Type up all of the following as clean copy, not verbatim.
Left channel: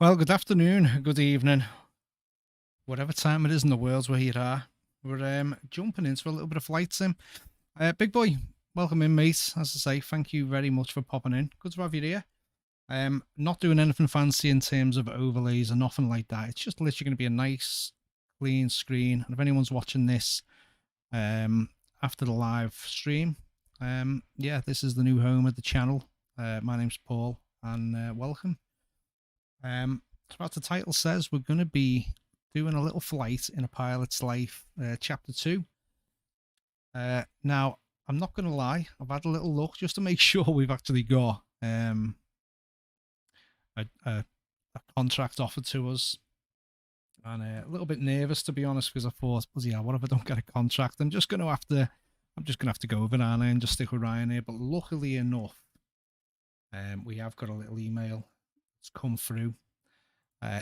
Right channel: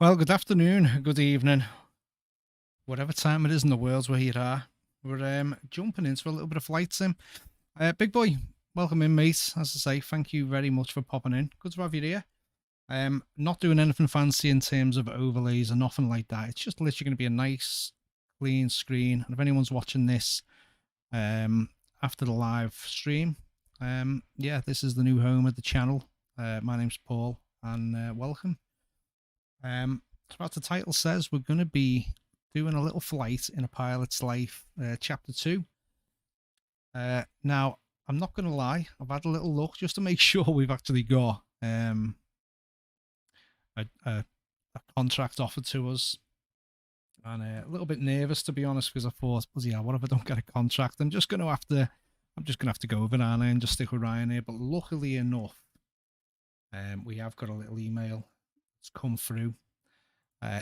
Well, good afternoon, good evening, whatever time it is in the world where you are. We're jumping into a little bit of flight sim. Big boy, welcome in, mate. As I say, thank you very much for popping in. Good to have you here. Not doing anything fancy in terms of overlays or nothing like that. It's just literally going to be a nice, clean screen. And if anyone's watching this after the live stream, yeah, this is the new home of the channel. My name's Paul, and welcome. So as the title says, we're going to be doing a little flight in a pilot's life, chapter 2. Now, I'm not going to lie, I've had a little look just to make sure we've actually got a contract offered to us. And a little bit nervous, to be honest, because I thought, yeah, what if I don't get a contract? I'm just going to have to go over Ryanair and just stick with Ryanair. But luckily enough, we have got a little email that's come through.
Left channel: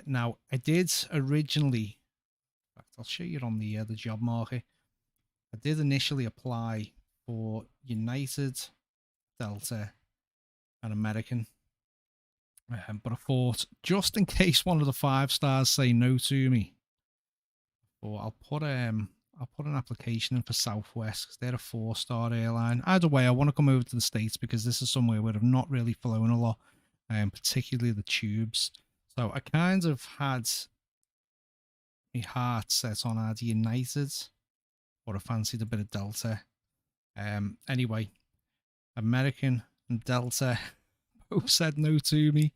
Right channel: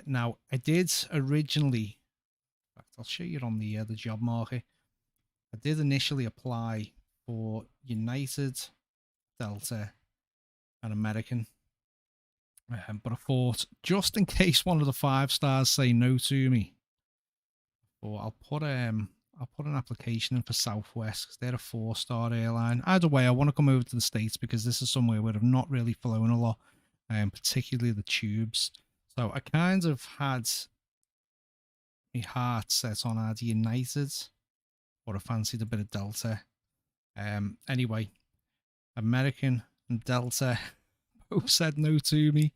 Now, I did originally, in fact, I'll show you on the job market. I did initially apply for United, Delta, and American, but I thought just in case one of the 5 stars say no to me, or I'll put an application in for Southwest because they're a 4-star airline. Either way, I want to come over to the States because this is somewhere where I've not really flown a lot, particularly the tubes. So I kind of had my heart set on either United or I fancied a bit of Delta. Anyway, American and Delta both said no to me.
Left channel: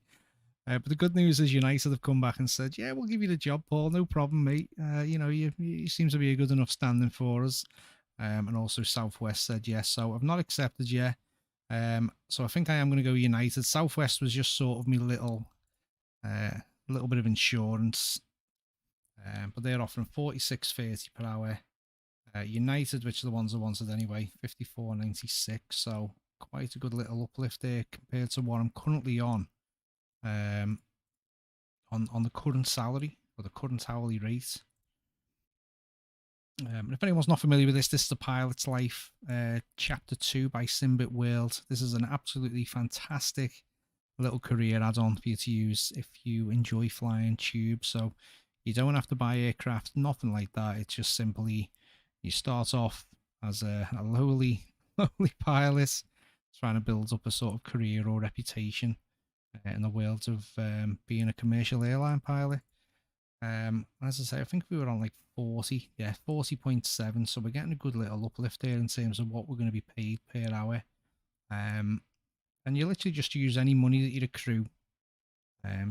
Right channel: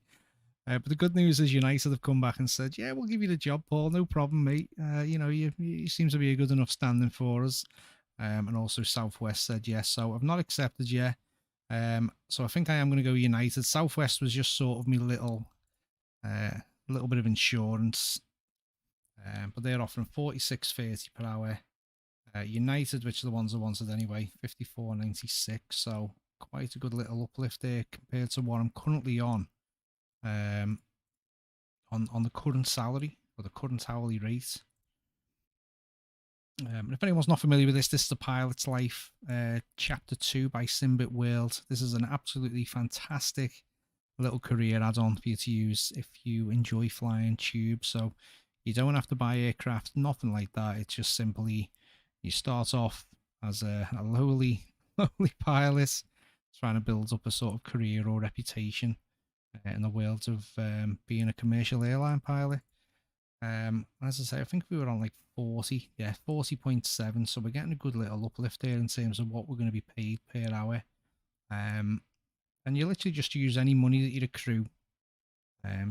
But the good news is United have come back and said, yeah, we'll give you the job, Paul. No problem, mate. You seem to be a good enough standing for us. And also Southwest said yes. So I've not accepted yet. So I think I am going to go United. Southwest was just sort of me little bit of insurance. But they're offering 46.30 per hour. United, which are the ones I wanted anyway, 54.96. So quite a good little uplift there compared to what I'm currently on the current salary or the current hourly rate. If anyone's not familiar with this is the Pilot's Life, Chapter 2 by Simbit World. This is an absolutely fantastic little career add-on for you to use if you enjoy flying tubes. So you don't have to buy aircraft, nothing like that. It's just simply you start off as a lowly pilot, trying to build up a sort of career or reputation in the world of being a commercial airline pilot. As I say, I think we were on like 40.7. So we're getting a good little uplift there in terms of what we're going to be paid per hour. And you literally just use any money that you accrue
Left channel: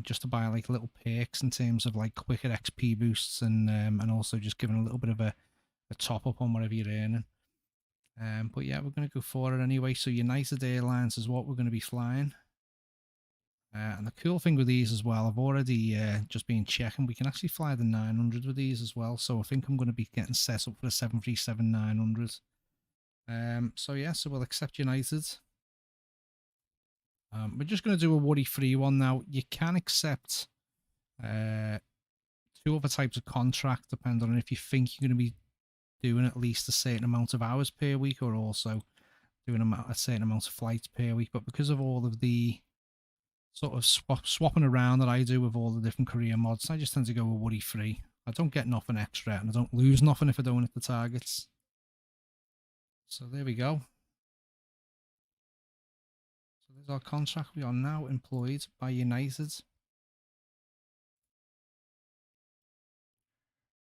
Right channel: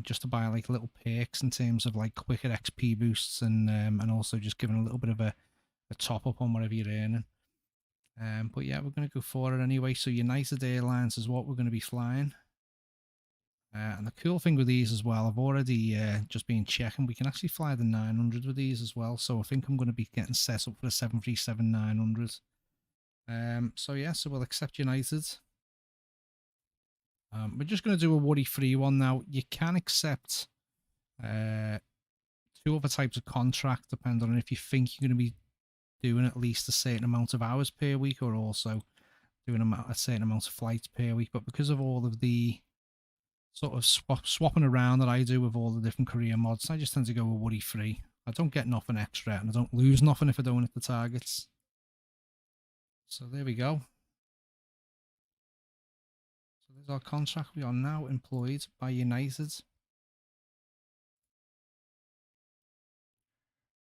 just to buy like little perks in terms of like quicker XP boosts and also just giving a little bit of a top up on whatever you're earning. But yeah, we're going to go for it anyway. So United Airlines is what we're going to be flying. And the cool thing with these as well, I've already just been checking, we can actually fly the 900 with these as well. So I think I'm going to be getting set up for the 737-900. So yeah, so we'll accept United. We're just going to do a worry-free one now. You can accept 2 other types of contract depending on if you think you're going to be doing at least a certain amount of hours per week or also doing a certain amount of flights per week. But because of all of the sort of swapping around that I do with all the different career mods, I just tend to go with worry-free. I don't get nothing extra and I don't lose nothing if I don't hit the targets. So there we go. So there's our contract. We are now employed by United.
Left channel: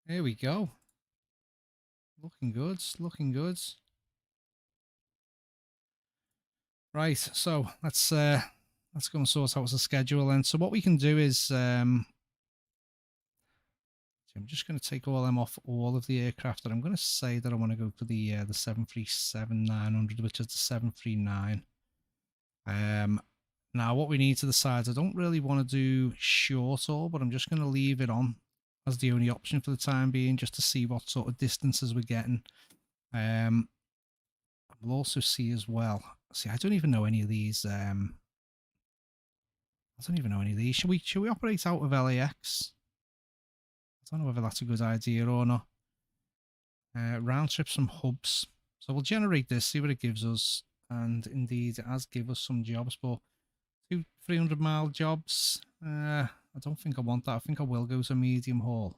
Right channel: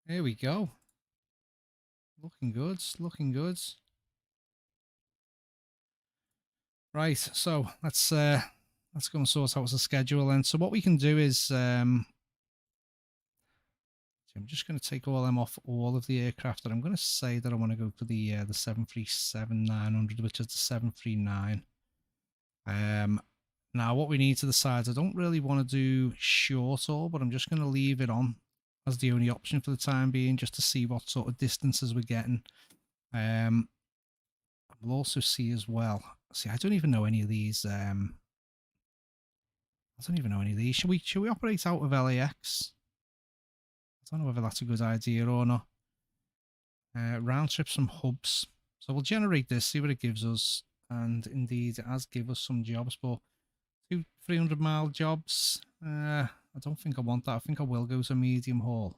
There we go. Looking good, looking good. Right, so let's go and sort out the schedule. And so what we can do is I'm just going to take all them off all of the aircraft, and I'm going to say that I want to go for the 737-900, which is the 739. Now what we need to decide, I don't really want to do short haul, but I'm just going to leave it on as the only option for the time being, just to see what sort of distances we're getting. We'll also see as well. See, I don't even know any of these. I don't even know any of these. Should we operate out of LAX? I don't know whether that's a good idea or not. Round trips from hubs. So we'll generate this, see what it gives us. And indeed, it has given us some jobs, but 200-300 mile jobs. I I don't think I want that. I think I will go to medium haul.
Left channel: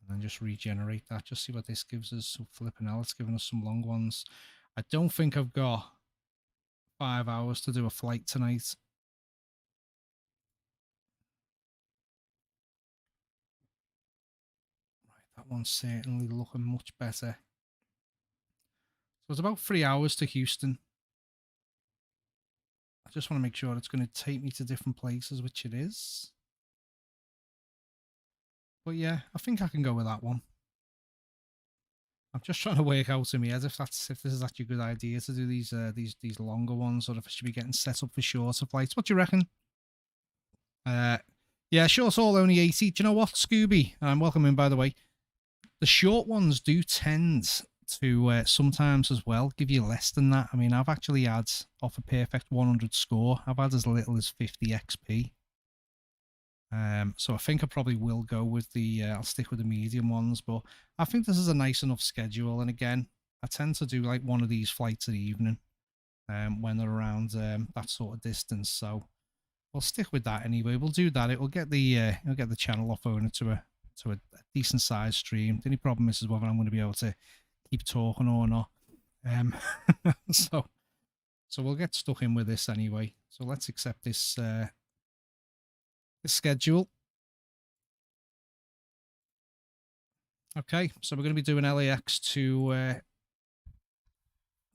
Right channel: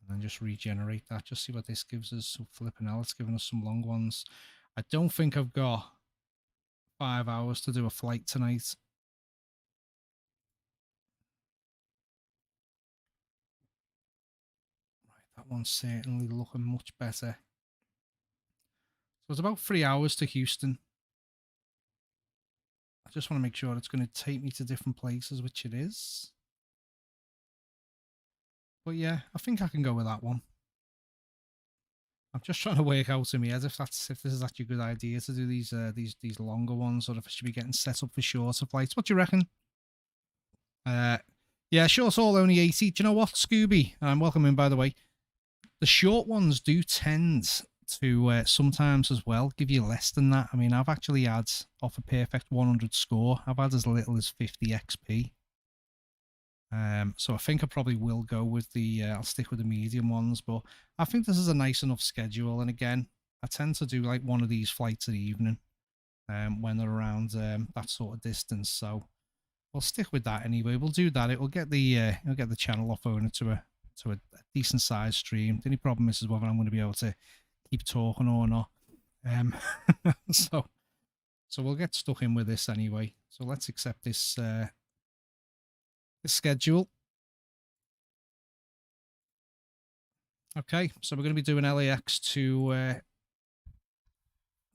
And then just regenerate that. Just see what this gives us. So flipping hell, it's giving us some long ones. I don't think I've got 5 hours to do a flight tonight. Right, that one's certainly looking much better. So it's about 3 hours to Houston. I just want to make sure it's going to take me to different places, which it is. But yeah, I think I can go with that one. I'm just trying to work out in my head if this is actually a good idea to do these longer ones, or if I should be getting set up for shorter flights. What do you reckon? Yeah, short haul only 80. Do you know what, Scooby? Welcome in, by the way. The short ones do tend to sometimes as well give you less than that. I mean, I've actually had off a perfect 100 score, I've had as little as 50 XP. So I think I probably will go with the I'll stick with the medium ones, but I think this is a nice enough schedule. And again, I tend to do like one of these flights in the evening when they're around that sort of distance. So we'll stick with that anyway. We'll do that. It'll get the channel off owner to a decent sized stream. The only problem is whether I'm going to be able to keep talking or not. So we'll get stuck in with this anyway. So let's accept this schedule. Okay, so we're going to be doing LAX to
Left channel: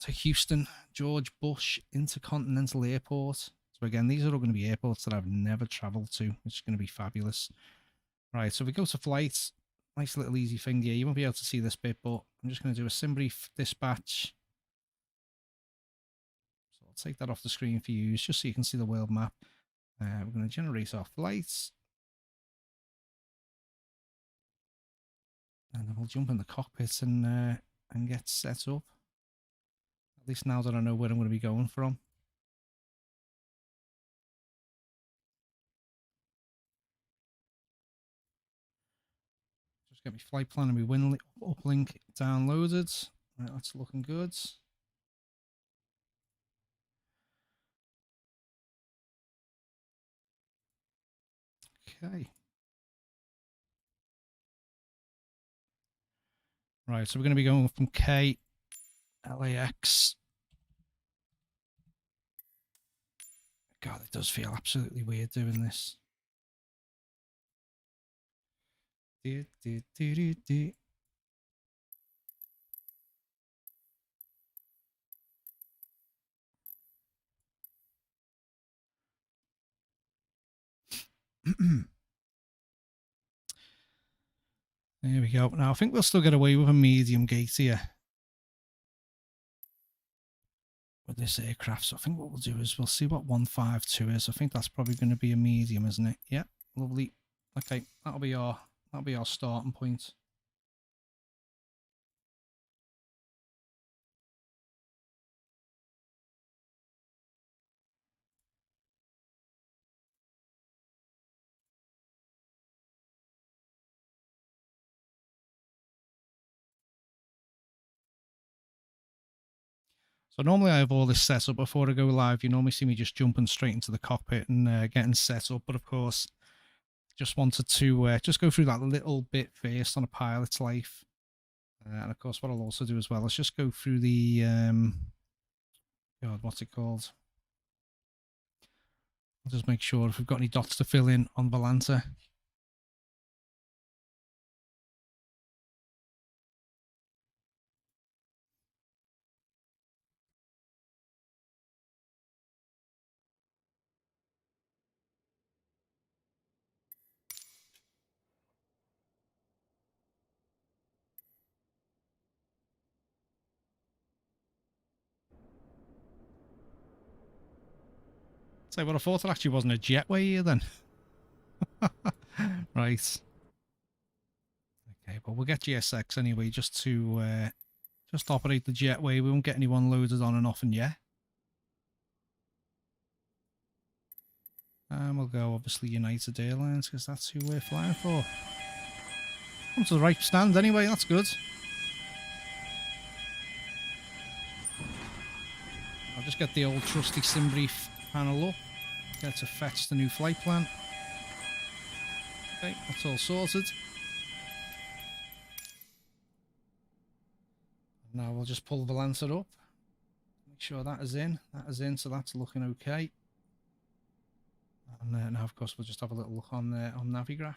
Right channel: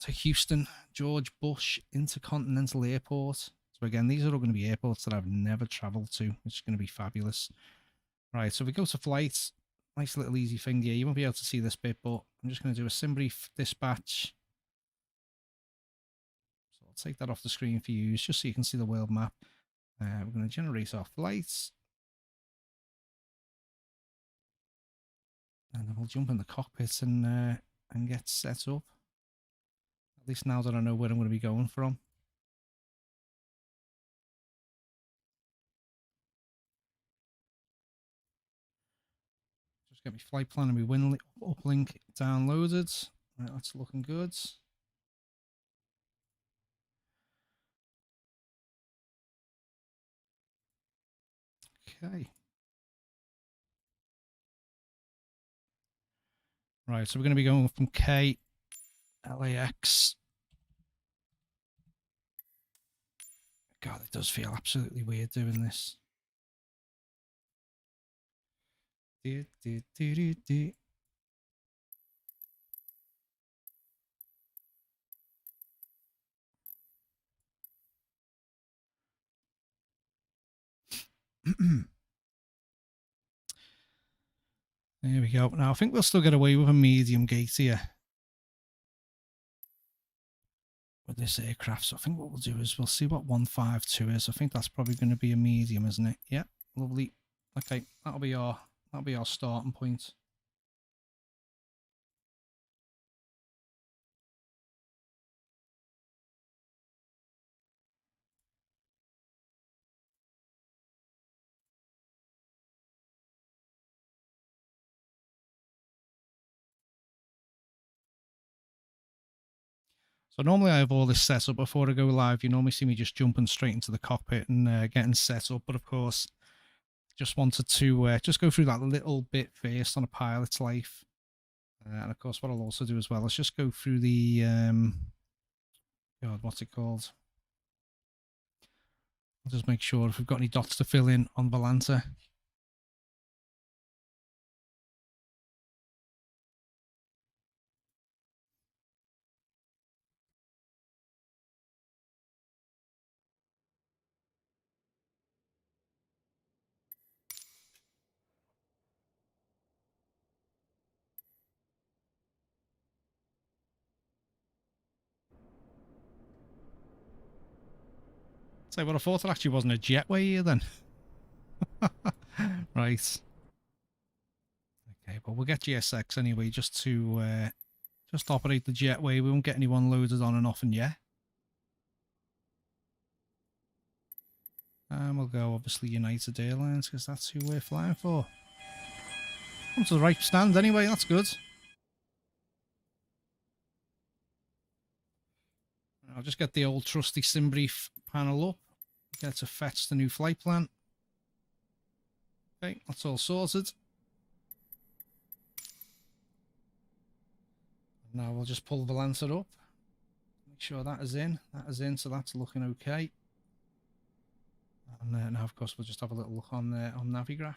Houston, George Bush Intercontinental Airport. So again, these are all going to be airports that I've never traveled to, which is going to be fabulous. Right, so if we go to flights, nice little easy thing here. You won't be able to see this bit, but I'm just going to do a SimBrief dispatch. So I'll take that off the screen for you, just so you can see the world map. We're going to generate our flights. And then we'll jump in the cockpit and get set up. At least now that I know where I'm going to be going from. Just get my flight plan and my win uplink downloaded. Right, that's looking good. Okay. Right, so we're going to be going from K, LAX. God, it does feel absolutely weird doing this. There we go. Now, I think we'll still get away with a medium gate here with this aircraft. So I think what we'll do is we'll see what 152 is. I think that's probably going to be a medium, isn't it? Yeah, lovely. Okay, that'll be our starting point. So normally I have all this set up before I go live. You normally see me just jumping straight into the cockpit and getting set up. But of course, just wanted to just go through that little bit first on a pilot's life. And of course, what I'll also do as well is just go through the, God, what's it called? I'll just make sure if we've got any dots to fill in on Volanta. So what I thought it actually wasn't a jetway here then. Right. Okay, well we'll get GSX anyway just to just operate the jetway. We won't get anyone loaded on and off and yet. And we'll go obviously United Airlines because that's who we're flying for. Come to the right stand anyway, that's good. I'll just get the old trusty SimBrief panel up. get it to fetch the new flight plan. Okay, that's all sorted. Now we'll just pull the Lancer up. Make sure that is in. That is in, so that's looking okay. And now, of course, we'll just have a little look on Navigraph.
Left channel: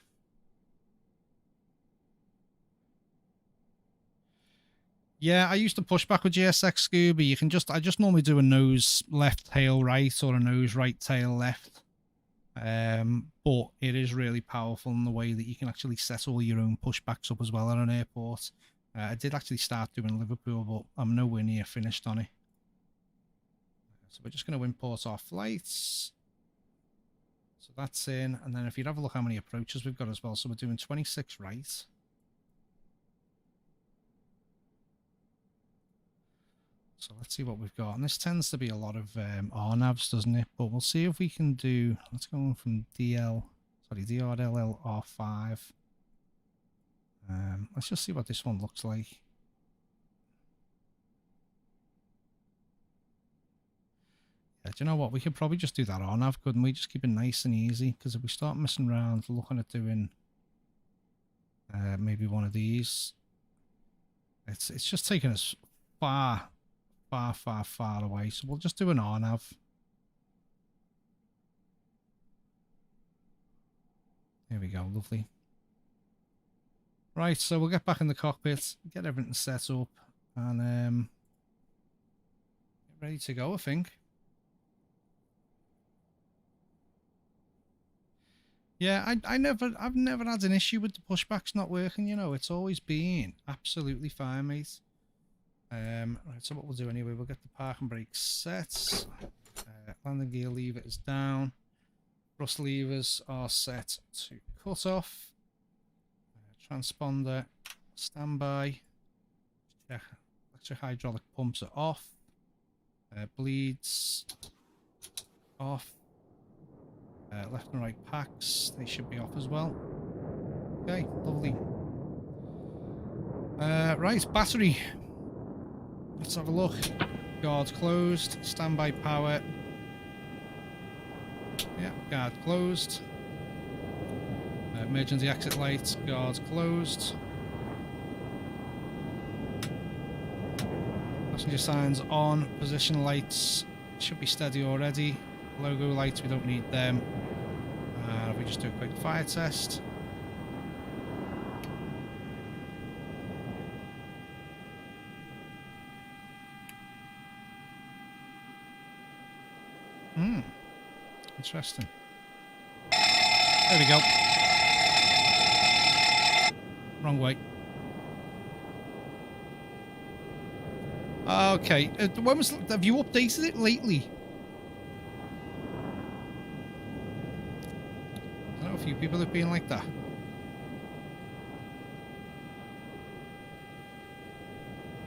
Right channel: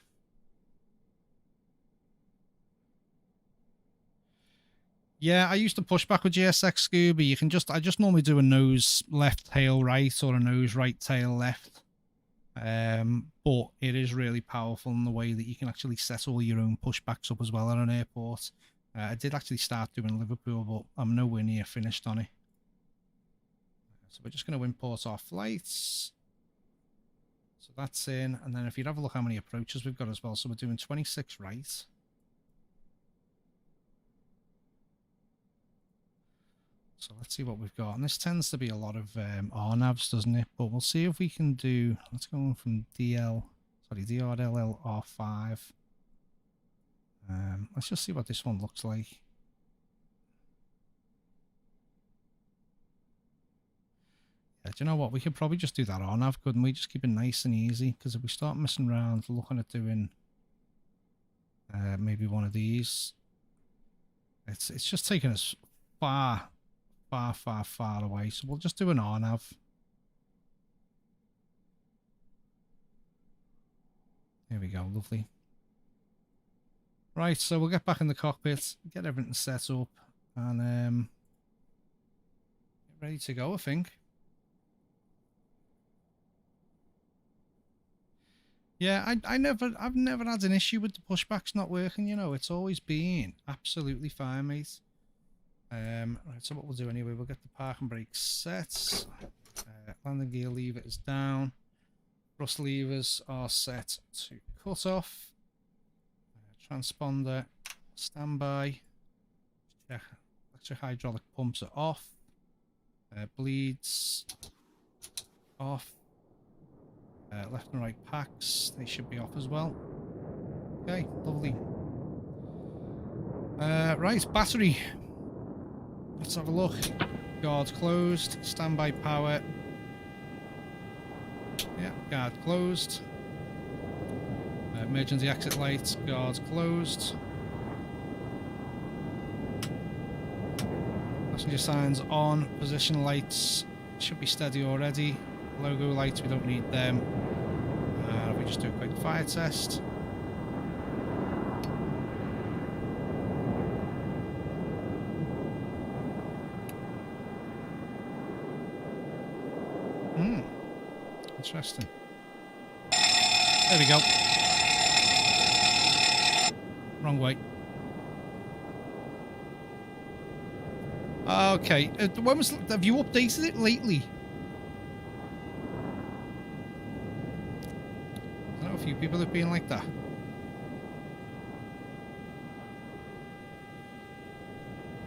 Yeah, I used to push back with GSX Scuba. You can I just normally do a nose left tail right or a nose right tail left. But it is really powerful in the way that you can actually set all your own pushbacks up as well at an airport. I did actually start doing Liverpool, but I'm nowhere near finished on it. So we're just going to import our flights. So that's in, and then if you'd have a look how many approaches we've got as well. So we're doing 26 right. So let's see what we've got. And this tends to be a lot of RNAVs, doesn't it? But we'll see if we can do, let's go from DRLL R5. Let's just see what this one looks like. Yeah, do you know what? We could probably just do that RNAV, couldn't we? Just keep it nice and easy. Because if we start messing around, looking at doing maybe one of these, it's just taking us far away. So we'll just do an RNAV. There we go, lovely. Right, so we'll get back in the cockpit, get everything set up, and get ready to go, I think. Yeah, I've never had an issue with the pushbacks not working, you know. It's always been absolutely fine, mate. Right, so what we'll do anyway, we'll get the park and brake set. Landing gear lever is down. Thrust levers are set to cut off. Transponder standby. Check electric hydraulic pumps are off. Bleeds off. Left and right packs, they should be off as well. Okay, lovely. Right, battery. Let's have a look. Guard closed. Standby power. Yeah, guard closed. Emergency exit lights. Guards closed. Passenger signs on. Position lights should be steady already. Logo lights, we don't need them. We just do a quick fire test. Interesting. There we go. Wrong way. Okay. When was? Have you updated it lately? I know a few people have been like that.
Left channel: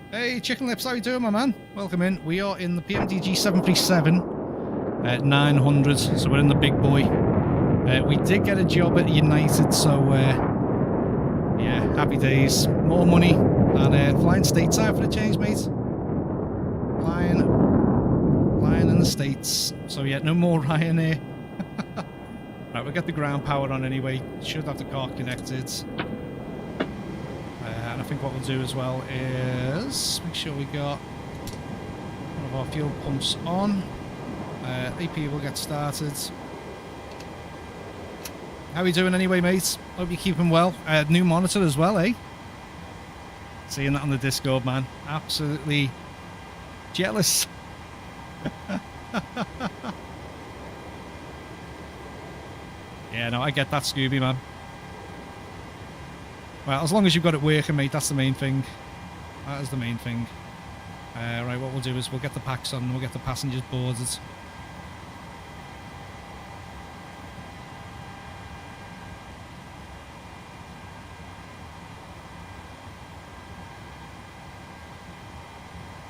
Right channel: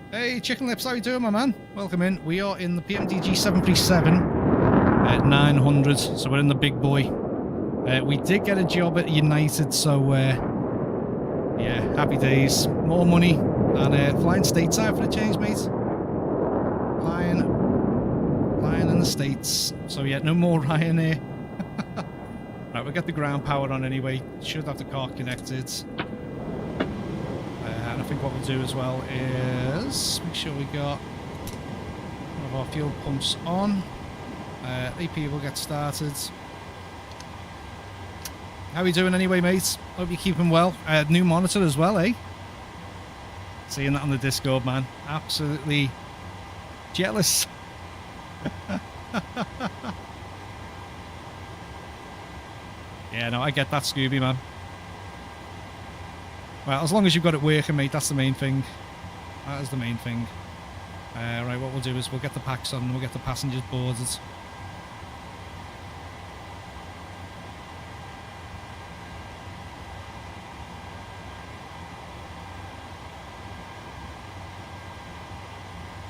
Hey, Chicken Lips, how you doing, my man? Welcome in. We are in the PMDG 737 at 900, so we're in the big boy. We did get a job at United, so yeah, happy days. More money, and flying stateside for the change, mate. Flying in the States. So yeah, no more Ryanair. Right, we'll get the ground power on anyway. Should have the car connected. And I think what we'll do as well is make sure we got one of our fuel pumps on. AP will get started. How are you doing anyway, mate? Hope you're keeping well. New monitor as well, eh? Seeing that on the Discord, man. Absolutely jealous. Yeah, no, I get that, Scooby, man. Well, as long as you've got it working, mate, that's the main thing. That is the main thing. Right, what we'll do is we'll get the packs on and we'll get the passengers boarded.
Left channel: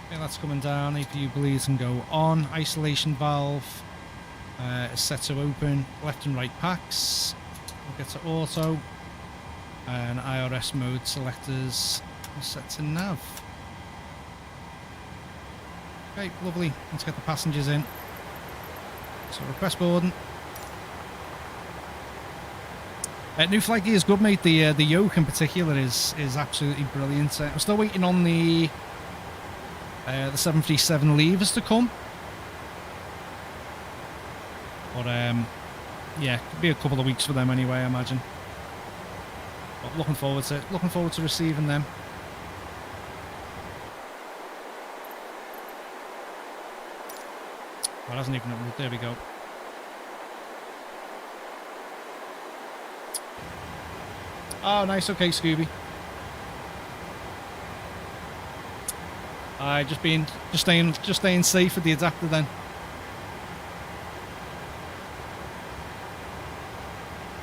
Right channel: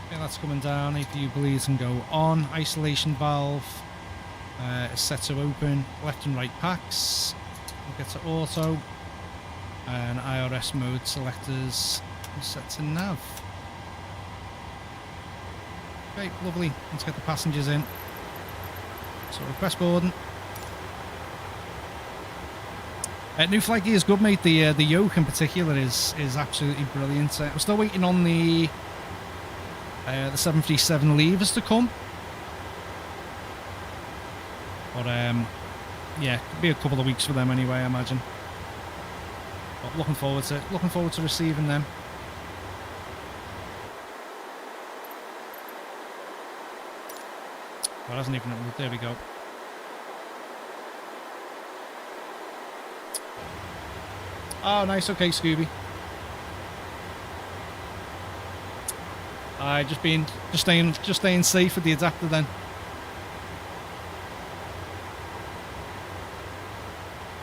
Okay, that's coming down. APU bleeds and go on. Isolation valve is set to open. Left and right packs. We'll get to auto. And IRS mode selectors are set to nav. Okay, lovely. Let's get the passengers in. So request boarding. New flight gear is good, mate. The yoke in particular is absolutely brilliant. I'm still waiting on the 737 levers to come. But yeah, could be a couple of weeks for them anyway, I imagine. But looking forward to receiving them. Well, it hasn't even. There we go. Oh, nice. Okay, Scooby. Just staying safe with the adapter then.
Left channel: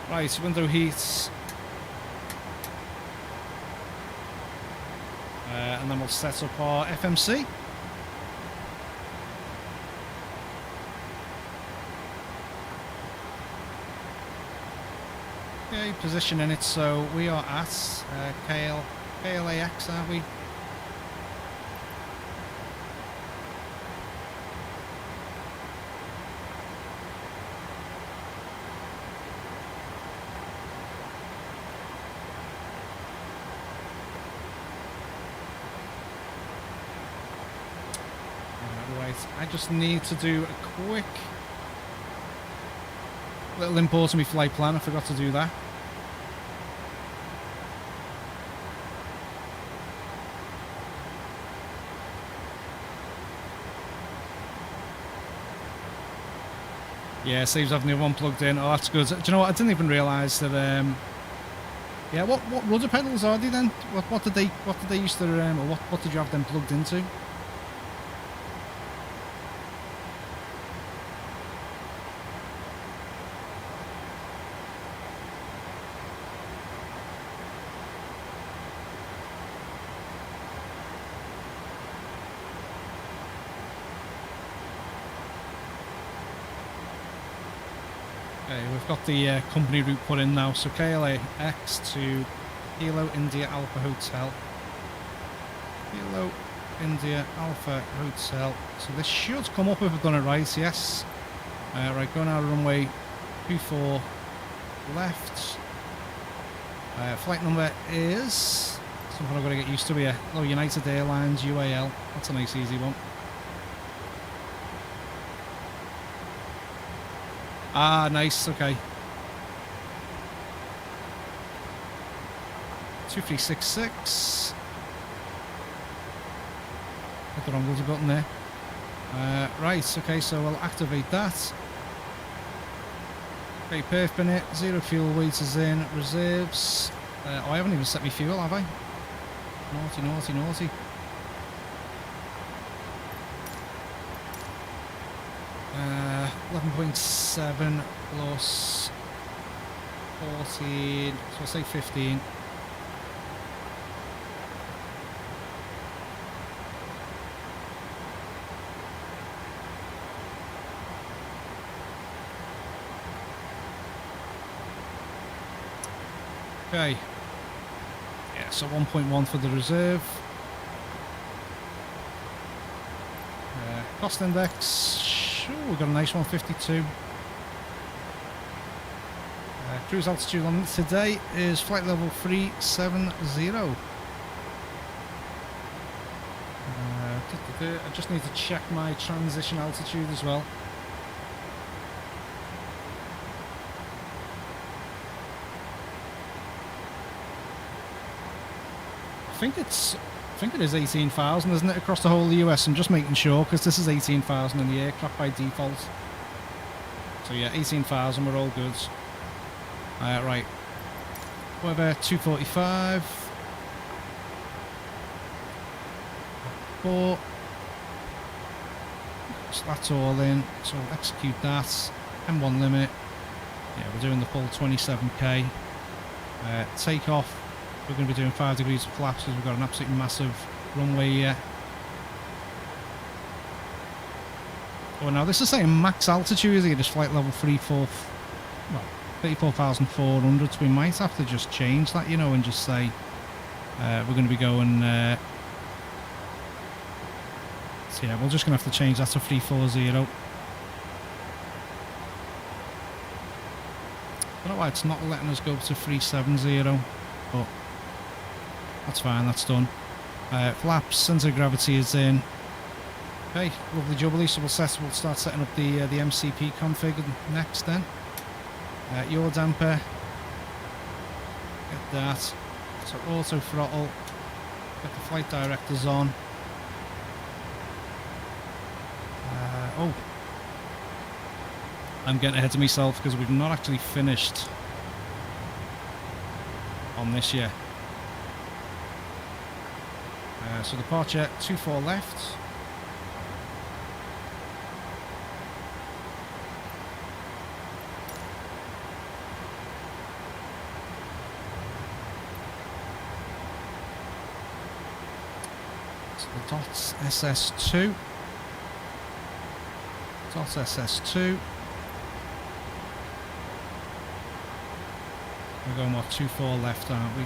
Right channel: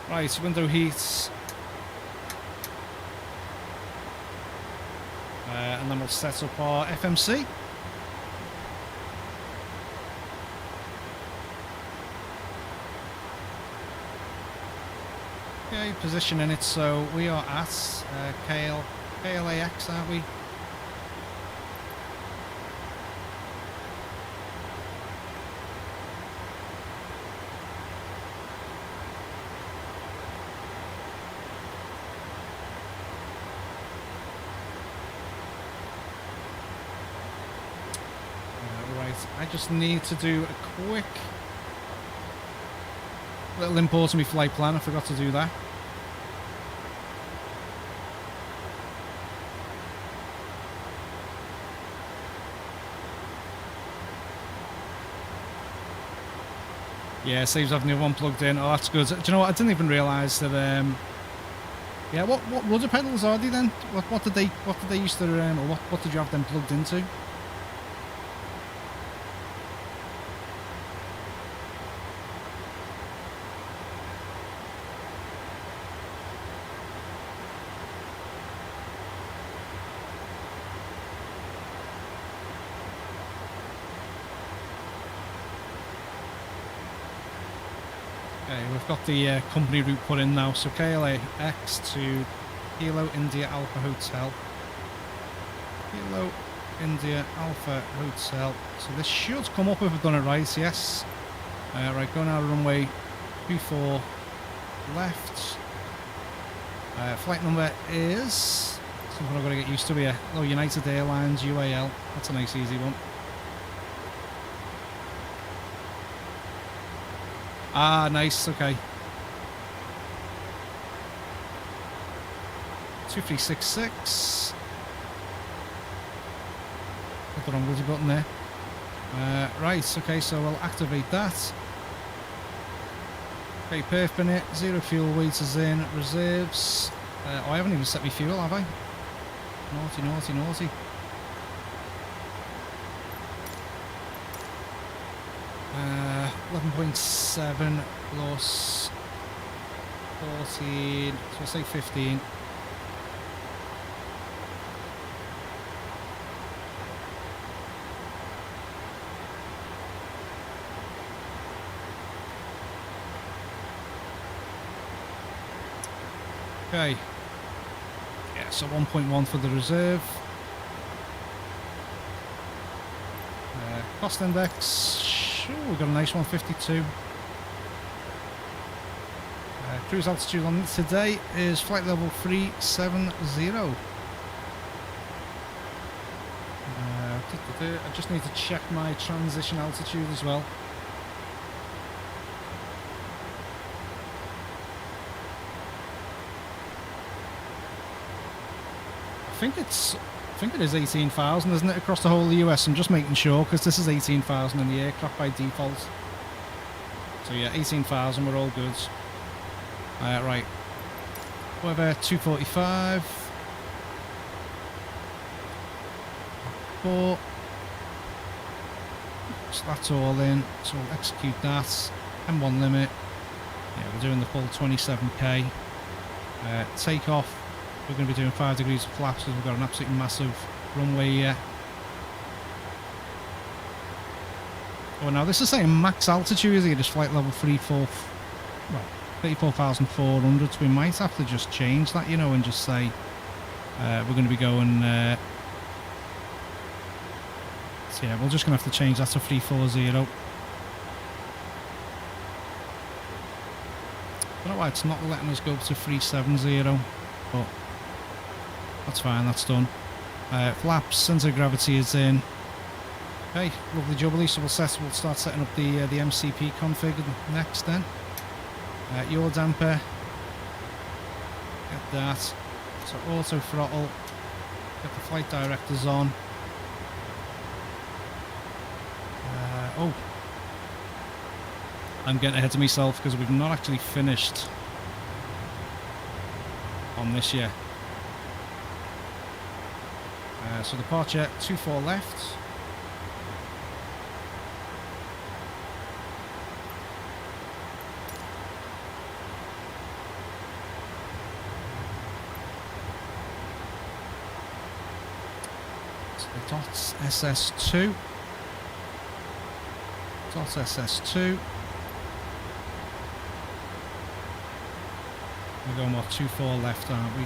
Right, window heats. And then we'll set up our FMC. Okay, positioning it, so we are at KLAX, aren't we? Right, I just need to do a quick little import of my flight plan. I forgot to do that. Yeah, saves having the other one plugged in. Oh, that's good. Do you know what? I didn't even realise that. Yeah, what rudder pedals are they then? What did they used to or what did you have them plugged into? Okay, we've got the company route put in now, so KLAX to Kilo India Alpha Hotel. Kilo India Alpha Hotel. So this should come up if I've done it right, yes. Right, going out of runway 24 left. Flight number is something I've got to get used to here. Oh, United Airlines, UAL. That's a nice easy one. Ah, nice, okay. 2366. Hit the wrong bloody button there. Right, okay, so we'll activate that. Okay, perf bin it, 0 fuel waiters in, reserves. Oh, I haven't even set my fuel, have I? Naughty, naughty, naughty. Uh, 11.7 plus 14, so I'll say 15. Okay. Yeah, so 1.1 for the reserve. Cost index. Sure, we've got a nice one, 52. Cruise altitude on today is flight level 370. I just need to check my transition altitude as well. I think it is 18,000, isn't it, across the whole of the US? I'm just making sure, because this is 18,000 in the aircraft by default. So yeah, 18,000, we're all good. Right. Weather 245. 4. So that's all in. So we'll execute that. M1 limit. Yeah, we're doing the full 27k. Takeoff. We're going to be doing 5 degrees of flaps because we've got an absolutely massive runway here. Oh, now this is saying max altitude here, just flight level 34,400. So we might have to just change that, you know, and just say we're going to be going. So yeah, we're just going to have to change that to 340. But why it's not letting us go to 370, but that's fine, that's done. Flaps, centre of gravity is in. Okay, lovely jubbly, so we'll start setting up the MCP config next then. Yaw damper, get that. So auto throttle, get the flight directors on. Oh, I'm getting ahead of myself because we've not actually finished on this yet. So departure 24 left. So the dots SS2. Dots SS2. We're going what, 24 left, aren't we?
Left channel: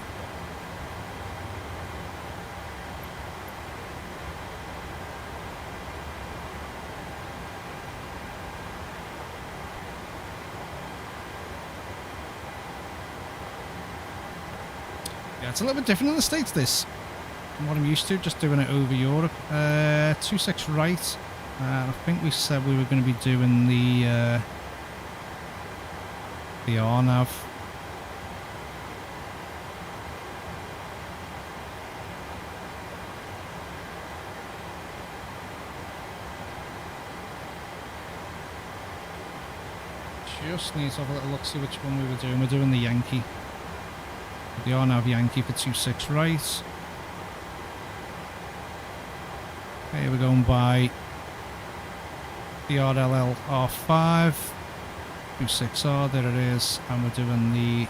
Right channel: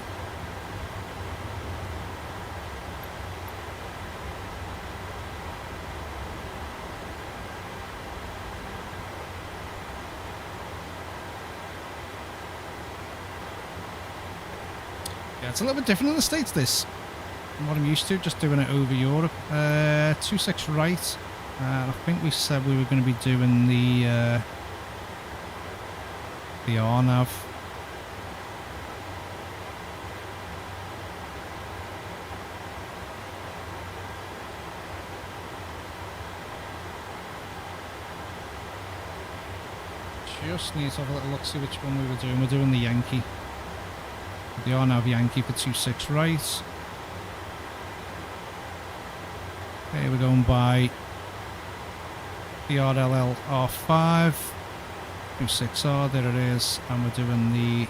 Yeah, it's a little bit different in the States, this, from what I'm used to, just doing it over Europe. 26 right. I think we said we were going to be doing the RNAV. Just need to have a little look, see which one we were doing. We're doing the Yankee. The RNAV Yankee for 26 right. Okay, we're going by the RLL R5, 26R, there it is, and we're doing the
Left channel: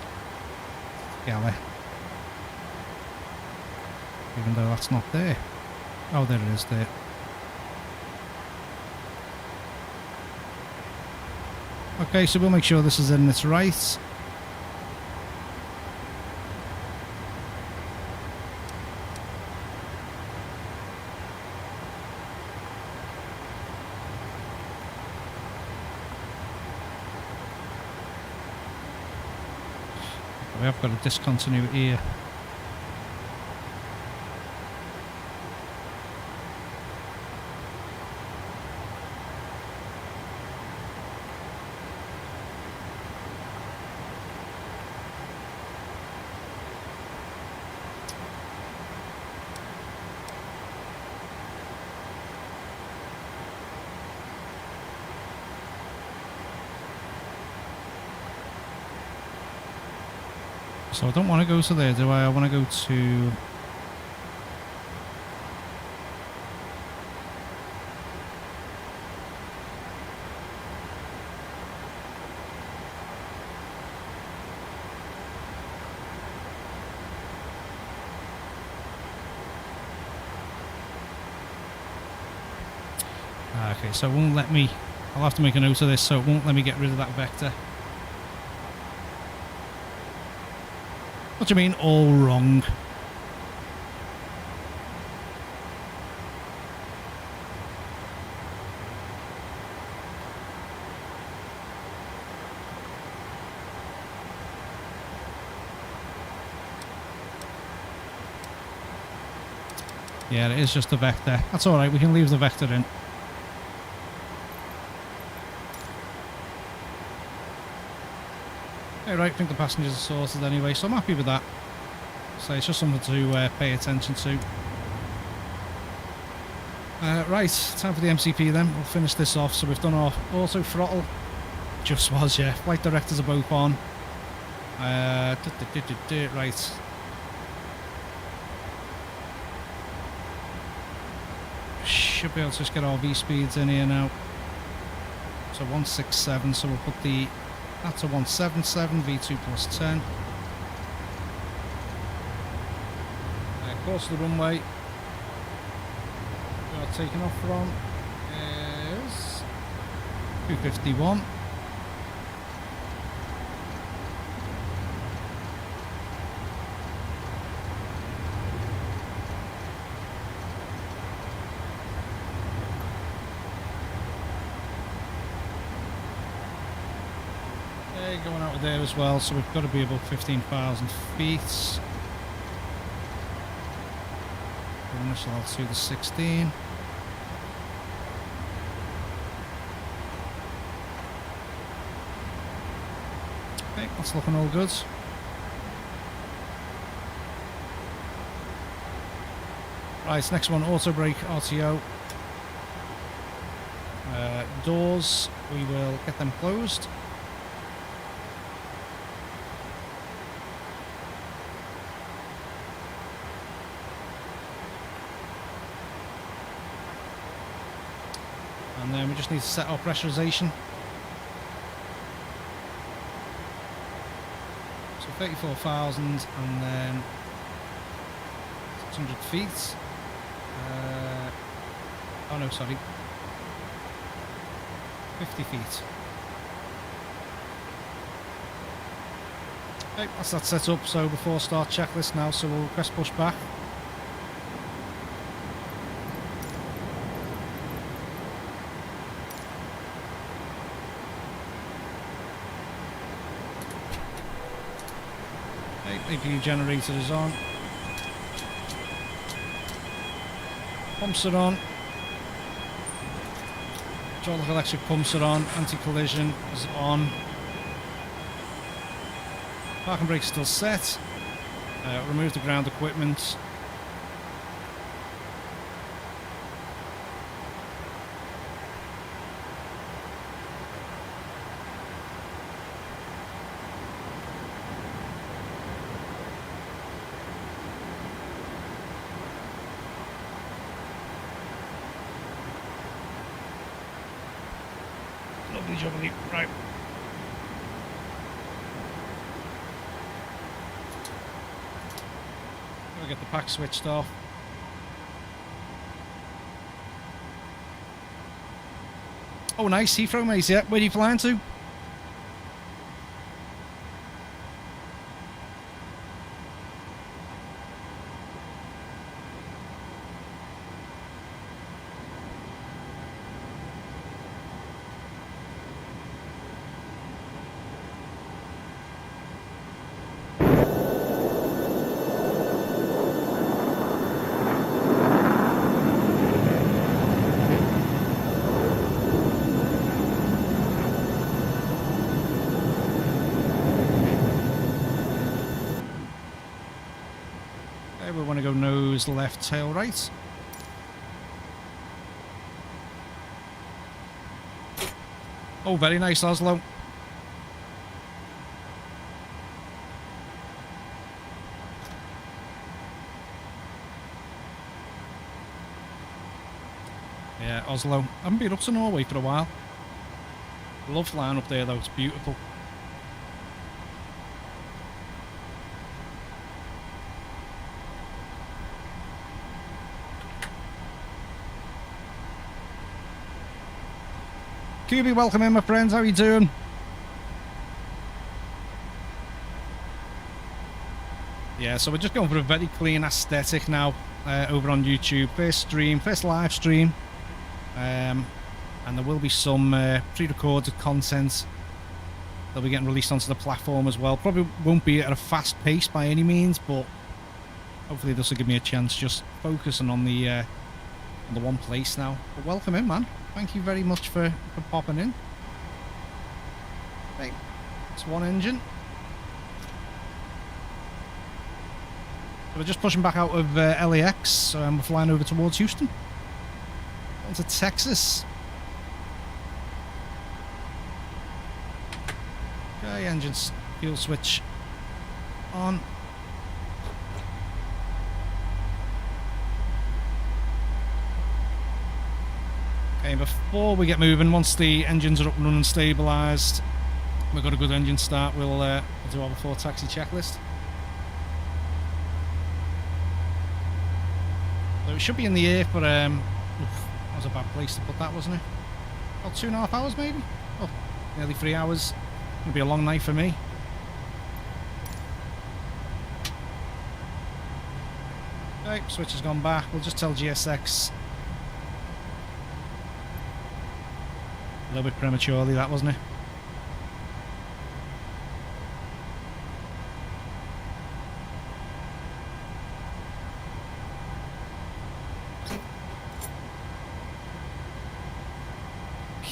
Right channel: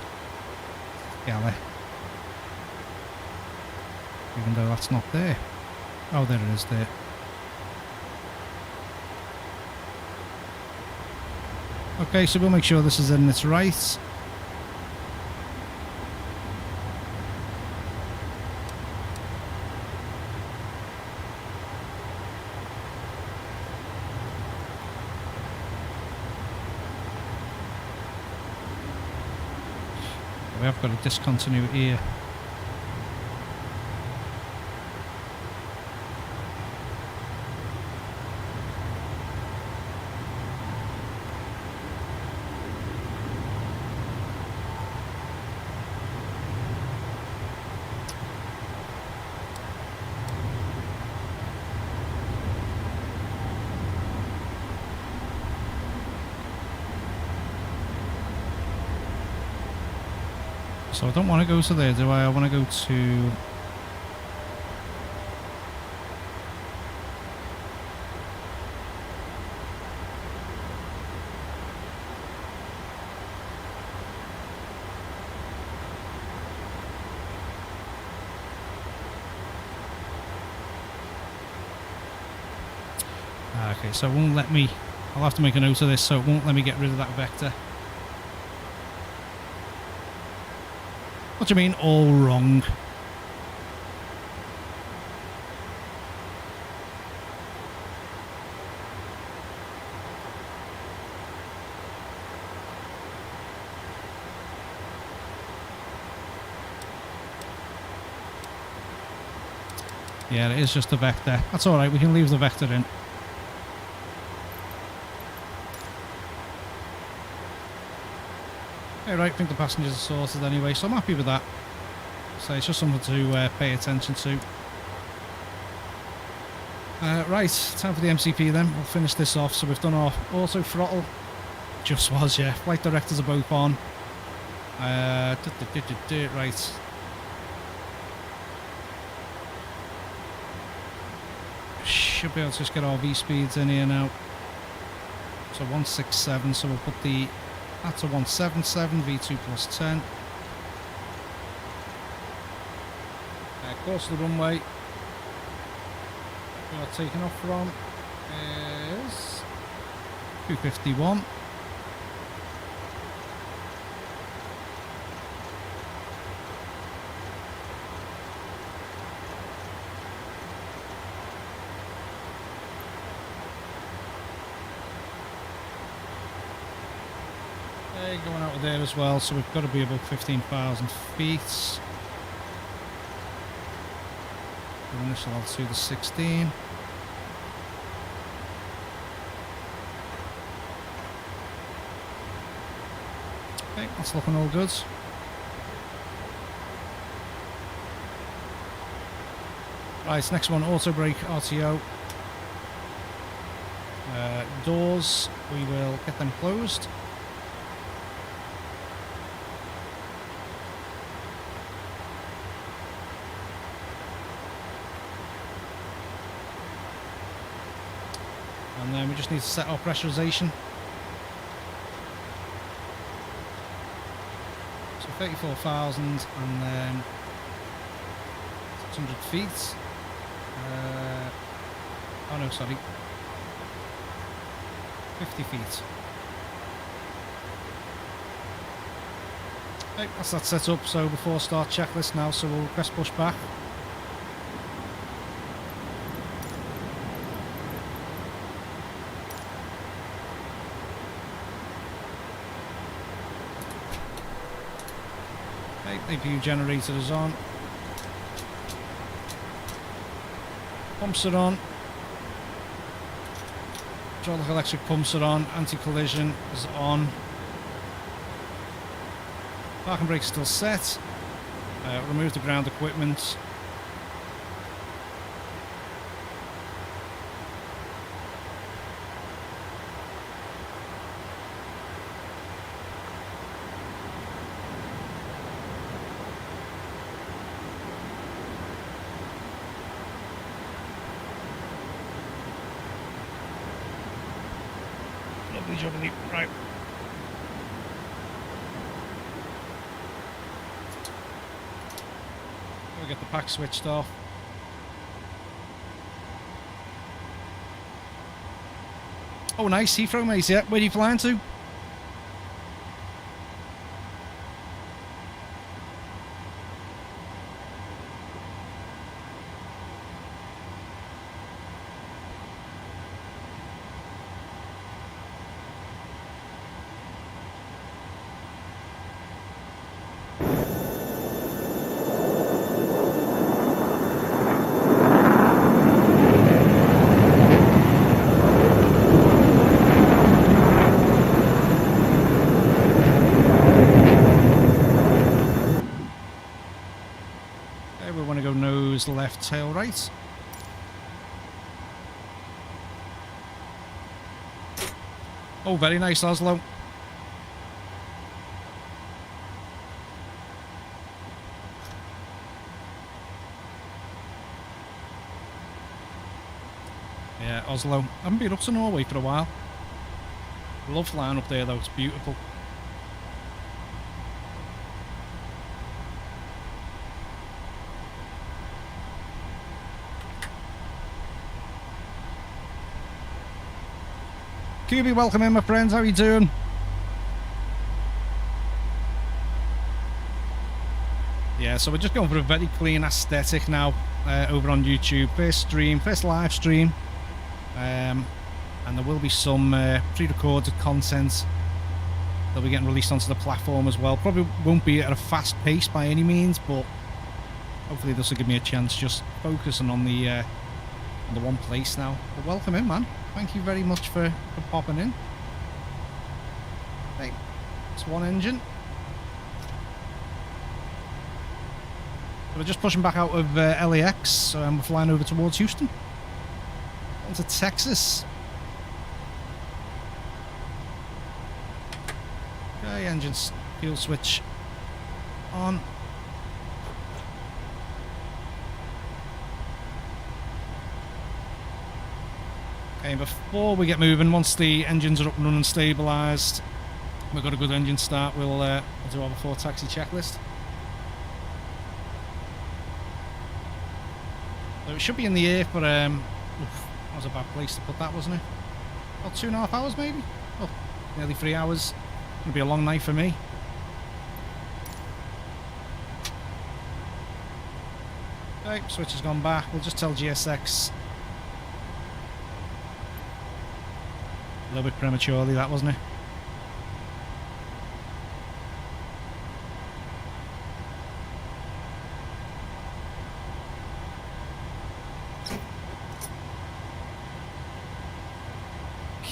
Galley. Even though that's not there. Oh, there it is there. Okay, so we'll make sure this is in its right. We have got a discontinuity here. So I don't want to go to there, do I? I want to go to... Okay, so it won't let me... I'll have to make a note of this, so it won't let me get rid of that vector. What do you mean, all wrong? Yeah, it is just a vector. That's alright, we can leave the vector in. Right, I think the passengers are sorted anyway, so I'm happy with that. So it's just something to pay attention to. Right, time for the MCP then. We'll finish this off. So we've done our auto throttle. Just was, yeah. Flight directors are both on. Right. Should be able to just get our V speeds in here now. So 167, so we'll put the... That's a 177, V2 plus 10. Course of the runway we are taking off from is 251. Okay, going out of there as well, so we've got to be above 15,000 feet. The initial altitude is 16. Okay, that's looking all good. Right, next one, auto brake RTO. Doors, we will get them closed. And then we just need to set our pressurization. So 34,000 and then 600 feet. Oh no, sorry. 50 feet. Okay, that's that set up. So before start checklist now, so we'll press push back. Okay, APU generator is on. Pumps are on. Hydraulic electric pumps are on. Anti-collision is on. Parking brake still set. Remove the ground equipment. Lovely jubbly. Right. We'll get the pack switched off. Oh, nice. Heathrow, mate. Yeah. Where are you flying to? We want to go nose left, tail right. Oh, very nice, Oslo. Yeah, Oslo. I haven't been up to Norway for a while. I love flying up there though, it's beautiful. QB, welcome in, my friends. How are you doing? Yeah, so we're just going for a very clean aesthetic now over on YouTube. First stream, first live stream. And there will be some pre-recorded content that'll be getting released onto the platform as well. Probably won't be at a fast pace by any means, but hopefully this will give me a chance just focusing on the one place now. But welcome in, man. Thank you very much for popping in. Hey, it's one engine. So we're just pushing back out of LAX, and we're flying over towards Houston. On to Texas. Okay, engines, fuel switch on. Okay, before we get moving, once the engines are up and running, stabilised, we've got a good engine start, we'll do our before taxi checklist. So it should be in the air for, that was a bad place to put that, wasn't it? About 2.5 hours maybe? Oh, nearly 3 hours. Gonna be a long night for me. Okay, switch has gone back. We'll just tell GSX. A little bit prematurely, that, wasn't it?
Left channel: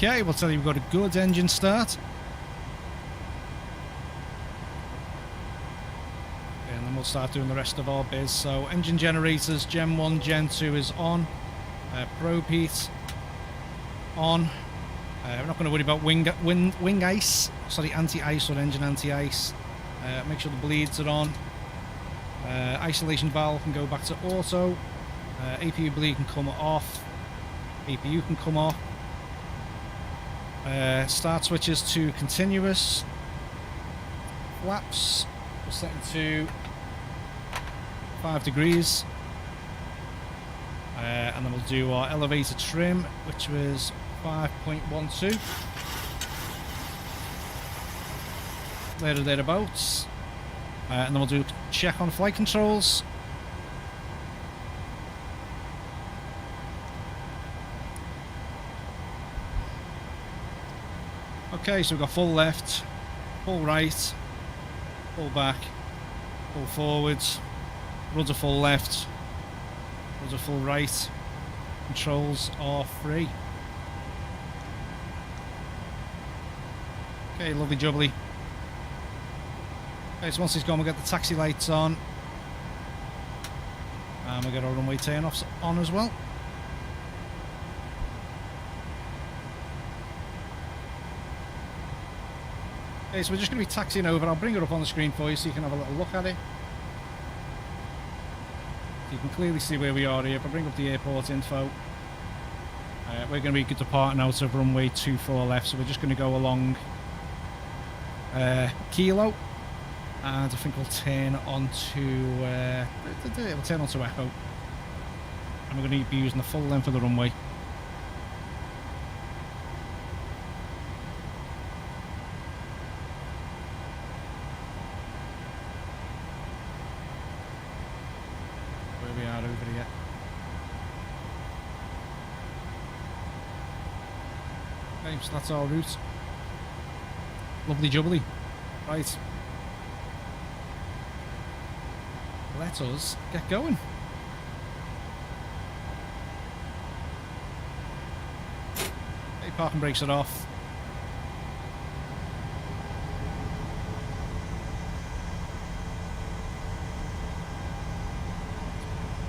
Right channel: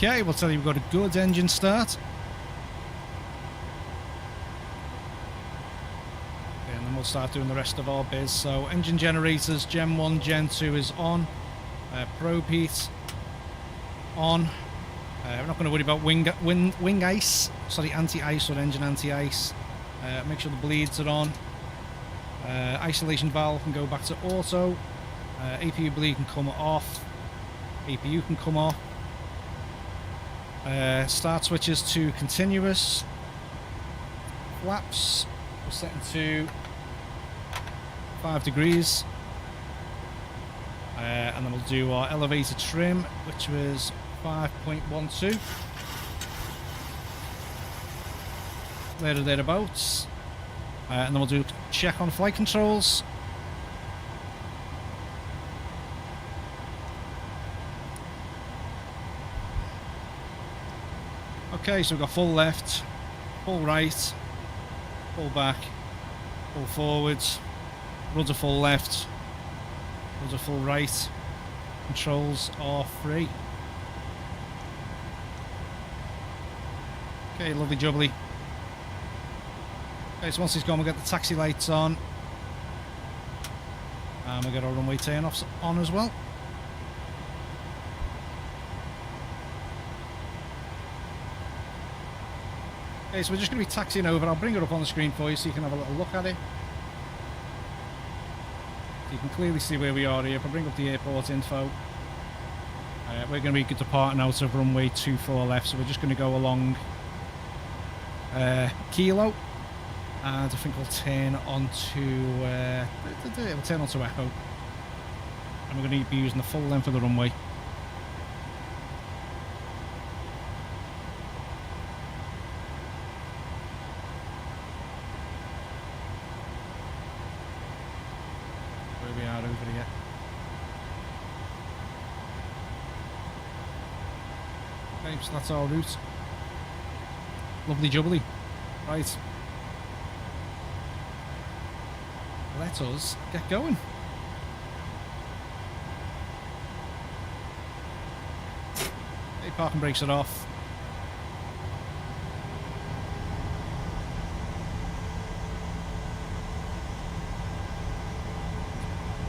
Okay, we'll tell you we've got a good engine start. Okay, and then we'll start doing the rest of our biz. So engine generators, Gen 1, Gen 2 is on. Probe heat on. We're not going to worry about wing ice. Sorry, anti-ice or engine anti-ice. Make sure the bleeds are on. Isolation valve can go back to auto. APU bleed can come off. APU can come off. Start switches to continuous. Flaps we're setting to 5 degrees. And then we'll do our elevator trim, which was 5.12. There or thereabouts. And then we'll do a check on flight controls. Okay, so we've got full left, full right, full back, full forwards, rudder full left, rudder full right. Controls are free. Okay, lovely jubbly. Okay, so once he's gone, we'll get the taxi lights on. And we'll get our runway turn-offs on as well. Okay, so we're just going to be taxiing over. I'll bring it up on the screen for you so you can have a little look at it. So you can clearly see where we are here. If I bring up the airport info, we're going to be departing out of runway 24 left, so we're just going to go along Kilo, and I think we'll turn onto Echo, and we're going to be using the full length of the runway. Where we are over here. Okay, so that's our route. Lovely jubbly. Right. Let us get going. Okay, parking brakes are off.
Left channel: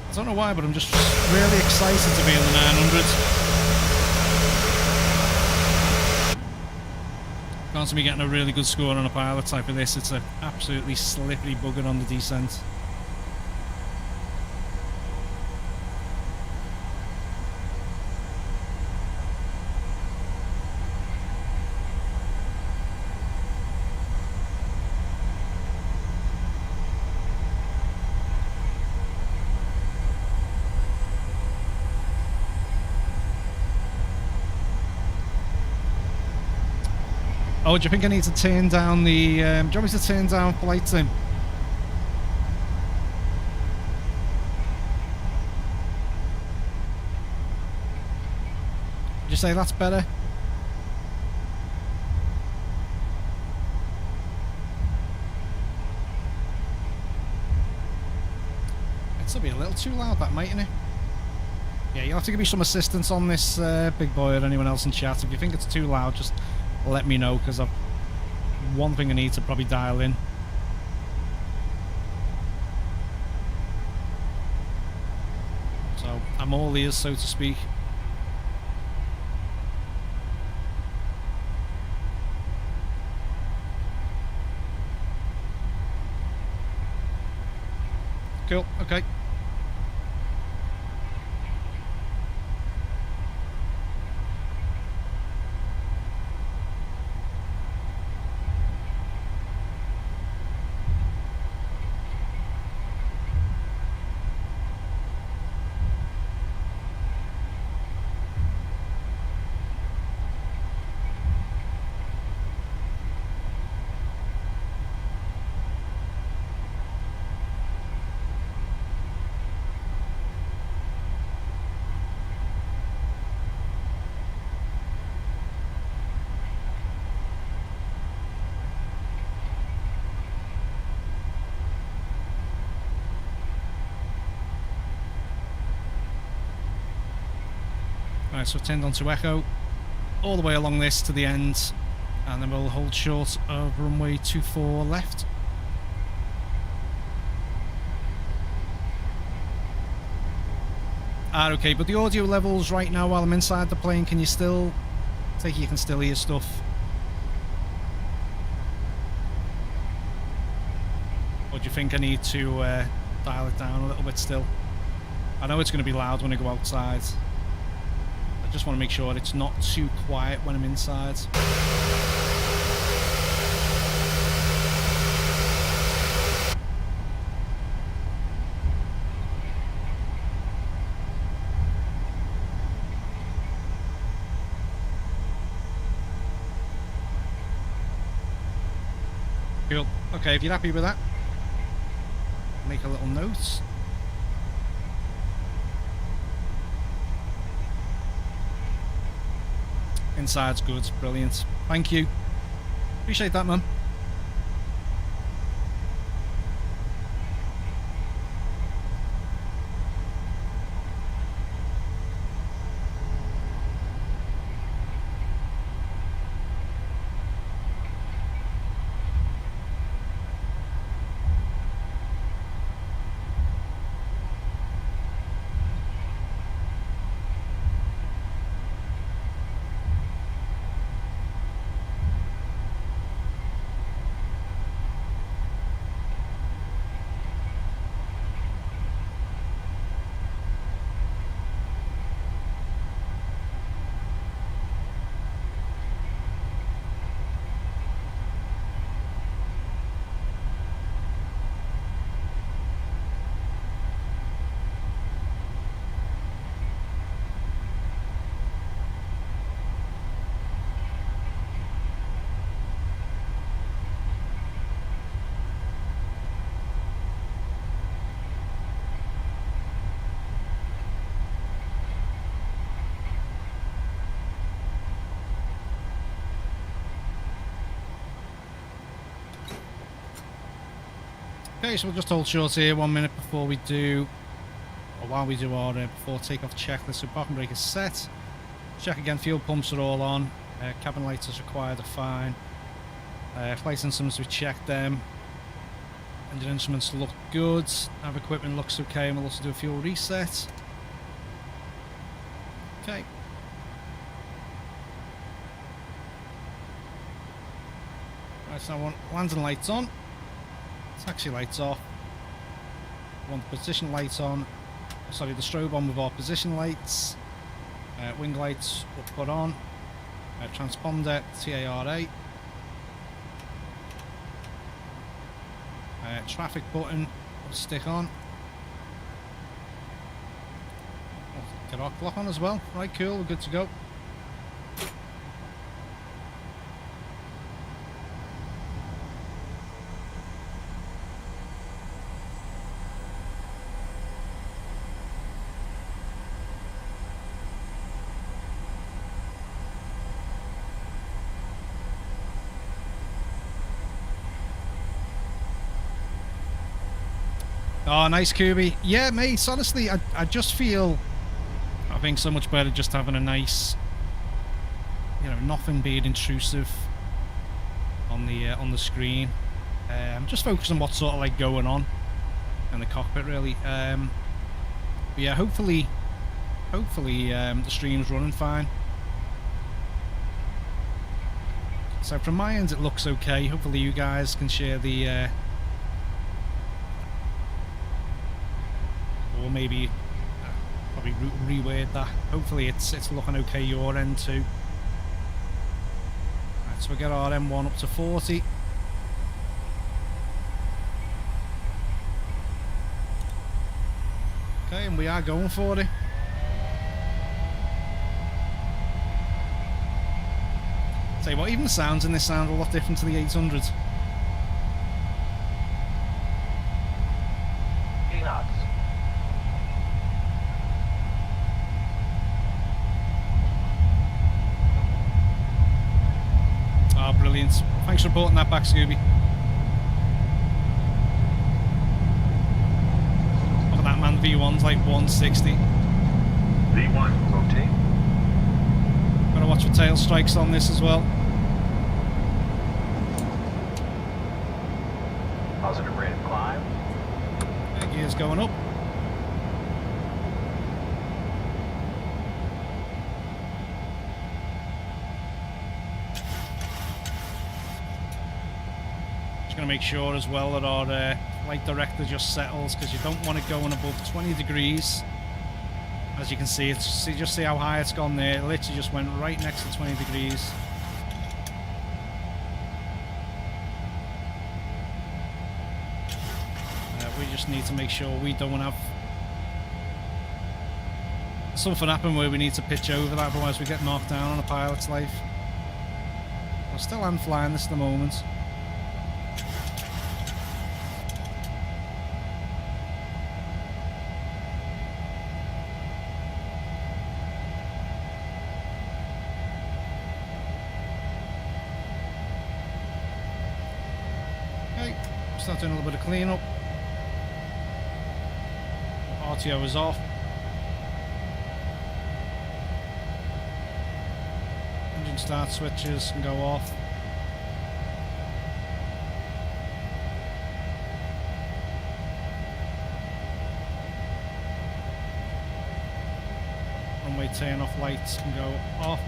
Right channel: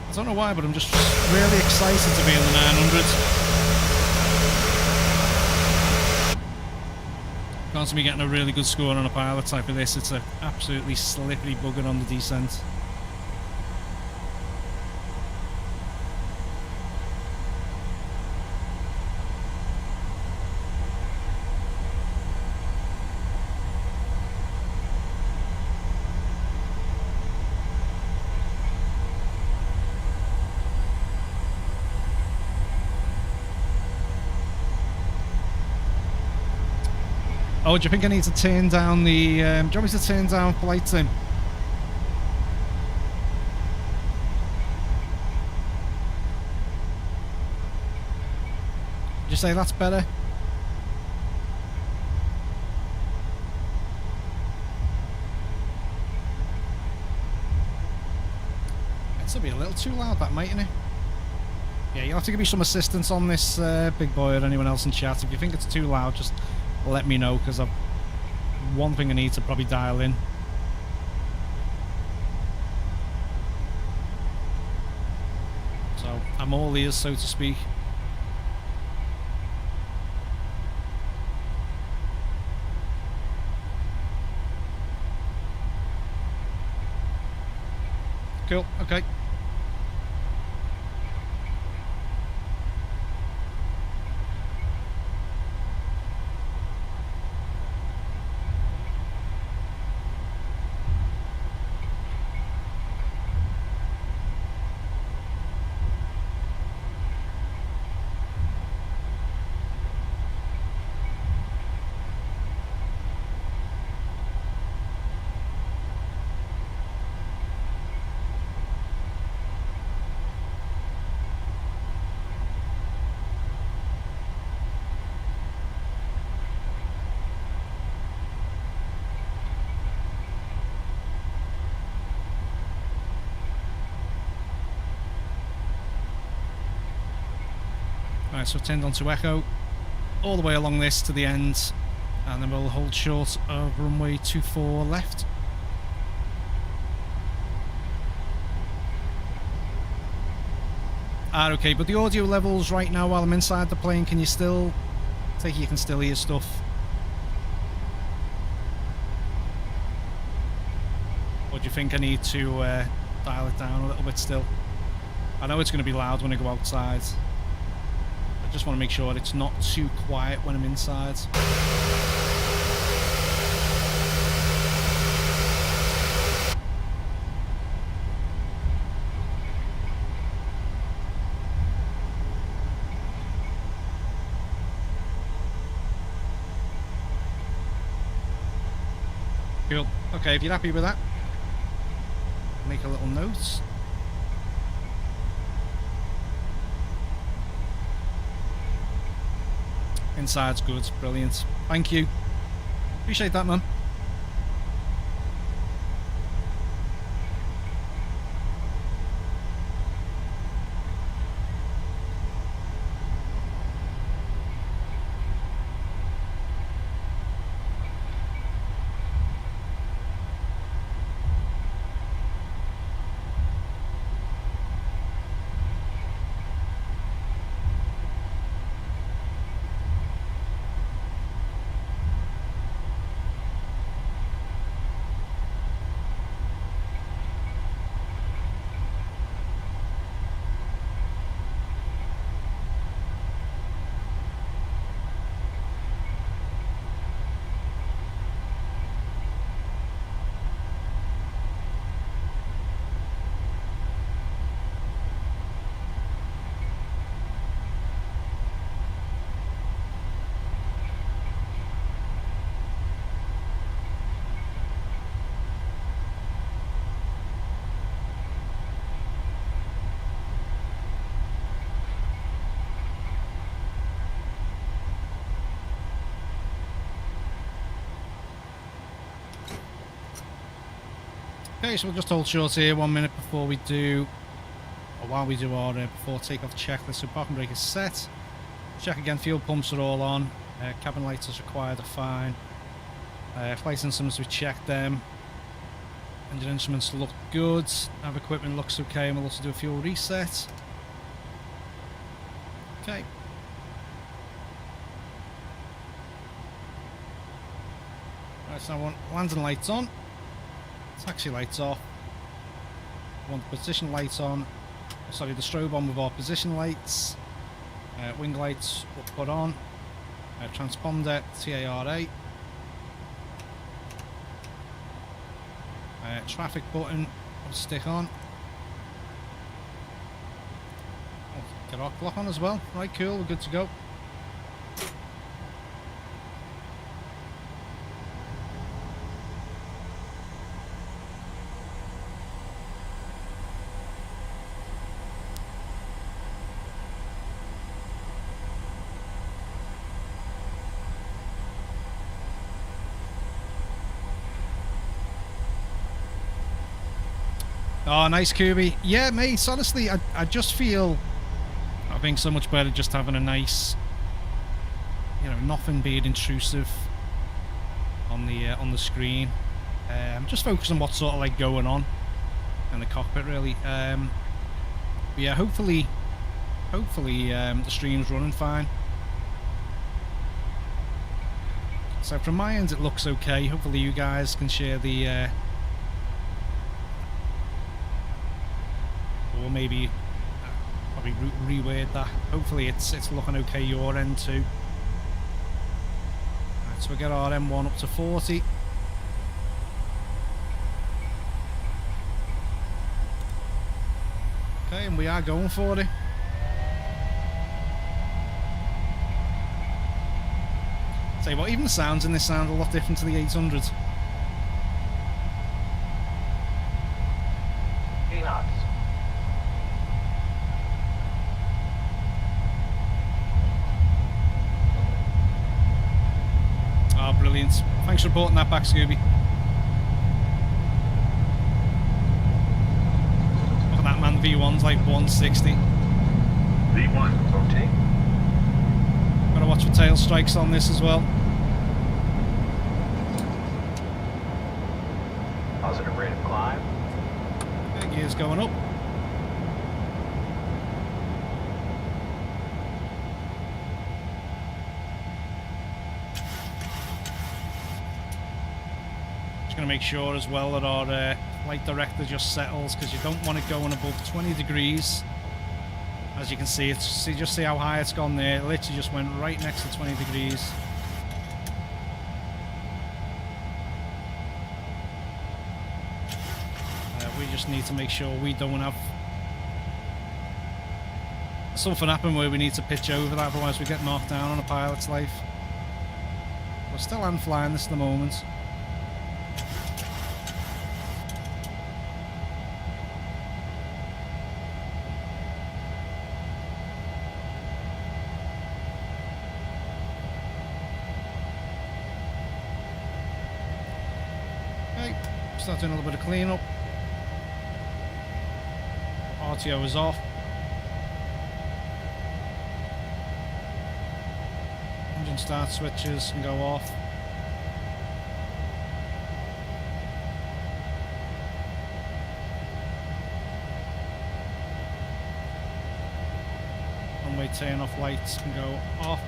I don't know why, but I'm just really excited to be in the 900. Can't see me getting a really good score on a pilot type of this. It's an absolutely slippery bugger on the descent. Oh, do you think I need to turn down the... do you want me to turn down flight sim? Did you say that's better? It'd still be a little too loud, that, mightn't it? Yeah, you'll have to give me some assistance on this, big boy, or anyone else in chat. If you think it's too loud, just let me know, because I've one thing I need to probably dial in. So I'm all ears, so to speak. Cool, okay. Right, so turned on to Echo. all the way along this to the end, and then we'll hold short of runway 24 left. Okay, but the audio levels right now while I'm inside the plane, can you still... I think you can still hear stuff. Or do you think I need to dial it down a little bit still? I know it's going to be loud when I go outside. I just want to make sure it's not too quiet when I'm inside. Cool. Okay, if you're happy with that, make a little note. Inside's good, brilliant. Thank you. Appreciate that, man. Okay, so we'll just hold short here 1 minute before we do, or while we do our before takeoff checklist. So parking brake is set. Check again, fuel pumps are all on. Cabin lights as required are fine. Flight instruments, we checked them. Engine instruments look good. Nav equipment looks okay, and we'll also do a fuel reset. Okay. Right, so I want landing lights on. Taxi lights off. I want the position lights on. Sorry, the strobe on with our position lights. Wing lights we'll put on. Transponder TARA. Traffic button will stick on. We'll get our clock on as well. Right, cool, we're good to go. Oh, nice, Kirby. Yeah, mate, honestly, I just feel, I think so much better just having a nice, you know, nothing being intrusive on the screen. Just focus on what's sort of like going on in the cockpit, really. But yeah, hopefully the stream's running fine. So from my end, it looks okay. Hopefully you guys can share the or maybe probably reword that. Hopefully it's looking okay your end too. Right, so we get our M1 up to 40. Okay, and we are going for it. Tell you what, even the sounds in this sound a lot different to the 800. 8 knots. Ah, brilliant. Thanks for reporting that back, Scooby. Look at that, man. The V1's like 160. V1, rotate. Gotta watch for tail strikes on this as well. Positive rate of climb. Gears going up. Just going to make sure as well that our flight director just settles, because you don't want it going above 20 degrees. As you can see, just see how high it's gone there. It literally just went right next to 20 degrees. We just need to make sure we don't have something happen where we need to pitch over that, otherwise we get knocked down on a pilot's life. We're still hand flying this at the moment. Okay, start doing a little bit of cleanup. RTO is off. Engine start switches can go off. Runway turn off lights can go off.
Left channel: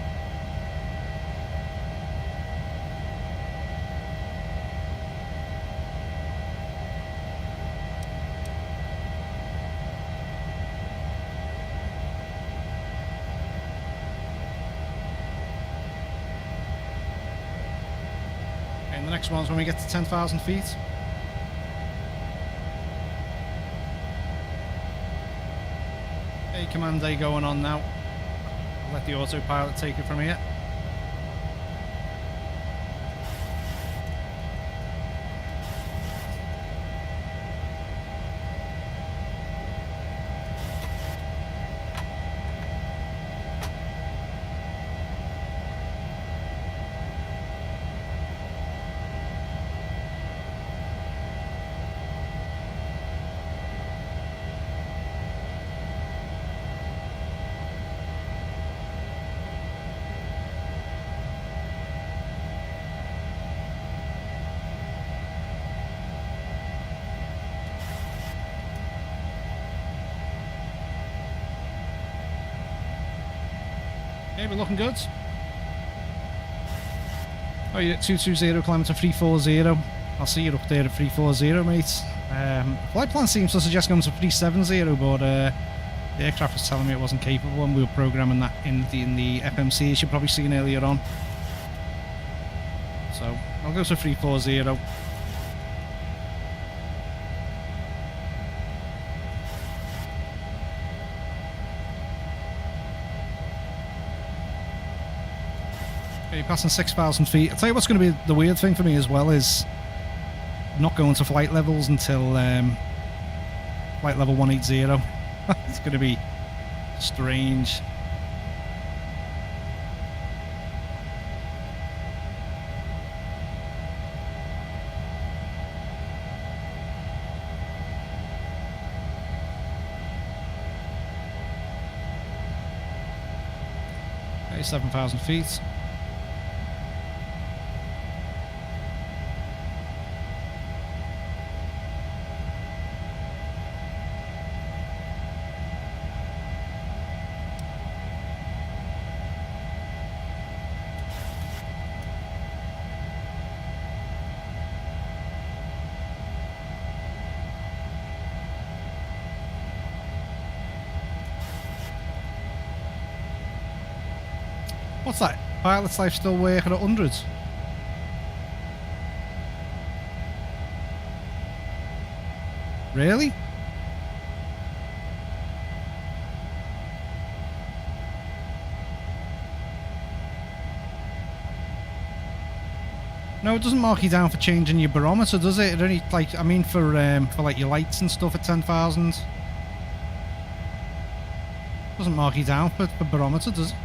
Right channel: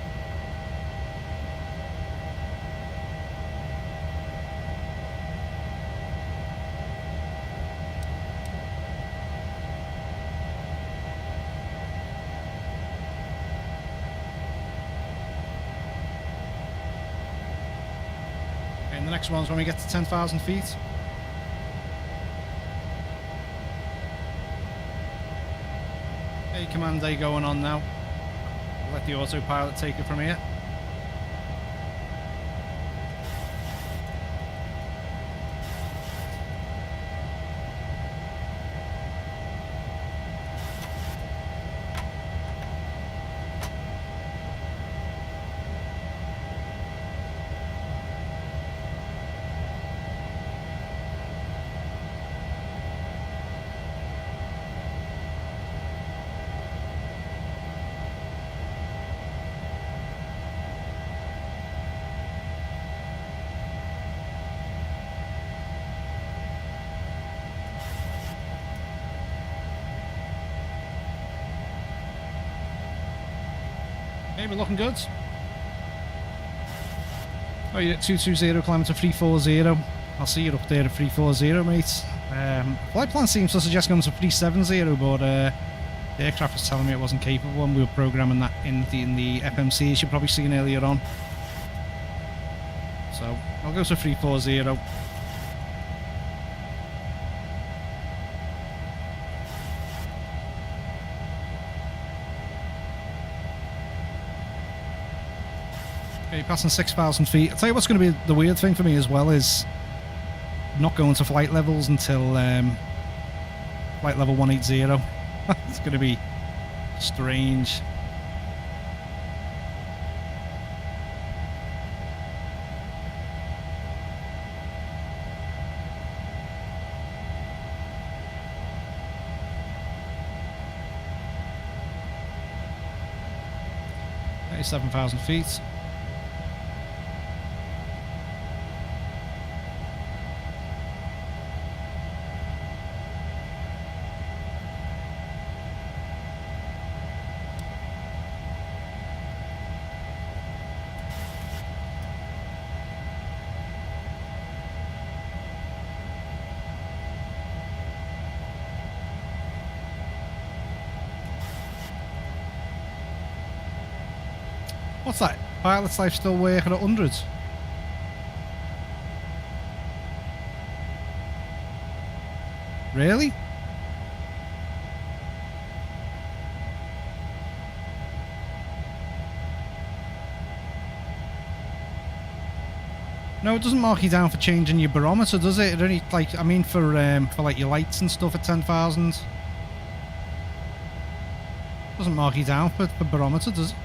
And the next one's when we get to 10,000 feet. Okay, command day going on now. I'll let the autopilot take it from here. Okay, we're looking good. Oh, you're at 220, climbing to 340. I'll see you up there at 340, mate. Flight plan seems to suggest going to 370, but the aircraft was telling me it wasn't capable, and we were programming that in the FMC, as you've probably seen earlier on. So I'll go to 340. Okay, passing 6,000 feet. I'll tell you what's going to be the weird thing for me as well is not going to flight levels until flight level 180. It's going to be strange. Okay, 7,000 feet. What's that? Pilot's life still working at 100? Really? No, it doesn't mark you down for changing your barometer, does it? It only, like, I mean, for like your lights and stuff at 10,000. Doesn't mark you down for barometer, does it?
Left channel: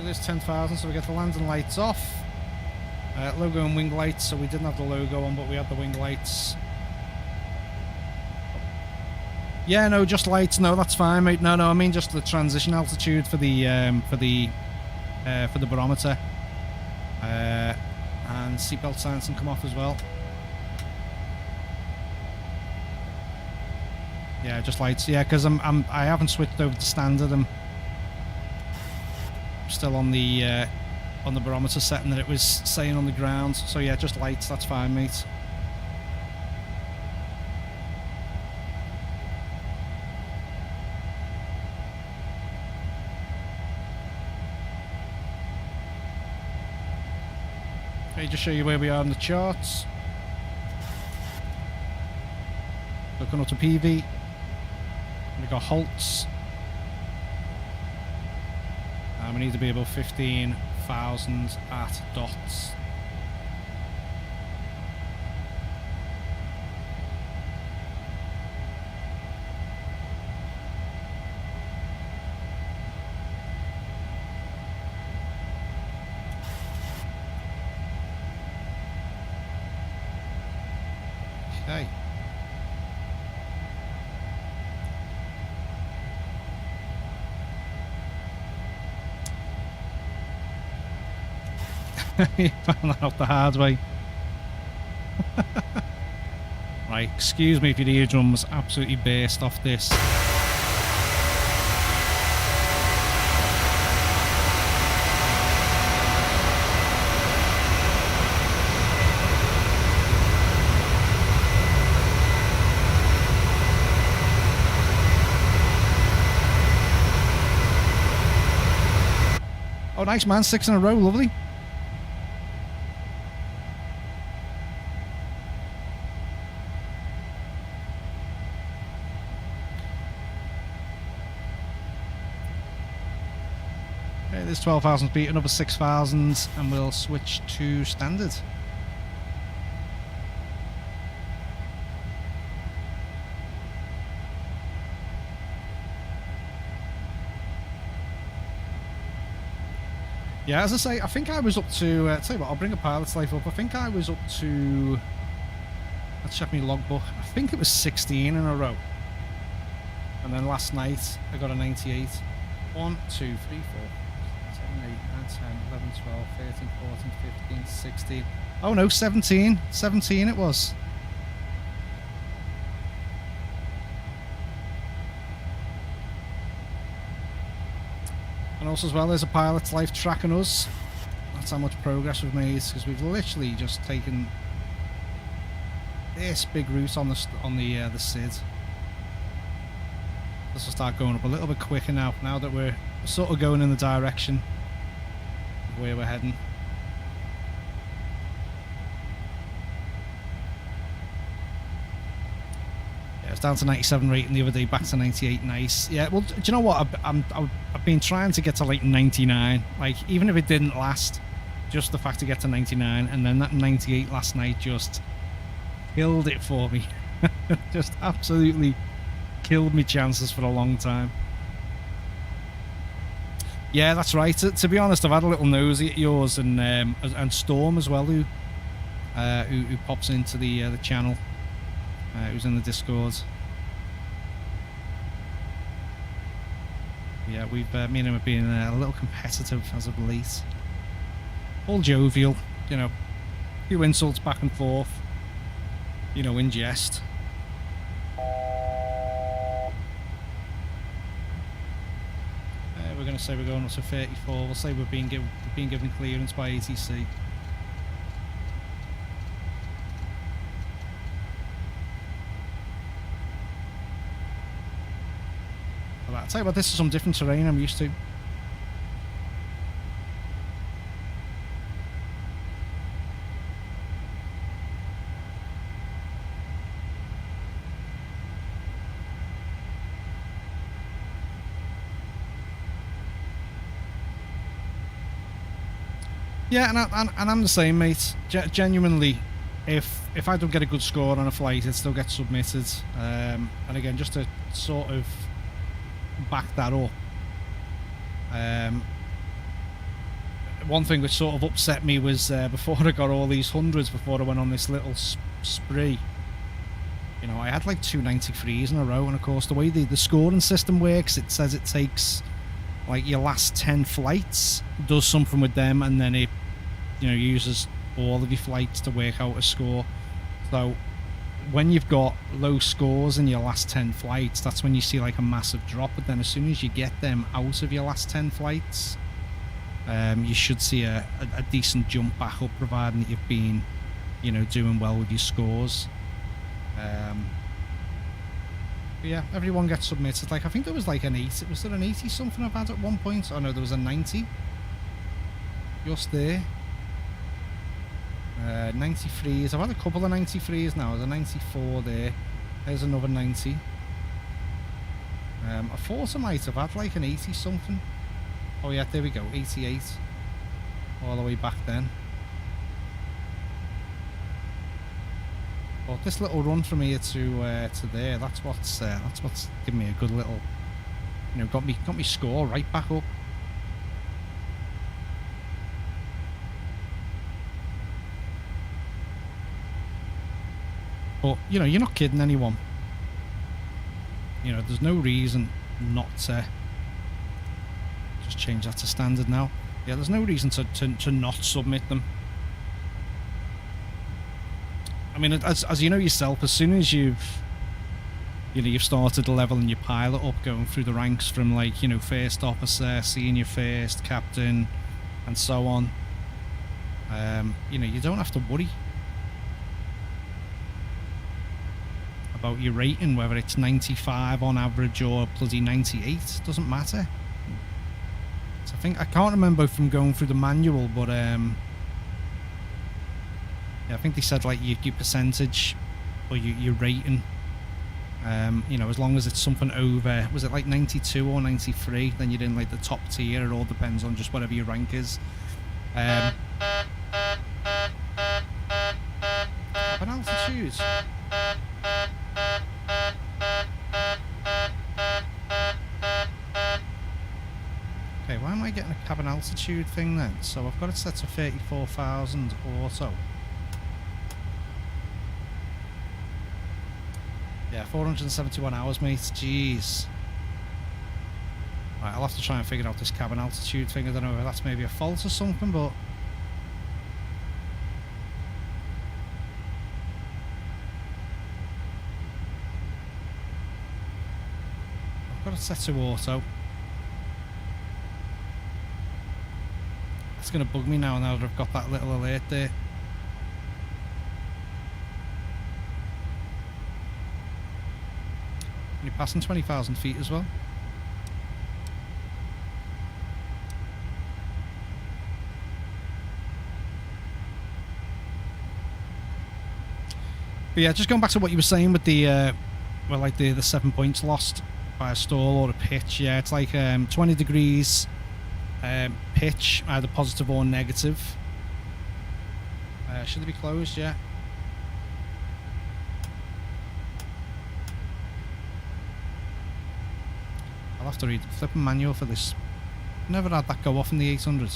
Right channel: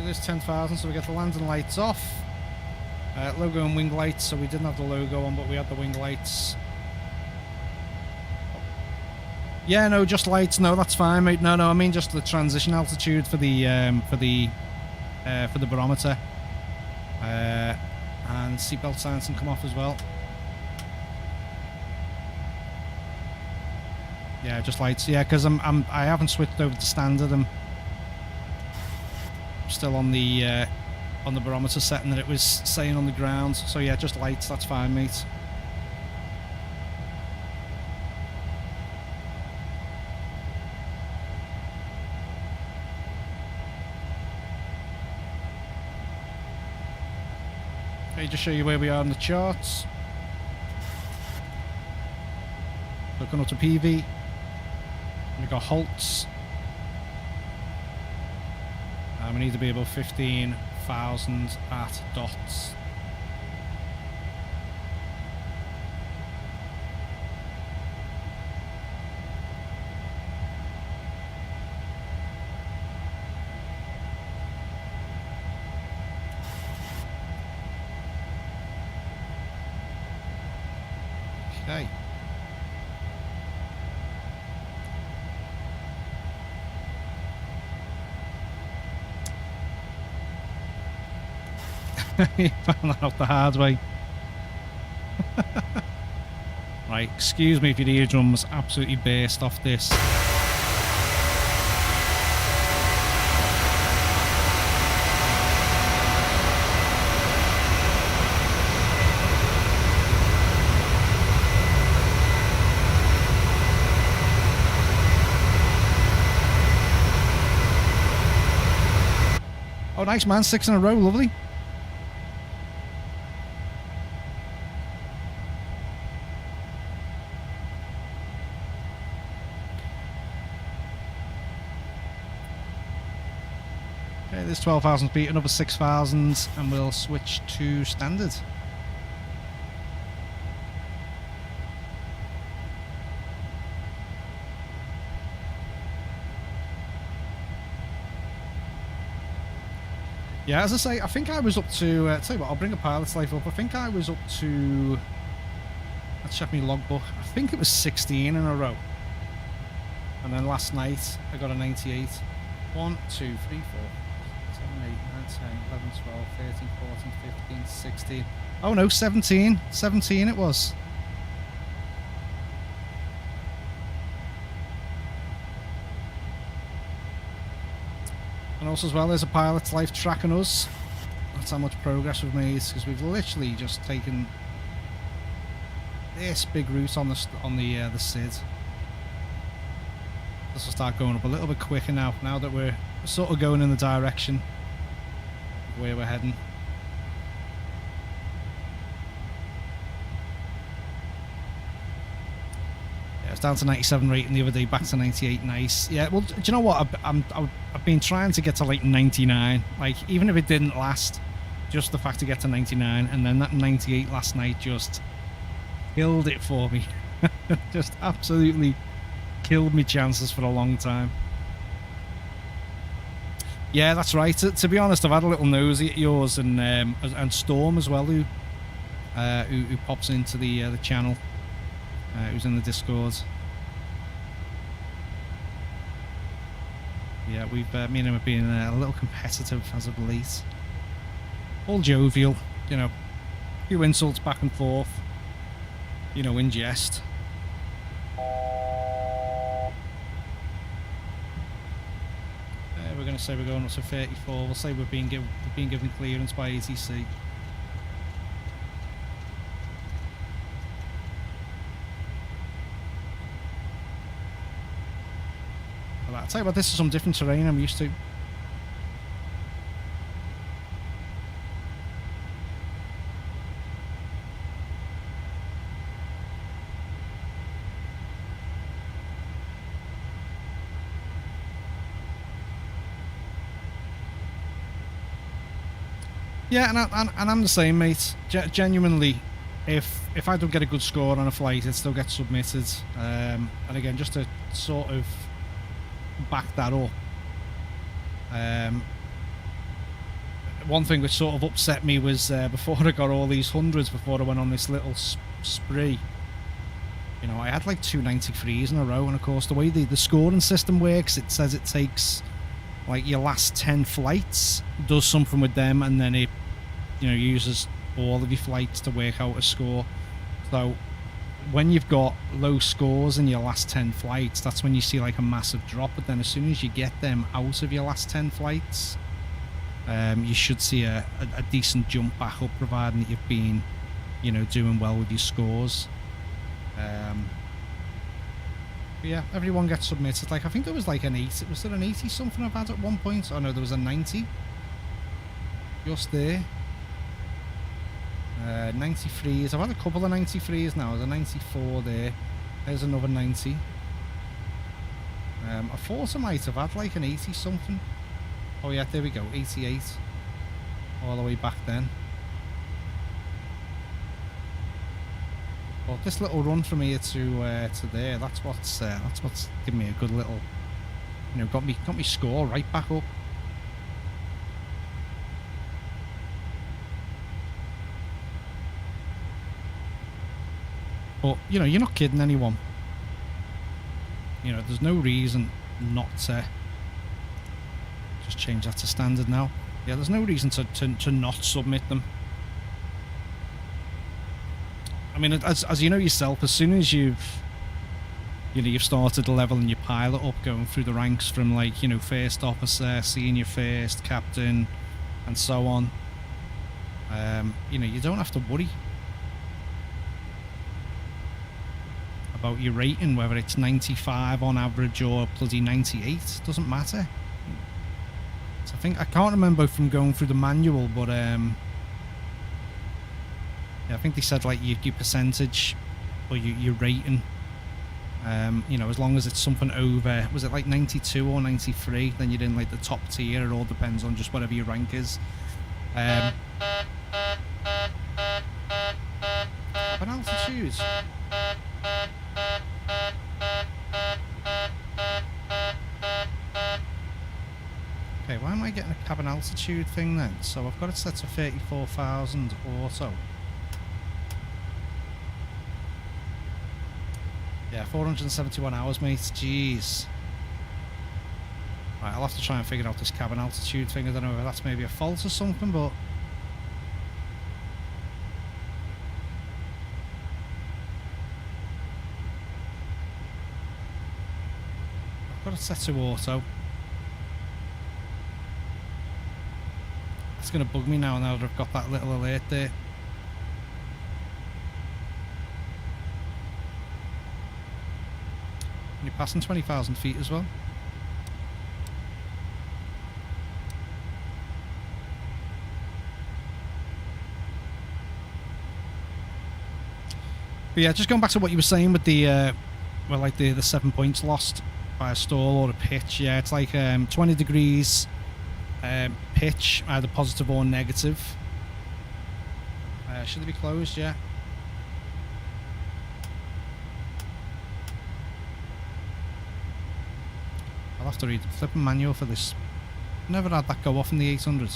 It is 10,000, so we get the landing lights off. Logo and wing lights, so we didn't have the logo on, but we had the wing lights. Yeah, no, just lights. No, that's fine, mate. No, I mean just the transition altitude for the barometer. And seatbelt signs can come off as well. Yeah, just lights. Yeah, because I haven't switched over to standard. I'm still on the barometer setting that it was saying on the ground. So yeah, just lights. That's fine, mate. Okay, just show you where we are in the charts. Looking up to PV. We've got halts. We need to be above 15,000 at dots. Okay. You found that out the hard way. Right, excuse me if your eardrums absolutely burst off this. Oh, nice, man. 6 in a row. Lovely. Okay, there's 12,000 feet, another 6,000, and we'll switch to standard. Yeah, as I say, I think I was up to, tell you what, I'll bring a pilot's life up. I think I was up to, let's check my logbook. I think it was 16 in a row. And then last night, I got a 98. 1, 2, 3, 4, 7, 8, 9, 10, 11, 12, 13, 14, 15, 16. Oh no, 17. 17 it was. And also as well, there's a pilot's life tracking us. That's how much progress we've made, because we've literally just taken this big route on the SID. This will start going up a little bit quicker now that we're sort of going in the direction of where we're heading. Yeah, it's down to 97 rating the other day, back to 98. Nice. Yeah, well, do you know what? I've been trying to get to like 99. Like, even if it didn't last, just the fact to get to 99, and then that 98 last night just killed it for me. Just absolutely killed me chances for a long time. Yeah, that's right. To be honest, I've had a little nosy at yours and Storm as well, who pops into the channel, who's in the Discord. Yeah, me and him have been a little competitive as of late. All jovial, you know, a few insults back and forth, you know, in jest. We're going to say we're going up to 34. We'll say we've been given clearance by ATC. I'll tell you what, this is some different terrain I'm used to. Yeah, and I'm the same, mate. Genuinely, if I don't get a good score on a flight, it still gets submitted. And again, just to sort of back that up, one thing which sort of upset me was before I got all these hundreds, before I went on this little spree, you know, I had like 293s in a row, and of course the way the scoring system works, it says it takes like your last 10 flights, does something with them, and then it, you know, uses all of your flights to work out a score. So when you've got low scores in your last 10 flights, that's when you see like a massive drop. But then as soon as you get them out of your last 10 flights, you should see a decent jump back up, providing that you've been, you know, doing well with your scores. But yeah, everyone gets submitted. Like, I think there was like an 80. Was there an 80 something I've had at one point? Oh no, there was a 90. Just there. 93s. I've had a couple of 93s now. There's a 94 there. There's another 90. I thought I might have had like an 80 something. Oh yeah, there we go. 88. All the way back then. But this little run from here to there, that's what's given me a good little, you know, got me score right back up. But, you know, you're not kidding anyone. You know, there's no reason not to... Just change that to standard now. Yeah, there's no reason to not submit them. I mean, as you know yourself, as soon as you've started the level and your pilot up, going through the ranks from, like, you know, first officer, senior first, captain, and so on, you know, you don't have to worry about your rating, whether it's 95 on average or bloody 98. Doesn't matter. So I can't remember from going through the manual, but yeah, I think they said like your percentage or your rating, you know, as long as it's something over, was it like 92 or 93, then you're in like the top tier. It all depends on just whatever your rank is. Cabin altitude. Okay, why am I getting a cabin altitude thing then? So I've got it set to 34,000 auto. Yeah, 471 hours, mate. Jeez. Right, I'll have to try and figure out this cabin altitude thing. I don't know if that's maybe a fault or something, but... I've got it set to auto. It's going to bug me now that I've got that little alert there. And you're passing 20,000 feet as well. But yeah, just going back to what you were saying with the, well, like the 7 points lost by a stall or a pitch. Yeah, it's like 20 degrees pitch, either positive or negative. Should they be closed? Yeah. I'll have to read the flipping manual for this. Never had that go off in the 800.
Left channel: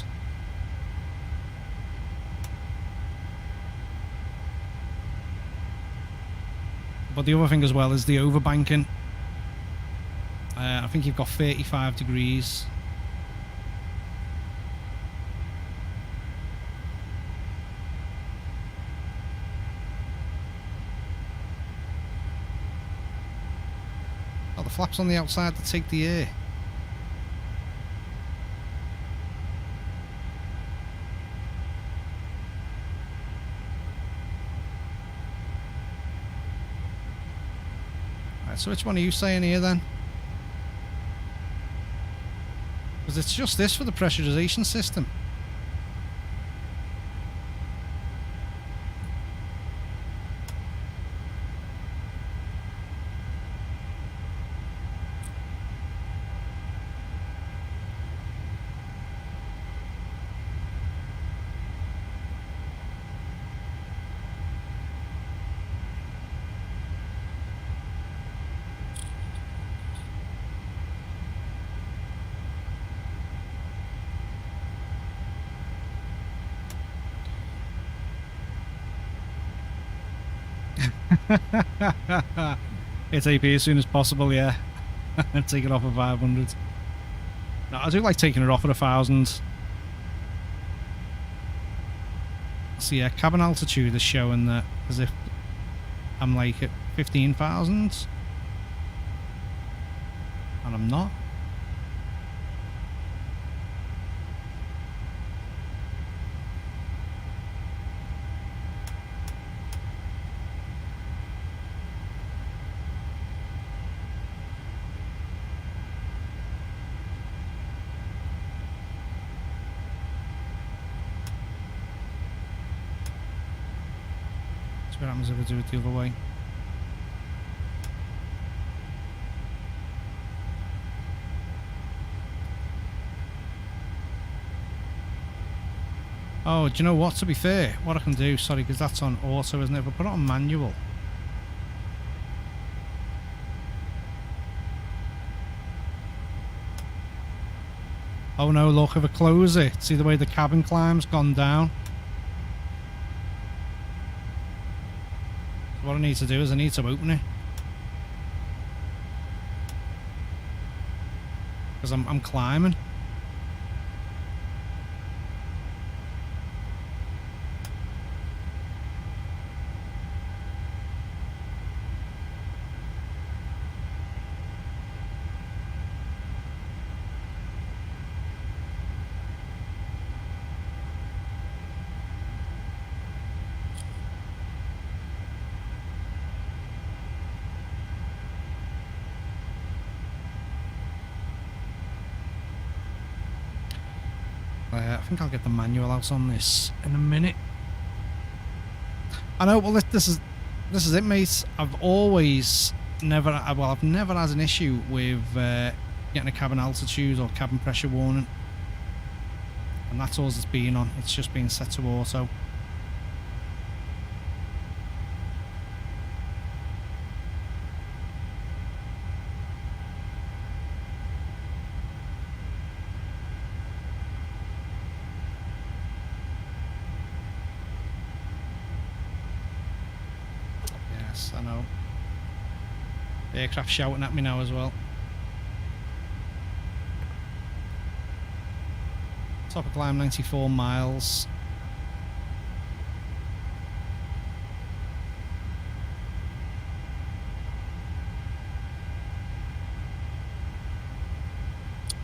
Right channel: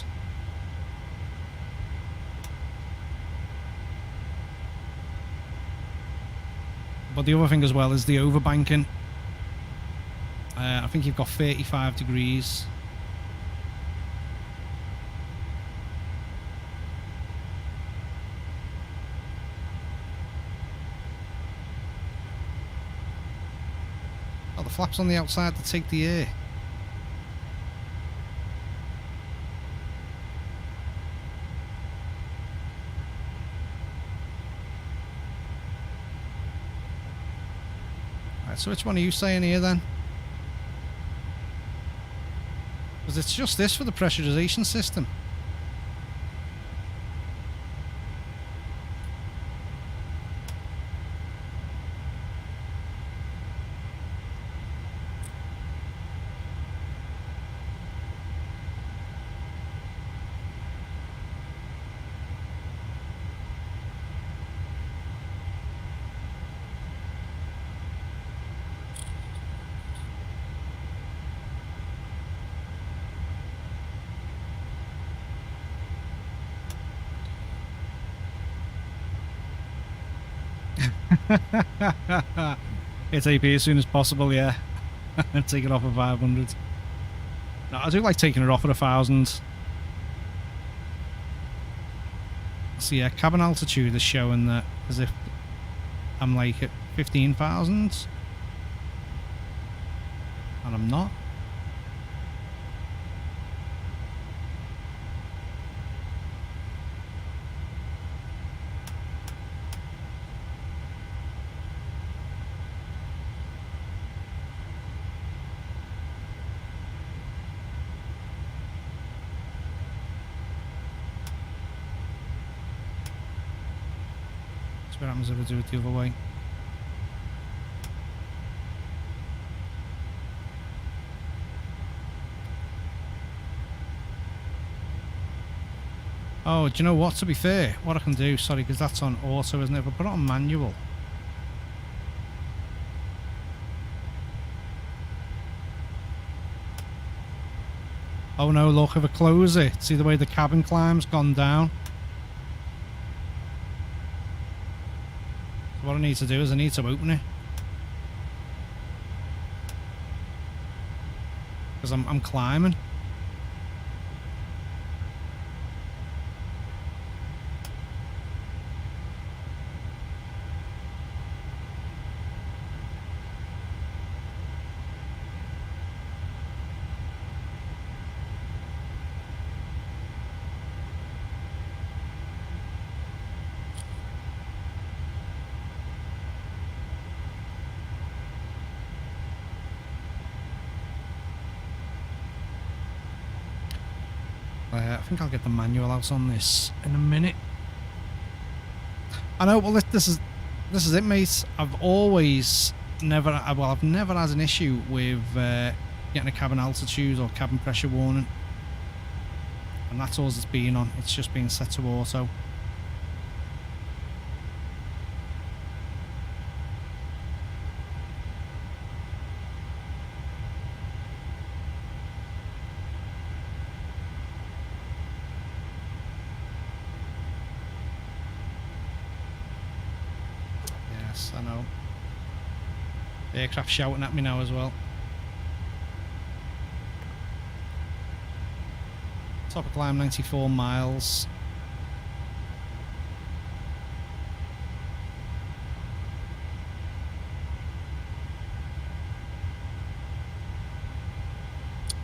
But the other thing as well is the overbanking. I think you've got 35 degrees. Oh, the flaps on the outside to take the air. Right, so which one are you saying here then? Because it's just this for the pressurization system. Hit AP as soon as possible, yeah. And take it off at 500. No, I do like taking it off at 1,000. So yeah, cabin altitude is showing that as if I'm like at 15,000. And I'm not. So what happens if I do it the other way? Oh, do you know what? To be fair, what I can do, sorry, because that's on auto, isn't it? If I put it on manual. Oh no, look, if I close it, see the way the cabin climb's gone down? So what I need to do is I need to open it. Because I'm climbing. I think I'll get the manual out on this in a minute. I know. Well, this is it, mate. I've never had an issue with getting a cabin altitude or cabin pressure warning, and that's all it's been on. It's just been set to auto. I know. The aircraft shouting at me now as well. Top of climb 94 miles.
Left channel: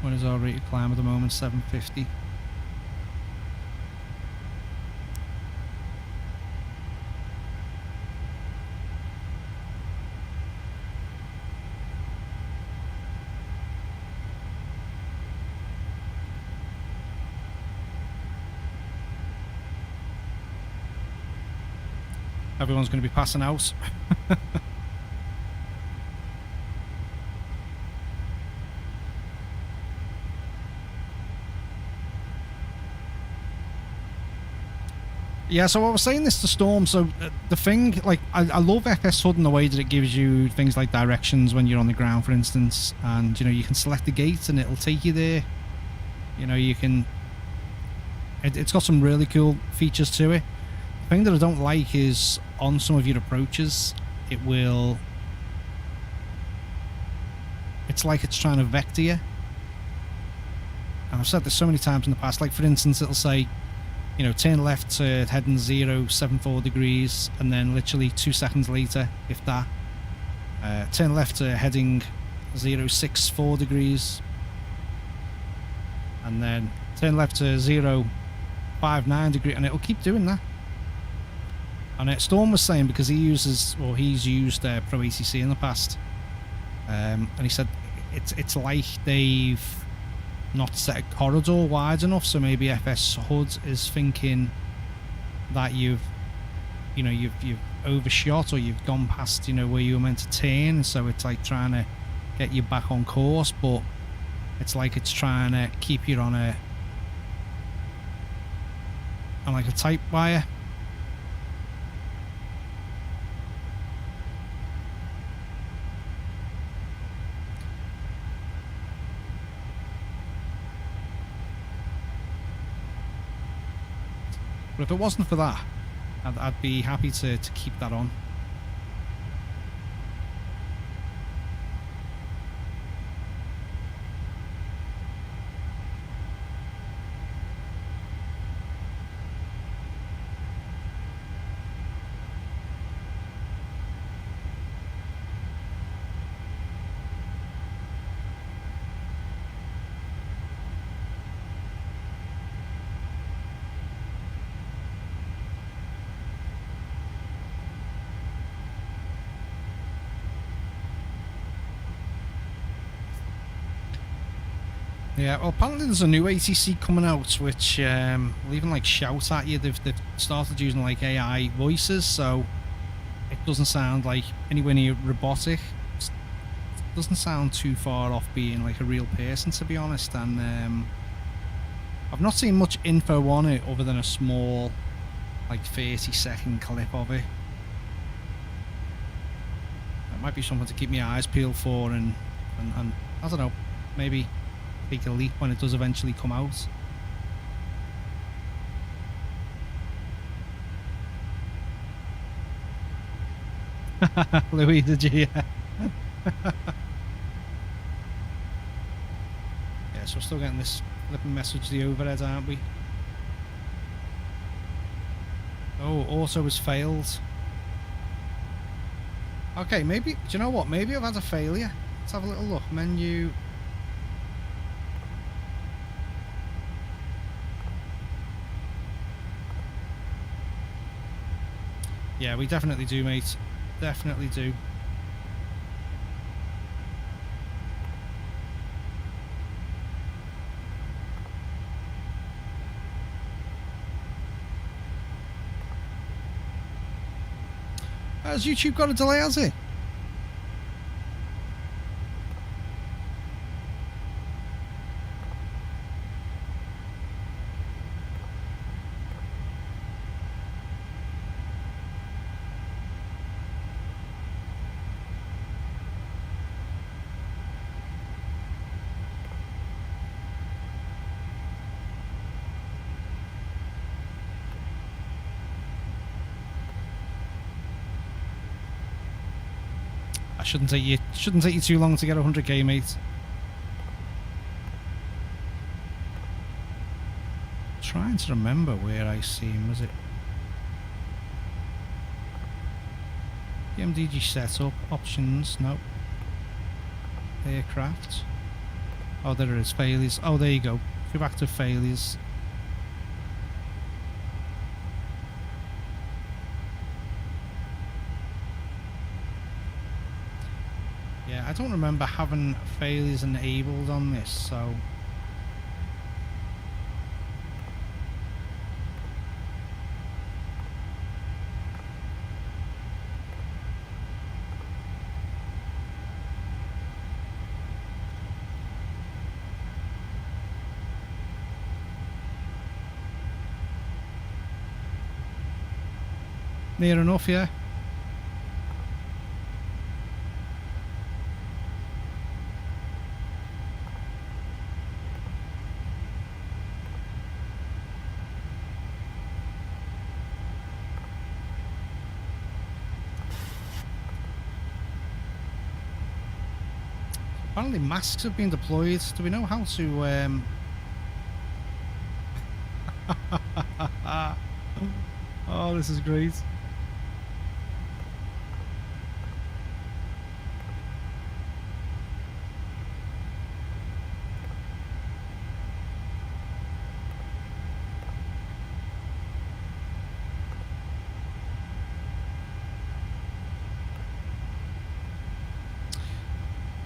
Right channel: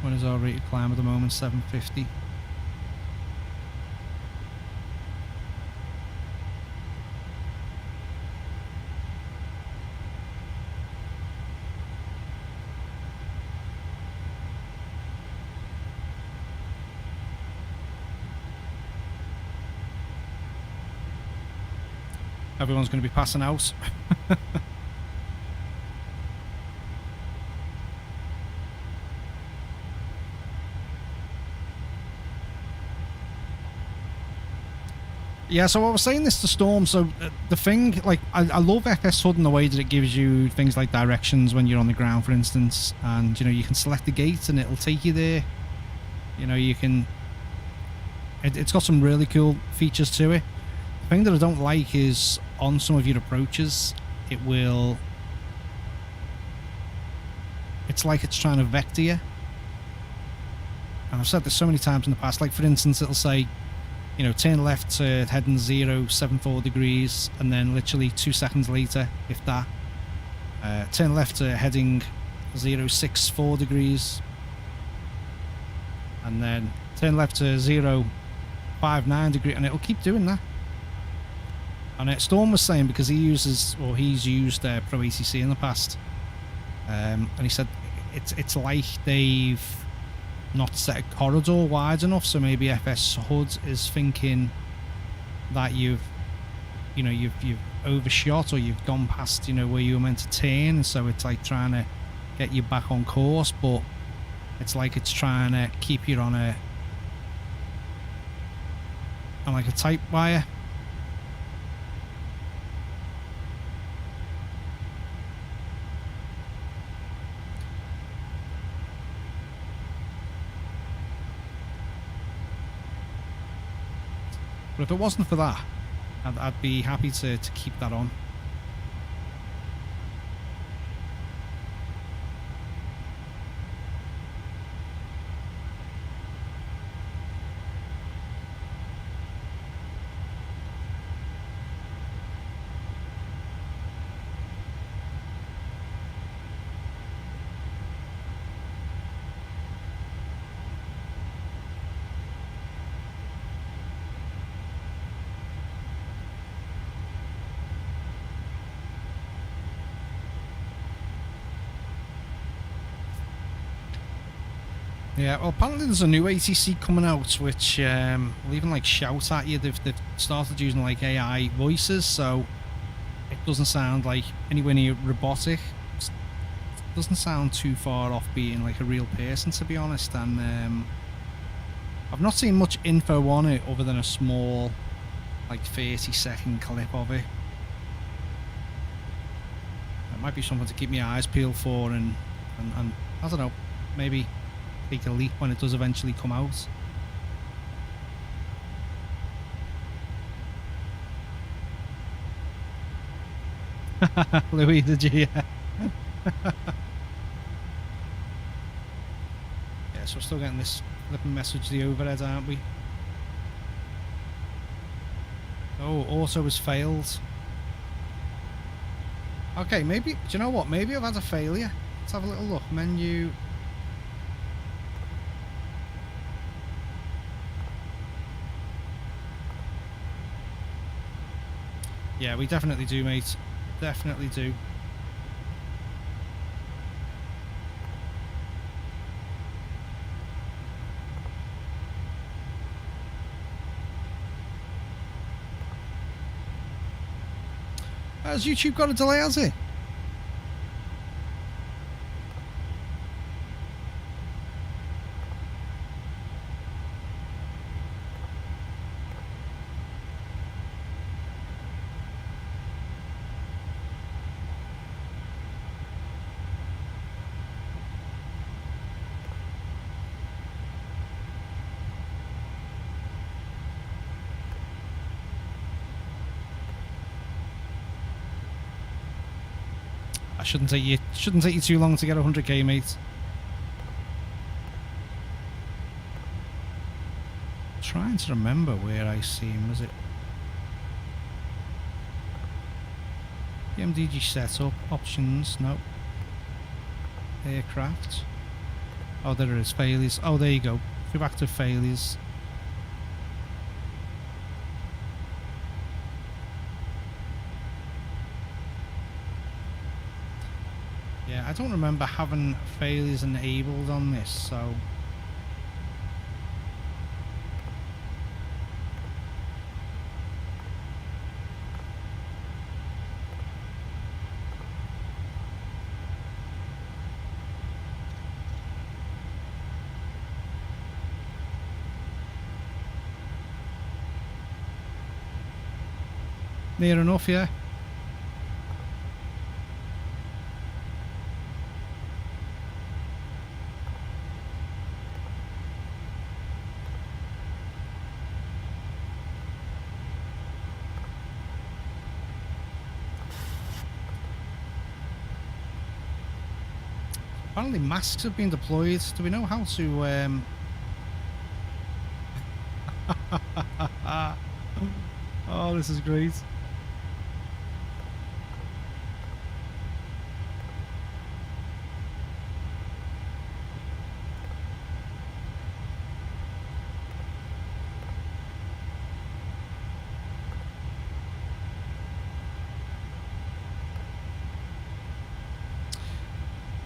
What is our rated climb at the moment? 750. Everyone's going to be passing out. Yeah, so I was saying this to Storm, so the thing, like, I love FS HUD in the way that it gives you things like directions when you're on the ground, for instance, and, you know, you can select the gate and it'll take you there. You know, you can... It's got some really cool features to it. The thing that I don't like is on some of your approaches, it will... It's like it's trying to vector you. And I've said this so many times in the past, like, for instance, it'll say, you know, turn left to heading 074 degrees, and then literally 2 seconds later, if that, turn left to heading 064 degrees, and then turn left to 059 degrees, and it'll keep doing that. And Storm was saying, because he uses, or he's used Pro ACC in the past, and he said it's like they've not set a corridor wide enough, so maybe FS HUD is thinking that you've overshot, or you've gone past, you know, where you were meant to turn, so it's like trying to get you back on course, but it's like it's trying to keep you on like a tight wire. But if it wasn't for that, I'd be happy to keep that on. Yeah, well, apparently there's a new ATC coming out, which will even like shout at you. They've started using like AI voices, so it doesn't sound like anywhere near robotic. It doesn't sound too far off being like a real person, to be honest. And I've not seen much info on it other than a small, like 30-second clip of it. It might be something to keep my eyes peeled for, and I don't know, maybe take a leap when it does eventually come out. Louis, did you? Yeah. Yeah, so we're still getting this flipping message the overhead, aren't we? Oh, auto has failed. Okay, maybe, do you know what? Maybe I've had a failure. Let's have a little look. Menu. Yeah, we definitely do, mate. Definitely do. Has YouTube got a delay, has it? I shouldn't take you too long to get 100k, mate. Trying to remember where I see him. Was it PMDG setup options? No. Aircraft. Oh, there it is. Failures. Oh, there you go. Go back to failures. Yeah, I don't remember having failures enabled on this, so... Near enough, yeah. Apparently masks have been deployed. Do we know how to... Oh, this is great.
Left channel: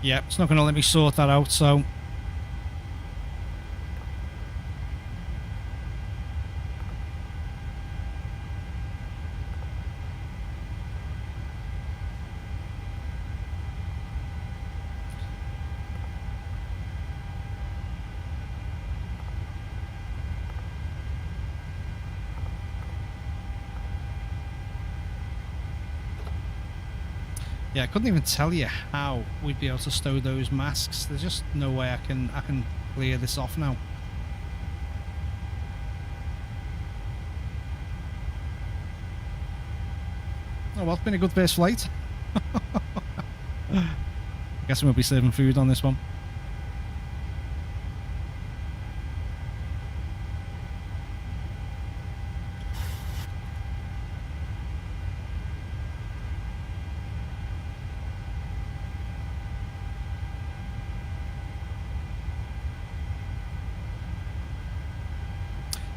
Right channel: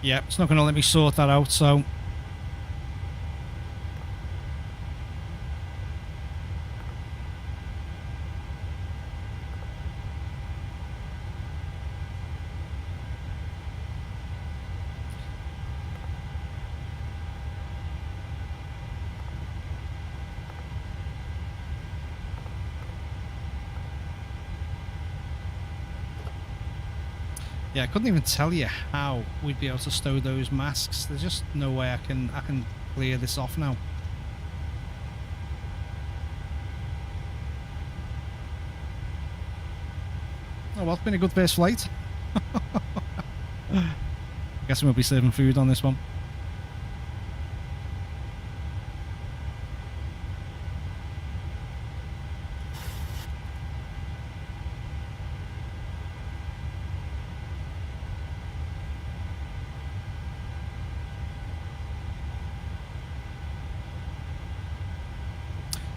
Yeah, it's not going to let me sort that out, so... Yeah, I couldn't even tell you how we'd be able to stow those masks. There's just no way I can clear this off now. Oh well, it's been a good first flight. I guess we'll be serving food on this one.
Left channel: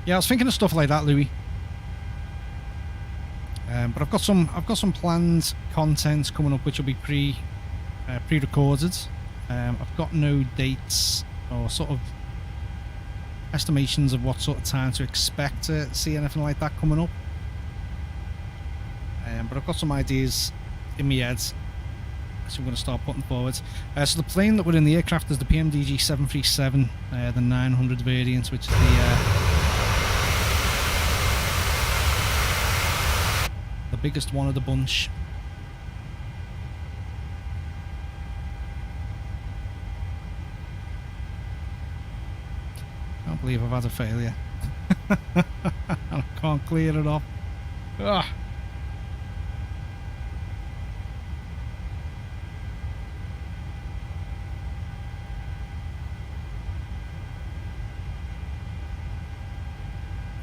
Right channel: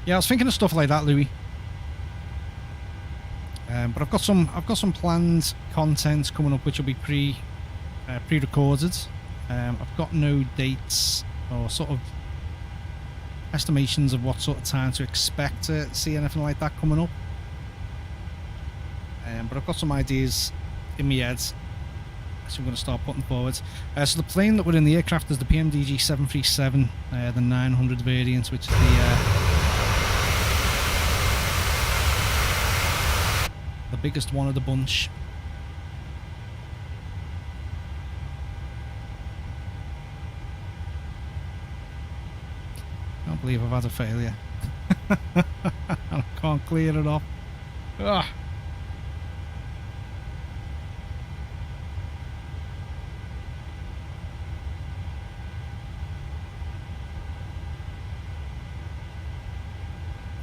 Yeah, I was thinking of stuff like that, Louis. But I've got some planned content coming up which will be pre-recorded. I've got no dates or sort of estimations of what sort of time to expect to see anything like that coming up. But I've got some ideas in my head, so I'm going to start putting forward. So the plane that we're in the aircraft is the PMDG 737, the 900 variant, which is the biggest one of the bunch. Can't believe I've had a failure. I can't clear it off. Ugh.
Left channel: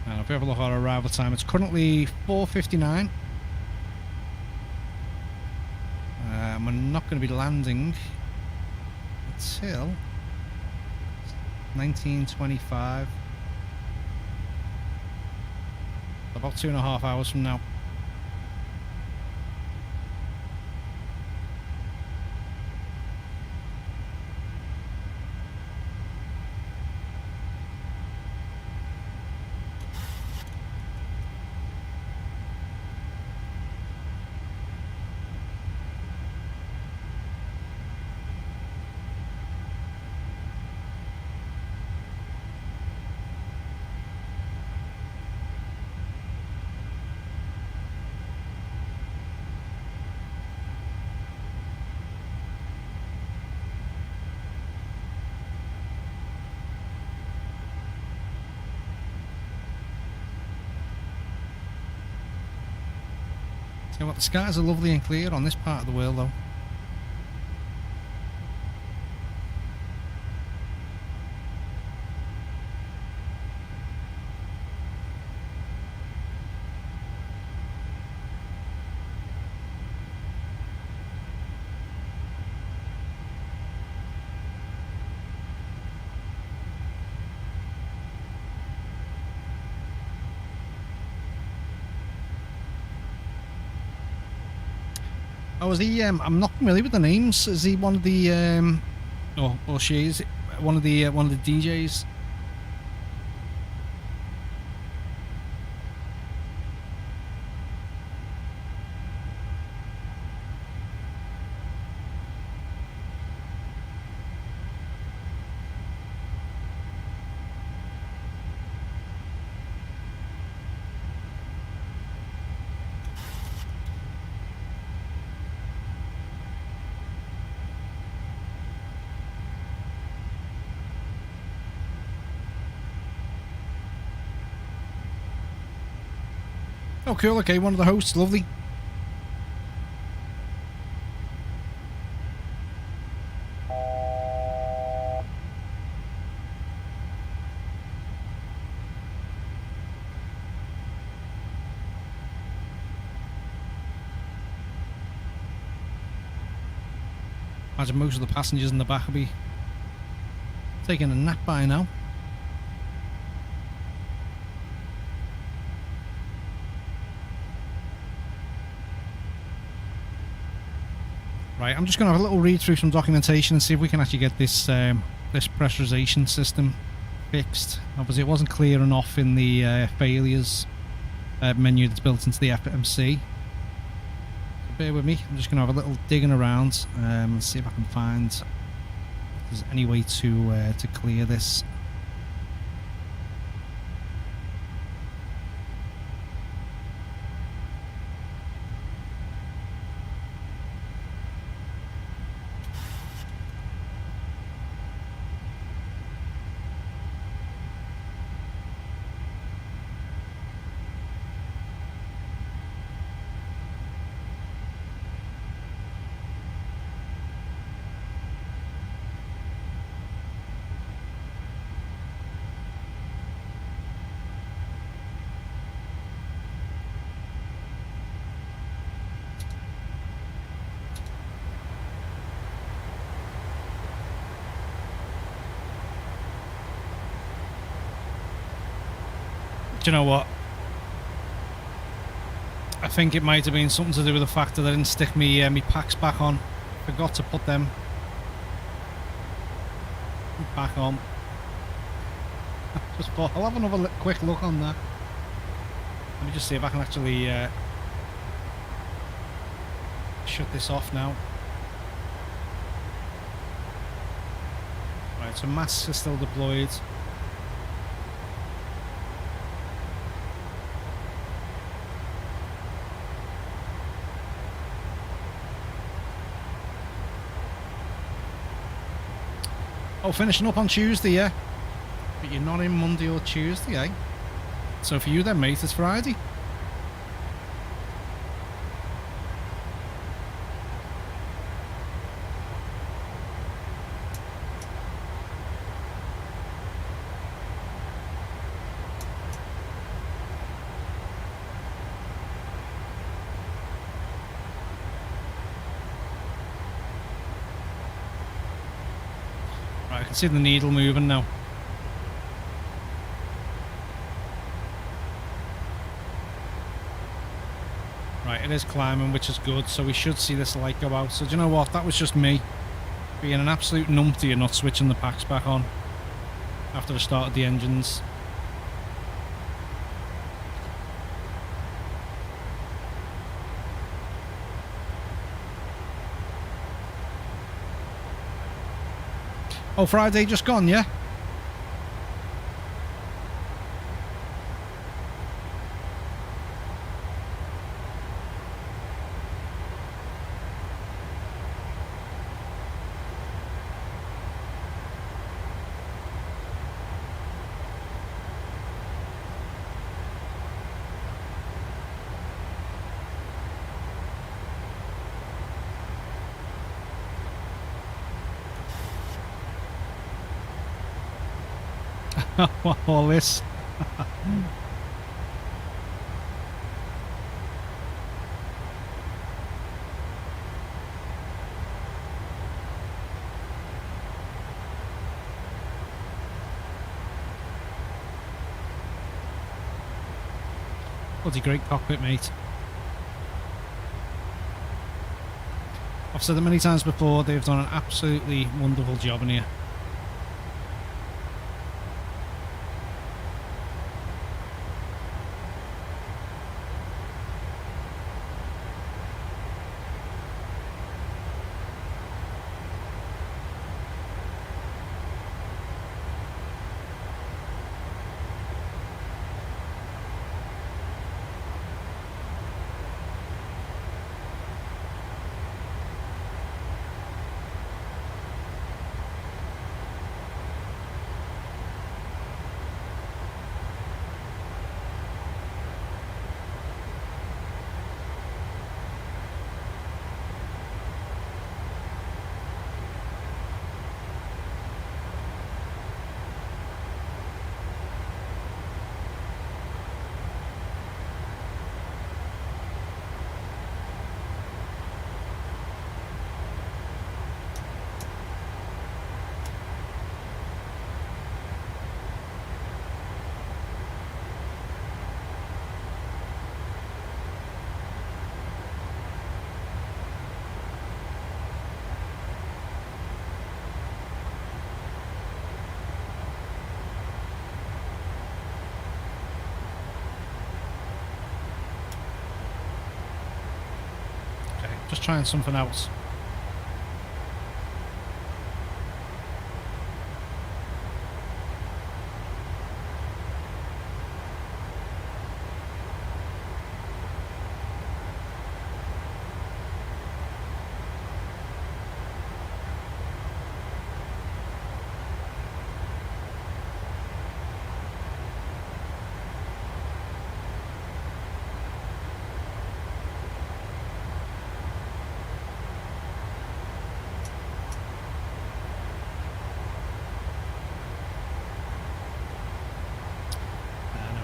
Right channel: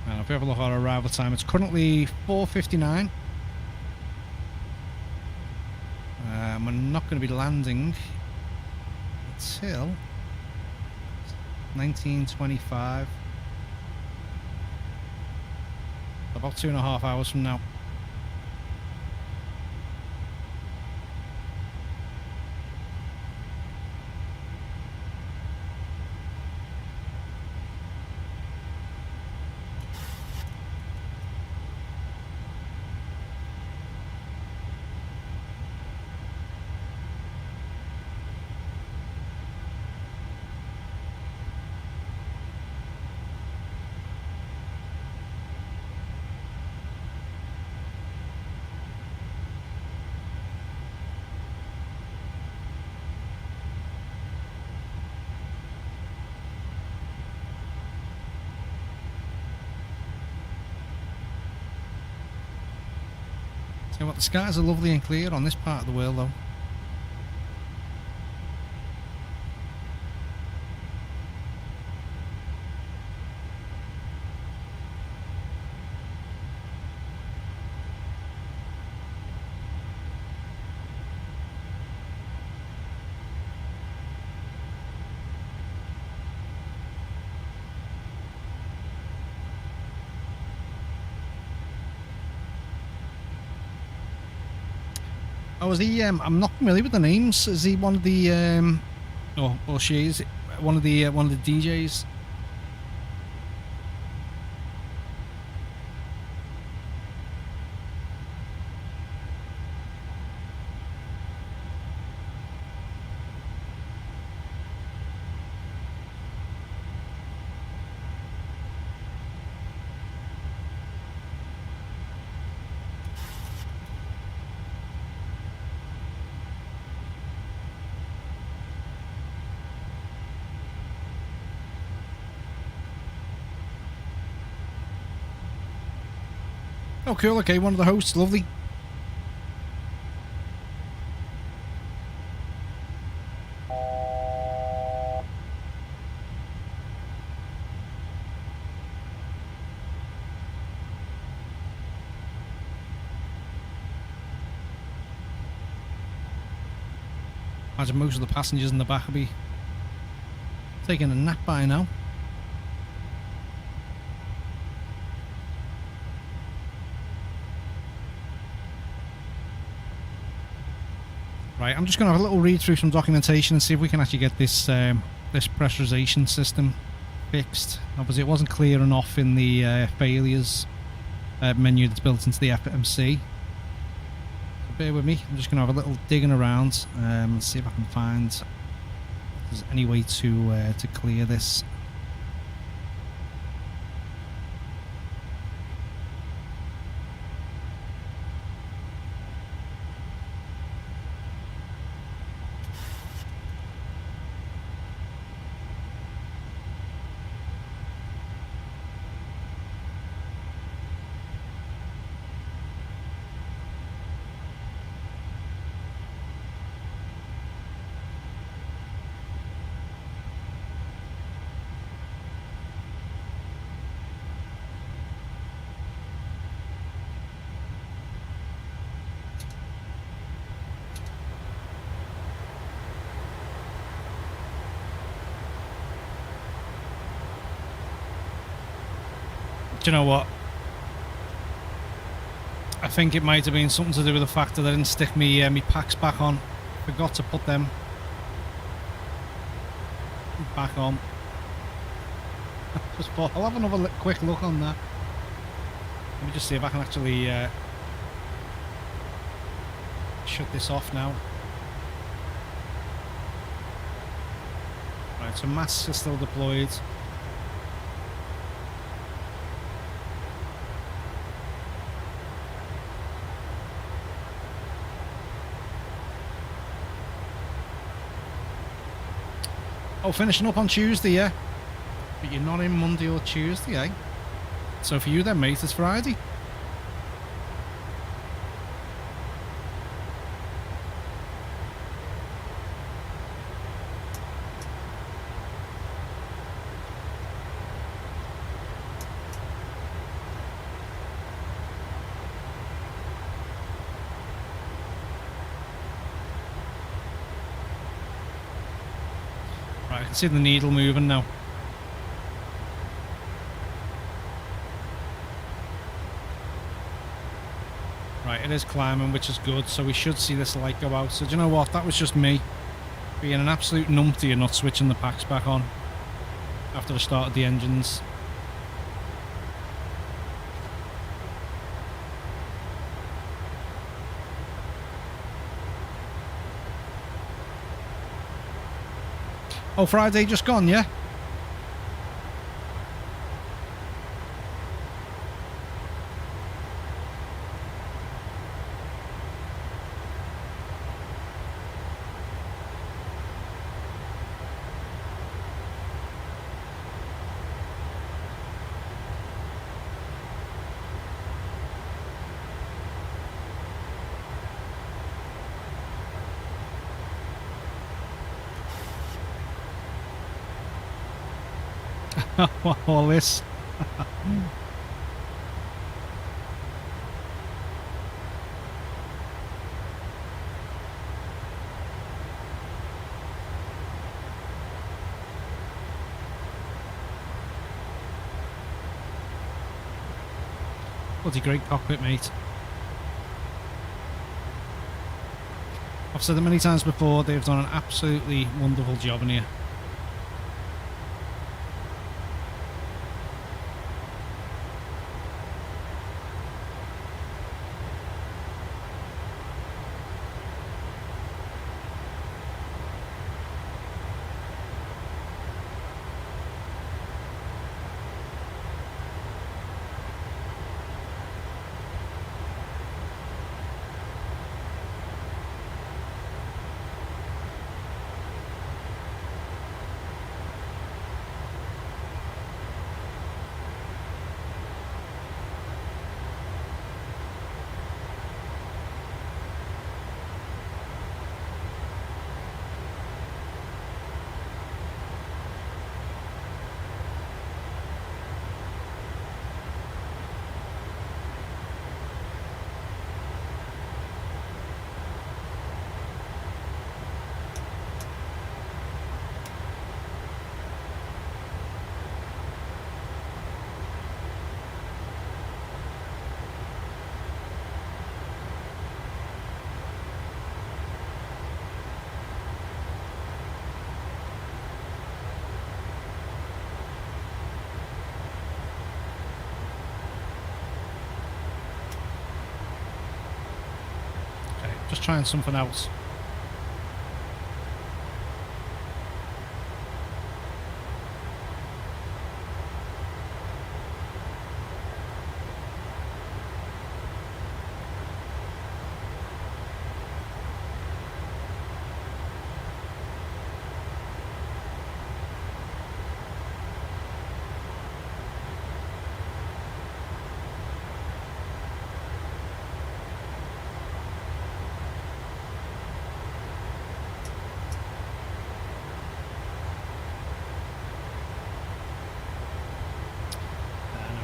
And if we have a look at our arrival time, it's currently 4:59. We're not going to be landing until 19:25. About 2.5 hours from now. So what, the skies are lovely and clear on this part of the world though. Oh, is he? I'm not familiar with the names. Is he one of the? Or she is one of the DJs? Oh, cool. Okay, one of the hosts. Lovely. Imagine most of the passengers in the back will be taking a nap by now. Right, I'm just going to have a little read through some documentation and see if we can actually get this this pressurization system fixed. Obviously it wasn't clear enough in the failures menu that's built into the FMC. So bear with me, I'm just going to have a little digging around and see if I can find if there's any way to clear this. Do you know what? I think it might have been something to do with the fact that I didn't stick me packs back on. Forgot to put them back on. Just thought I'll have another quick look on that. Let me just see if I can actually shut this off now. Right, so masks are still deployed. Oh, finishing up on Tuesday, yeah. But you're not in Monday or Tuesday, eh? So for you then, mate, it's Friday. Right, I can see the needle moving now. Right, it is climbing, which is good, so we should see this light go out. So do you know what? That was just me being an absolute numpty and not switching the packs back on after I started the engines. Oh, Friday just gone, yeah? All this. Bloody great cockpit, mate. I've said it many times before, they've done an absolutely wonderful job in here. Just trying something else.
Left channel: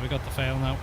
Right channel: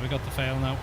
We got the fail now.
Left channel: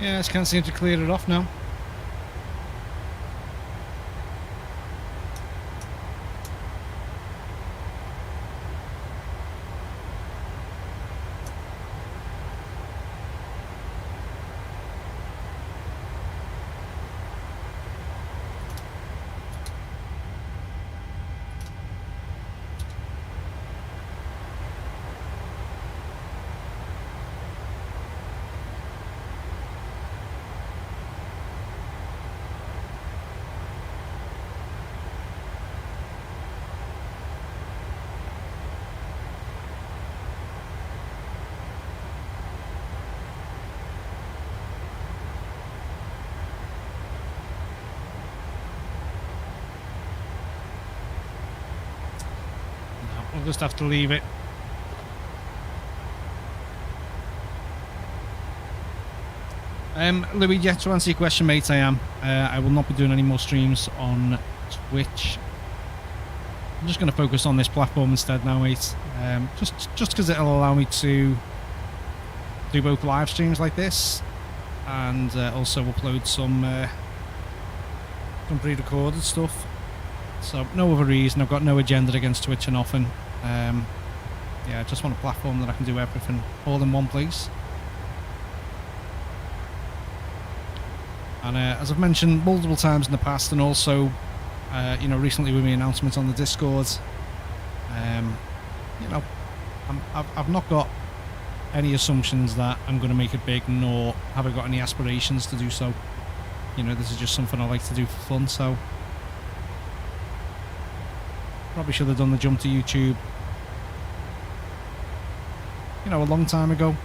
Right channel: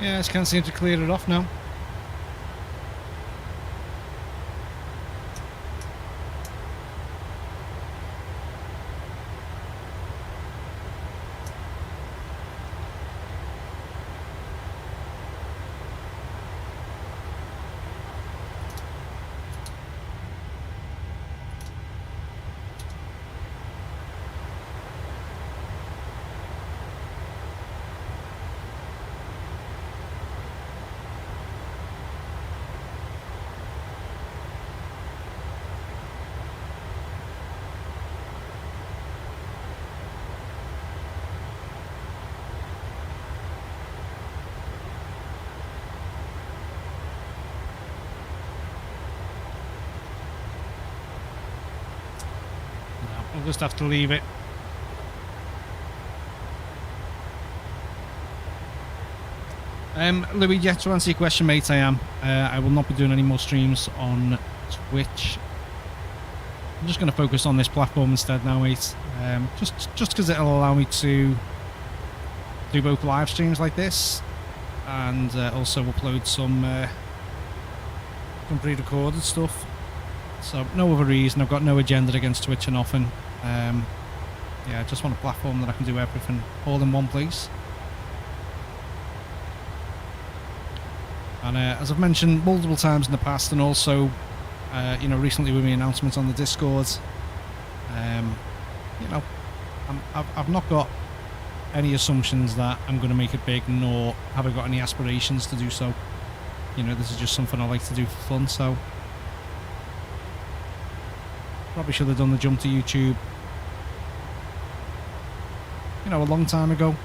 Yeah, I just can't seem to clear it off now. No, we'll just have to leave it. Louis, yeah, to answer your question, mate, I am. I will not be doing any more streams on Twitch. I'm just going to focus on this platform instead now, mate. Just because it'll allow me to do both live streams like this, and also upload some pre-recorded stuff. So no other reason. I've got no agenda against Twitch and nothing. Yeah, I just want a platform that I can do everything all in one place. And as I've mentioned multiple times in the past, and also, you know, recently with my announcements on the Discord, you know, I've not got any assumptions that I'm going to make it big, nor have I got any aspirations to do so. You know, this is just something I like to do for fun, so probably should have done the jump to YouTube, you know, a long time ago.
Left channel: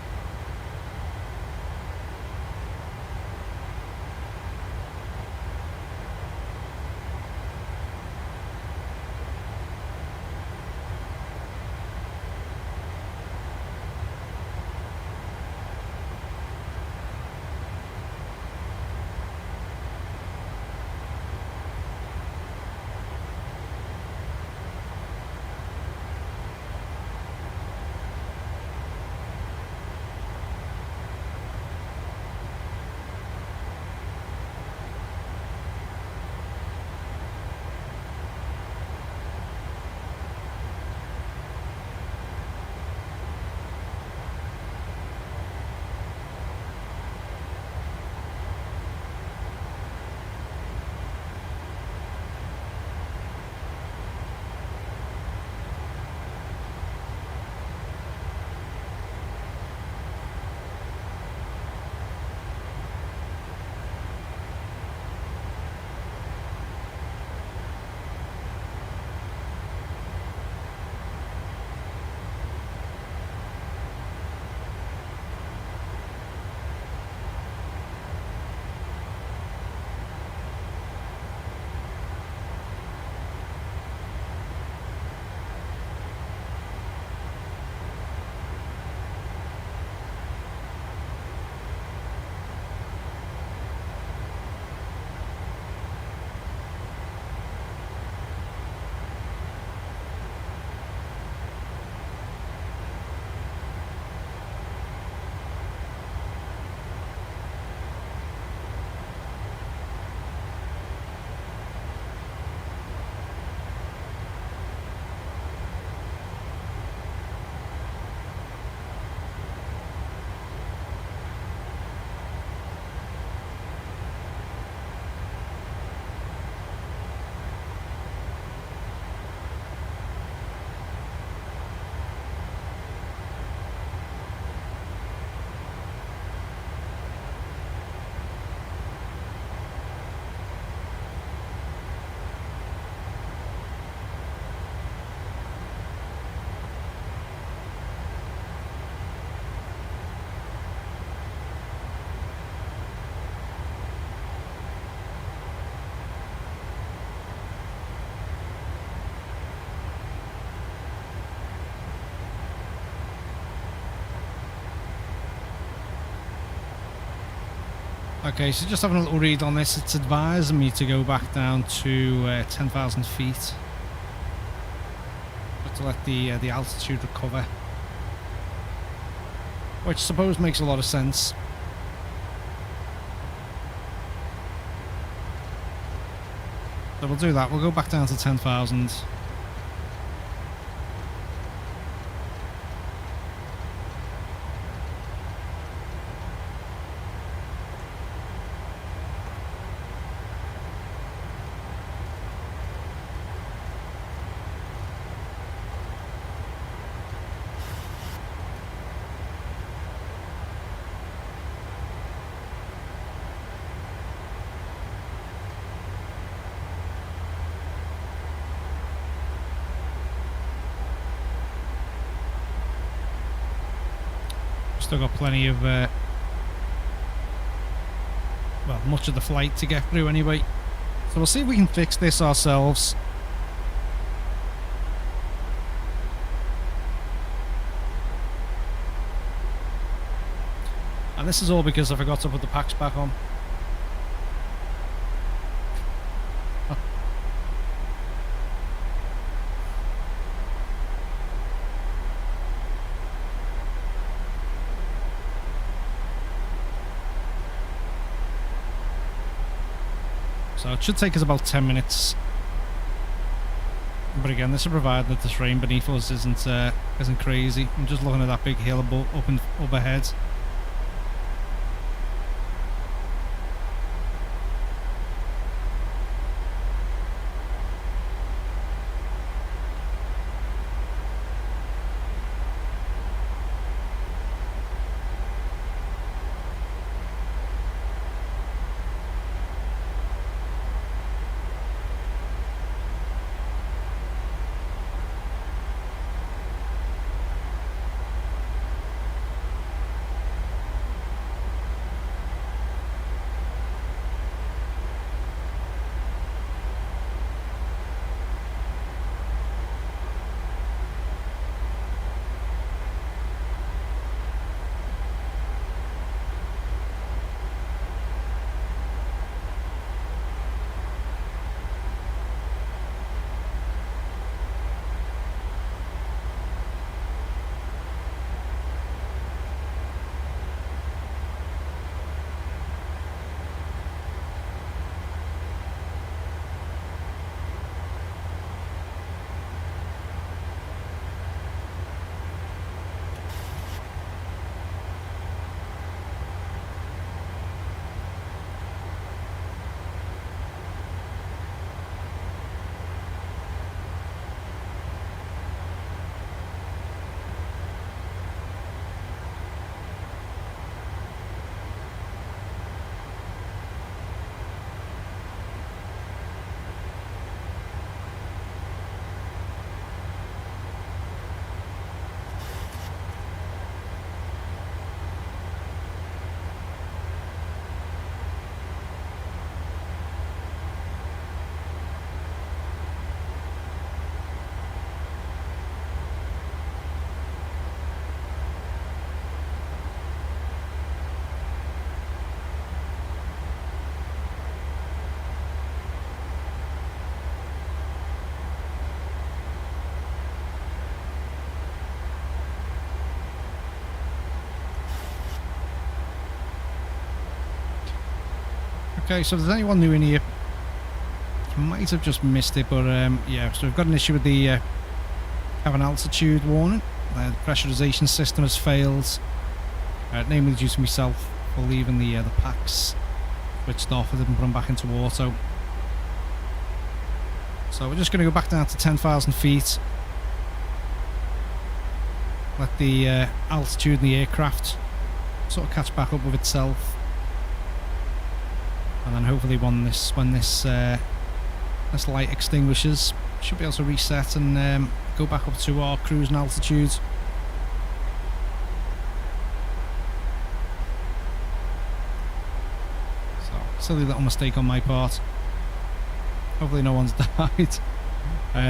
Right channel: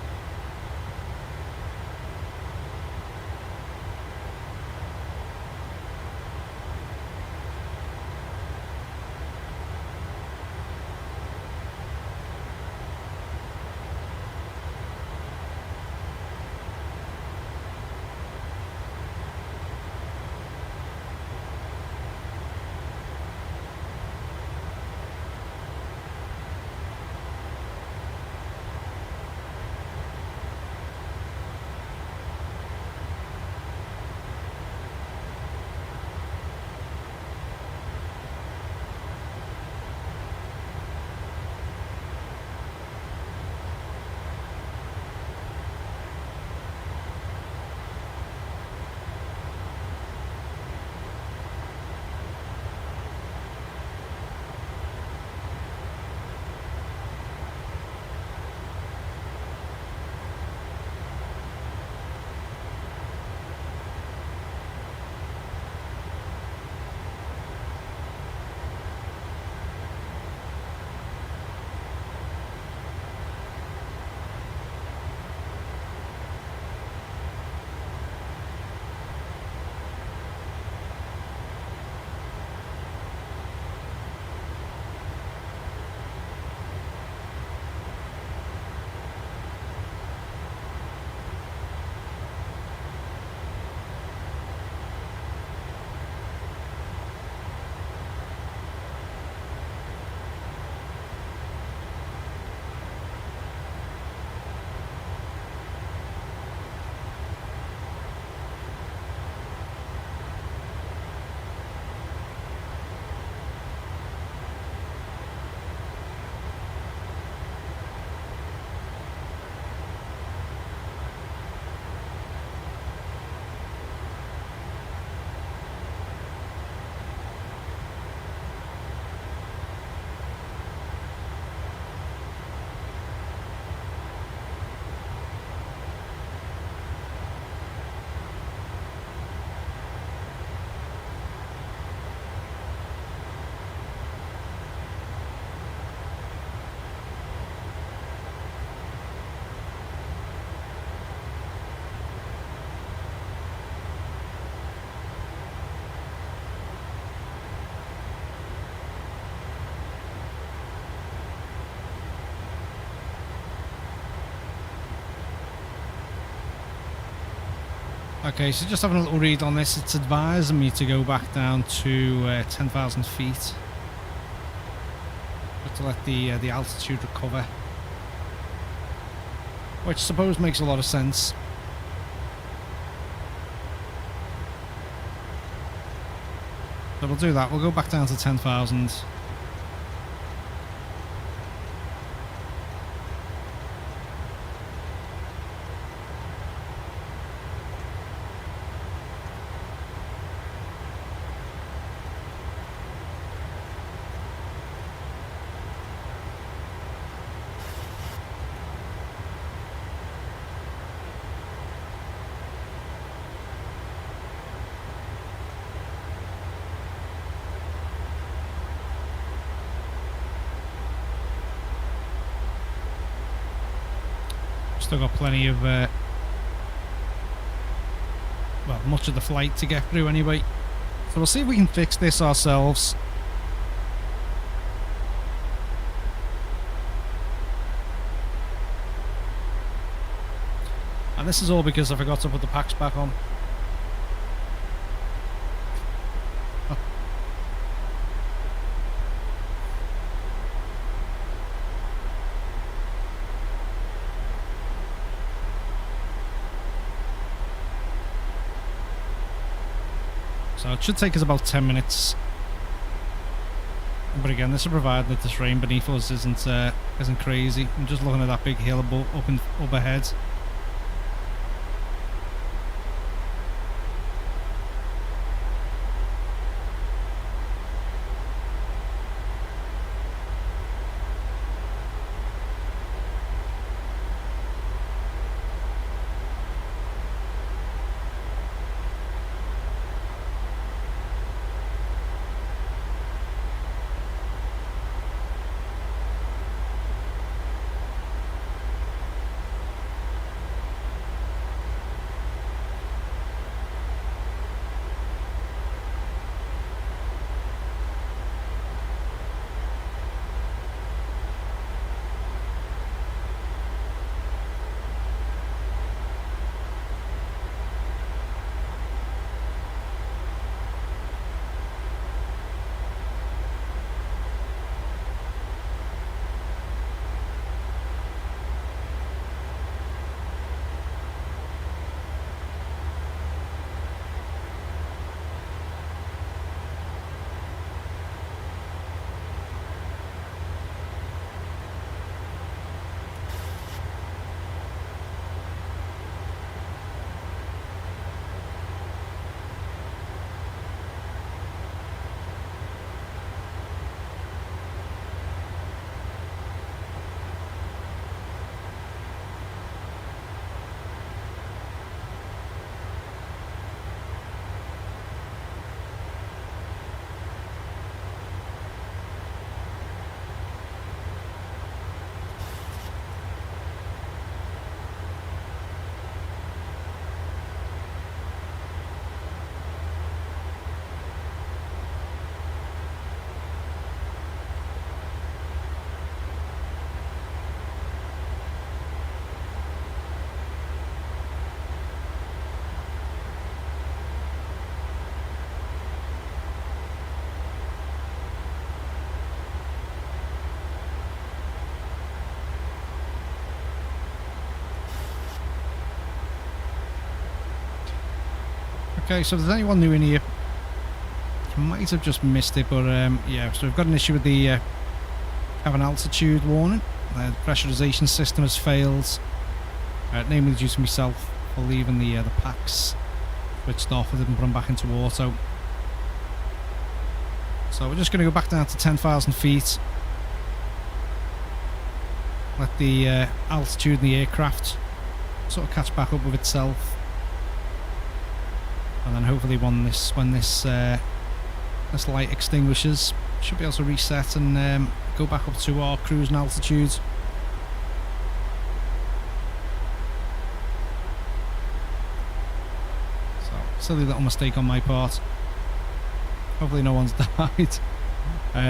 Okay, so just having a little read on this, it's advising me to go back down to 10,000 feet, but to let the altitude recover, which I suppose makes a lot of sense. So we'll do that. We'll go back down to 10,000. Still got plenty of, well, much of the flight to get through anyway. So we'll see if we can fix this ourselves. And this is all because I forgot to put the packs back on. So it should take us about 10 minutes. But again, this will provide that this rain beneath us isn't crazy. I'm just looking at that big hill up ahead. Okay, so if there's anyone new in here, you might have just missed it, but yeah, so we've got an issue with the cabin altitude warning. The pressurization system has failed, namely due to myself for leaving the packs switched off. I didn't put them back into auto. So we're just going to go back down to 10,000 feet. Let the altitude in the aircraft sort of catch back up with itself. And then hopefully when this light extinguishes, should be able to reset and go back up to our cruising altitude. So, silly little mistake on my part. Hopefully no one's died. But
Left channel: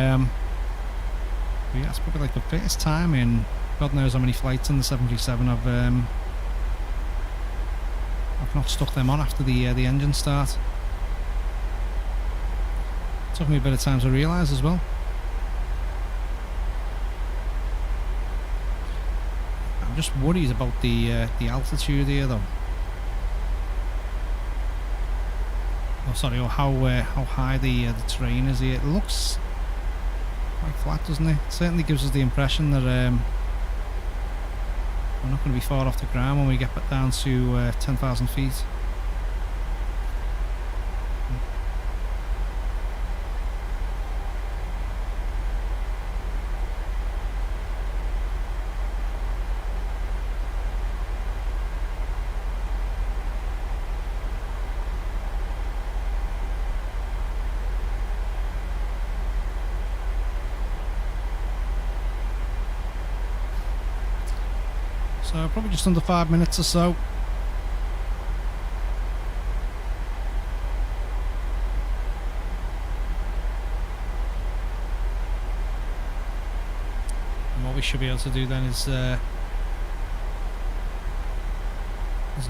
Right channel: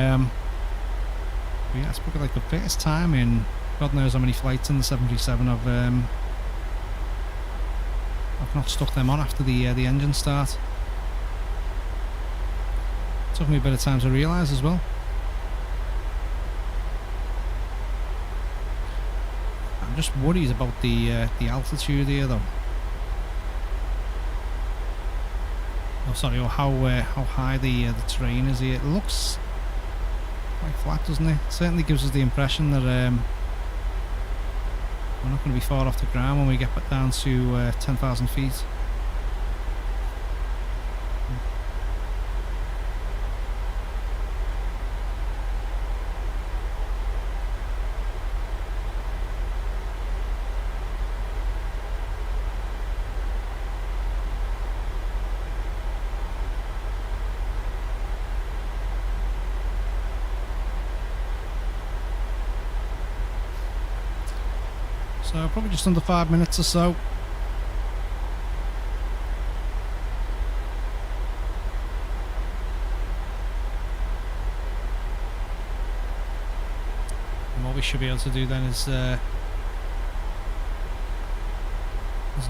yeah, it's probably like the first time in God knows how many flights in the 737 I've not stuck them on after the engine start. Took me a bit of time to realise as well. I'm just worried about the altitude here though. Oh, sorry, or how high the terrain is here. It looks quite flat, doesn't it? Certainly gives us the impression that we're not going to be far off the ground when we get back down to 10,000 feet. So probably just under 5 minutes or so. And what we should be able to do then is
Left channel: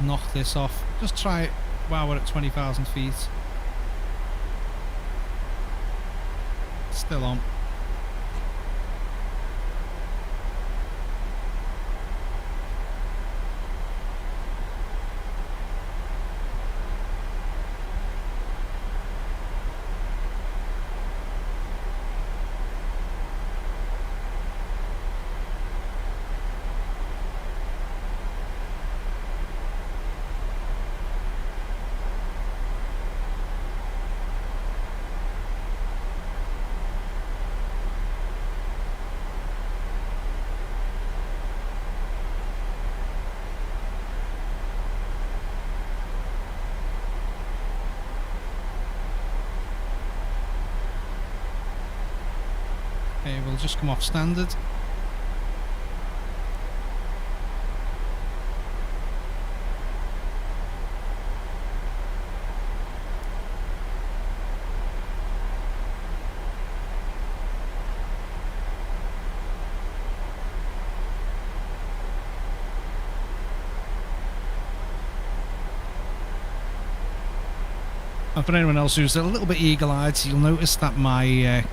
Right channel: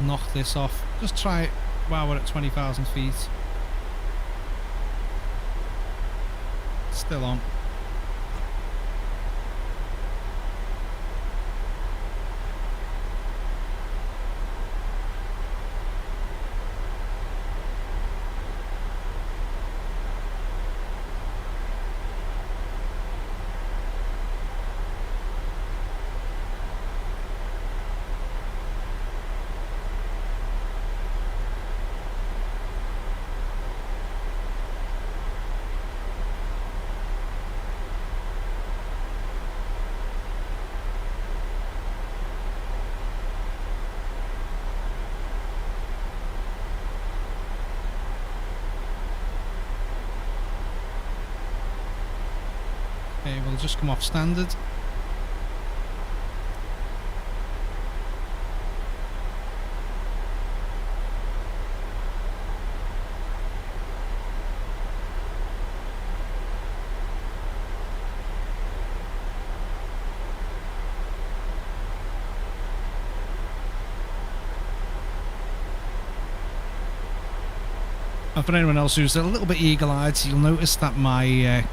knock this off. Just try it while we're at 20,000 feet. Still on. Okay, we'll just come off standard. And for anyone else who's a little bit eagle-eyed, you'll notice that my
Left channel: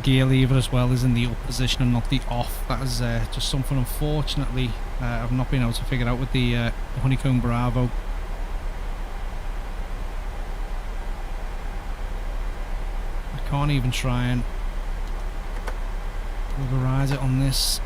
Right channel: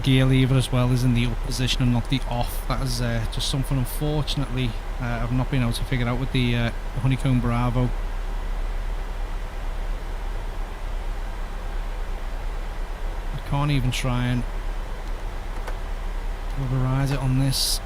gear lever as well is in the up position and not the off. That is just something, unfortunately, I've not been able to figure out with the Honeycomb Bravo. I can't even try and override it on this.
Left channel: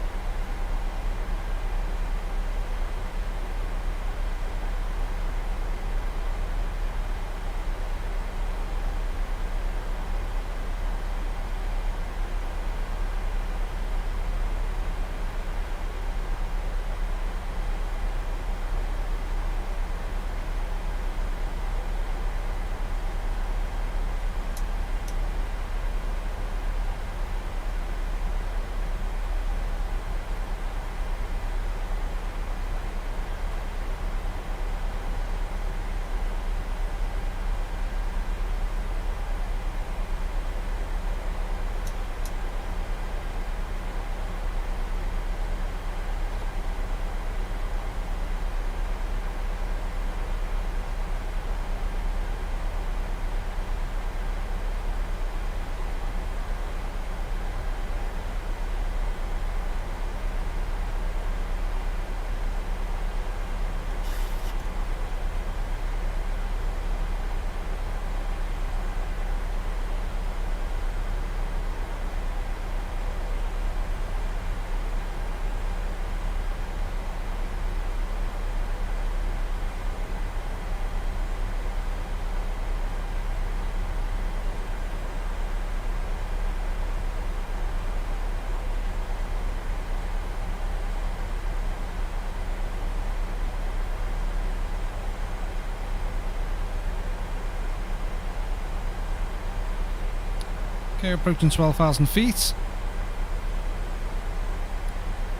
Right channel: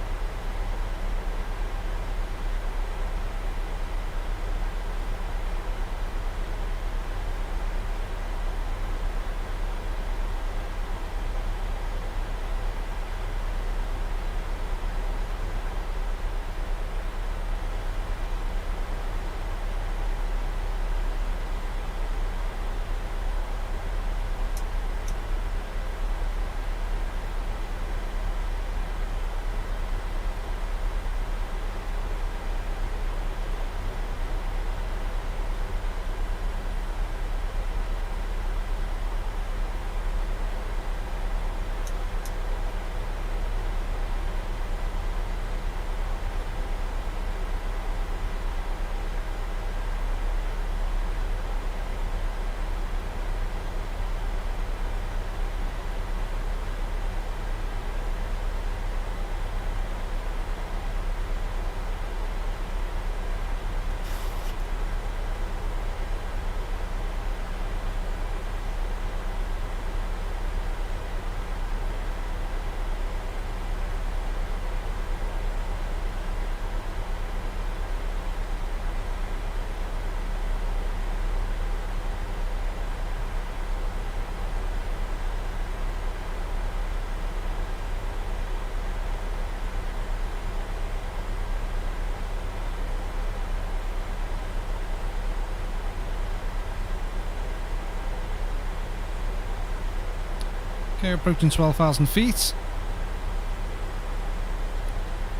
Okay, approaching 12,000 feet.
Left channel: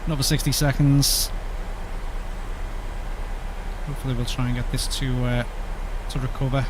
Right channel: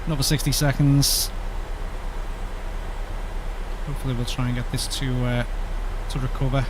Another 60 seconds. Hopefully we'll try and get this to recover.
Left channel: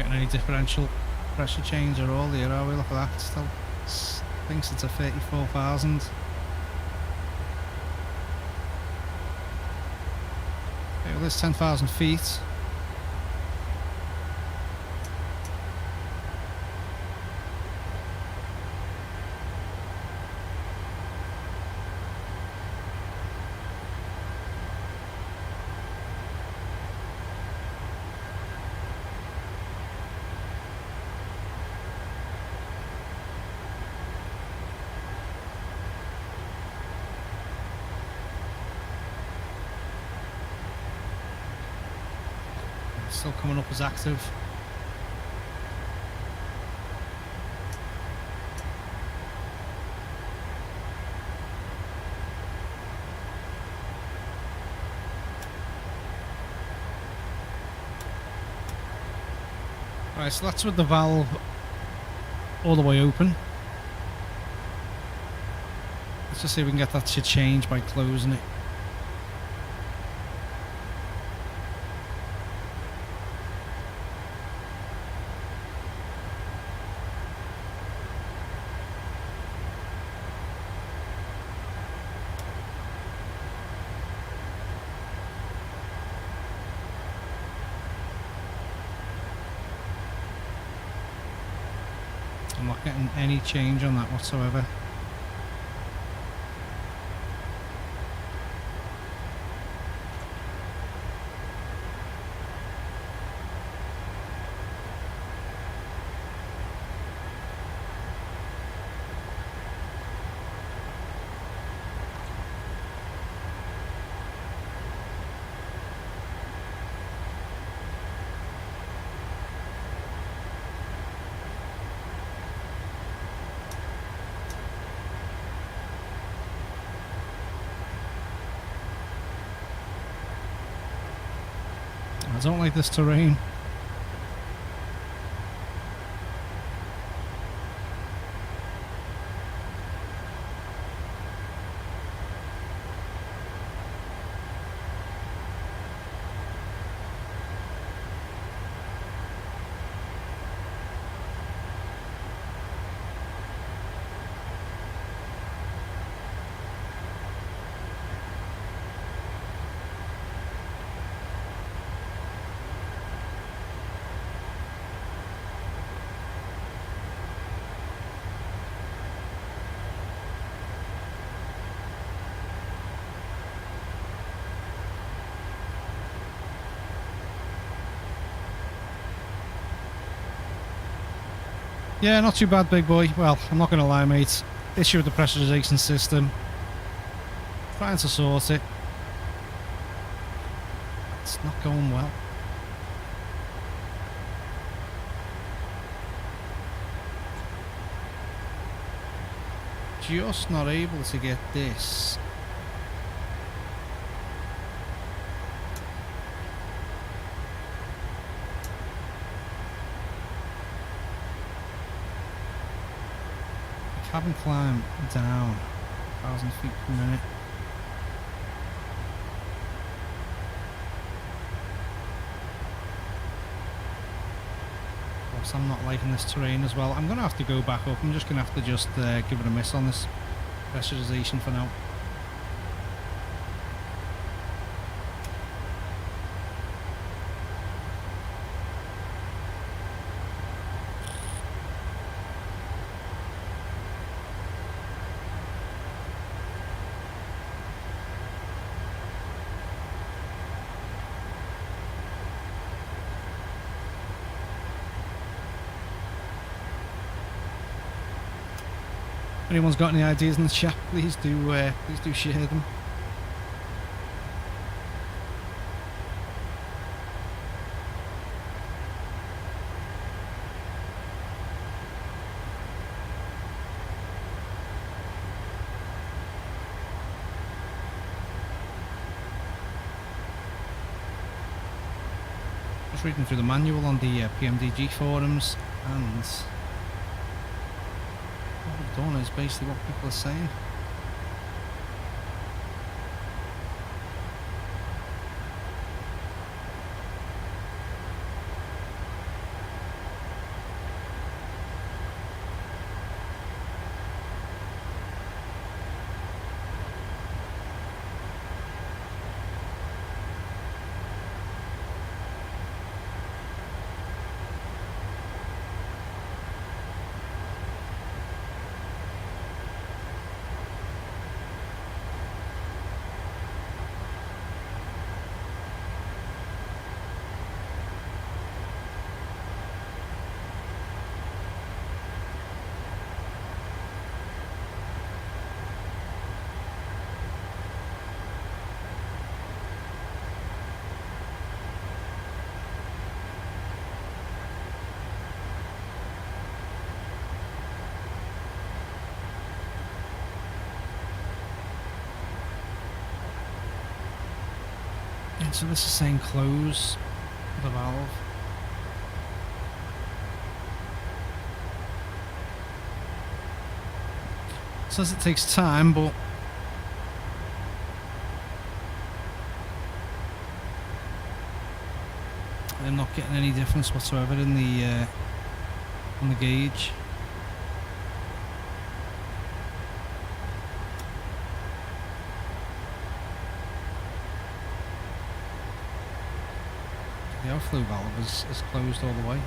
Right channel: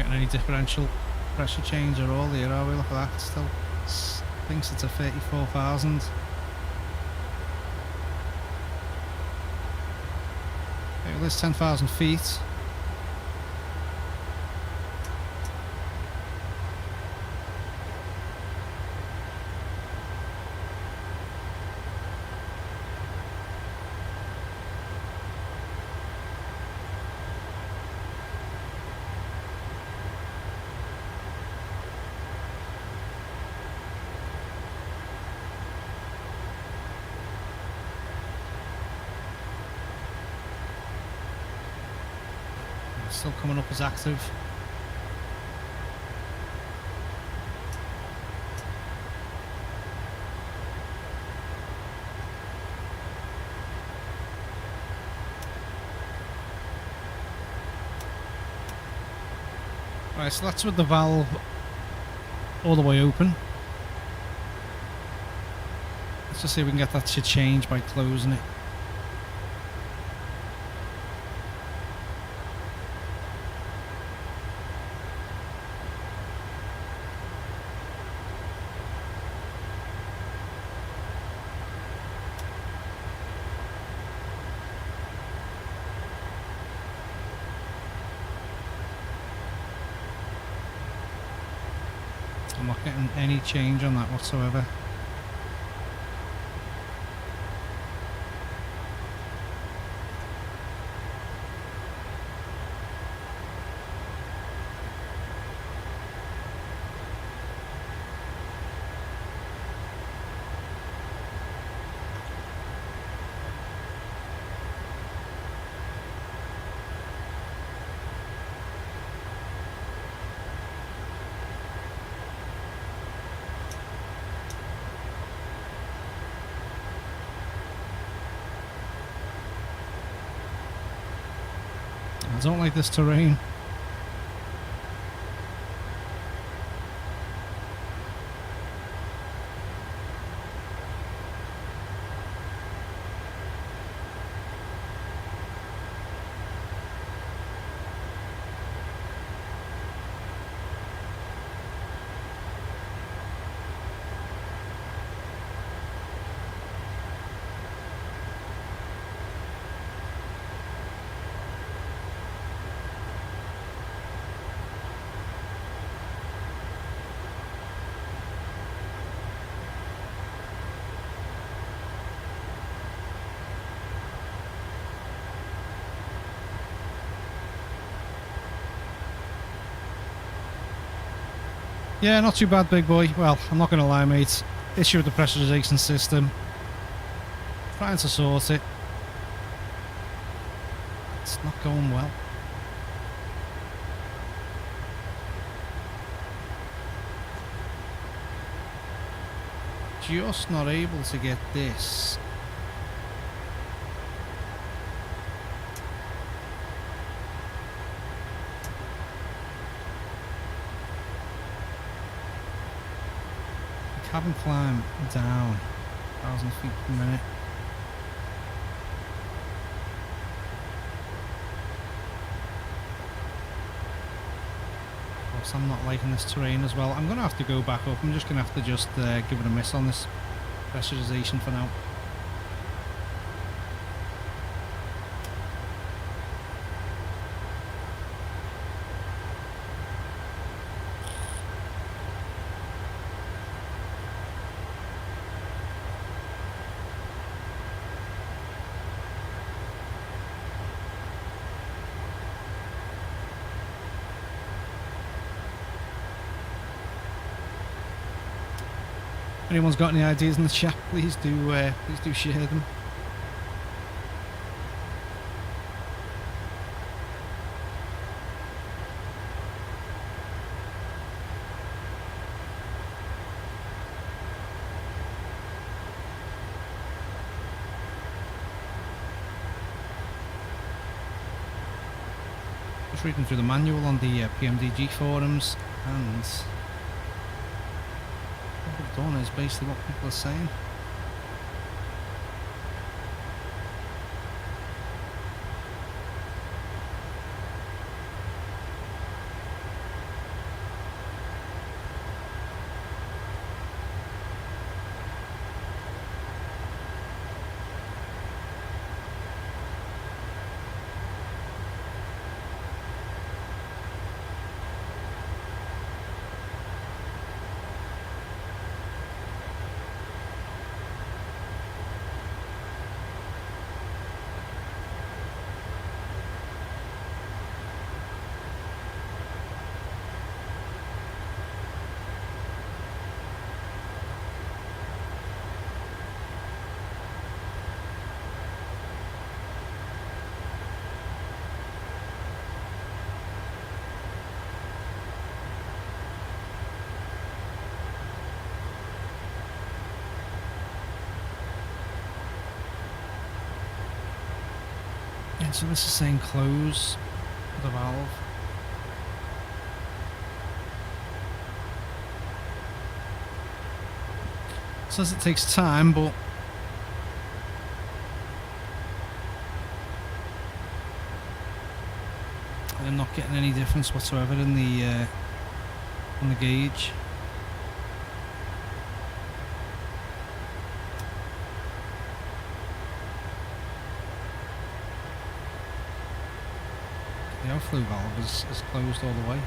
getting any differential pressure change at all here, are we? Look at that, still thinks it's a 34,000. Okay, well, there's 10,000 feet. Still coming up as active. Right, so that's with the valve all the way open. Let's just see if we can get that to change by closing it. I'm not getting any change on that whatsoever. I don't like this terrain. Yeah, not too bad, big boy. Well, I'm not going to lie, mate. Issue with the pressurization system. Trying to sort it. It's not going well. Just not able to get this. Cabin climb down 1,000 feet per minute. Of course, I'm not liking this terrain as well. I'm going to have to go back up. I'm just going to have to give it a miss on this pressurization for now. If anyone's got any ideas in the chat, please do share them. Just reading through the manual on the PMDG forums, and what I've done is basically what people are saying. Yeah, so this is saying close the valve. It says it takes time, but I'm not getting any difference whatsoever in the on the gauge. The outflow valve is closed all the way.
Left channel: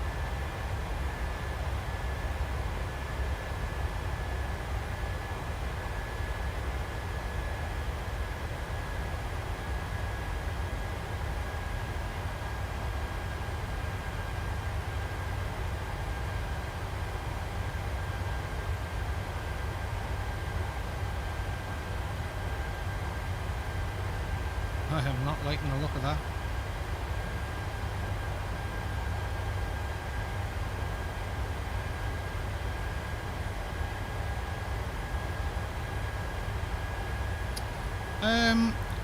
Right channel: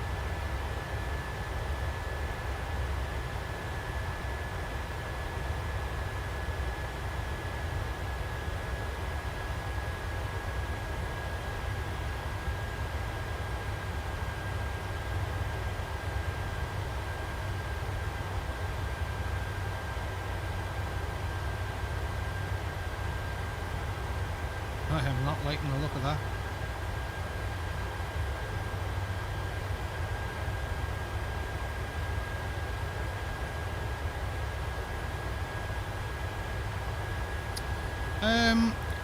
I am not liking the look of that.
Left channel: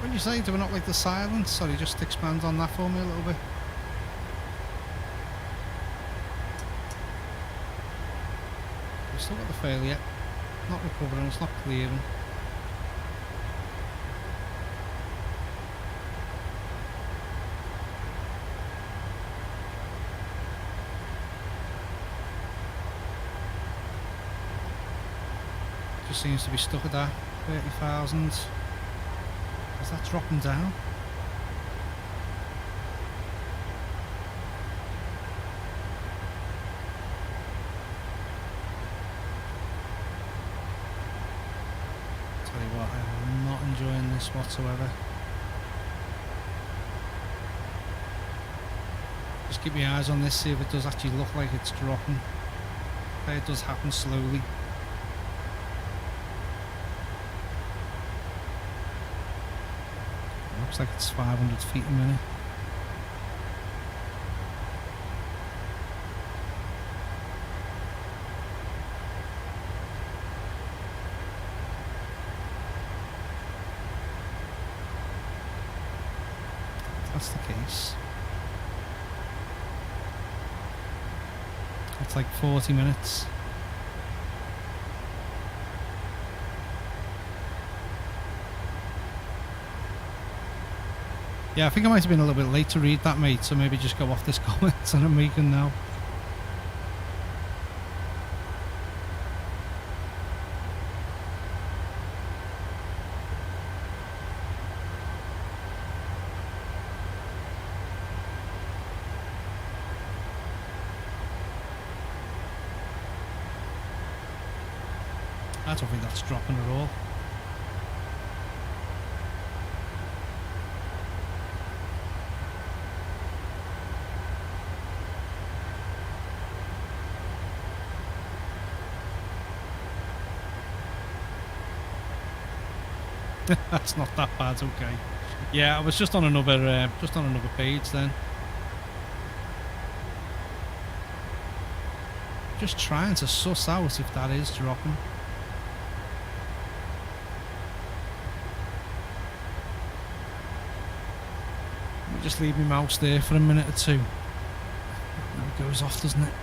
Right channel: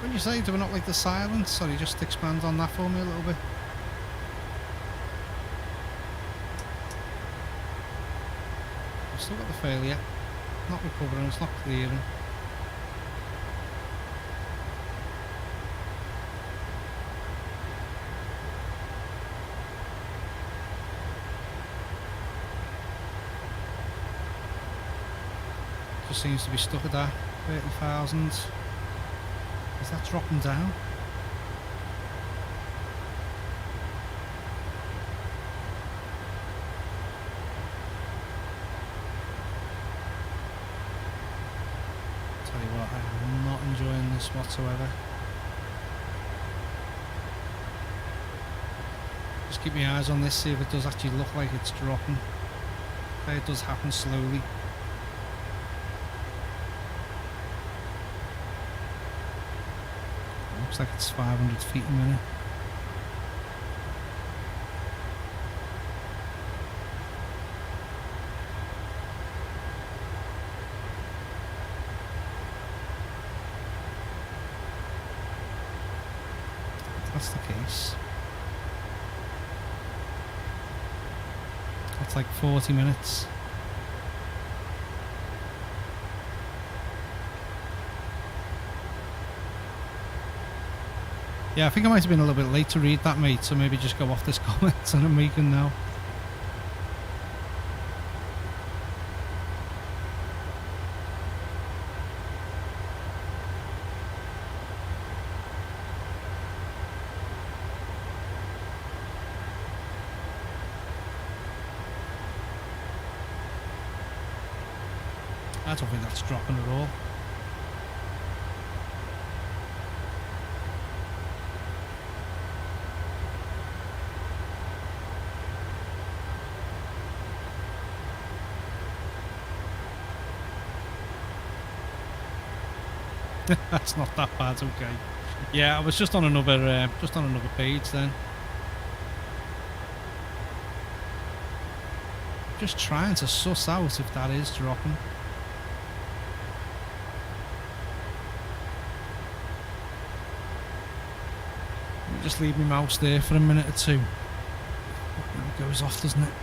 When you say do we not like the silence, sorry, just expand on that for me a little bit. We've still got the failure. Not recovering, it's not clearing. Just seems to be stuck at that 30,000. Is that dropping down? Tell you what, I am not enjoying this whatsoever. Just keep my eyes on this, see if it does actually look like it's dropping. Okay, it does happen slowly. Looks like it's 500 feet a minute. If that's the case. That's like 40 minutes. Yeah, I think I might have been a little bit late to read that, mate, so maybe just go off this comment that I'm making now. I don't think that's dropping at all. That's not that bad, okay. Yeah, I was just on another page then. Just trying to suss out if that is dropping. Let me just leave my mouse there for a minute or two. Now it goes off, doesn't it?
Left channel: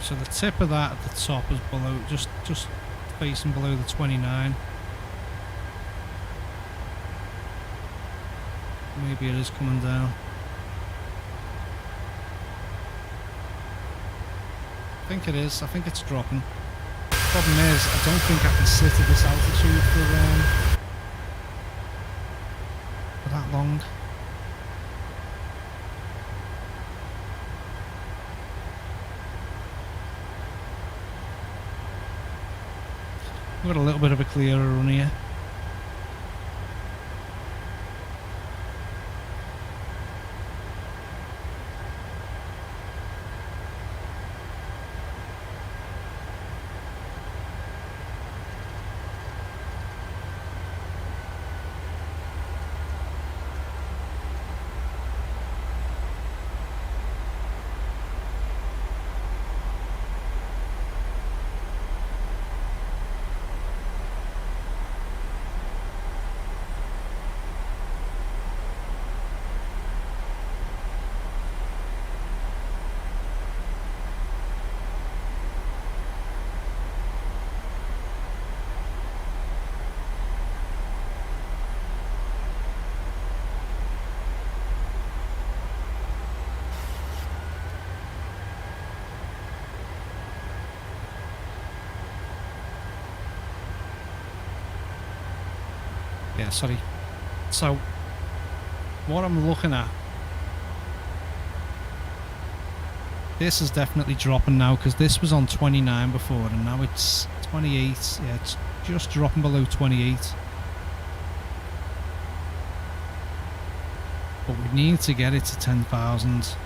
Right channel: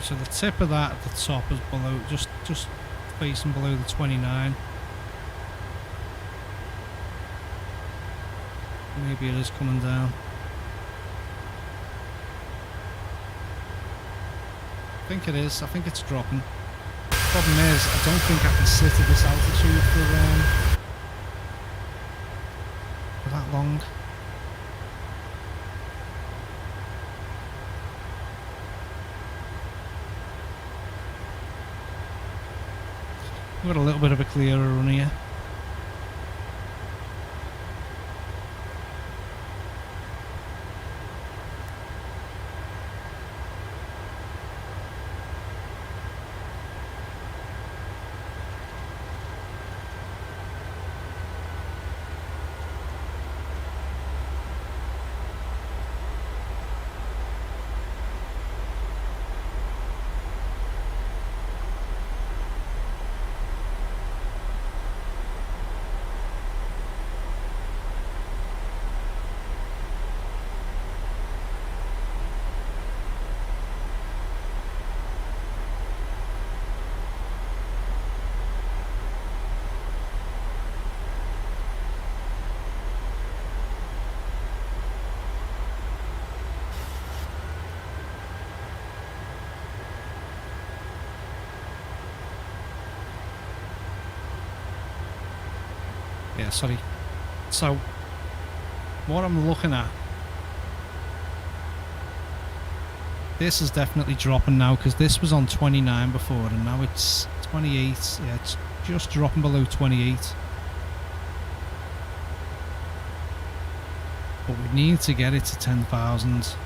So the tip of that at the top is below, just facing below the 29. Maybe it is coming down. I think it is. I think it's dropping. Problem is, I don't think I can sit at this altitude for that long. We've got a little bit of a clearer run here. Yeah, sorry. So, what I'm looking at, this is definitely dropping now, because this was on 29 before and now it's 28. Yeah, it's just dropping below 28. But we need to get it to 10,000.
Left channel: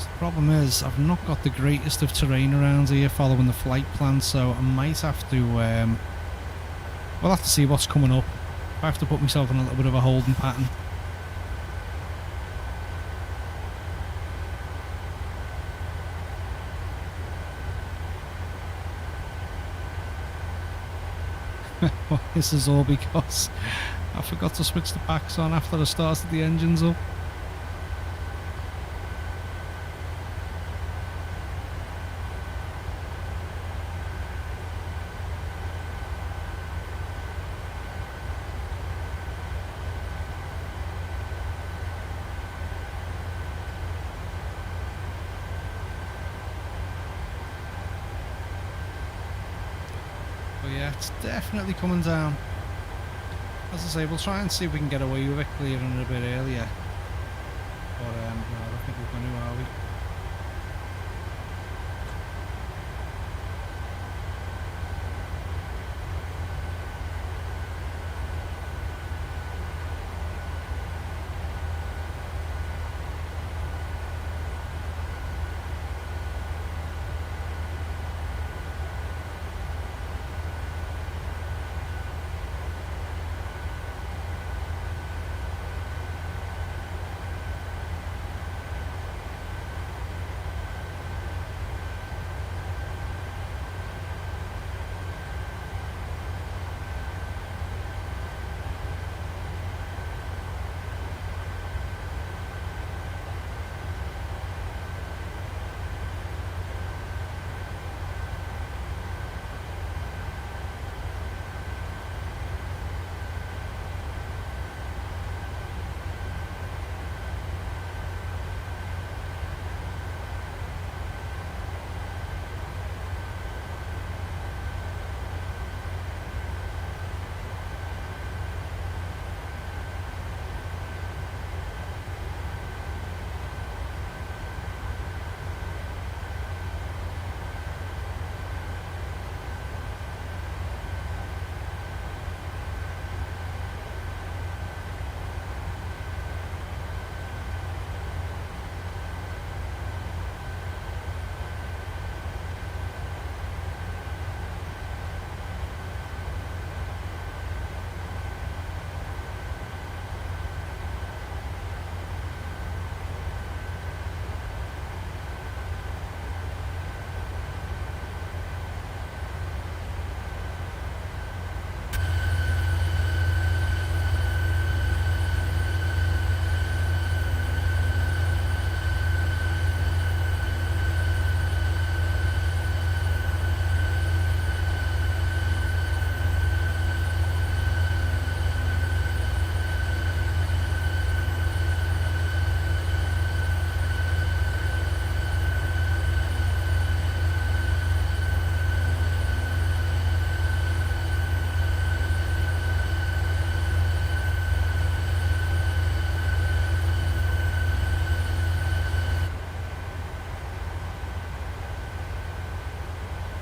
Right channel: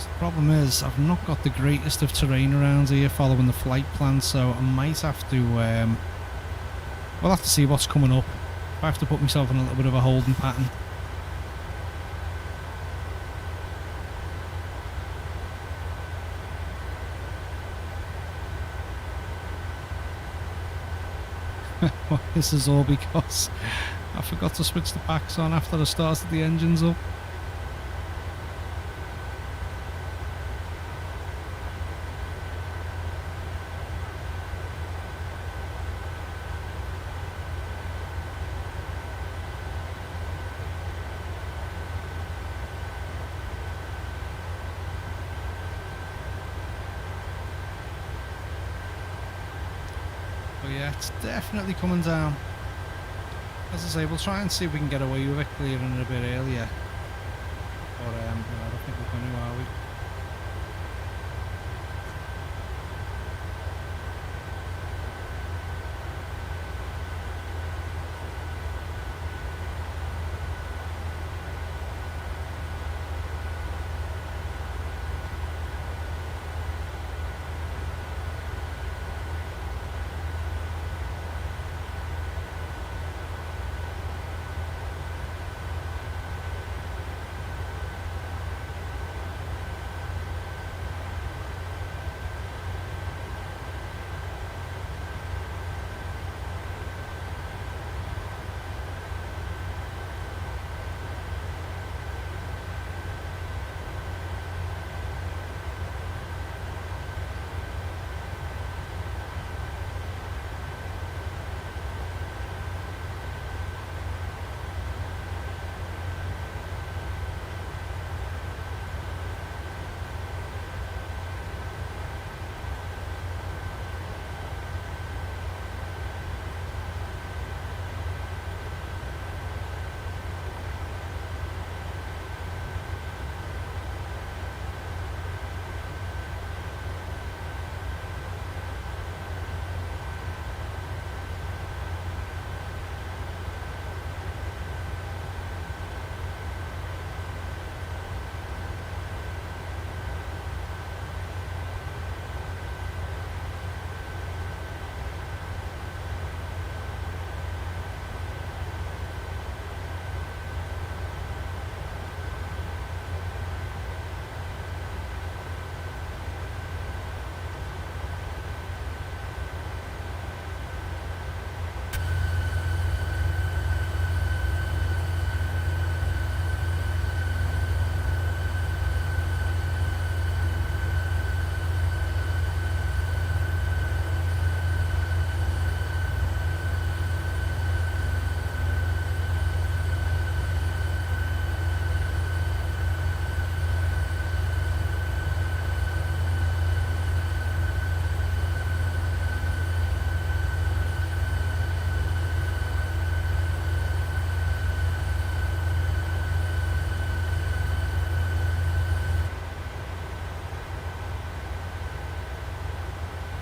The problem is, I've not got the greatest of terrain around here following the flight plan, so I might have to, we'll have to see what's coming up. I have to put myself in a little bit of a holding pattern. Well, this is all because I forgot to switch the packs on after I started the engines up. But yeah, it's definitely coming down. As I say, we'll try and see if we can get away with it clearing it a bit earlier. But no, I don't think we're going to, are we?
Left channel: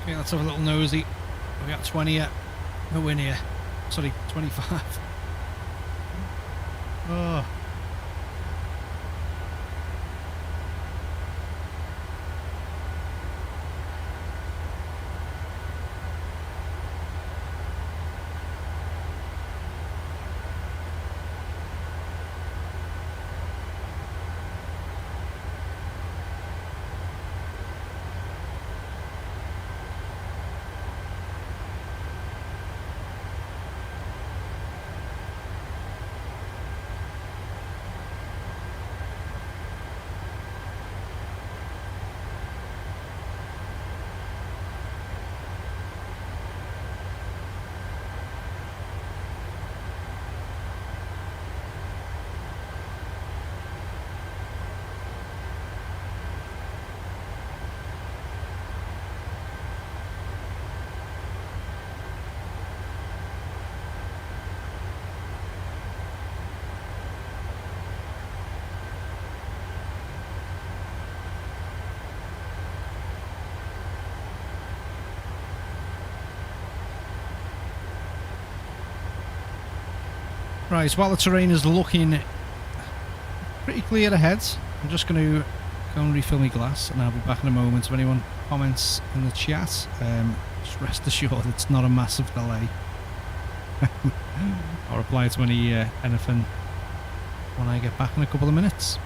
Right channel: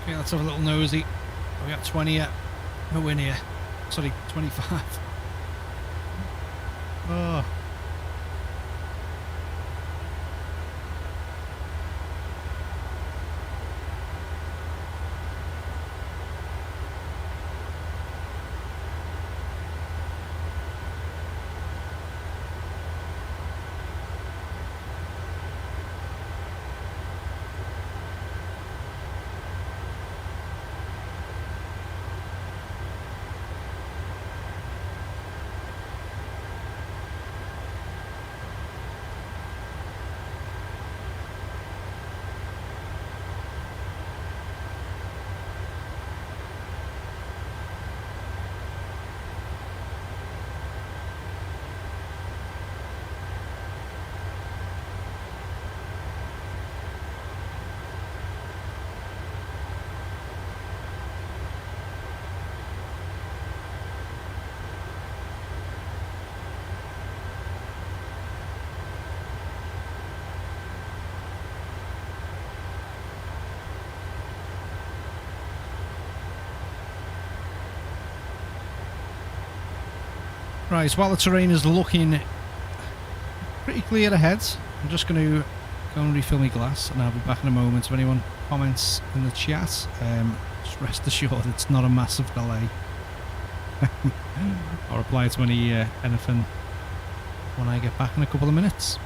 Yeah, let's have a little nosy. We got 20 yet. No in here. Sorry, 25. Oh. Right, while the terrain is looking pretty clear ahead, I'm just going to go and refill my glass, and I'll be back in a moment. If anyone comments in the chat, just rest assured it's not a massive delay. I'll reply to anything when I get back in a couple of minutes.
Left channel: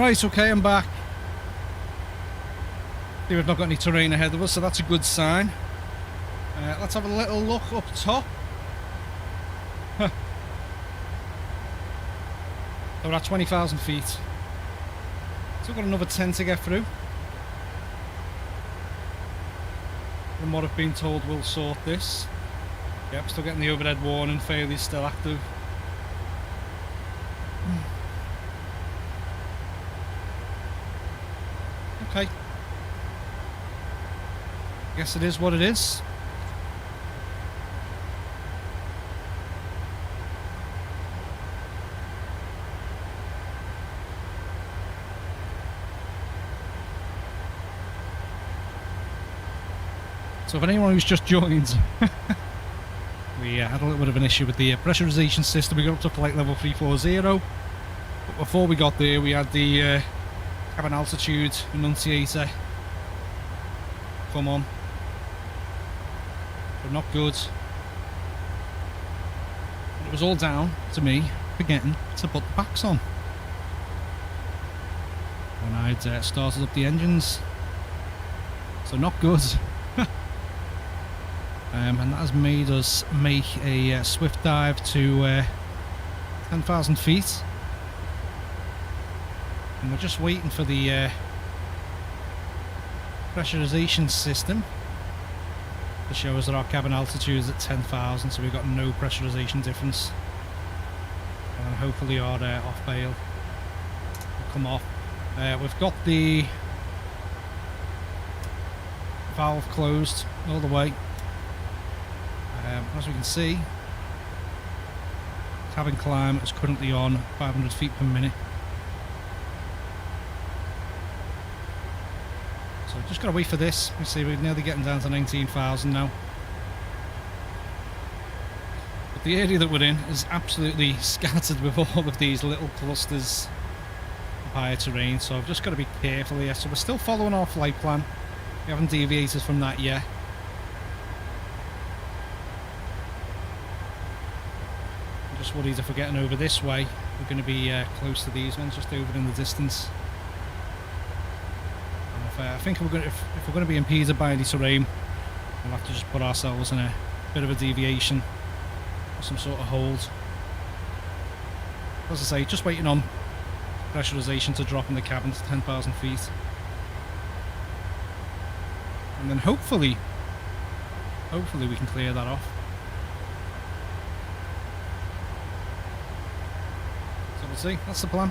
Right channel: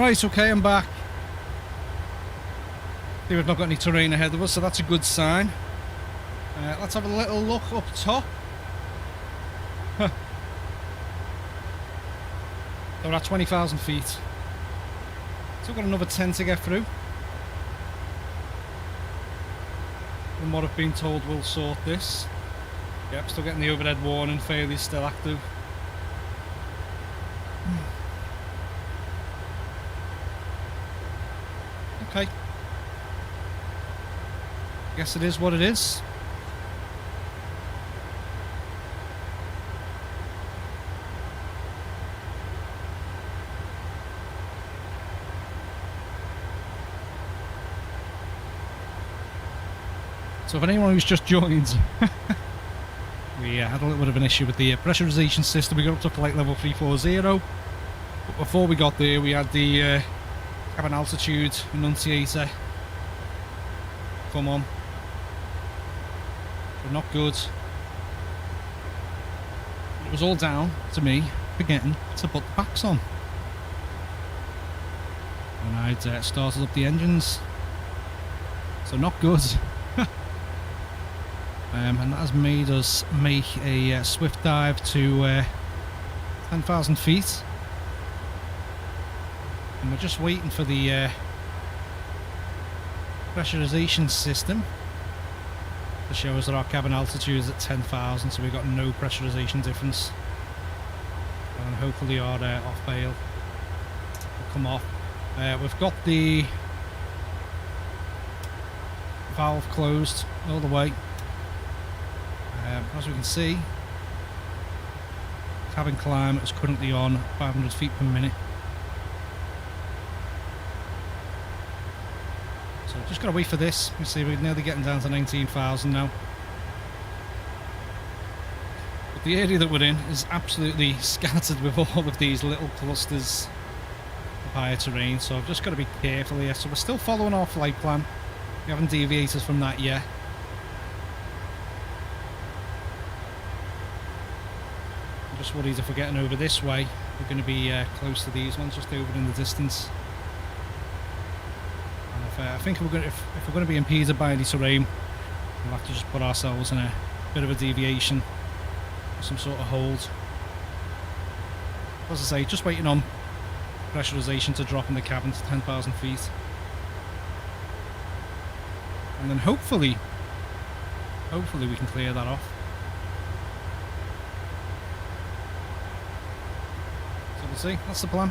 Right, okay, I'm back. See, we've not got any terrain ahead of us, so that's a good sign. Let's have a little look up top. We're at 20,000 feet. Still got another 10 to get through. From what I've been told, we'll sort this. Yep, still getting the overhead warning, failure still active. Okay. Guess it is what it is. So for anyone who's just joined, we had a little bit of an issue with the pressurization system. We got up to flight level 340, but before we got there we had the cabin altitude annunciator come on, but not good. It was all down to me forgetting to put the packs on when I'd started up the engines, so not good. And that has made us make a swift dive to 10,000 feet. And we're just waiting for the pressurization system to show us that our cabin altitude is at 10,000, so we've got no pressurization difference. And hopefully our off bail will come off. We've got the valve closed all the way. As we can see, cabin climb is currently on 500 feet per minute. So just got to wait for this. You see, we're nearly getting down to 19,000 now. But the area that we're in is absolutely scattered with all of these little clusters of higher terrain. So I've just got to be careful here. So we're still following our flight plan. We haven't deviated from that yet. Just worried if we're getting over this way, we're going to be close to these ones just over in the distance. And I think if we're going to be impeded by any terrain, we'll have to just put ourselves in a bit of a deviation, or some sort of hold. As I say, just waiting on pressurization to drop in the cabin to 10,000 feet, and then hopefully we can clear that off. We'll see, that's the plan.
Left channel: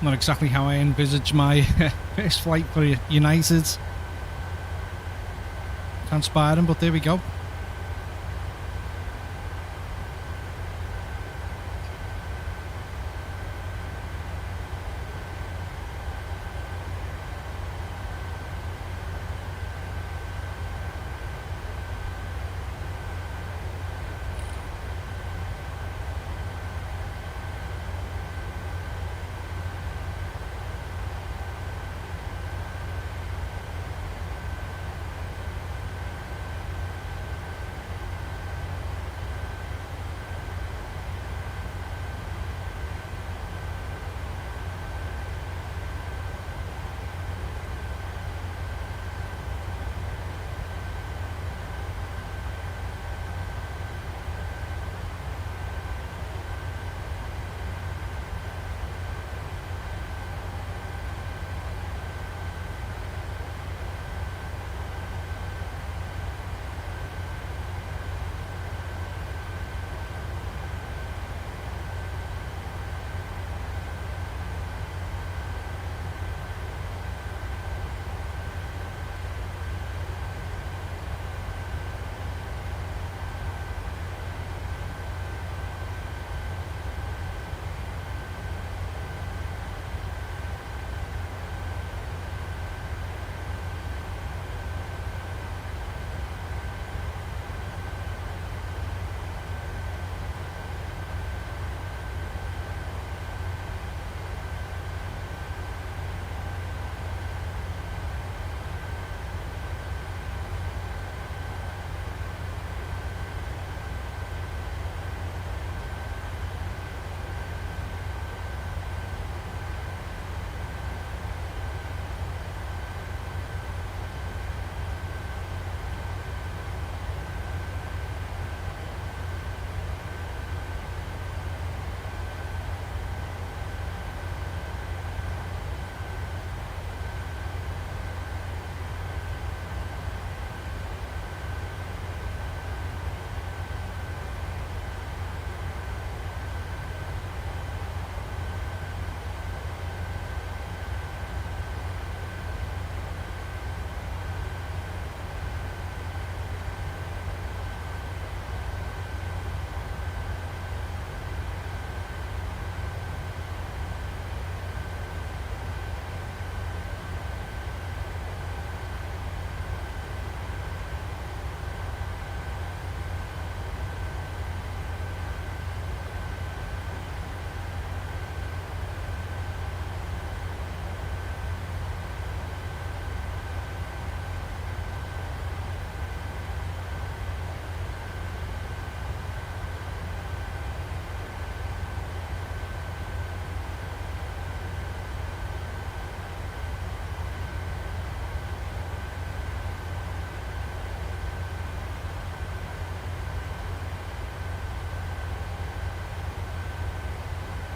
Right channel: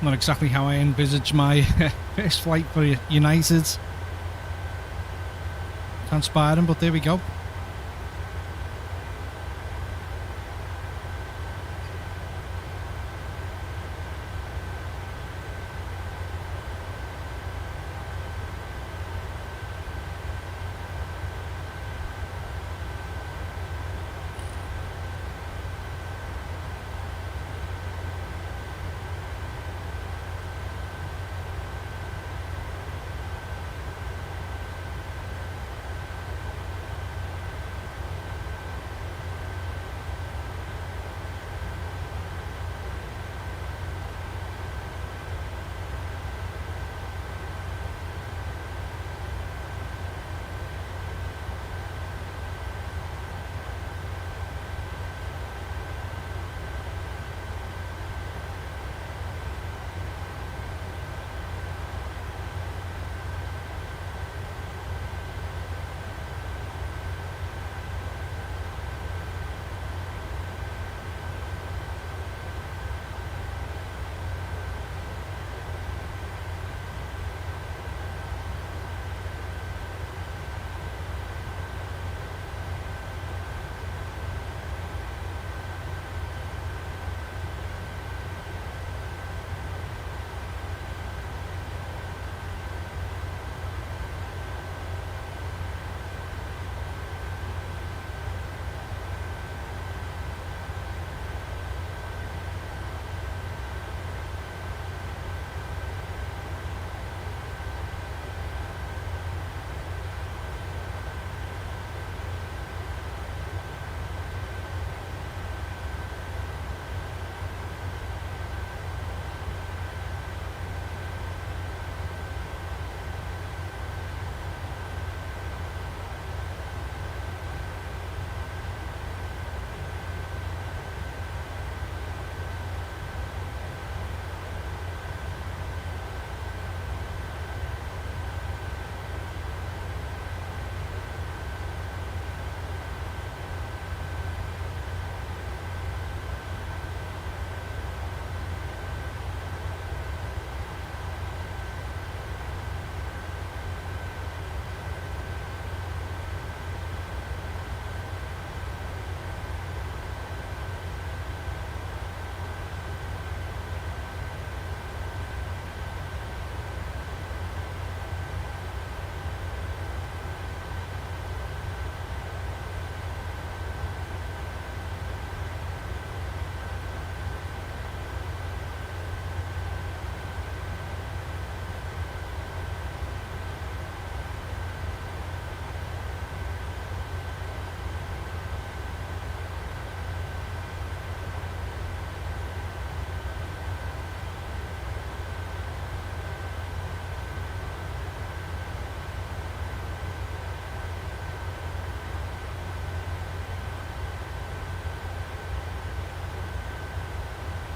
Not exactly how I envisaged my first flight for United transpiring, but there we go.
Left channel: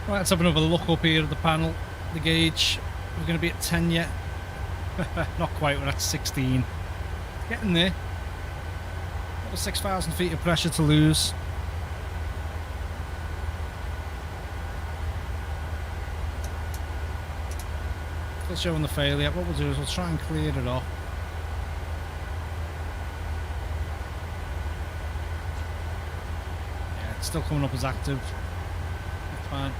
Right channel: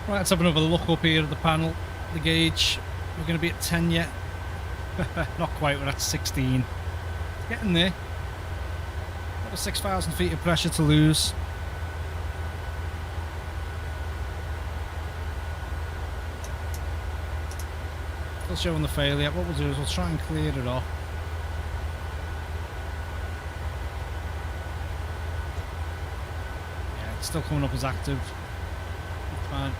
Right, let's have another look up here at the panel, the gauge. We're going to be at 10 yet. Not quite, we're at 16. Getting there. Another 6,000 feet of pressure to lose. Still showing the failure. What we'll do is we'll try and clear it off. Yeah, it's still coming up as active. It's fine.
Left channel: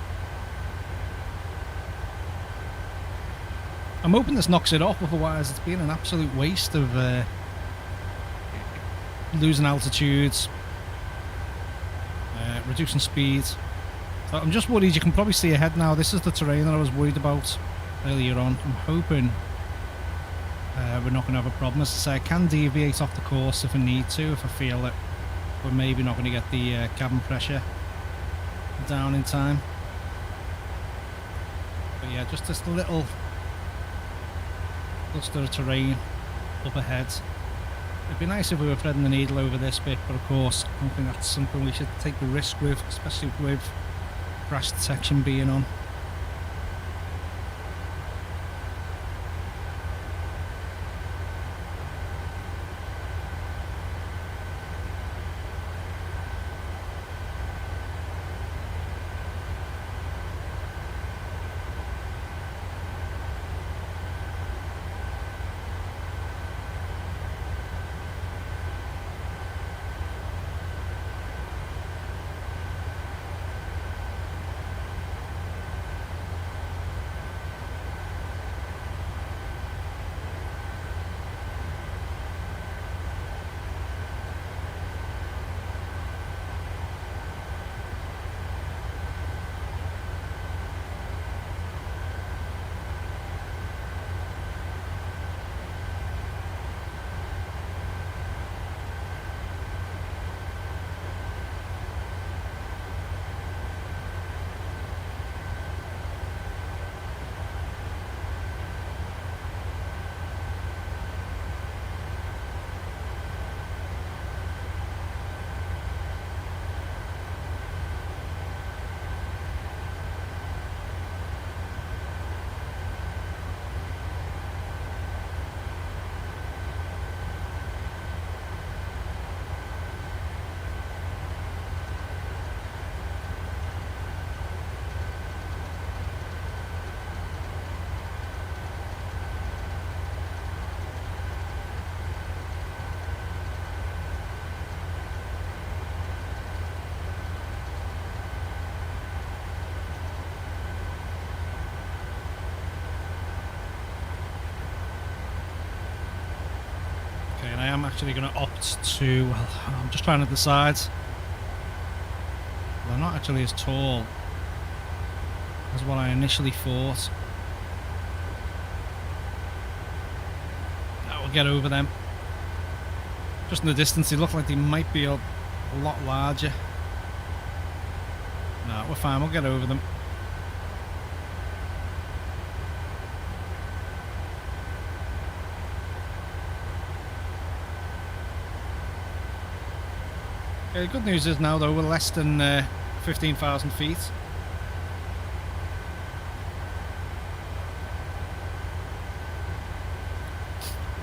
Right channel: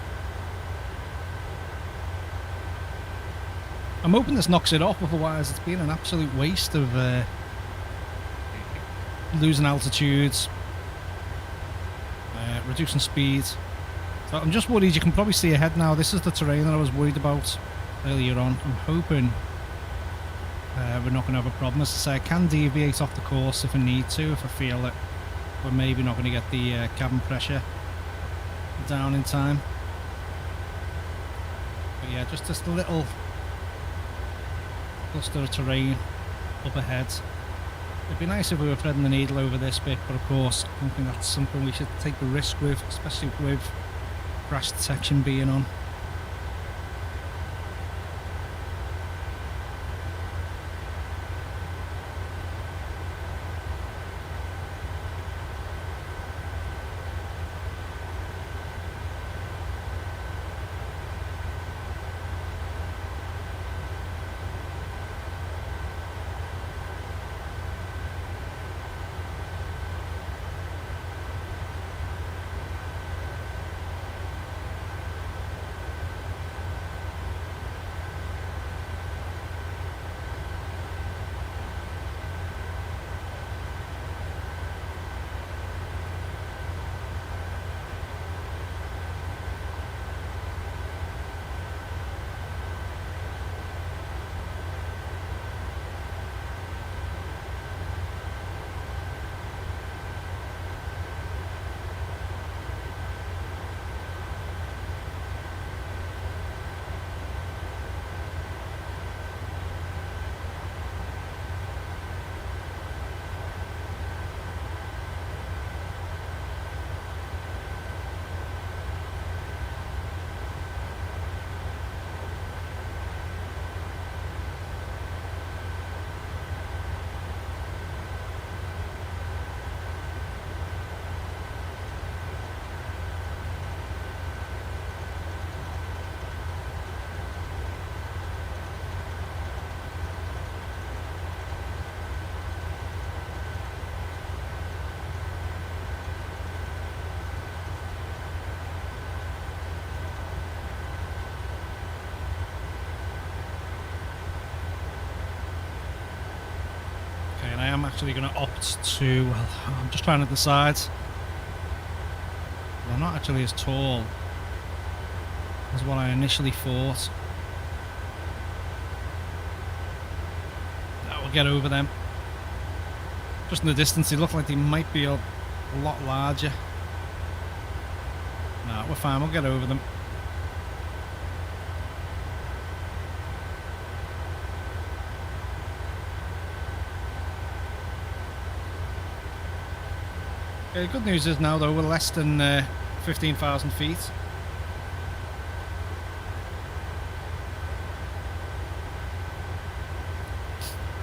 I'm hoping this knocks it off, otherwise it's been an absolute waste of losing altitudes, reducing speed. So I'm just worried. You can probably see ahead now. This is the terrain that I was worried about earlier on. I'm hoping we're not going to have a problem. As I say, I can deviate off the course if I need to, if I feel that we're maybe not going to get the cabin pressure down in time. But yeah, just this little cluster of terrain up ahead. It'd be nice if we were threading the needle over this bit, but of course I don't think that's something we should take the risk with, especially with crash detection being on. and I am actually going to opt to, well, I'm just trying to decide. Well, they're not actually as tall as what I initially thought. We'll get over them. Just in the distance, they look like they might be a lot larger. No, we're fine, we'll get over them. Okay, the good news is now, though, we're less than 15,000 feet.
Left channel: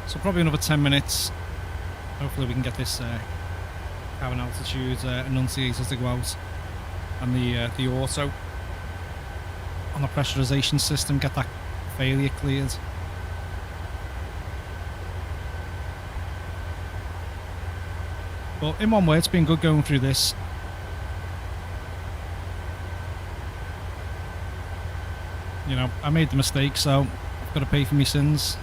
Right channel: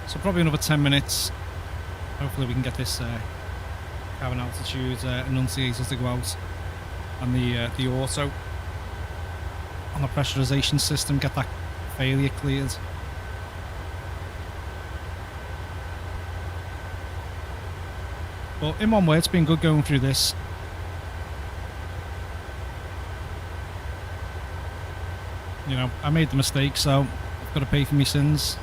So probably another 10 minutes. Hopefully we can get this cabin altitude enunciator to go out, and the auto on the pressurization system, get that failure cleared. But in one way, it's been good going through this. You know, I made the mistake, so I've got to pay for my sins.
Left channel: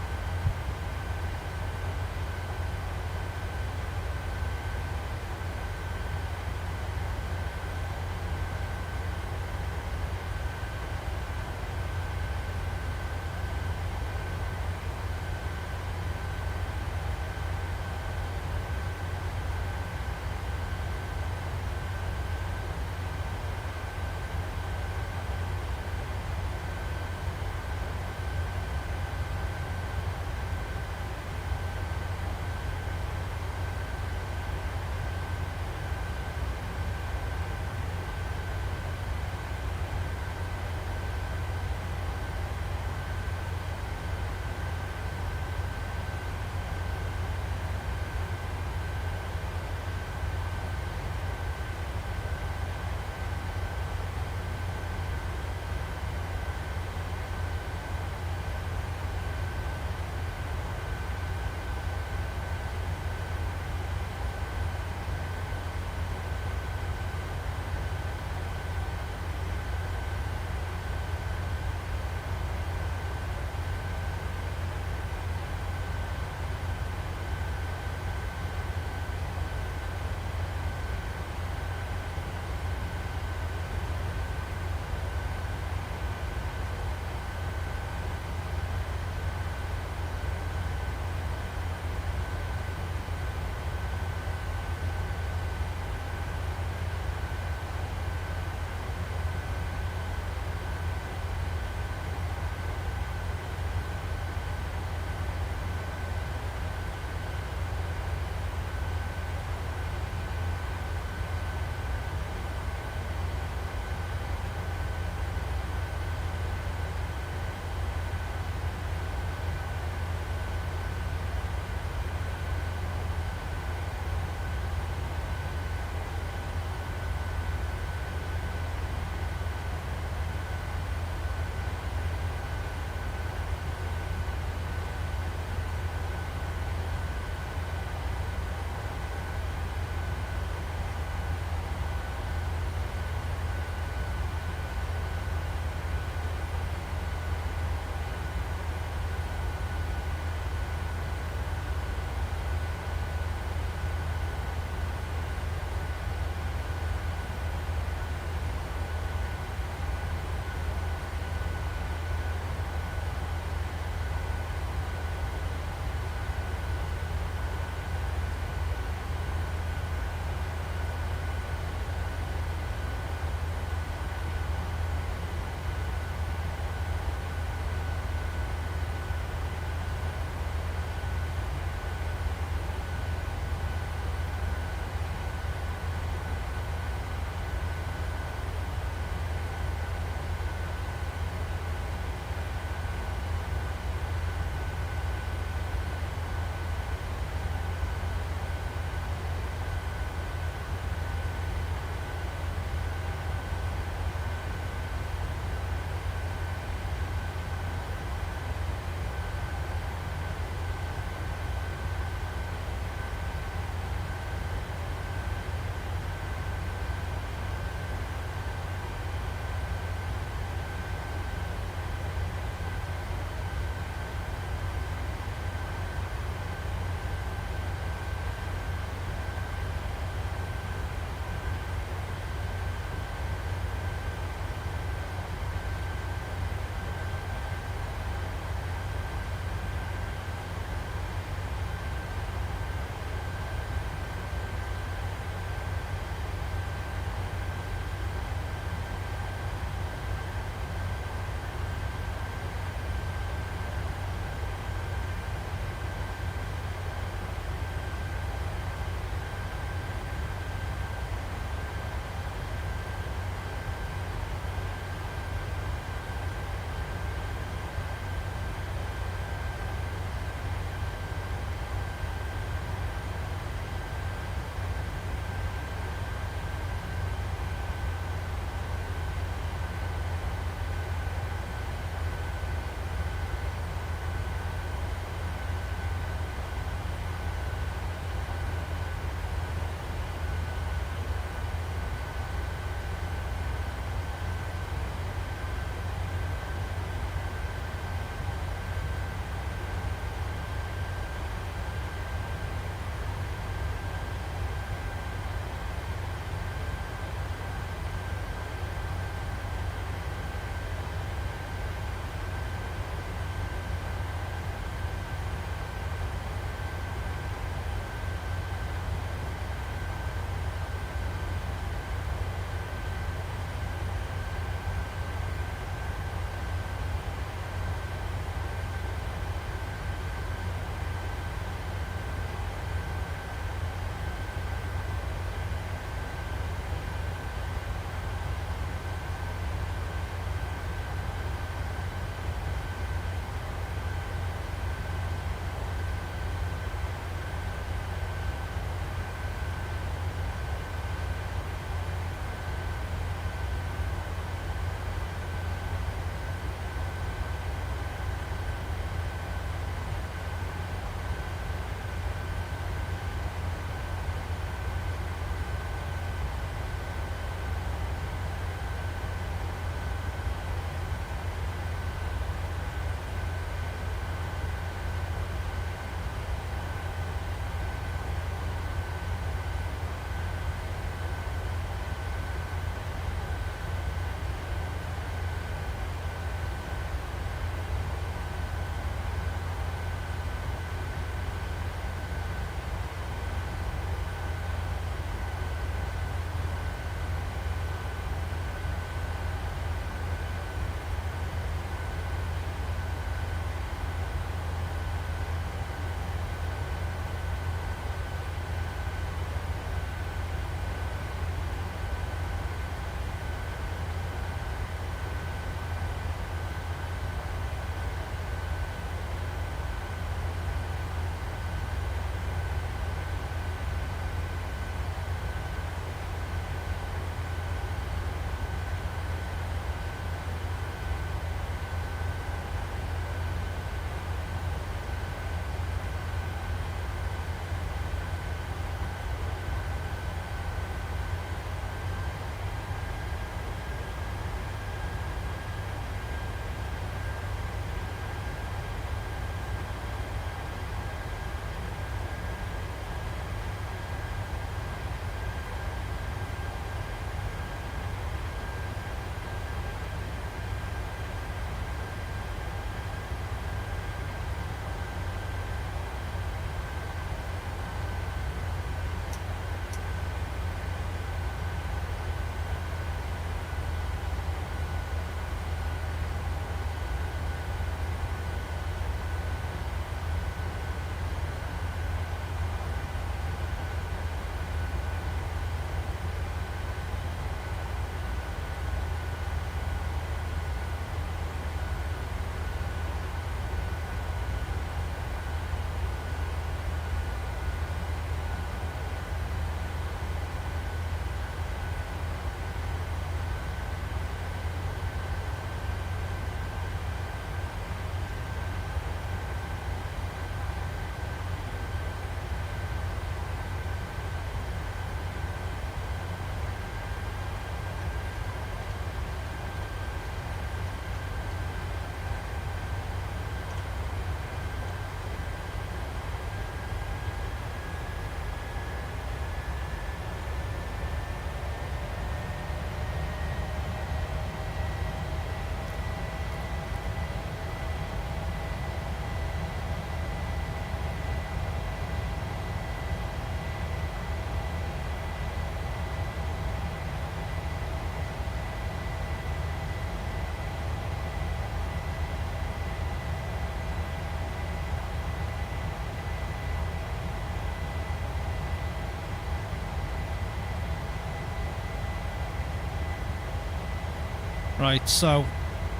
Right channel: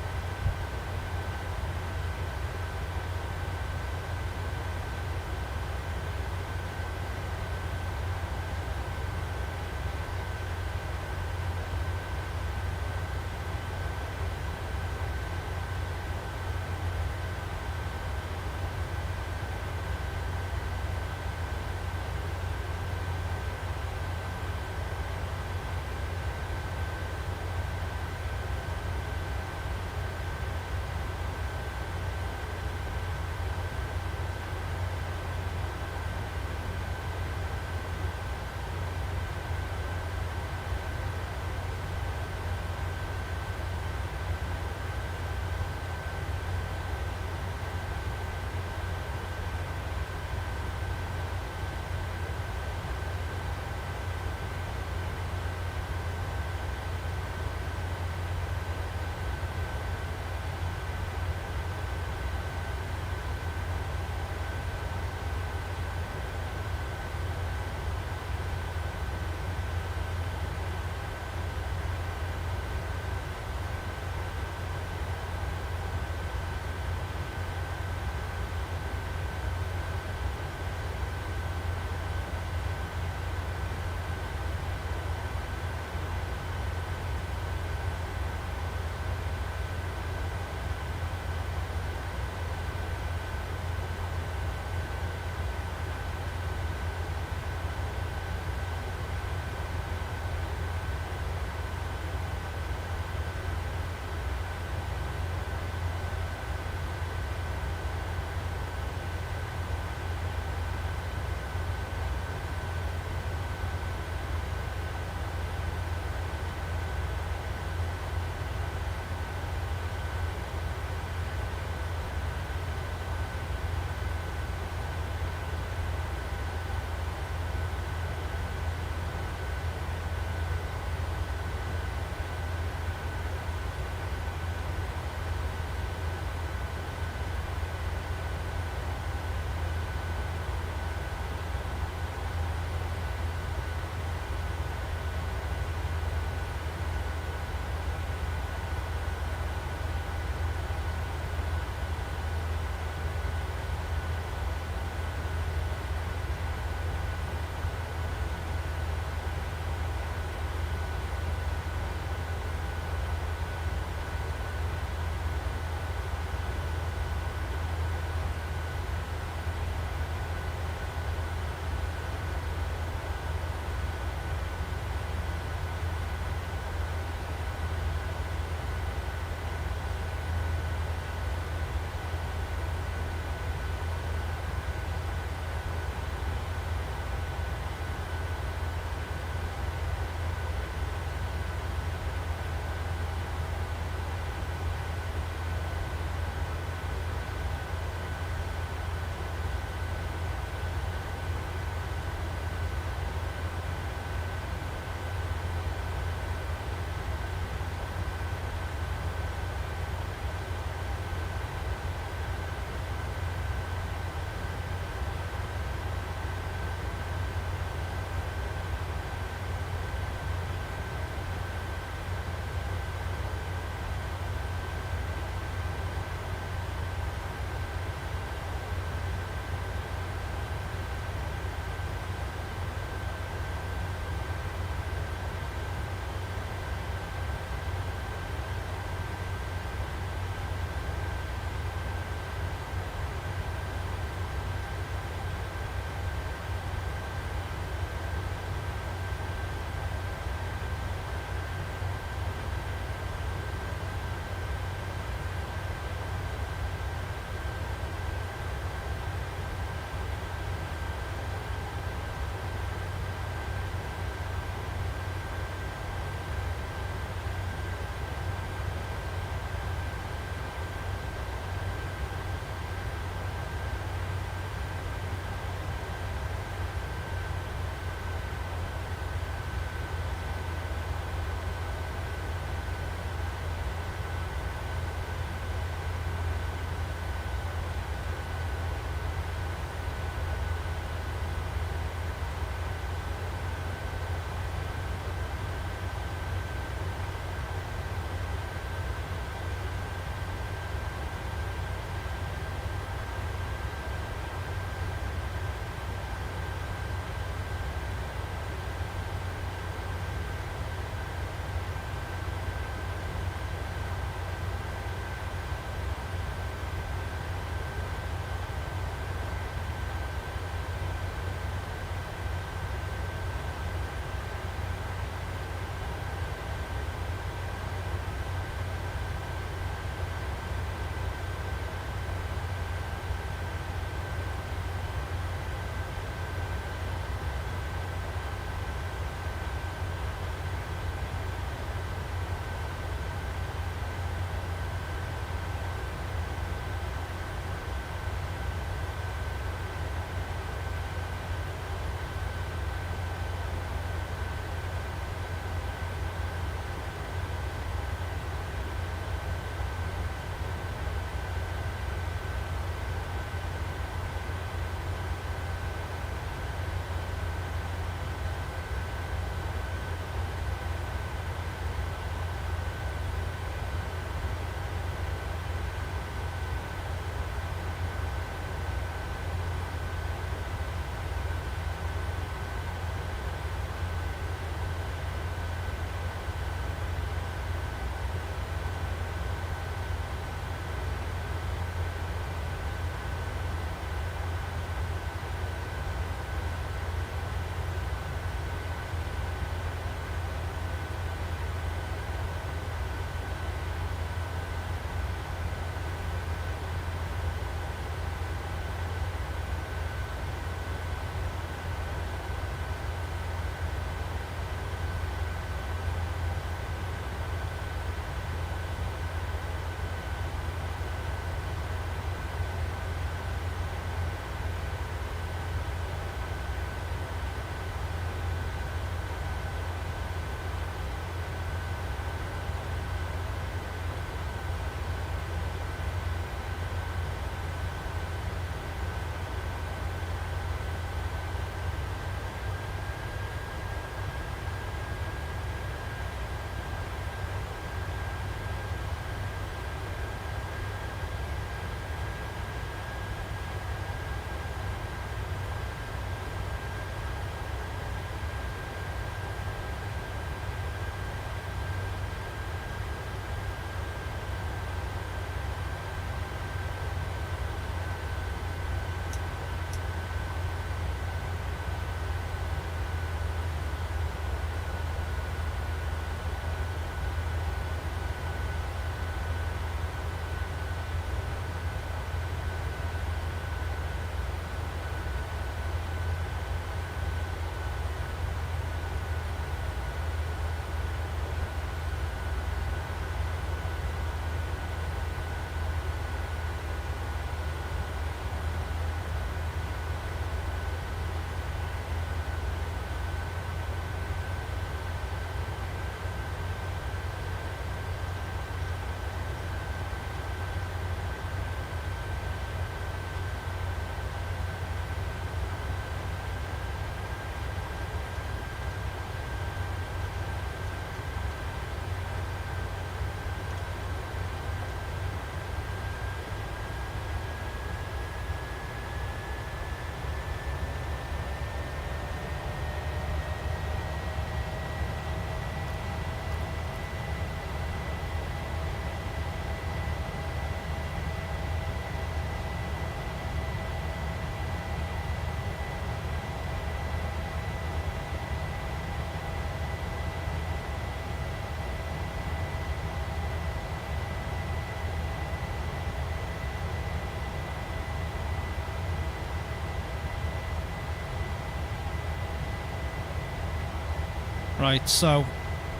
Right, so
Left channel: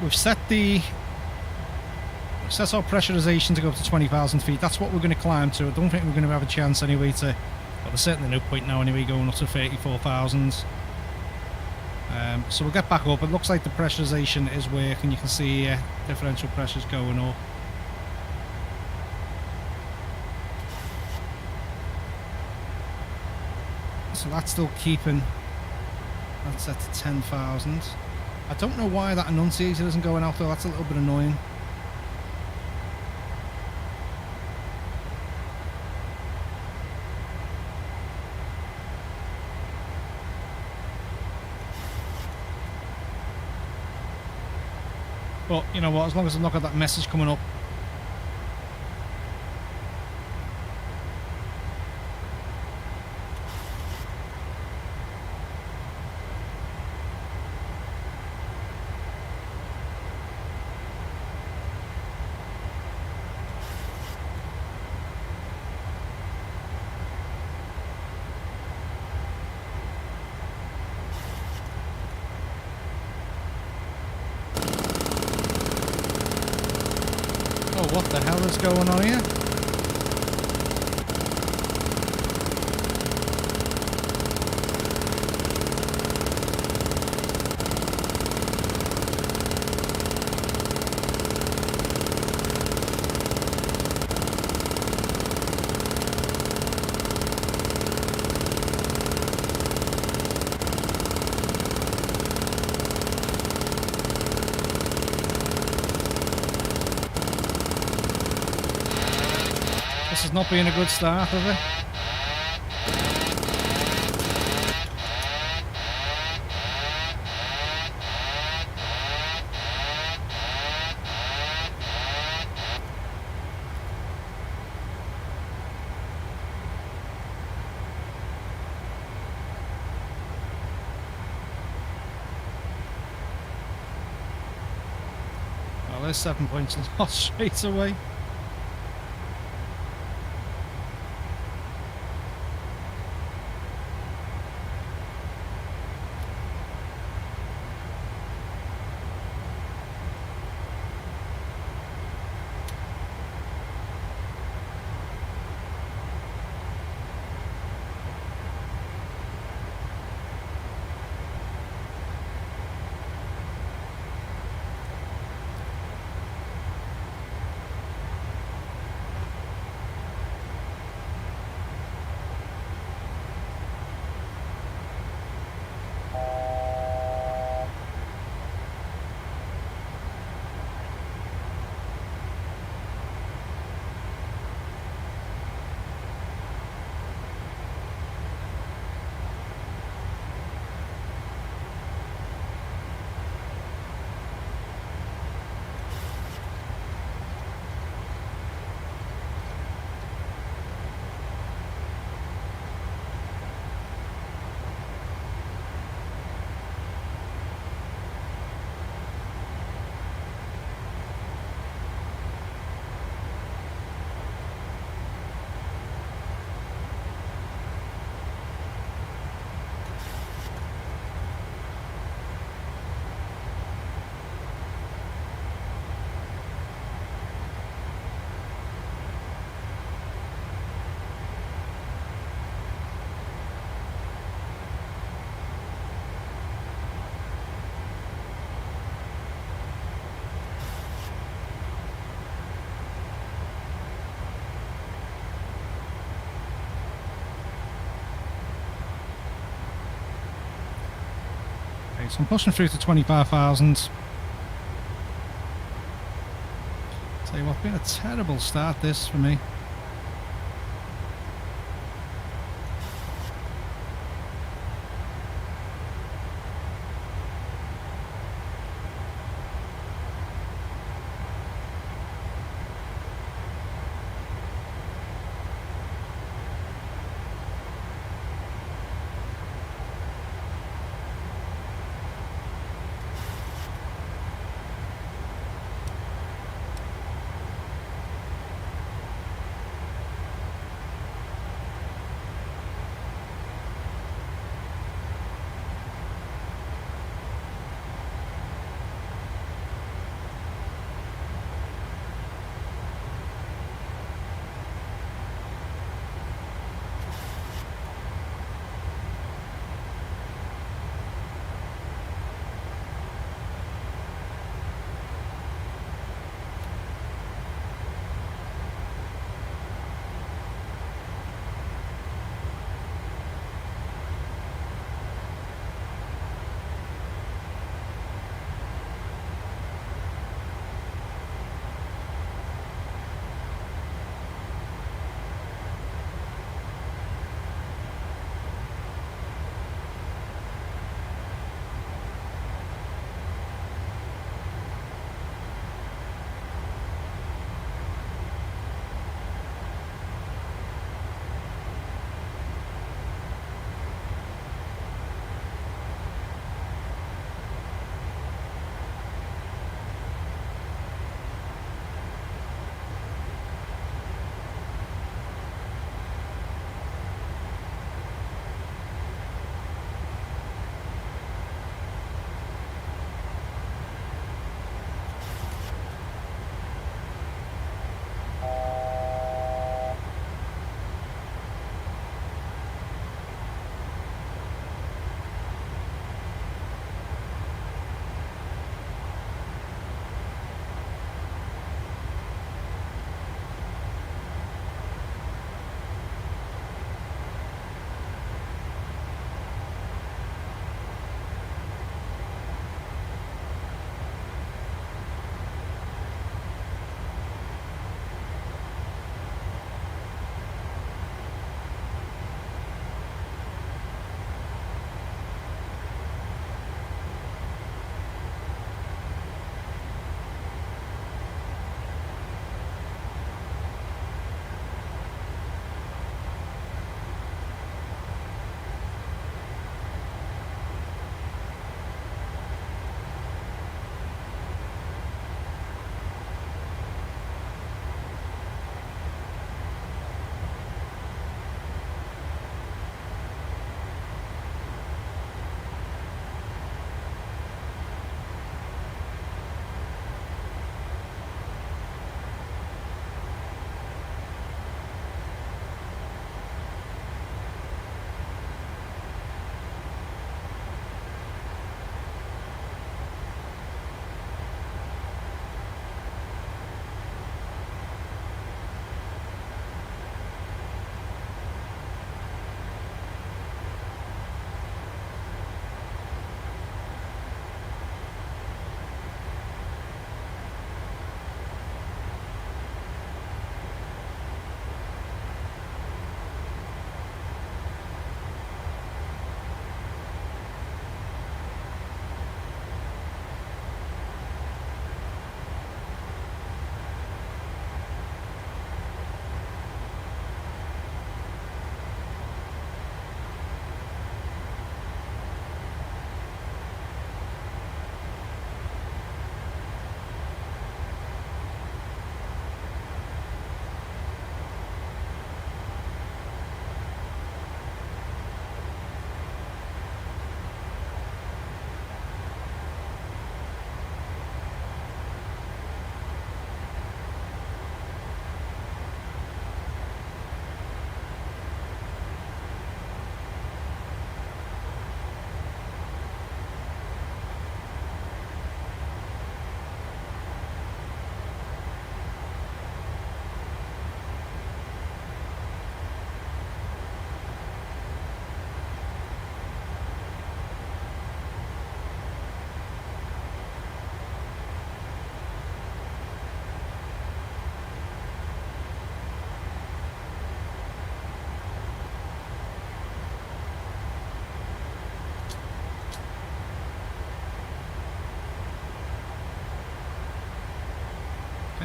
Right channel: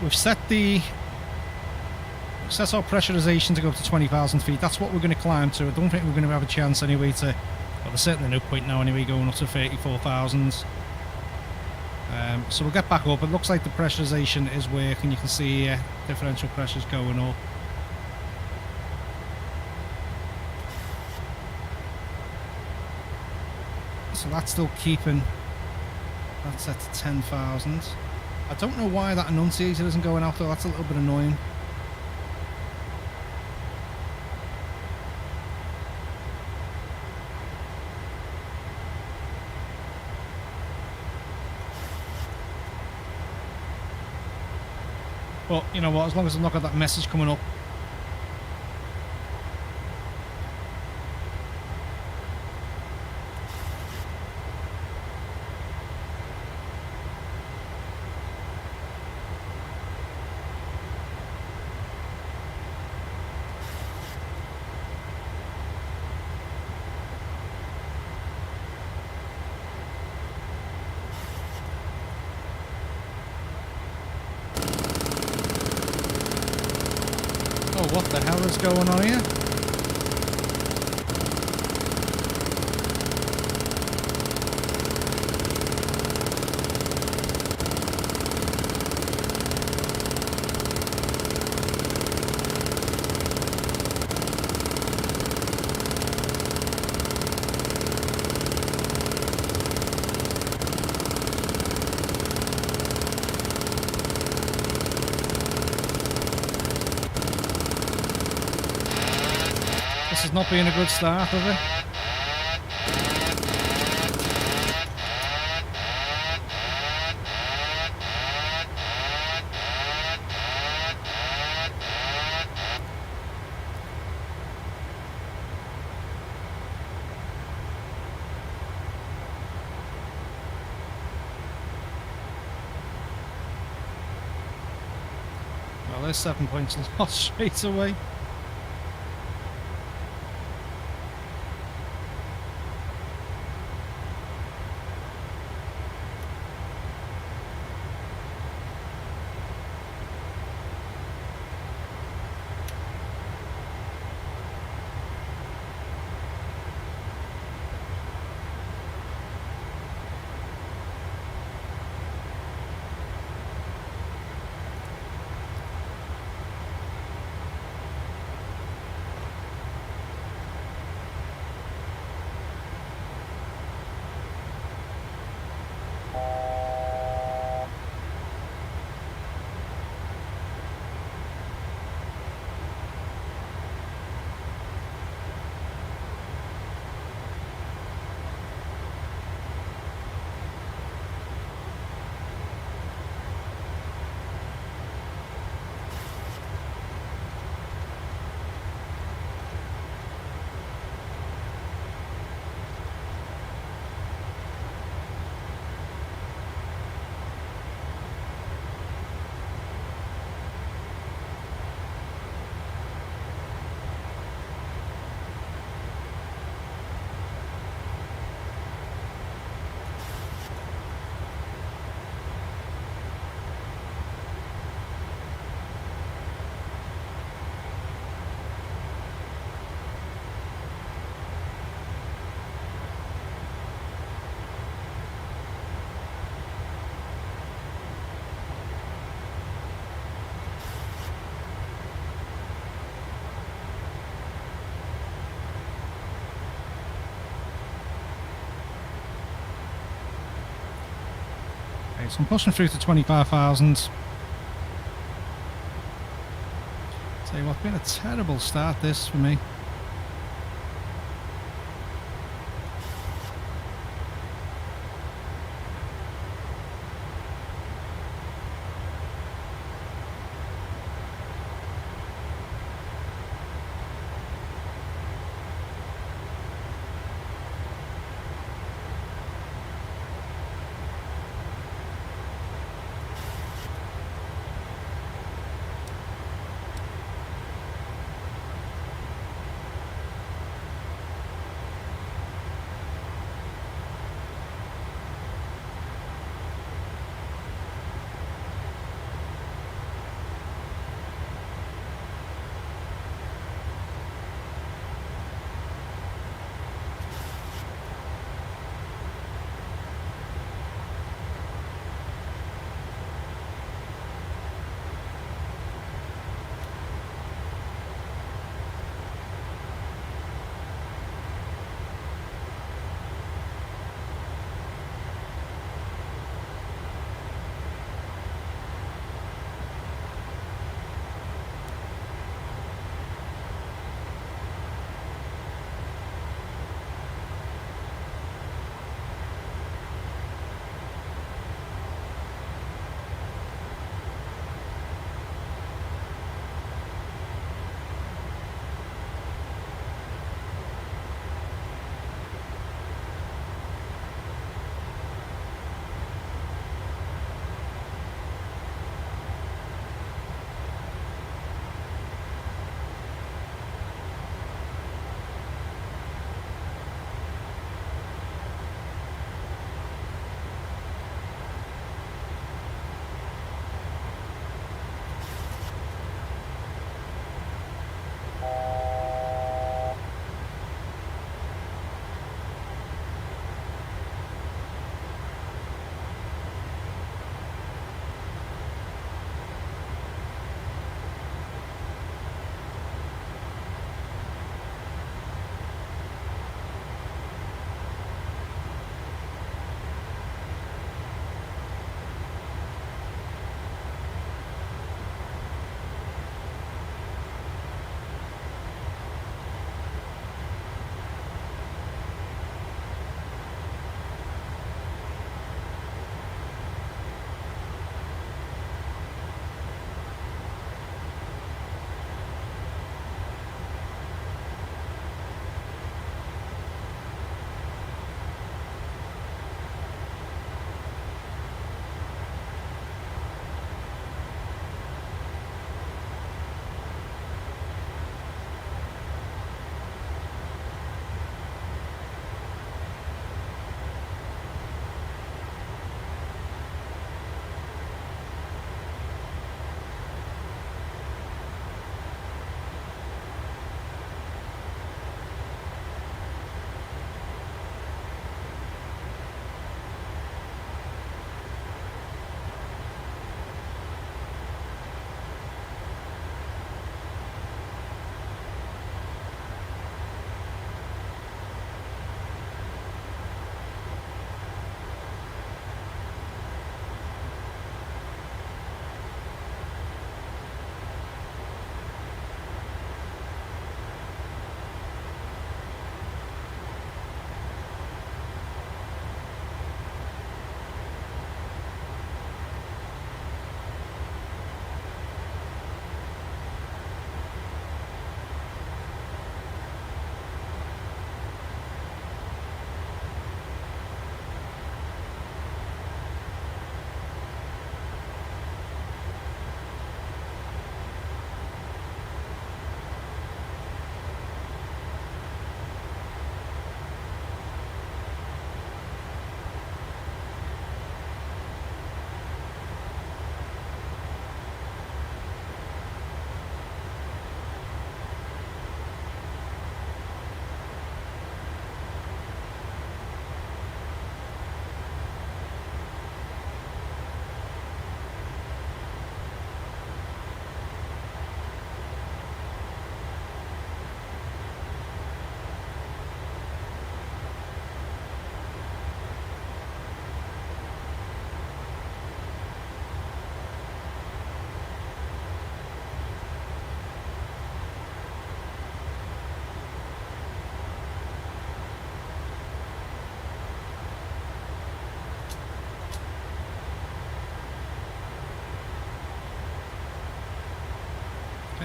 we've set our pressurization to go up to 20,000 feet. That's what we're going to climb to. I don't think we're going to have a chance anyway to... Well, there's certainly no point now anyway going up to 34,000. So we'll get back up. It looks like the pressurization is working. You can see differential pressures going up. So that's still keeping that set to 10,000. I don't know why that annunciator isn't going out though. That's a little bit annoying. But, you know what, as long as I've not got that message coming up. Oh, what the hell is going on here? This has not been a good start, has it? Well, there's 7 points lost straight away. Okay, so I'm pushing through to 25,000. Tell you what, been a terrible start this for me.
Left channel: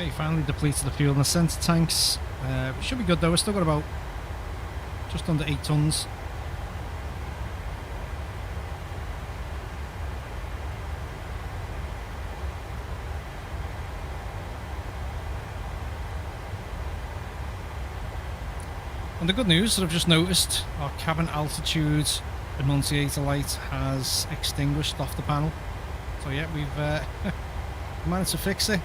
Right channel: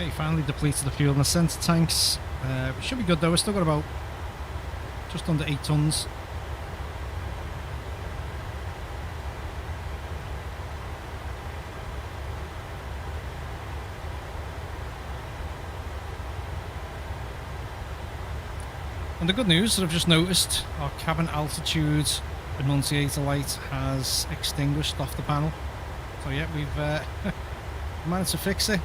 Okay, finally depleted the fuel in the centre tanks. It should be good though. We've still got about just under 8 tons. And the good news that I've just noticed, our cabin altitude annunciator light has extinguished off the panel. So yeah, we've managed to fix it.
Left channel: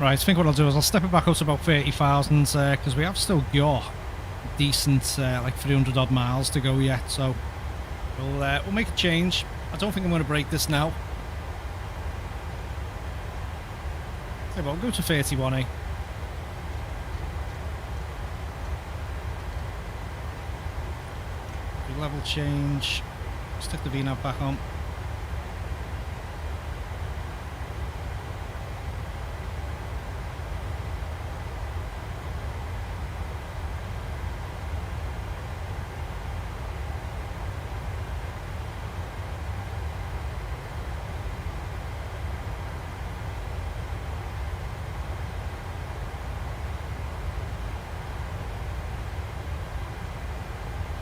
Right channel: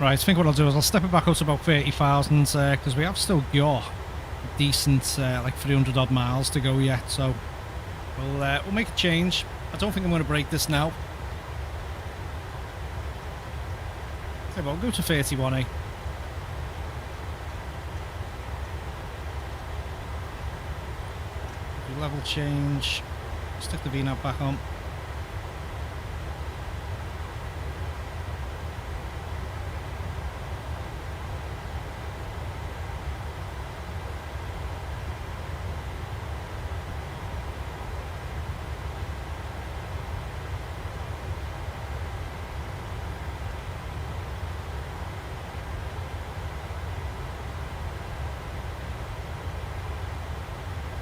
Right, I think what I'll do is I'll step it back up to about 30,000 because we have still got decent like 300 odd miles to go yet. So we'll make a change. I don't think I'm going to break this now. Okay, well, I'll go to 31, Do level change. Stick the VNAV back on.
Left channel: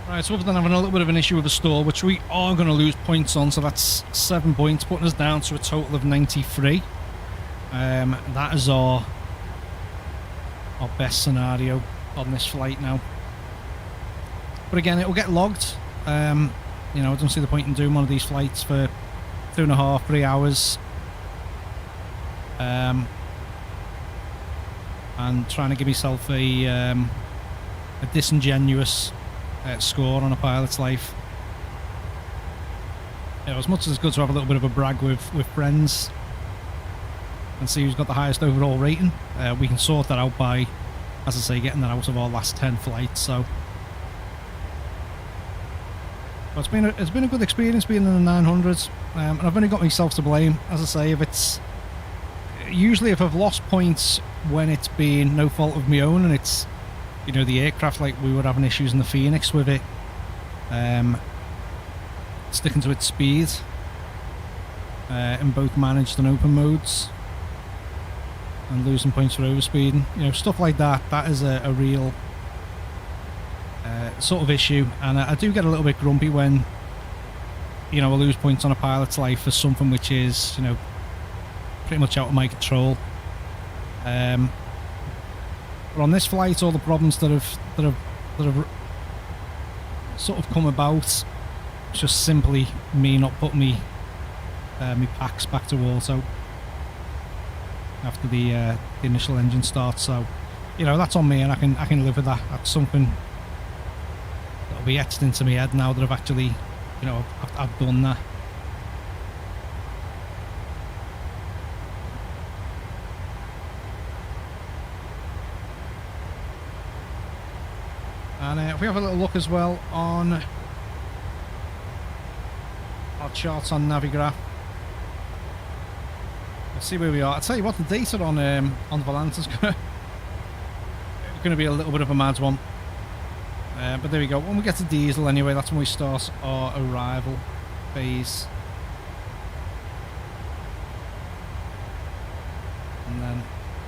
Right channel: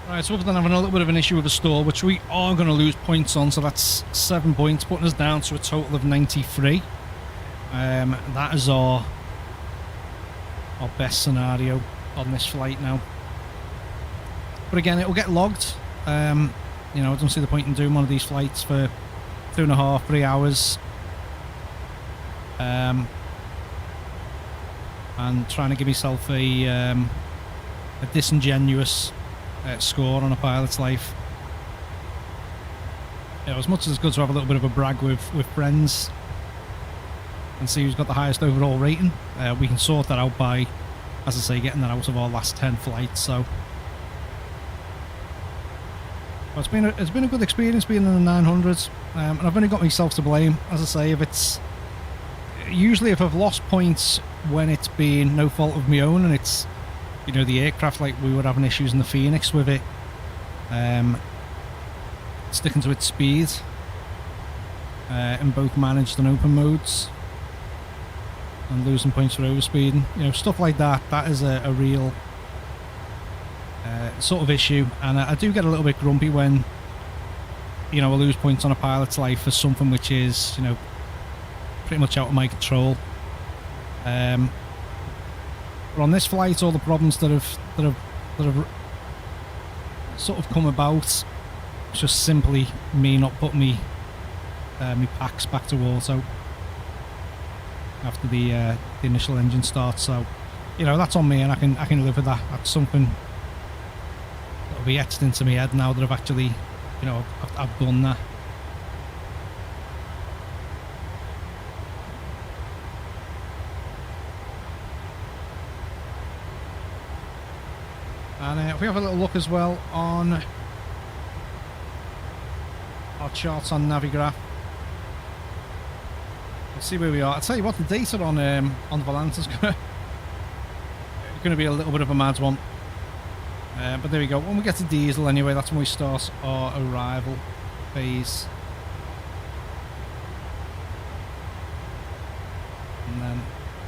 Right, so other than having a little bit of an issue with the stall, which we are going to lose points on, so that's 7 points, putting us down to a total of 93. That is our best scenario on this flight now. But again, it will get logged. You know, I don't see the point in doing one of these flights for 2.5, 3 hours. And trying to give myself a disingenuous score on a pilot's life. As much as it's good to have a little bit of a brag with friends and see who's got the highest overall rating, we can sort that out by, as I say, getting that out of our last 10 flights. So but it's been a good experience being in the 900s, and I've only got myself to blame. As I say, if I've lost points when it's been no fault of my own, and it's, you know, the aircraft, like we were having issues in the Phoenix with it, sticking to its speed in both managed and open modes, and losing points for overspeeding, you know, stuff like that. That is a real sort of issue, and I do get a little bit grumpy when, you know, I lose points on a pilot's life for something which is, you know, pretty much out of my control. But on this flight, all the problems that have sort of come about, it's just simply me not putting me packs back to auto after the initial engine start. So, you know, that's on me, and I can live with that. That's something that'll be etched into my head now that I've actually, you know, I've done that. And if we have a little look as well on our charts on Navigraph, let's see where we are. I'll tell you what, the data on the Volante is going to be a little bit of a mad one. But there we go. When we get to diesel anyway, that's when we start our arrival phase. And then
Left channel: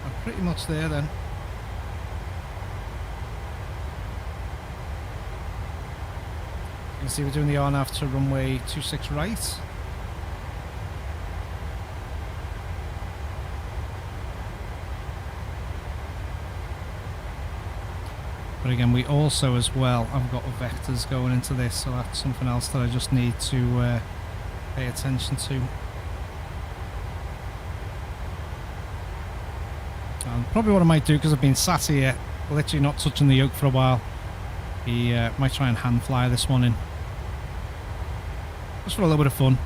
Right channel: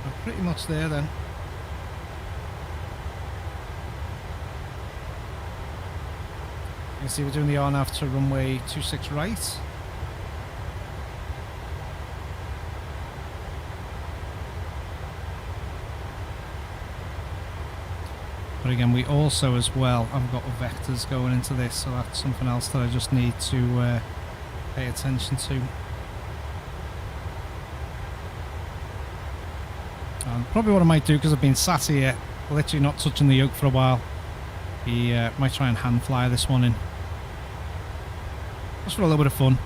I'm pretty much there then. You can see we're doing the RNAV to runway 26 right. But again, we also as well have got vectors going into this, so that's something else that I just need to pay attention to. And probably what I might do, because I've been sat here literally not touching the yoke for a while, might try and hand fly this one in, just for a little bit of fun.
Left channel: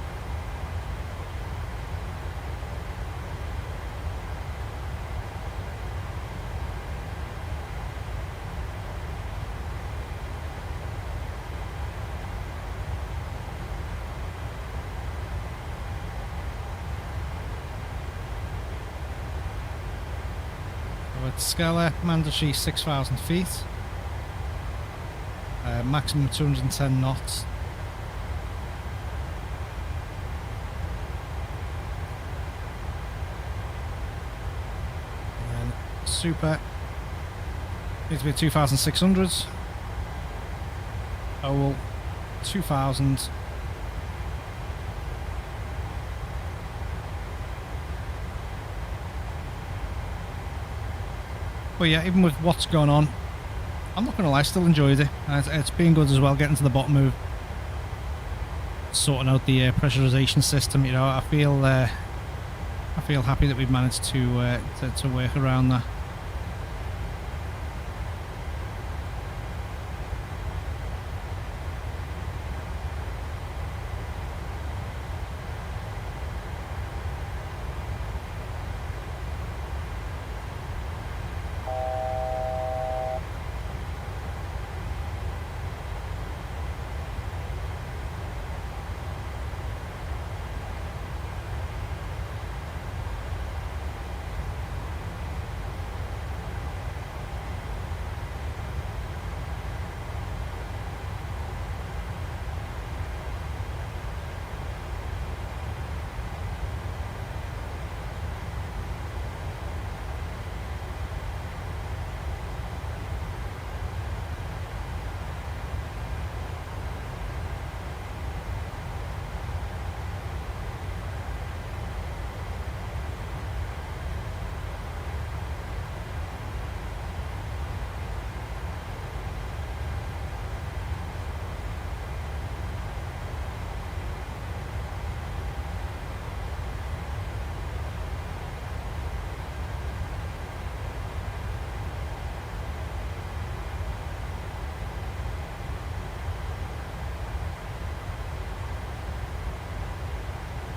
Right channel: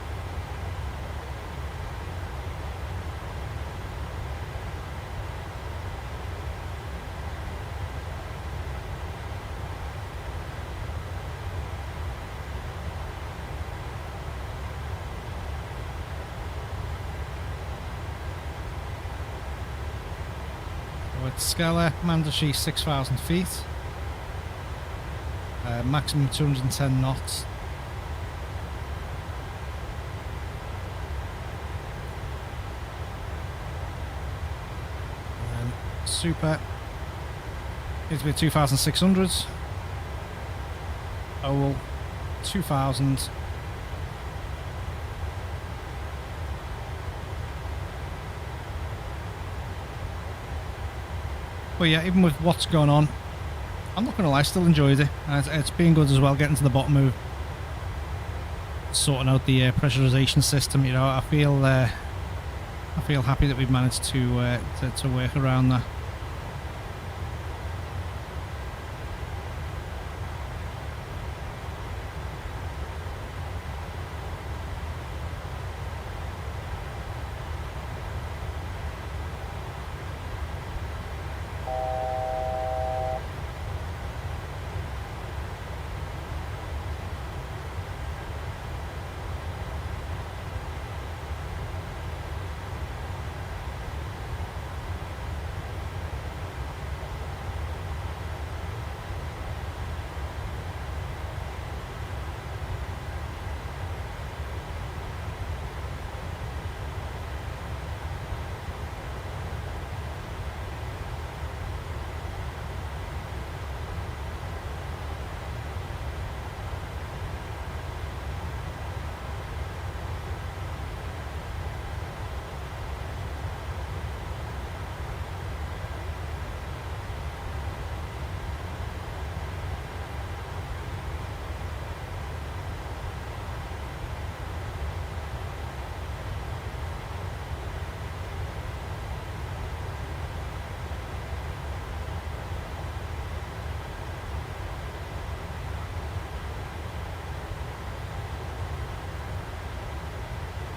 Scala, mandatory 6,000 feet, maximum 210 knots. And then super, needs to be 2,600, OWL 2,000. But yeah, even with what's going on, I'm not going to lie, still enjoyed it. It's been good as well, getting to the bottom of sorting out the pressurization system. You know, I feel happy that we've managed to work around that.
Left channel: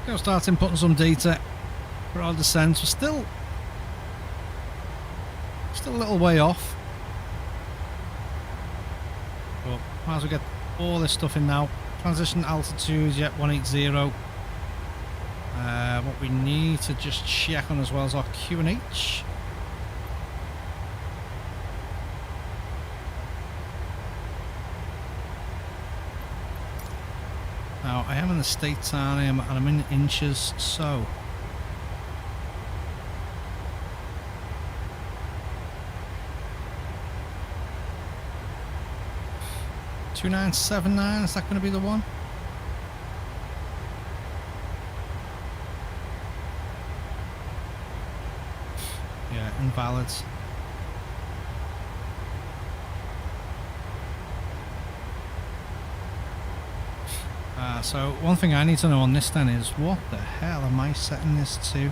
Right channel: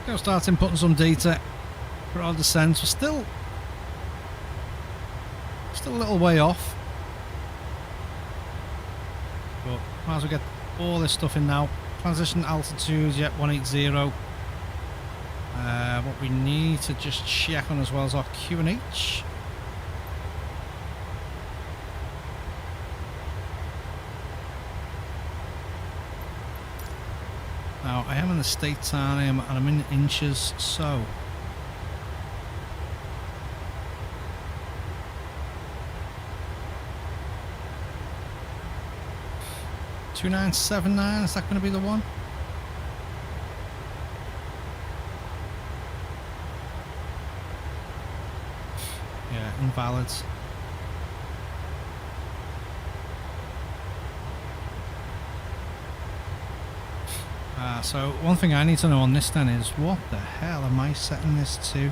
Go start inputting some data for our descent. We're still a little way off, but might as well get all this stuff in now. Transition altitude, yep, 180. What we need to just check on as well is our QNH. Now, I am in the States, and I'm in inches, so... $2979, is that going to be the one? Yeah, invalid. So one thing I need to know on this then is, what the hell am I setting this to?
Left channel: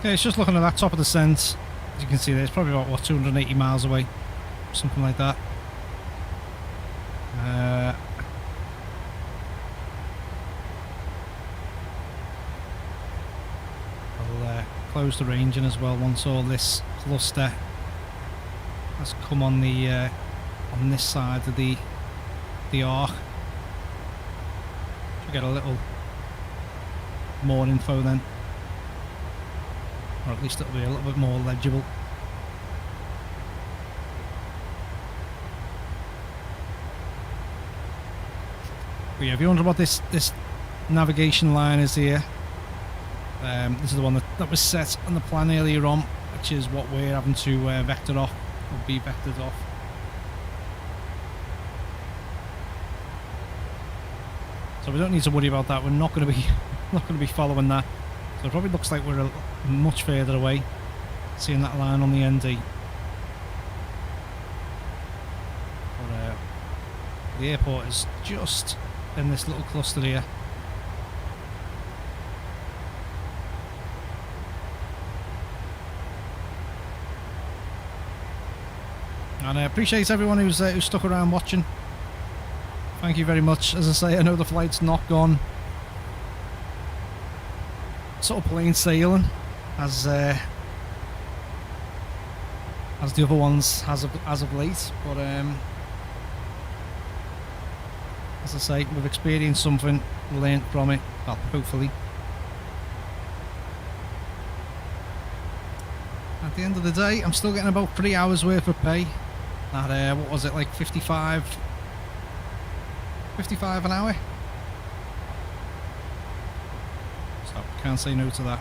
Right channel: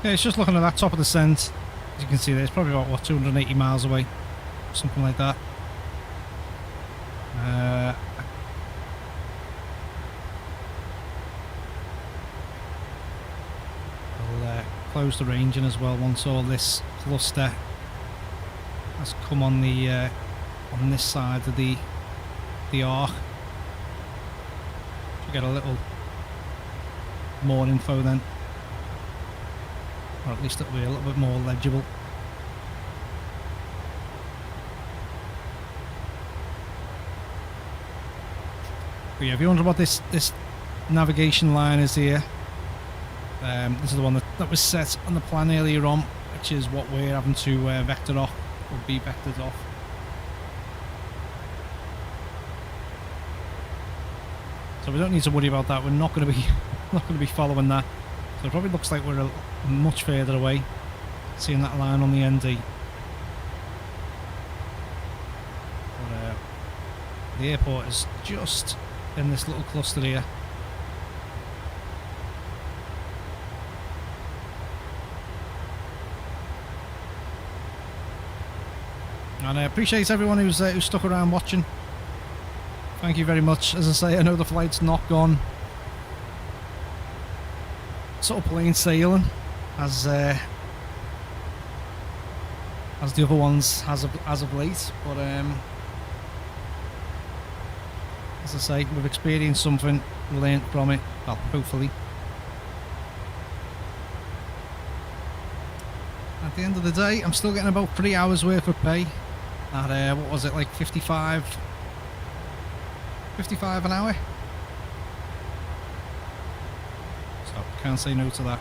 Okay, it's just looking at that top of the descent. As you can see there, it's probably about, what, 280 miles away? Something like that. I'll close the ranging as well once all this cluster has come on the on this side of the arc. Should get a little more info then. Or at least it'll be a little bit more legible. But yeah, if you wonder what this navigation line is here, this is the one that was set on the plan earlier on, which is what we're having to vector off, or be vectored off. So we don't need to worry about that. We're not going to be following that. So it probably looks like we're much further away. seeing that line on the ND. But the airport is just in this little cluster here. And I appreciate everyone who's stuck around watching. Thank you very much. As I say, I know the flight's not gone sort of plain sailing as the other ones as of late, but as I say, we've experienced something, learned from it, well, hopefully. At the end of the day, I'm still getting about 3 hours worth of pay at, what was it, like 55 an hour? So, can't say no to that.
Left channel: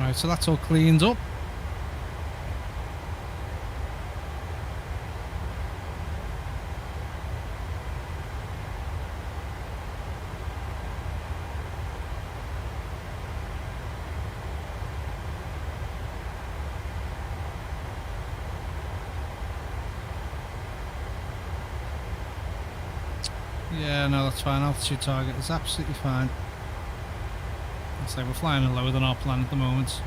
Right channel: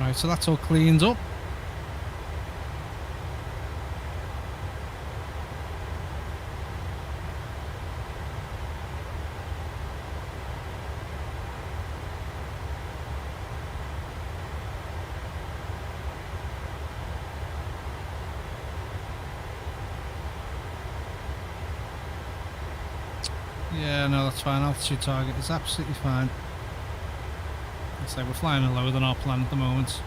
Right, so that's all cleaned up. Yeah, no, that's fine. Altitude target is absolutely fine. Let's say we're flying lower than our plan at the moment.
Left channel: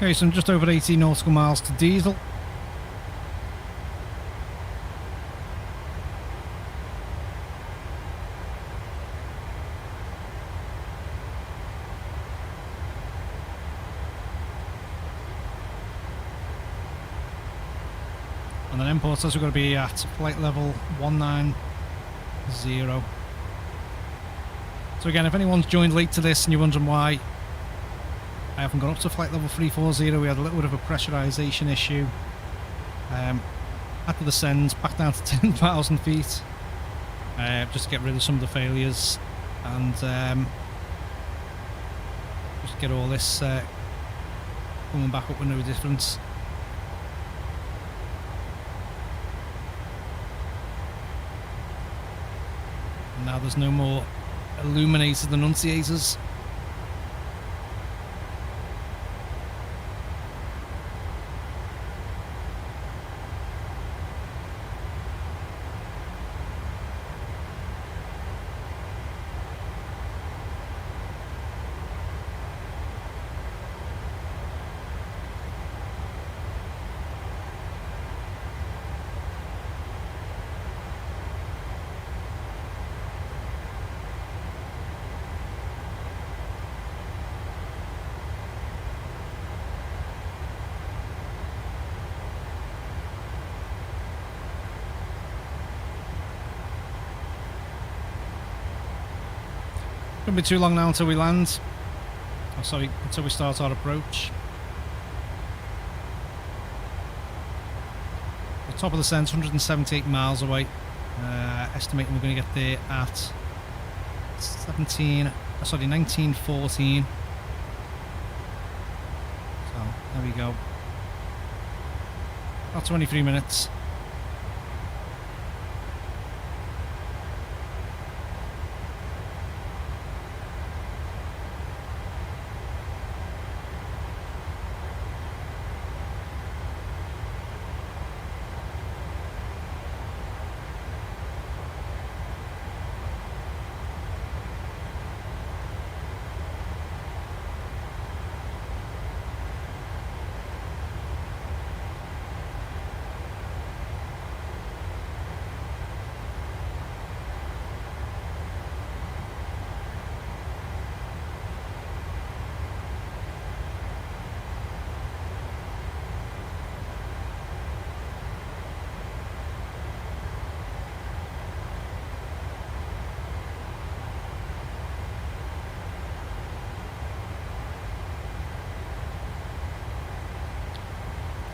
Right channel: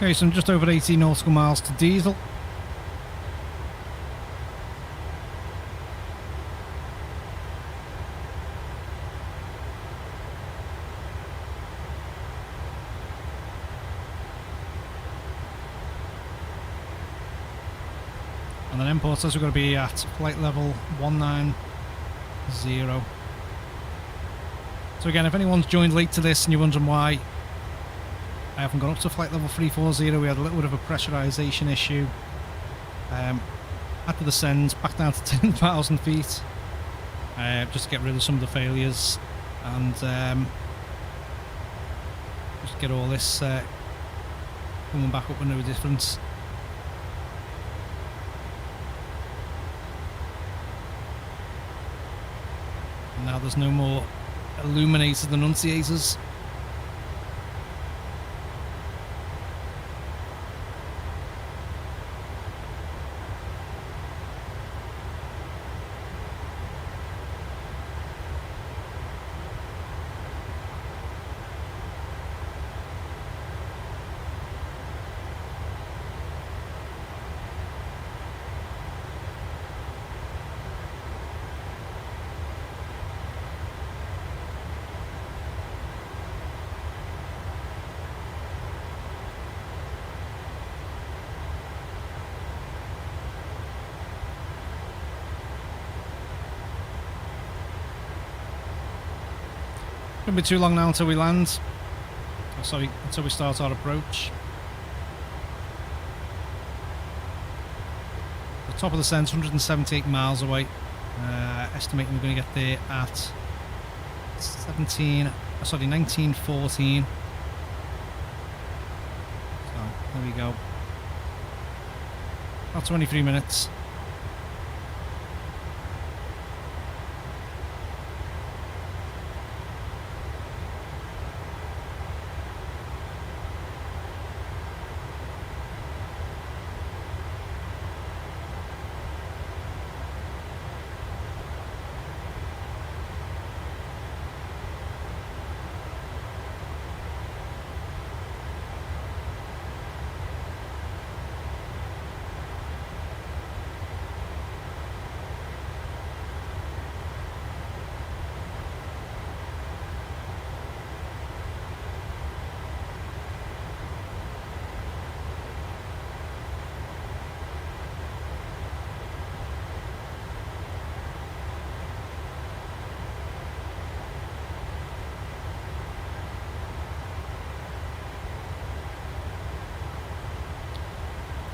Okay, so I'm just over 80 nautical miles to diesel. And then import says we're going to be at flight level 190. So again, if anyone's joined late to this and you're wondering why I haven't gone up to flight level 340, we had a little bit of a pressurization issue. Had to descend back down to 10,000 feet just to get rid of some of the failures and just get all this coming back up with no difference. And now there's no more illuminated annunciators. Shouldn't be too long now until we land. Oh, sorry, until we start our approach. The top of the descent, 178 miles away. Estimating we're going to get there at 1914. So there we go. About 23 minutes.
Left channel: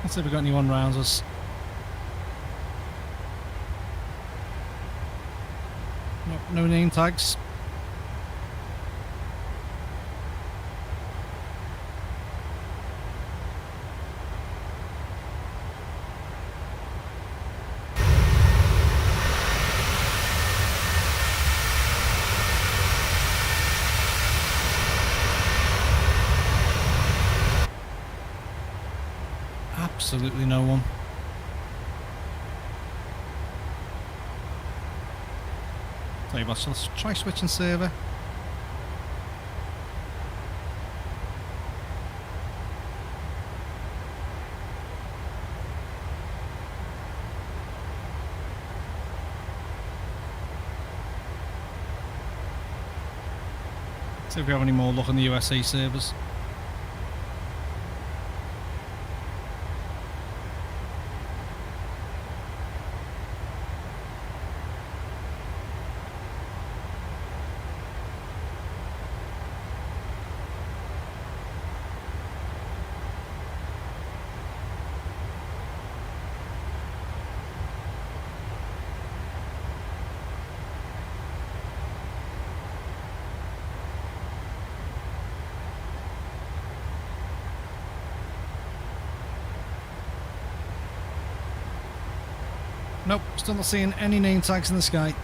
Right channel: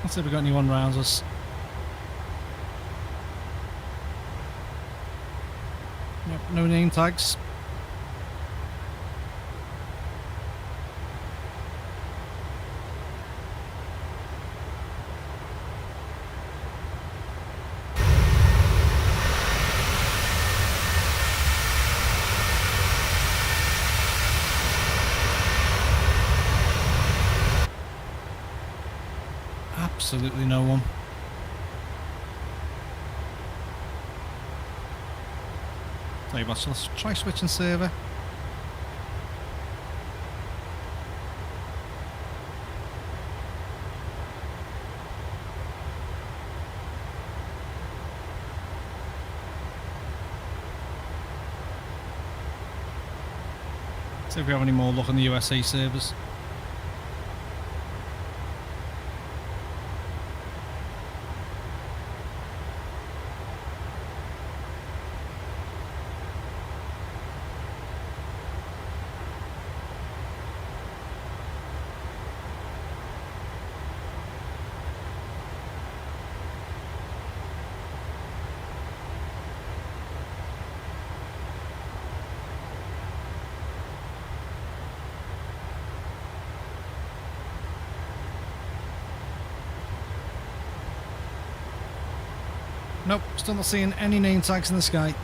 Let's see if we've got anyone around us. Nope, no name tags. Absolutely no one. Tell you what, let's try switching server. See if we have any more luck on the USA servers. Nope, still not seeing any name tags in the sky.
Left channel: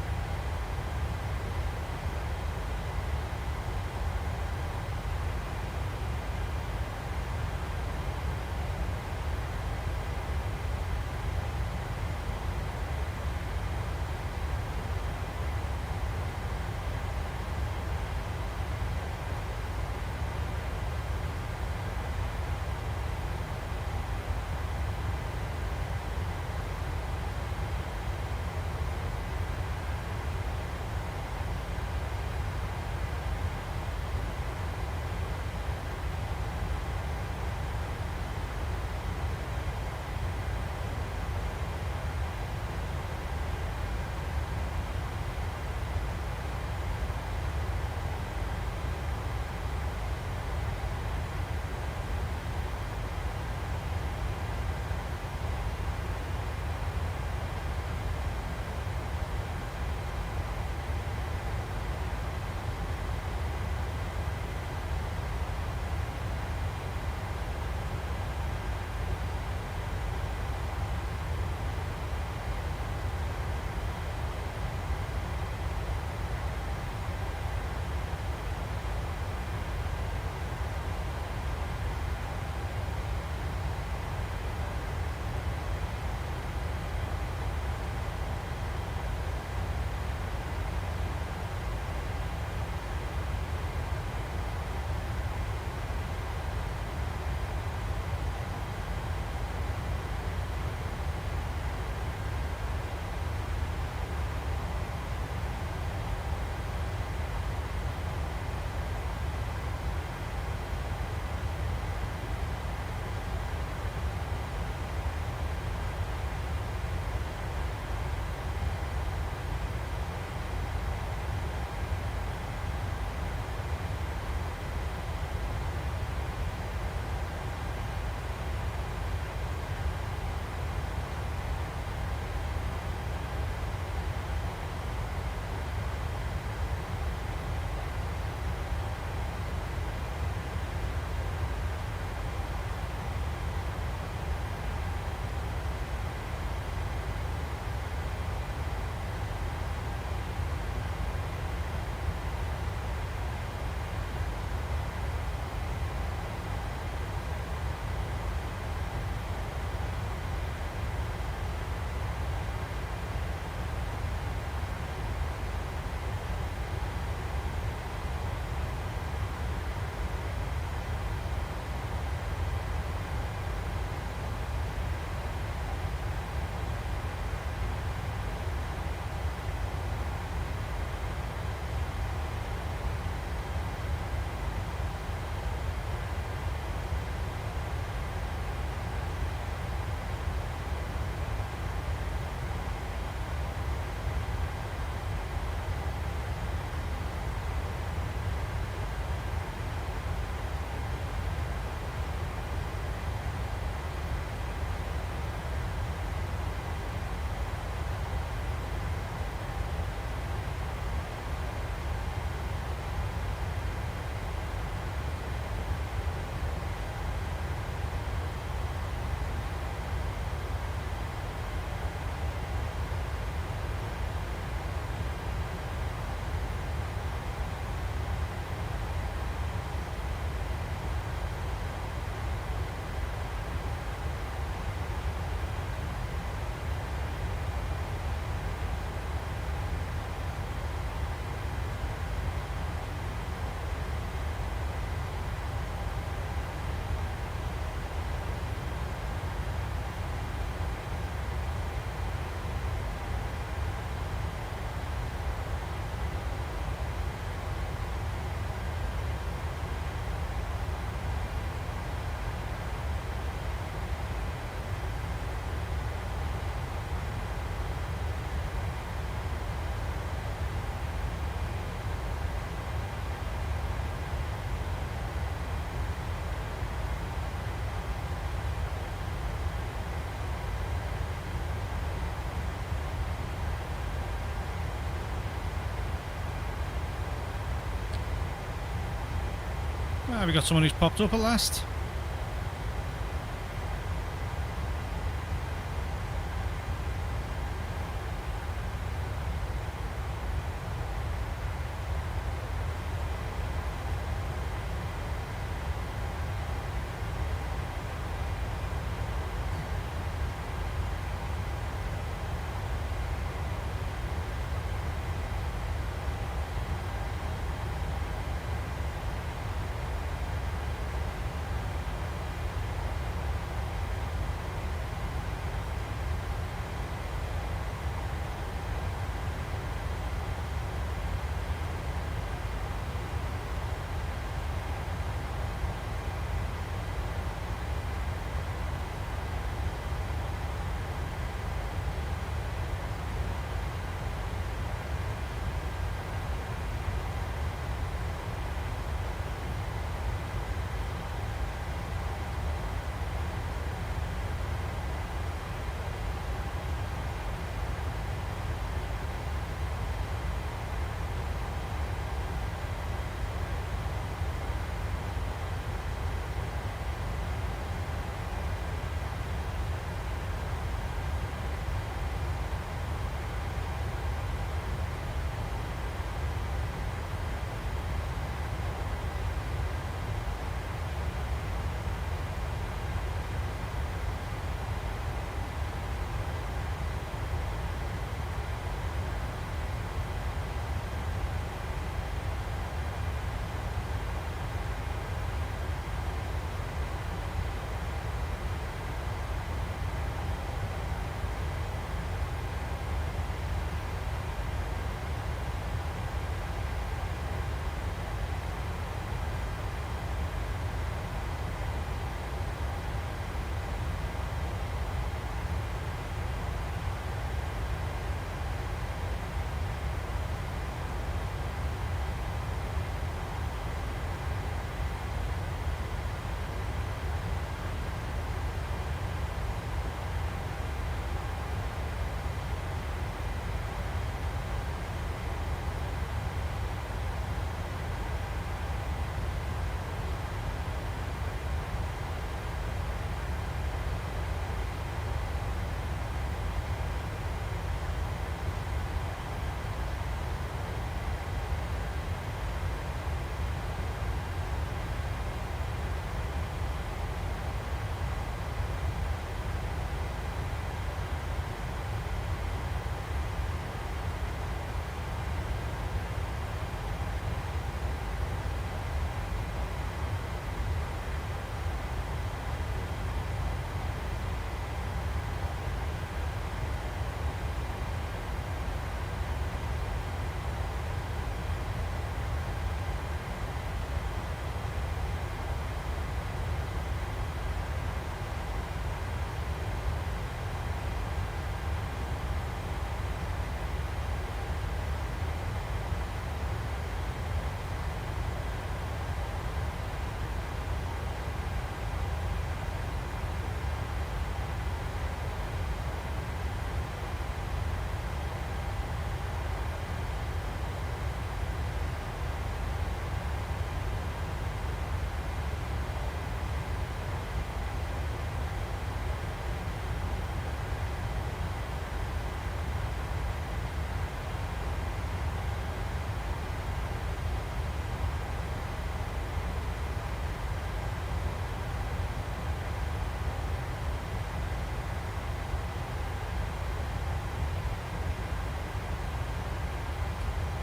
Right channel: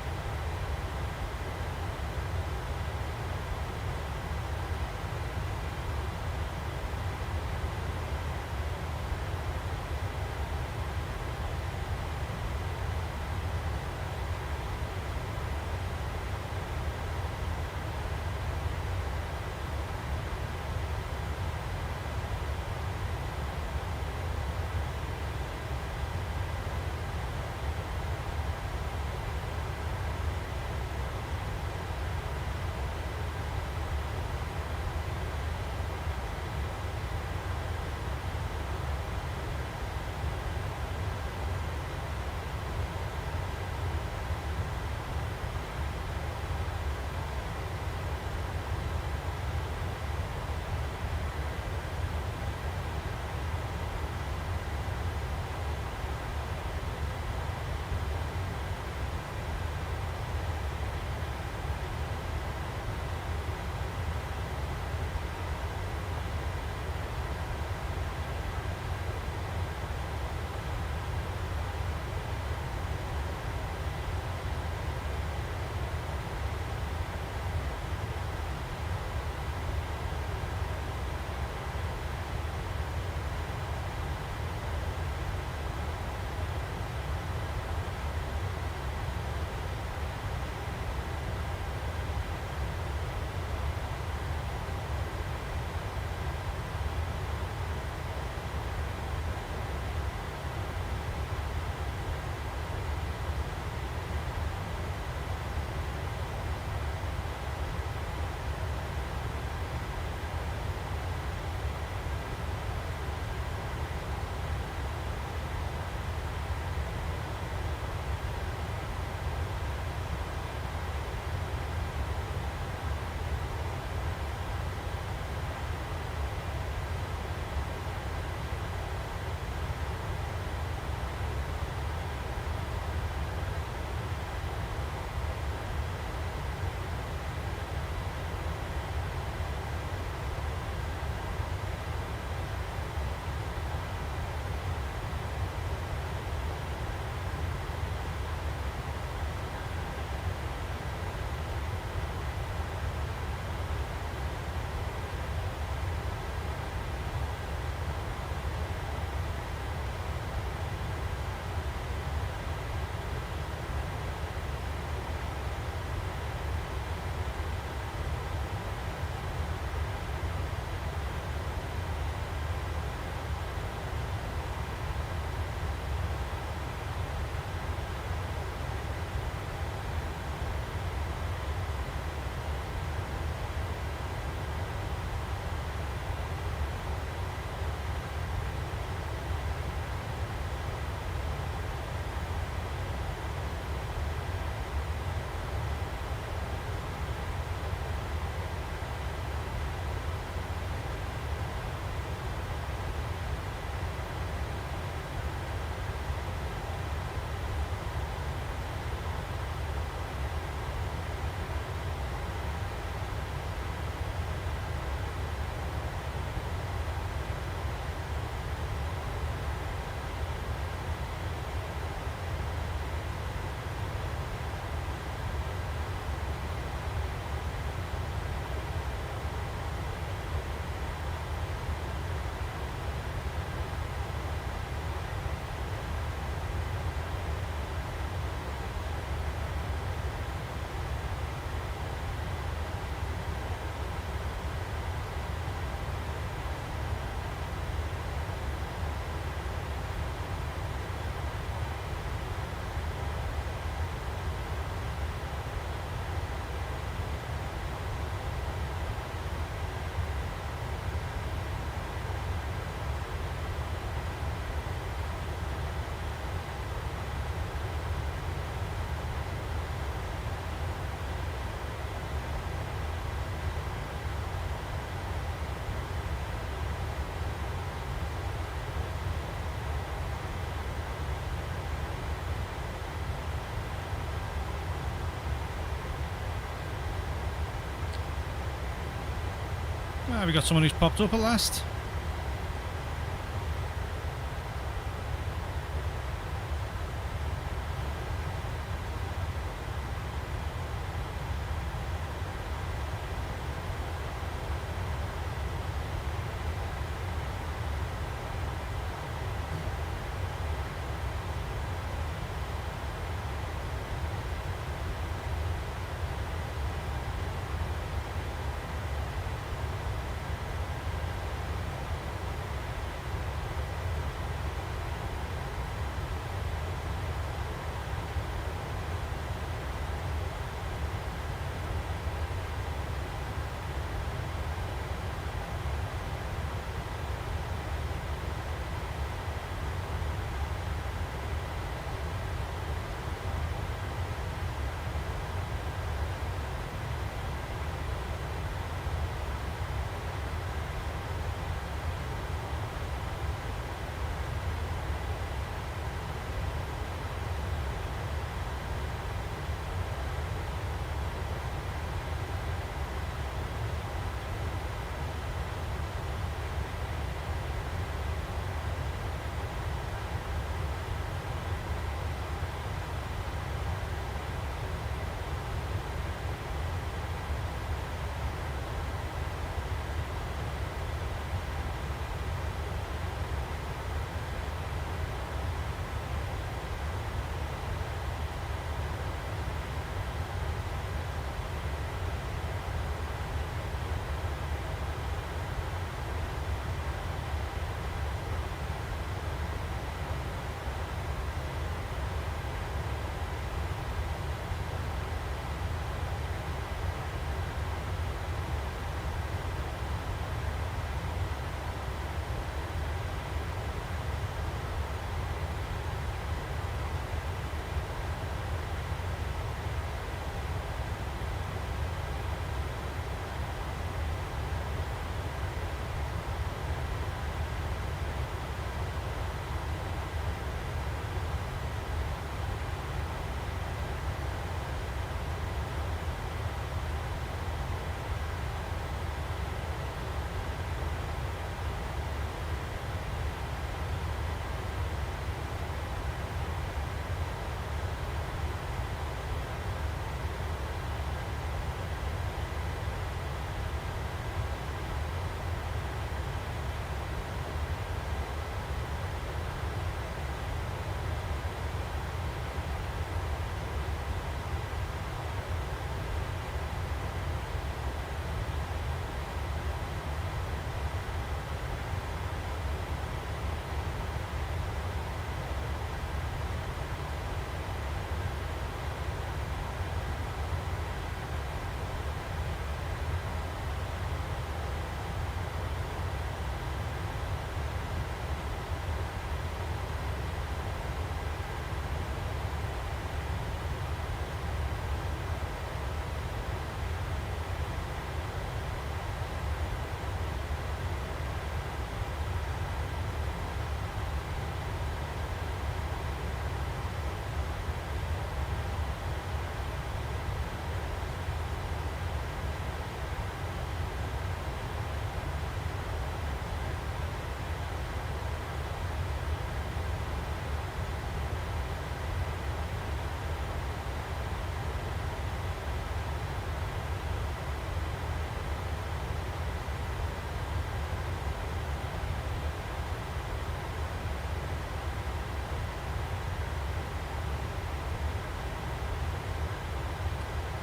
Ah, we got someone who's popped up at last.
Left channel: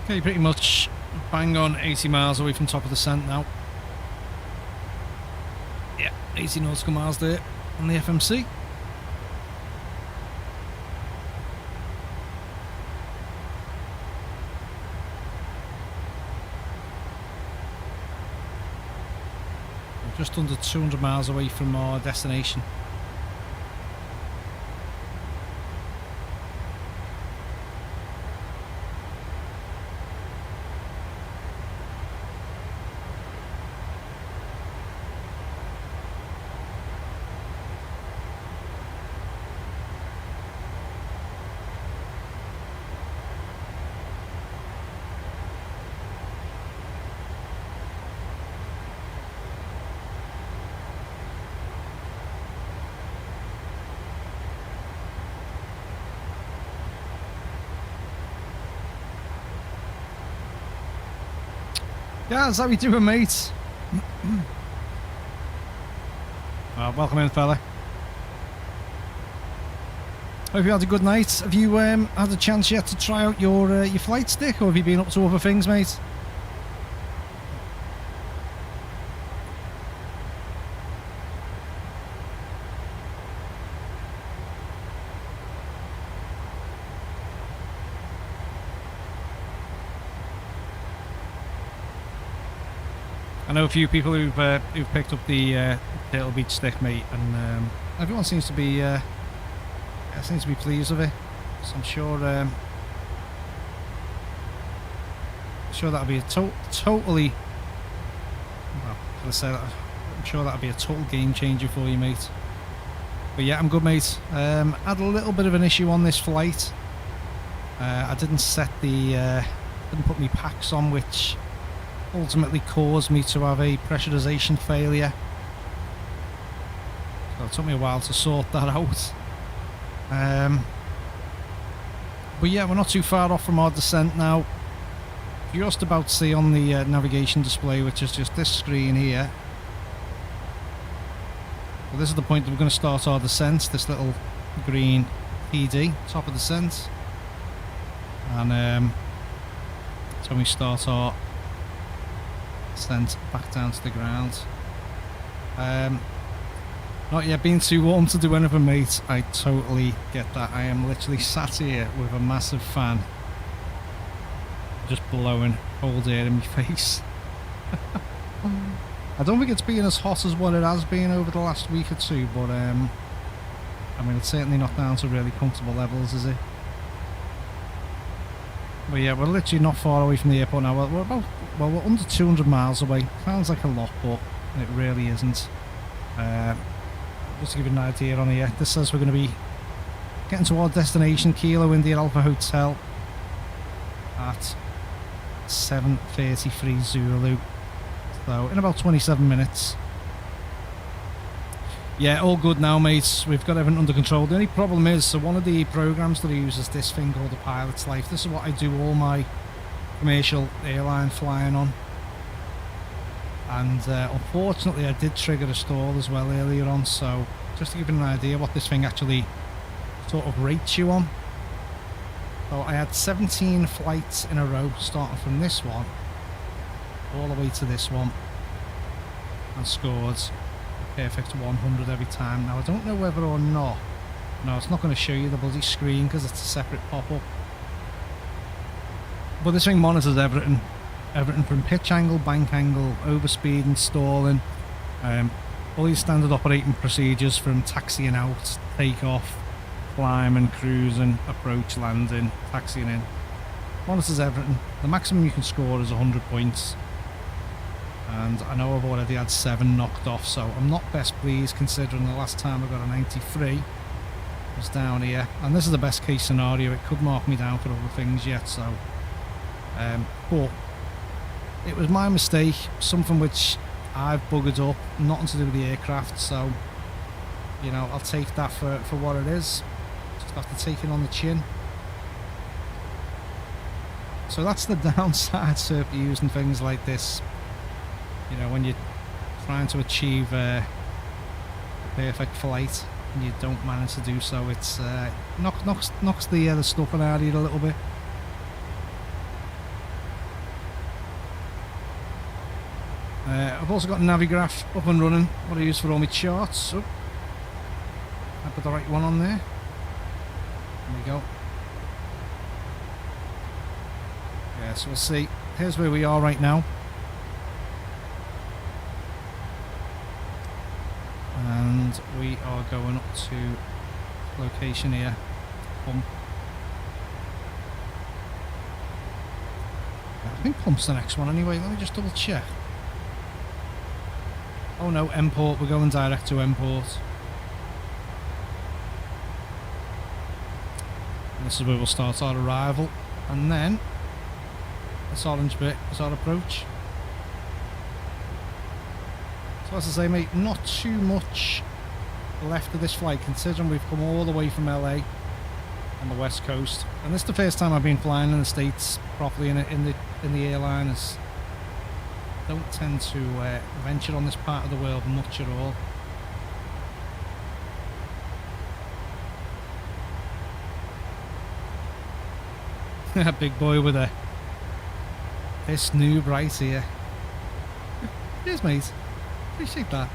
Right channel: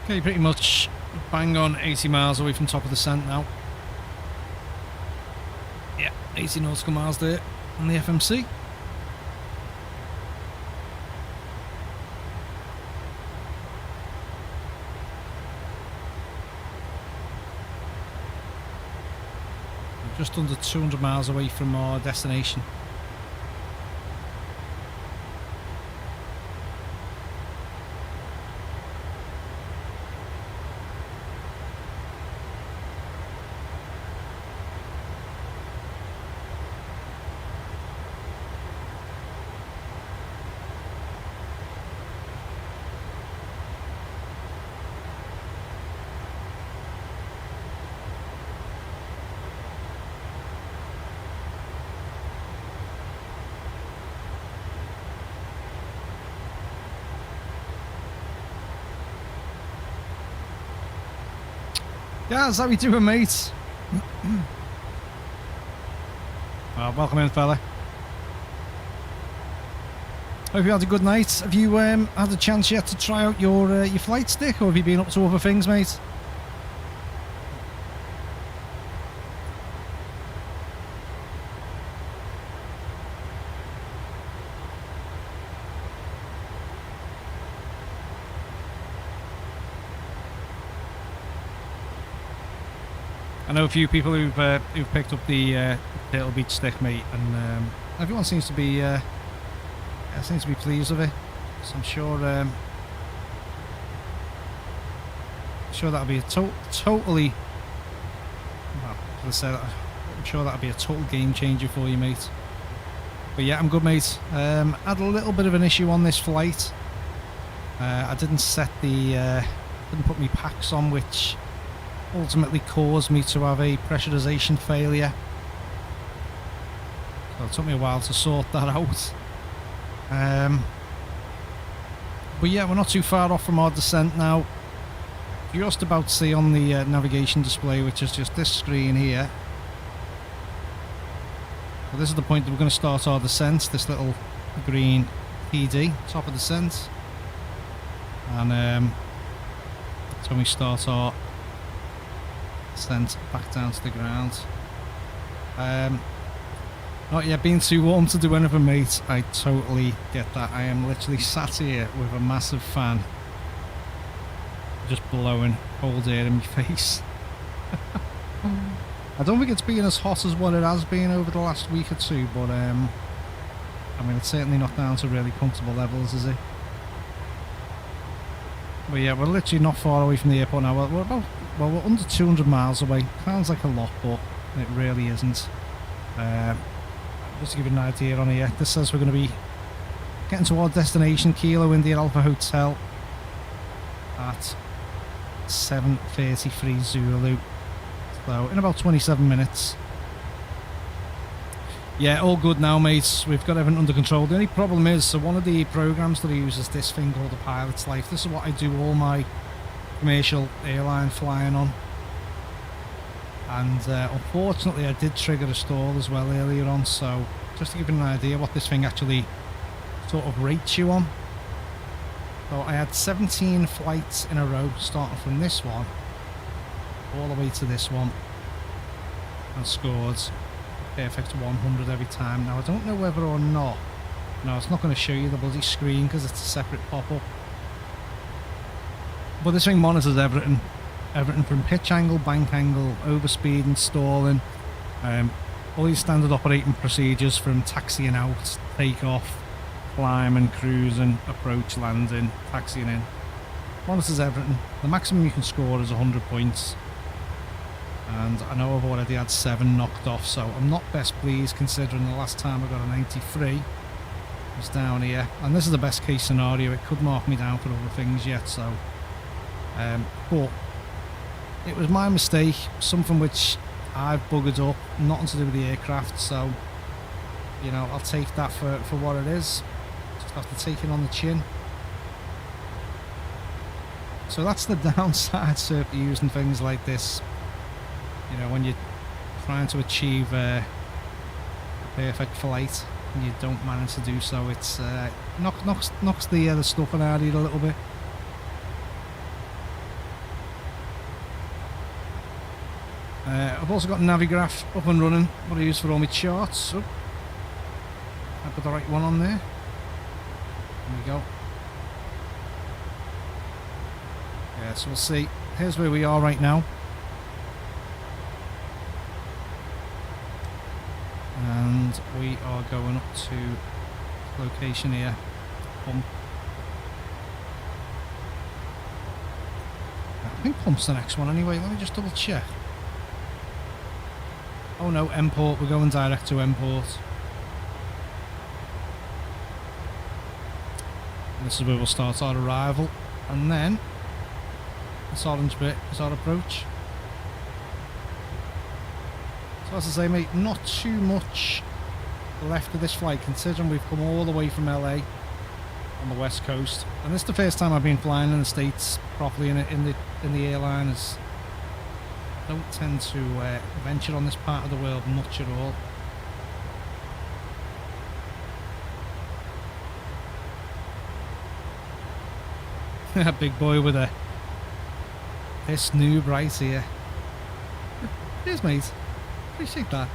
Okay, pretty much bang on 80 miles away from top of the scent now. Yeah, 80 nautical miles there on the FMC. We're just under 200 miles away from our destination. Guys, how we doing, mate? Welcome in, fella. Hope you had a good night. Have you had a chance yet to try out your flight stick, or have you been up to other things, mate? I know a few people who've picked up the Turtle Beach stick, mate, and everyone seems to be pleased with it. So I'm sure that'll be a totally. Well, as I said, I'm sure that'll be a total game changer for you, mate. But yeah, I'm good, mate. Had a little bit of an issue on this flight. I didn't didn't put my packs on, which ultimately caused me to have a pressurization failure. So it took me a while to sort that out. But yeah, we're not too far off from our descent now. You're just about to see on the navigation display, which is just this screen here. So this is the point that we're going to start our descent, this little green PD, top of descent. And that's when we start our descent back down to the ground. Not yet being too warm to do anything, mate. I totally get that. I am literally sat here with a massive fan just blowing cold air in my face. I don't think it's been as hot as what it has been over the last week or two, but I mean, it's certainly not down to really comfortable levels, is it? But yeah, we're literally not far away from the airport now. We're under 200 miles away. Sounds like a lot, but it really isn't. Just to give you an idea on here, this says we're going to be getting to our destination, Kilo India Alpha Hotel, at 7:33 Zulu. So in about 27 minutes. Yeah, all good now, mates. We've got everything under control. The only problem is, so one of the programs that I use is this thing called the Pilot's Life. This is what I do all my commercial airline flying on. And unfortunately I did trigger a stall as well earlier on, so just to give you an idea what this thing actually sort of rates you on. So I had 17 flights in a row starting from this one all the way to this one and scored a perfect 100 every time. Now I don't know whether or not, no, it's not going to show you the bloody screen because it's a separate pop-up, but this thing monitors everything from pitch angle, bank angle, overspeed and stalling, all these standard operating procedures from taxiing out, takeoff, climbing, cruising, approach, landing, taxiing in. Monitors everything. The maximum you can score is 100 points, and I know I've already had 7 knocked off, so I'm not best pleased considering the last time I got a 93 was down here, and this is the best case scenario. It could mark me down for other things yet, so but it was my mistake, something which I've buggered up, nothing to do with the aircraft, so, you know, I'll take that for what it is. Just have to take it on the chin. So that's the downside to using things like this, you know, when you're trying to achieve a perfect flight and you don't manage to do so. It's knocks the stuffing out of you a little bit. I've also got Navigraph up and running, what I use for all my charts. Oh, I put the right one on there. There we go. Yeah, so we'll see. Here's where we are right now. And we are going up to location here. Pump. I think Pump's the next one anyway. Let me just double check. Oh no, Mport. We're going direct to Mport. And this is where we'll start our arrival. And then this orange bit is our approach. So as I say, mate, not too much left of this flight considering we've come all the way from LA on the west coast, and this is the first time I've been flying in the States properly in the airliners. don't tend to venture on this part of the world much at all. Big boy with this noob right here. Cheers, mate. Appreciate that.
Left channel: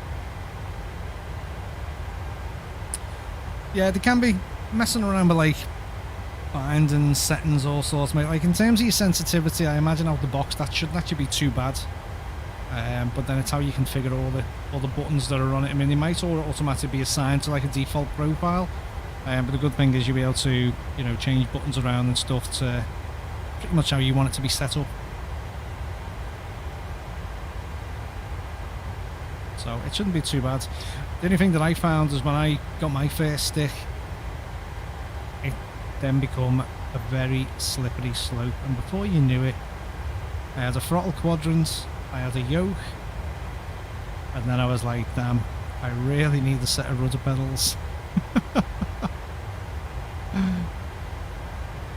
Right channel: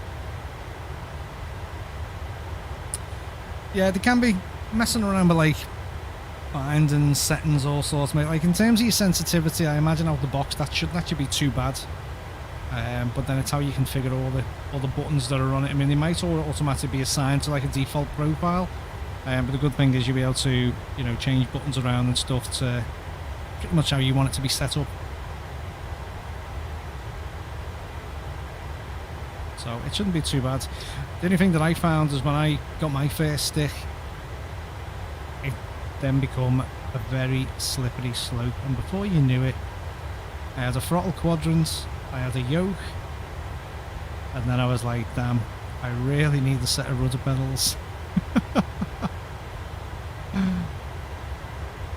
Yeah, they can be messing around with like bindings, settings, all sorts, mate. Like in terms of your sensitivity, I imagine out the box that shouldn't actually be too bad. But then it's how you configure all the buttons that are on it. I mean, they might all automatically be assigned to like a default profile. But the good thing is you'll be able to, you know, change buttons around and stuff to pretty much how you want it to be set up. So it shouldn't be too bad. The only thing that I found is when I got my first stick, it then become a very slippery slope, and before you knew it, I had a throttle quadrant, I had a yoke, and then I was like, damn, I really need a set of rudder pedals.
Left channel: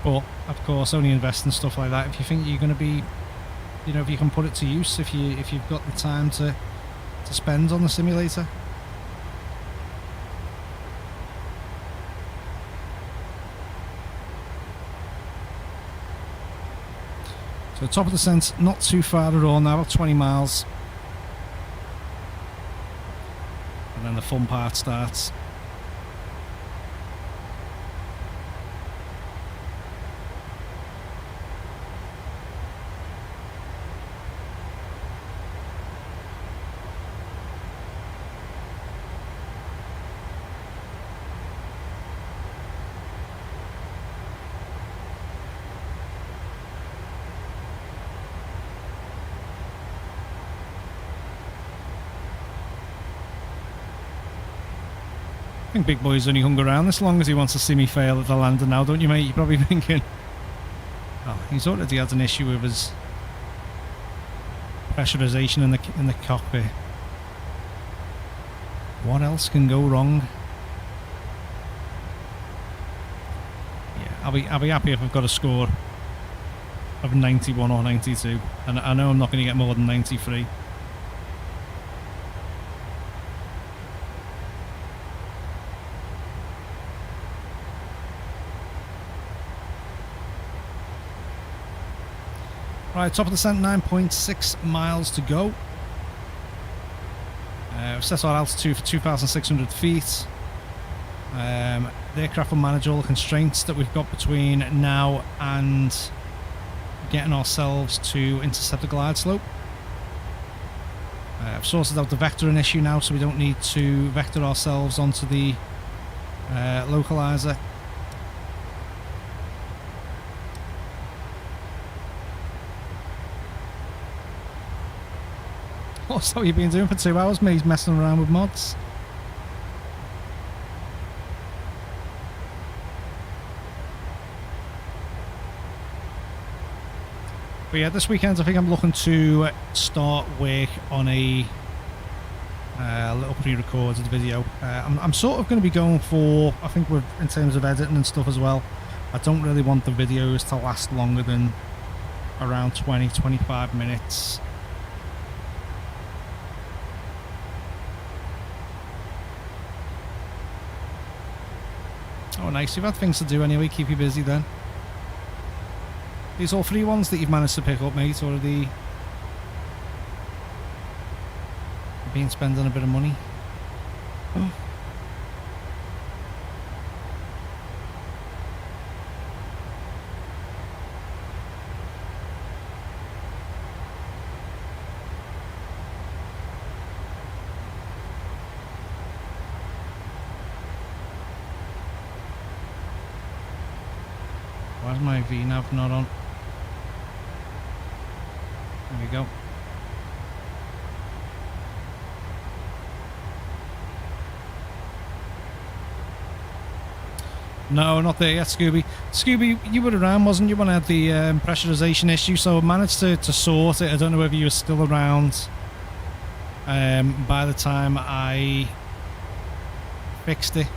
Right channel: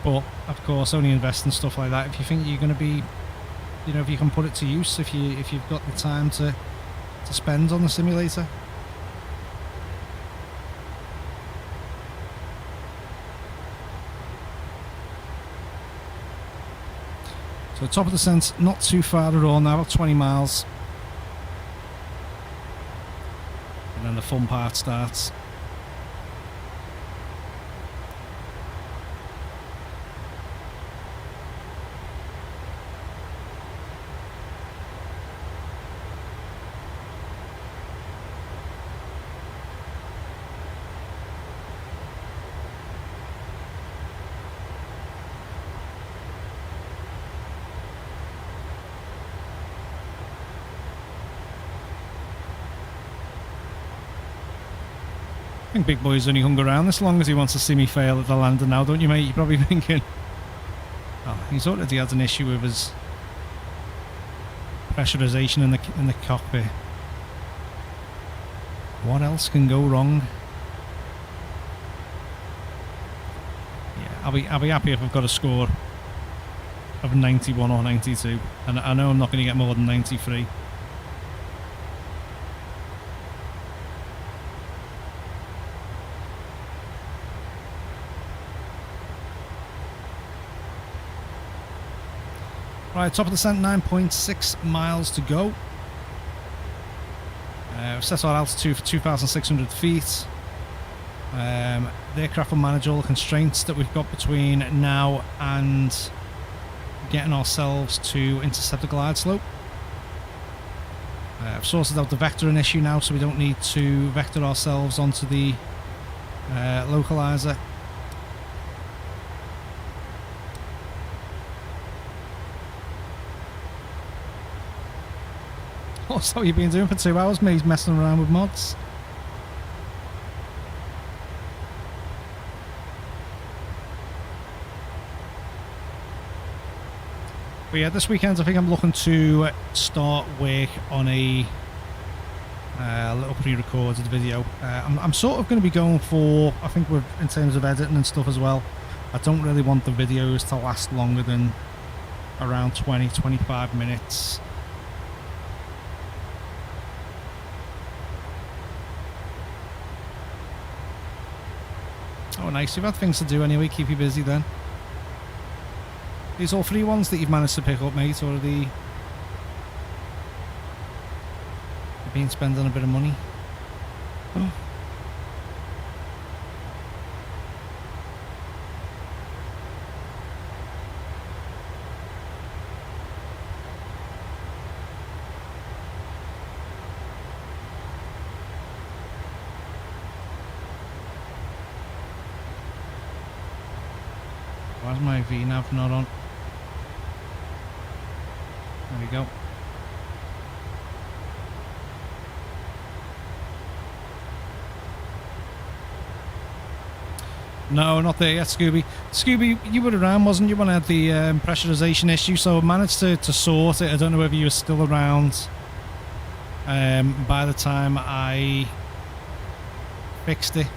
But of course, only invest in stuff like that if you think you're going to be, you know, if you can put it to use, if you've got the time to spend on the simulator. So top of the descent, not too far at all now, about 20 miles. And then the fun part starts. I think Big Boy's only hung around as long as he wants to see me fail at the landing now, don't you, mate? You're probably thinking, oh, he's already had an issue with his pressurization in the cockpit. What else can go wrong? Yeah, I'll be happy if I've got a score of 91 or 92, and I know I'm not going to get more than 93. Right, top of the descent, 9.6 miles to go. We've set our altitude for 2,600 feet. The aircraft will manage all the constraints that we've got between now and getting ourselves to intercept the glide slope. I've sorted out the vectoring issue now, so we don't need to vector ourselves onto the localizer. What's what you've been doing for 2 hours, mate? Messing around with mods. But yeah, this weekend I think I'm looking to start work on a little pre-recorded video. I'm sort of going to be going for, I think in terms of editing and stuff as well, I don't really want the videos to last longer than around 20-25 minutes. Oh nice, you've had things to do anyway, keep you busy then. These all free ones that you've managed to pick up, mate, or are you've been spending a bit of money? Oh. Why's my VNav not on? There we go. No, not there yet, Scooby. Scooby, you were around, wasn't you, when I had the pressurization issue? So I managed to sort it. I don't know whether you were still around by the time I fixed it.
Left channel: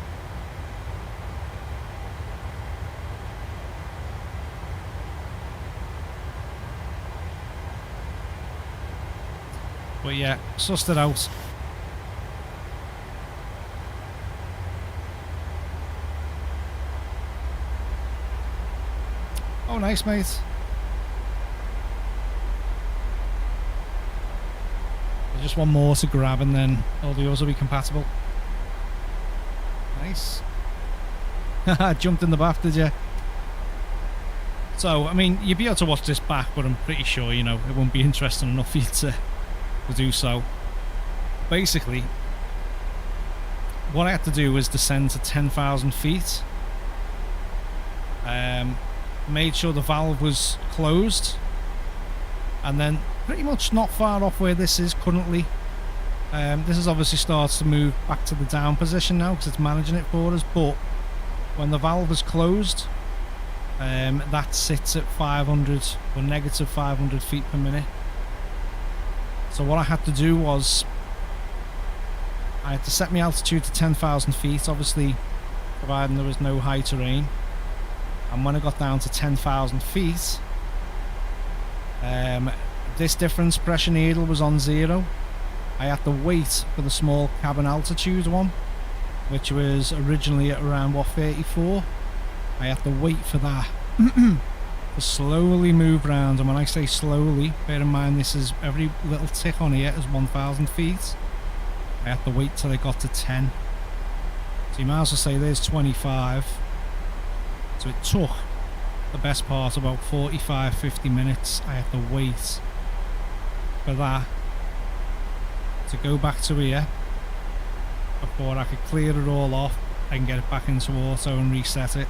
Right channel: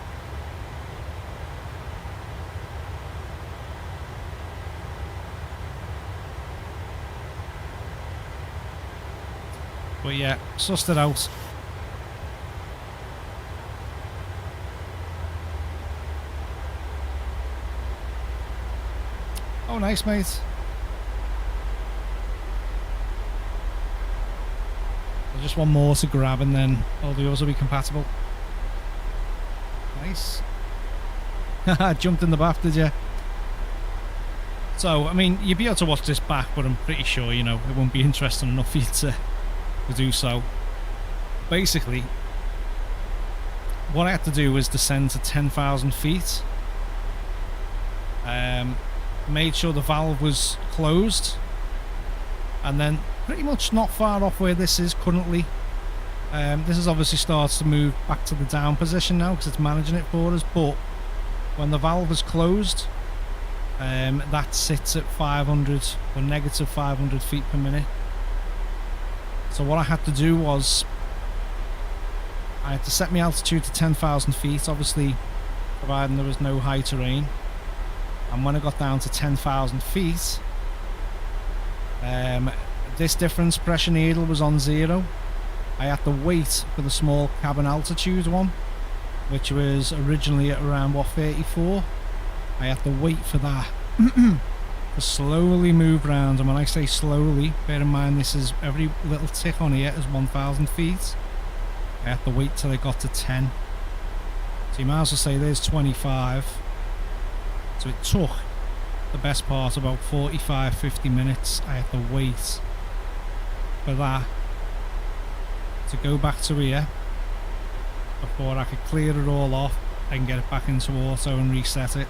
But yeah, sussed it out. Oh, nice, mate. There's just one more to grab and then all the others will be compatible. Nice. Jumped in the bath, did you? So, I mean, you'd be able to watch this back, but I'm pretty sure, you know, it won't be interesting enough for you to do so. Basically, what I had to do was descend to 10,000 feet. Made sure the valve was closed. And then pretty much not far off where this is currently. This is obviously starts to move back to the down position now because it's managing it for us. But when the valve is closed, that sits at 500 or negative 500 feet per minute. So what I had to do was I had to set my altitude to 10,000 feet, obviously providing there was no high terrain. And when I got down to 10,000 feet, this difference pressure needle was on 0. I had to wait for the small cabin altitude one, which was originally at around, what, 34. I had to wait for that to slowly move round. And when I say slowly, bear in mind this is every little tick on here is 1,000 feet. I had to wait till it got to 10. So you might as well say there's 25. So it took the best part about 45-50 minutes. I had to wait for that to go back to here before I could clear it all off and get it back into auto and reset it.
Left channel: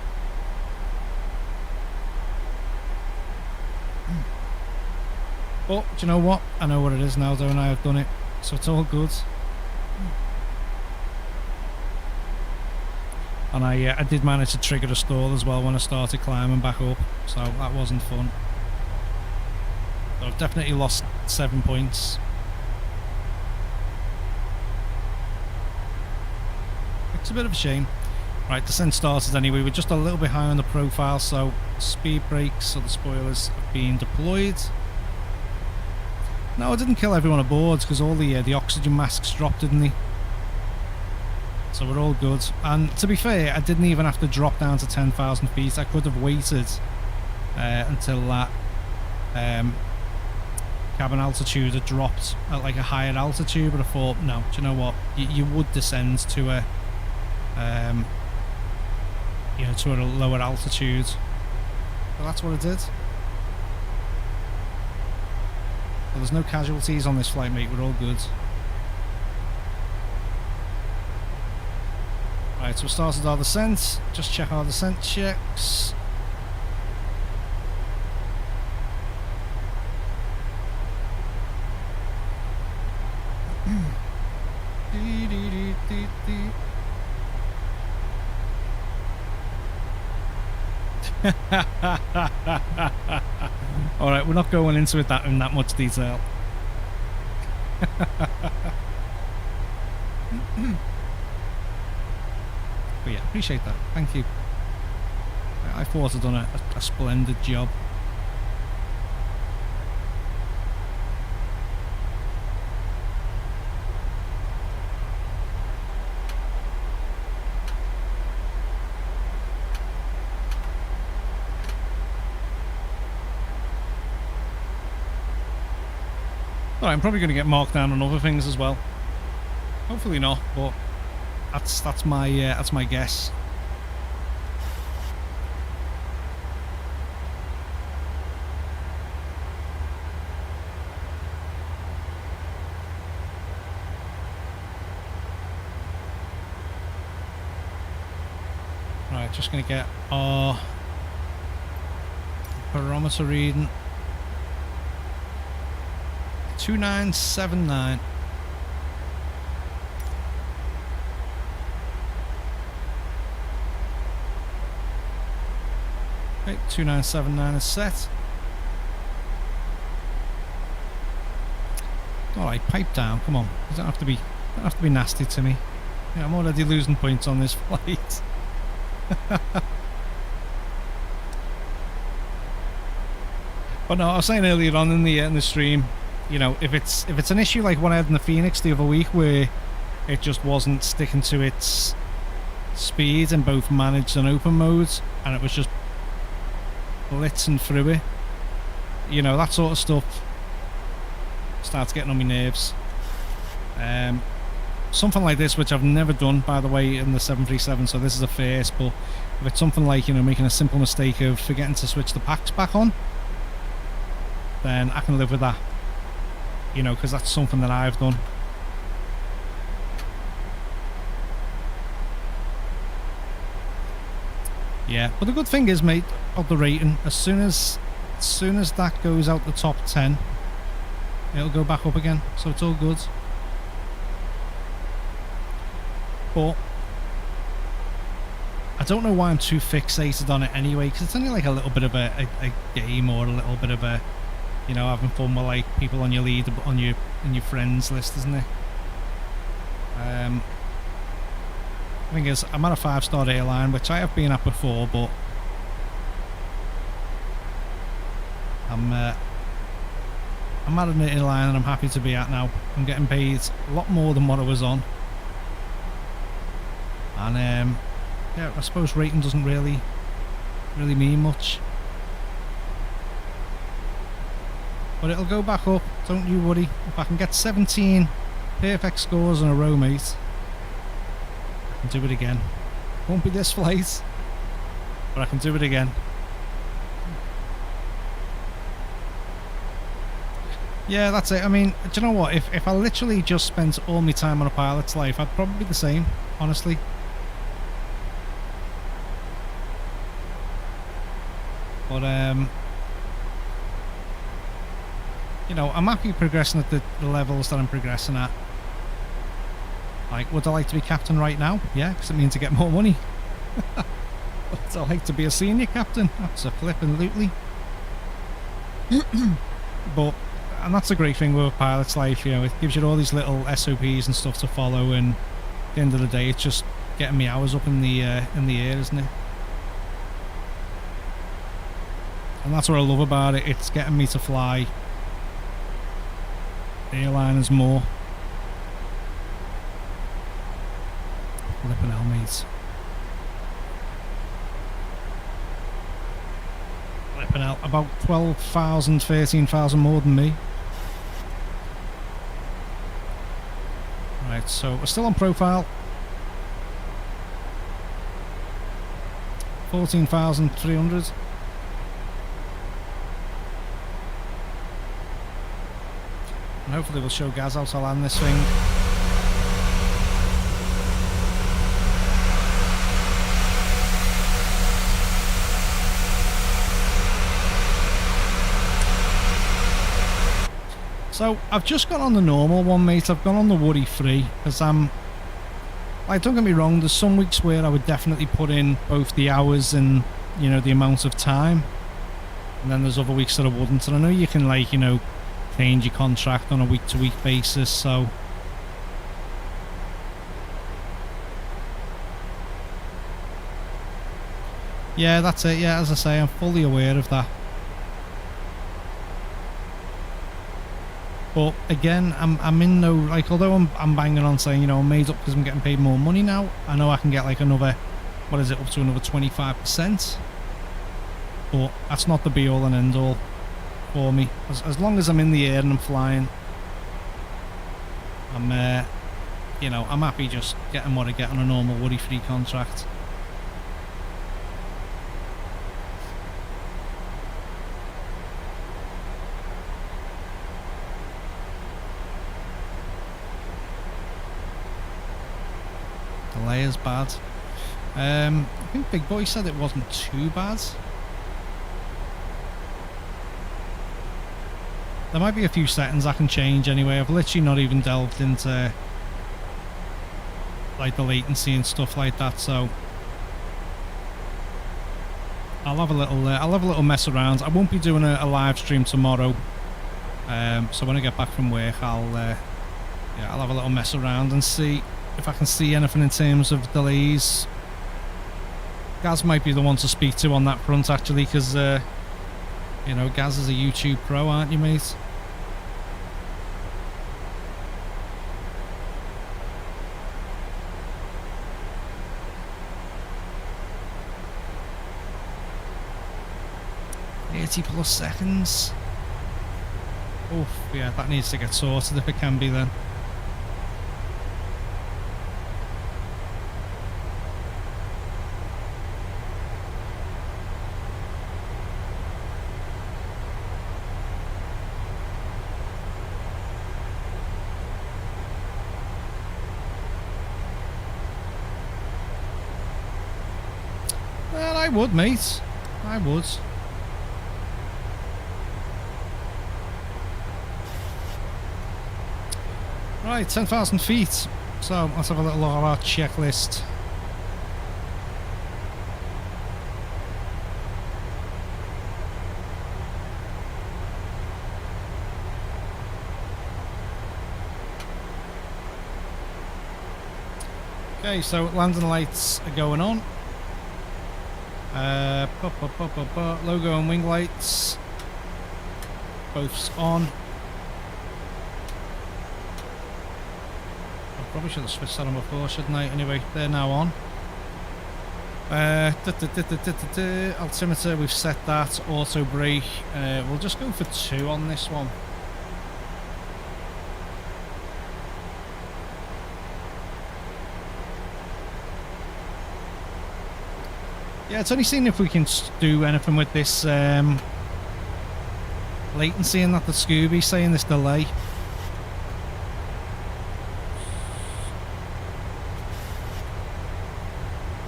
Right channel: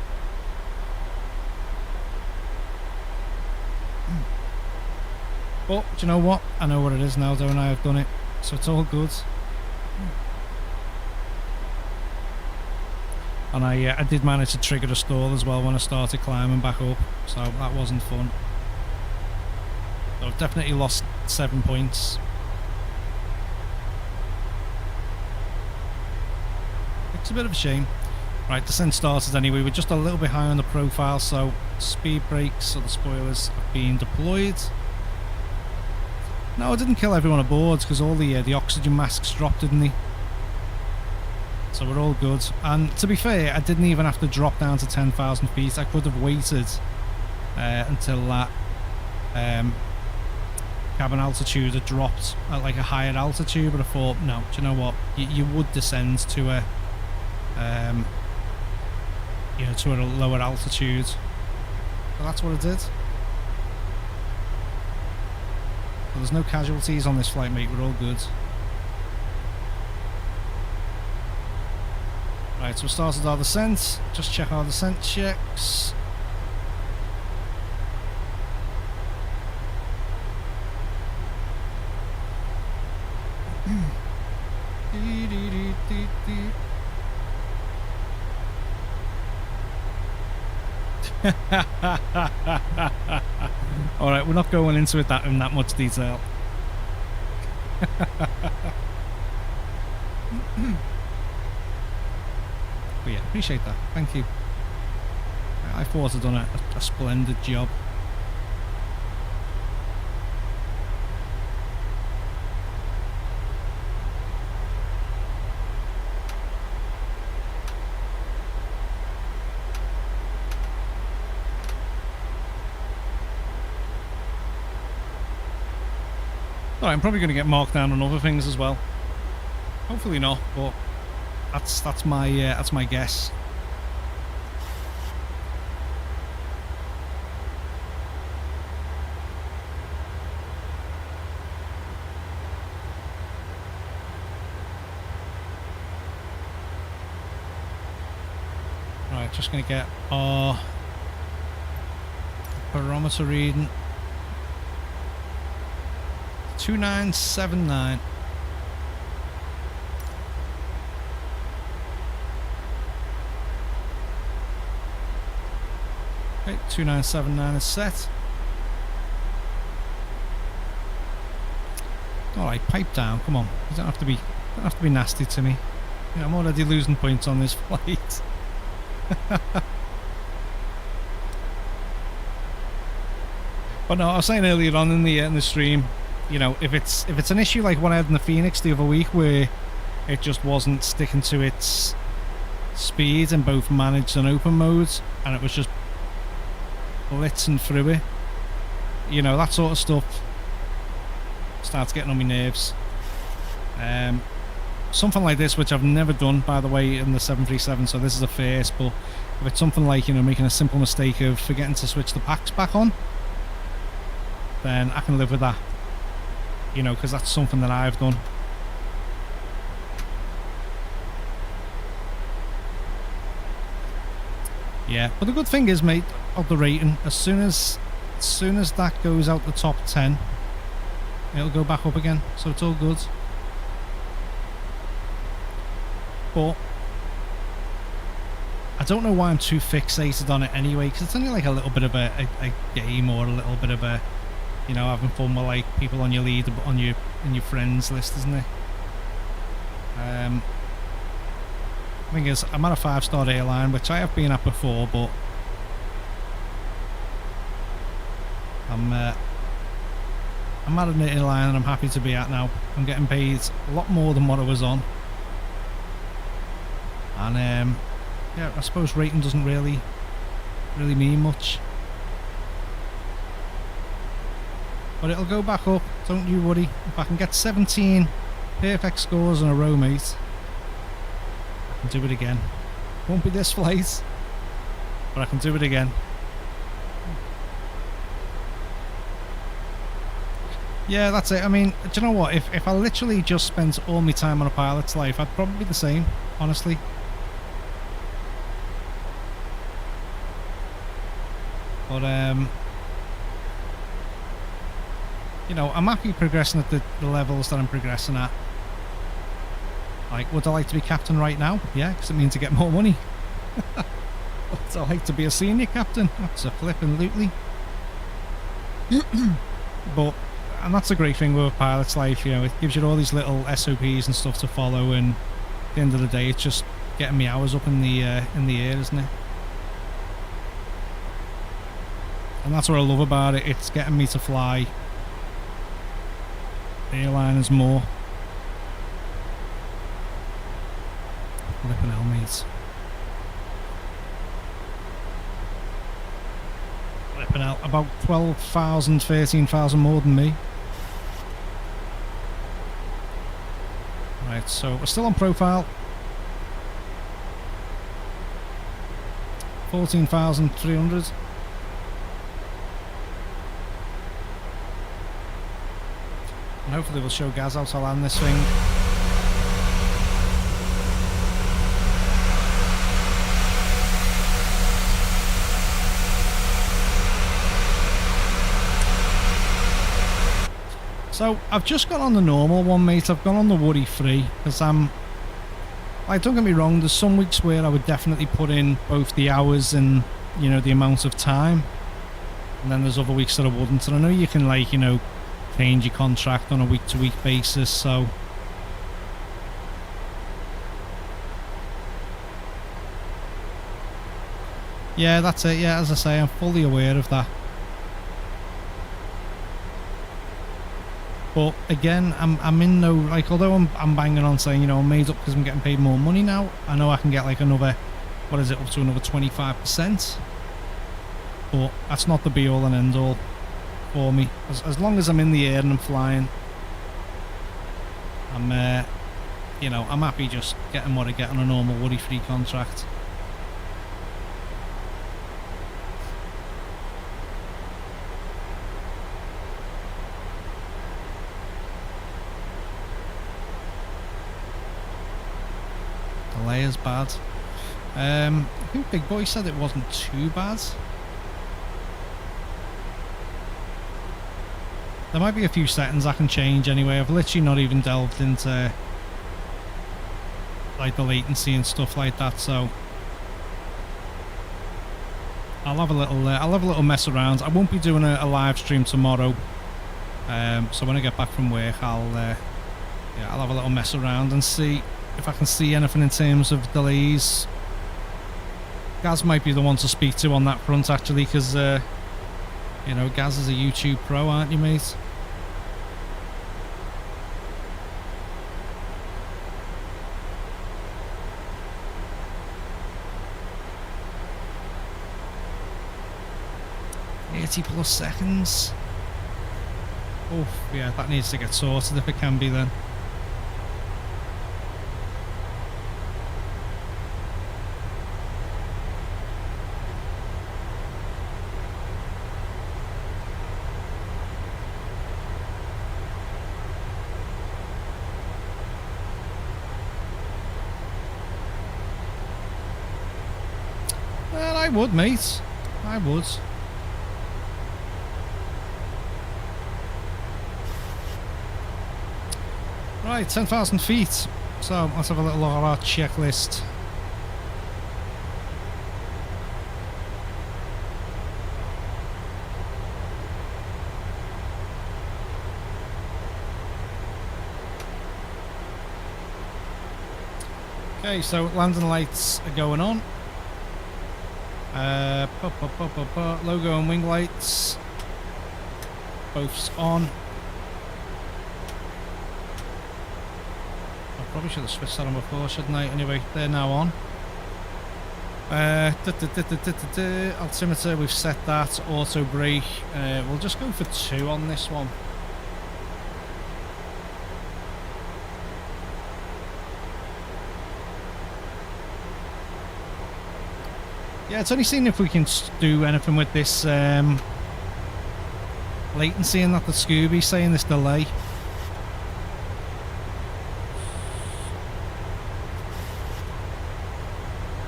But do you know what? I know what it is now, don't I? I've done it, so it's all good. And I did manage to trigger a stall as well when I started climbing back up, so that wasn't fun. So I've definitely lost 7 points. It's a bit of a shame. Right, descent started anyway. We're just a little bit high on the profile, so speed brakes or the spoilers have been deployed. No, I didn't kill everyone aboard because all the oxygen masks dropped, didn't they? So we're all good. And to be fair, I didn't even have to drop down to 10,000 feet. I could have waited until that cabin altitude had dropped at like a higher altitude, but I thought, no, do you know what? You would descend to a you know, to a lower altitude. So that's what I did. So there's no casualties on this flight, mate. We're all good. Right, so we started our descent. Just check our descent checks. Alright, we're not going into it in that much detail. But yeah, appreciate that. Thank you. I thought I'd done a splendid job. Alright, I'm probably going to get marked down on other things as well. Hopefully not, but that's my guess. Right, just going to get our barometer reading. 2979. Okay, 2979 is set. Alright, pipe down, come on. You don't have to be nasty to me. Yeah, I'm already losing points on this flight. But no, I was saying earlier on in the stream, you know, if it's an issue like what I had in the Phoenix the other week where it just wasn't sticking to its speed in both managed and open modes, and it was just blitzing through it, you know, that sort of stuff starts getting on my nerves. Something like this, which I've never done, by the way, in the 737, so this is a first, but if it's something like, you know, making a simple mistake of forgetting to switch the packs back on, then I can live with that, you know, because that's something that I've done. Yeah, but the good thing is, mate, of the rating, as soon as that goes out the top 10, it'll go back up again, so it's all good. But I don't know why I'm too fixated on it anyway, because it's only like a little bit of a game, or a little bit of a, you know, having fun with like people on your lead, on your friends list, isn't it? Thing is, I'm at a 5-star airline, which I have been at before, but I'm at an airline and I'm happy to be at now. I'm getting paid a lot more than what I was on, and yeah, I suppose rating doesn't really mean much, but it'll go back up, don't you worry. If I can get 17 perfect scores in a row, mate, I can do it again. Won't be this flight, but I can do it again. Yeah, that's it. I mean, do you know what? If I literally just spent all my time on a pilot's life, I'd probably be the same, honestly. But, you know, I'm happy progressing at the levels that I'm progressing at. Like, would I like to be captain right now? Yeah, because it means to get more money. Would I like to be a senior captain? That's a flippin' But, and that's the great thing with a pilot's life, you know, it gives you all these little SOPs and stuff to follow, and at the end of the day, it's just getting me hours up in the air, isn't it? And that's what I love about it. It's getting me to fly airliners more. Flippin' hell, mate. Flippin' hell. About 12,000, 13,000 more than me. Right, so we're still on profile. 14,300. And hopefully we'll show Gaz how to land this thing. So I've just got on the normal one, mate. I've gone on the worry-free because like, don't get me wrong, there's some weeks where I would definitely put in both the hours and, you know, the amount of time, and then there's other weeks that I wouldn't. And I know you can, like, you know, change your contract on a week-to-week basis, so yeah, that's it. Yeah, as I say, I'm fully aware of that. But again, I'm in no, like, although I'm banging on saying, you know, I'm made up because I'm getting paid more money now, I know I can get like another, what is it, up to another 25%, but that's not the be all and end all for me. As long as I'm in the air and I'm flying, I'm you know, I'm happy just getting what I get on a normal worry-free contract. Delay is bad. I think Big Boy said it wasn't too bad. There might be a few settings I can change anyway. I've literally not even delved into like the latency and stuff like that, so I'll have a little mess around. I won't be doing a live stream tomorrow, so when I get back from work, I'll have a little mess around and see if I can see anything in terms of delays. Gaz might be the one to speak to on that front, actually, because you know, Gaz is a YouTube pro, aren't you, mate? 30 plus seconds. Oof, yeah, that needs to get sorted if it can be then. Well, I would, mate. I would. Right, 10,000 feet. So let's have a little look at our checklist. Okay, so landing lights are going on. Logo and wing lights both on. I probably should have switched that on before, shouldn't I? Anyway, they're now on. Altimeter, we've set that. Auto brake, we'll just go for 2 on this one. Yeah, it's only seeing if we can do anything with this latency and that the Scooby's saying, this delay.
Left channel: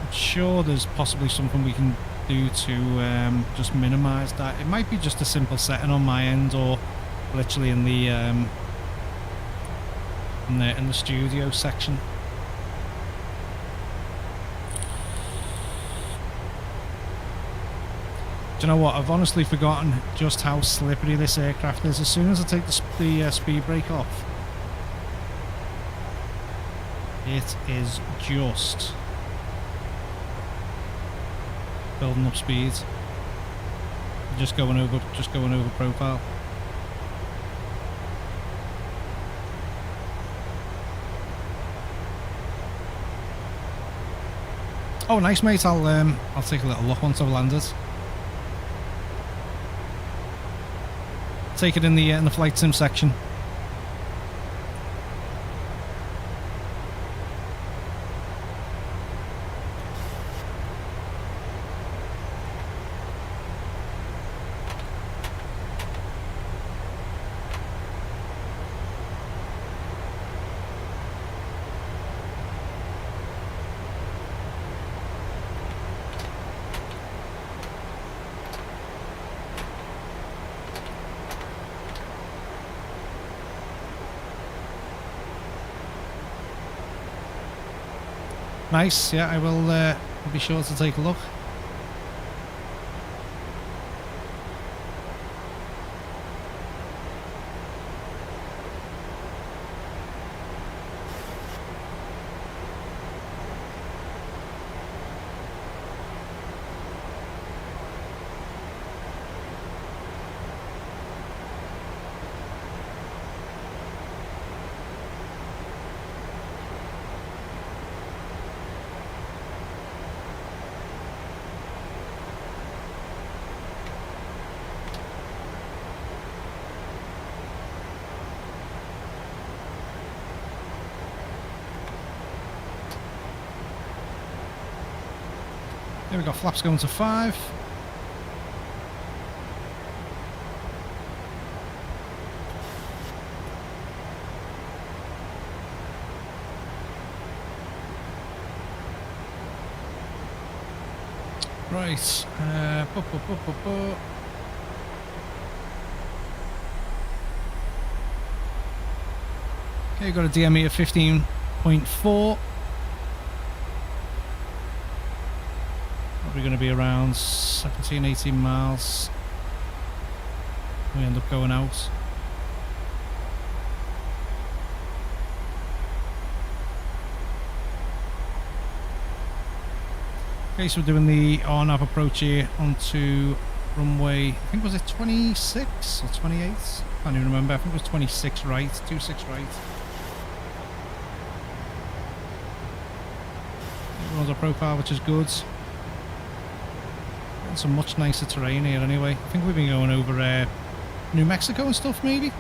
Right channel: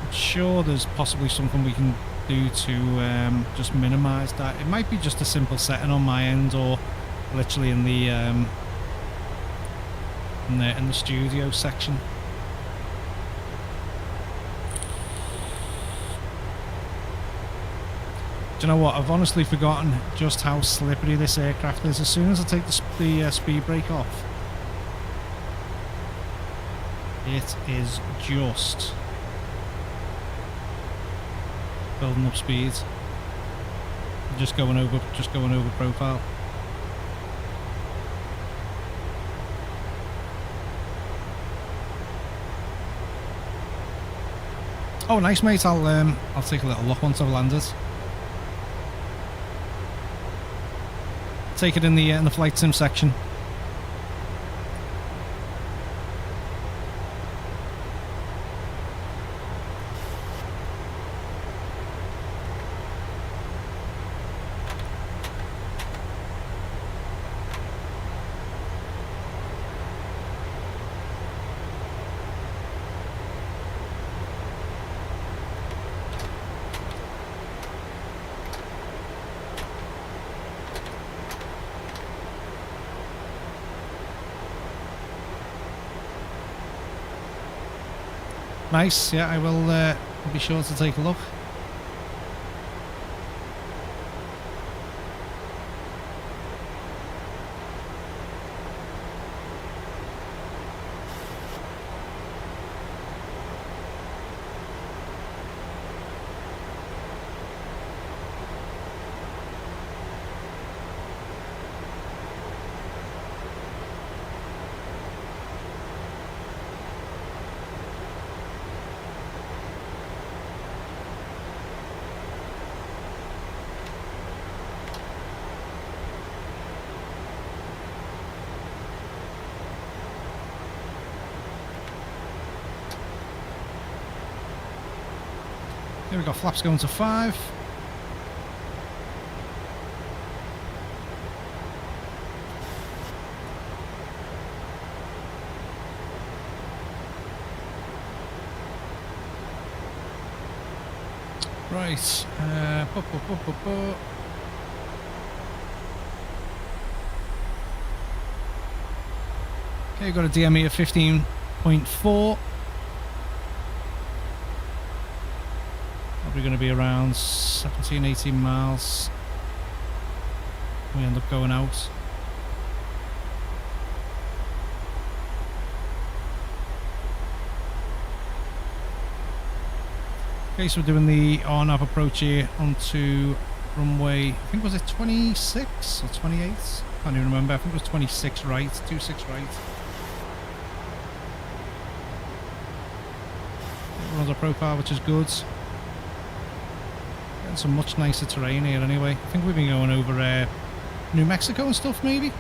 I'm sure there's possibly something we can do to just minimise that. It might be just a simple setting on my end, or literally in the studio section. Do you know what? I've honestly forgotten just how slippery this aircraft is. As soon as I take the speed brake off, it is just building up speed. Just going over profile. Oh, nice, mate. I'll take a little look once I've landed. Take it in the flight sim section. Nice, yeah, I will be sure to take a look. Here we go, flaps going to 5. Right, okay, got a DME of 15.4. Probably going to be around 17, 18 miles. We end up going out. Okay, so we're doing the RNAV approach here onto runway, I think was it 26 or 28? Can't even remember, I think it was 26 right, 26 right. It runs our profile, which is good. Getting some much nicer terrain here anyway. I think we've been going over New Mexico and stuff maybe.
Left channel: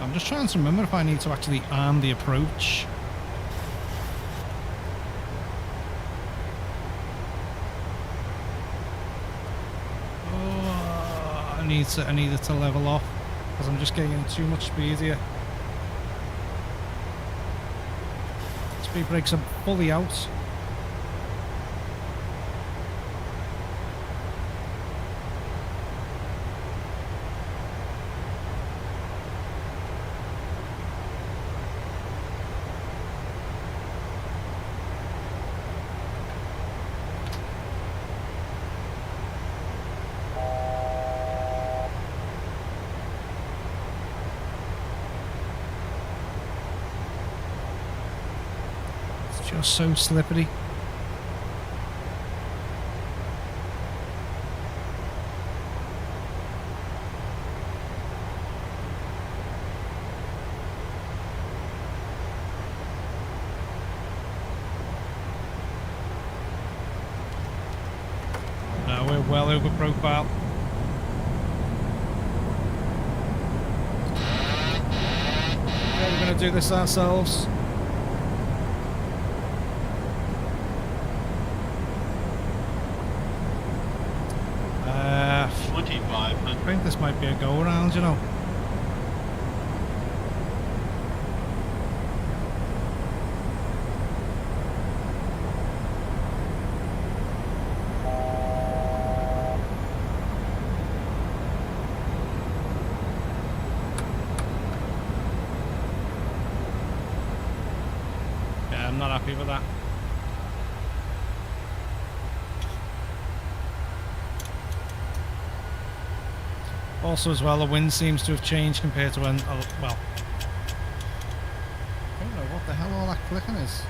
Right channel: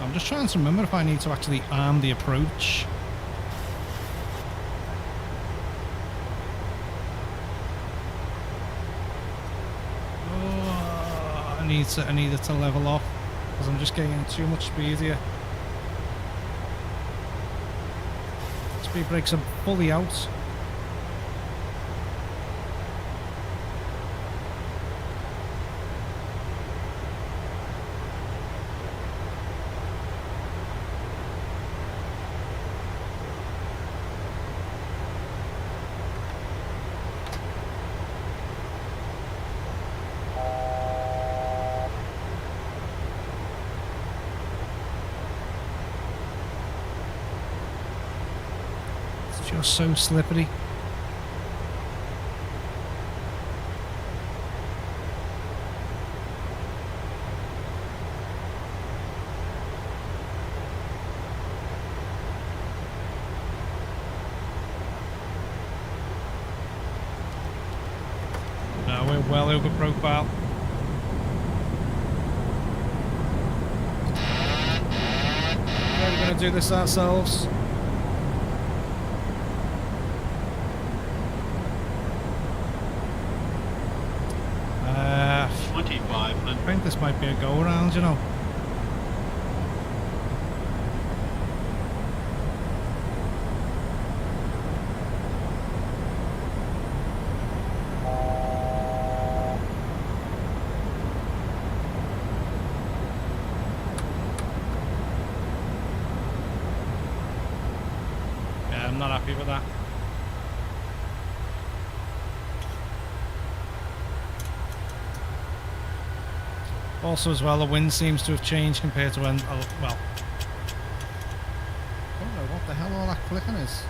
I'm just trying to remember if I need to actually arm the approach. Oh, I need it to level off because I'm just getting too much speed here. Speed brakes are fully out. Just so slippery. No, we're well over profile. Yeah, we're going to do this ourselves. I think this might be a go around, you know. Yeah, I'm not happy with that. Also, as well, the wind seems to have changed compared to when, well, I don't know what the hell all that clicking is.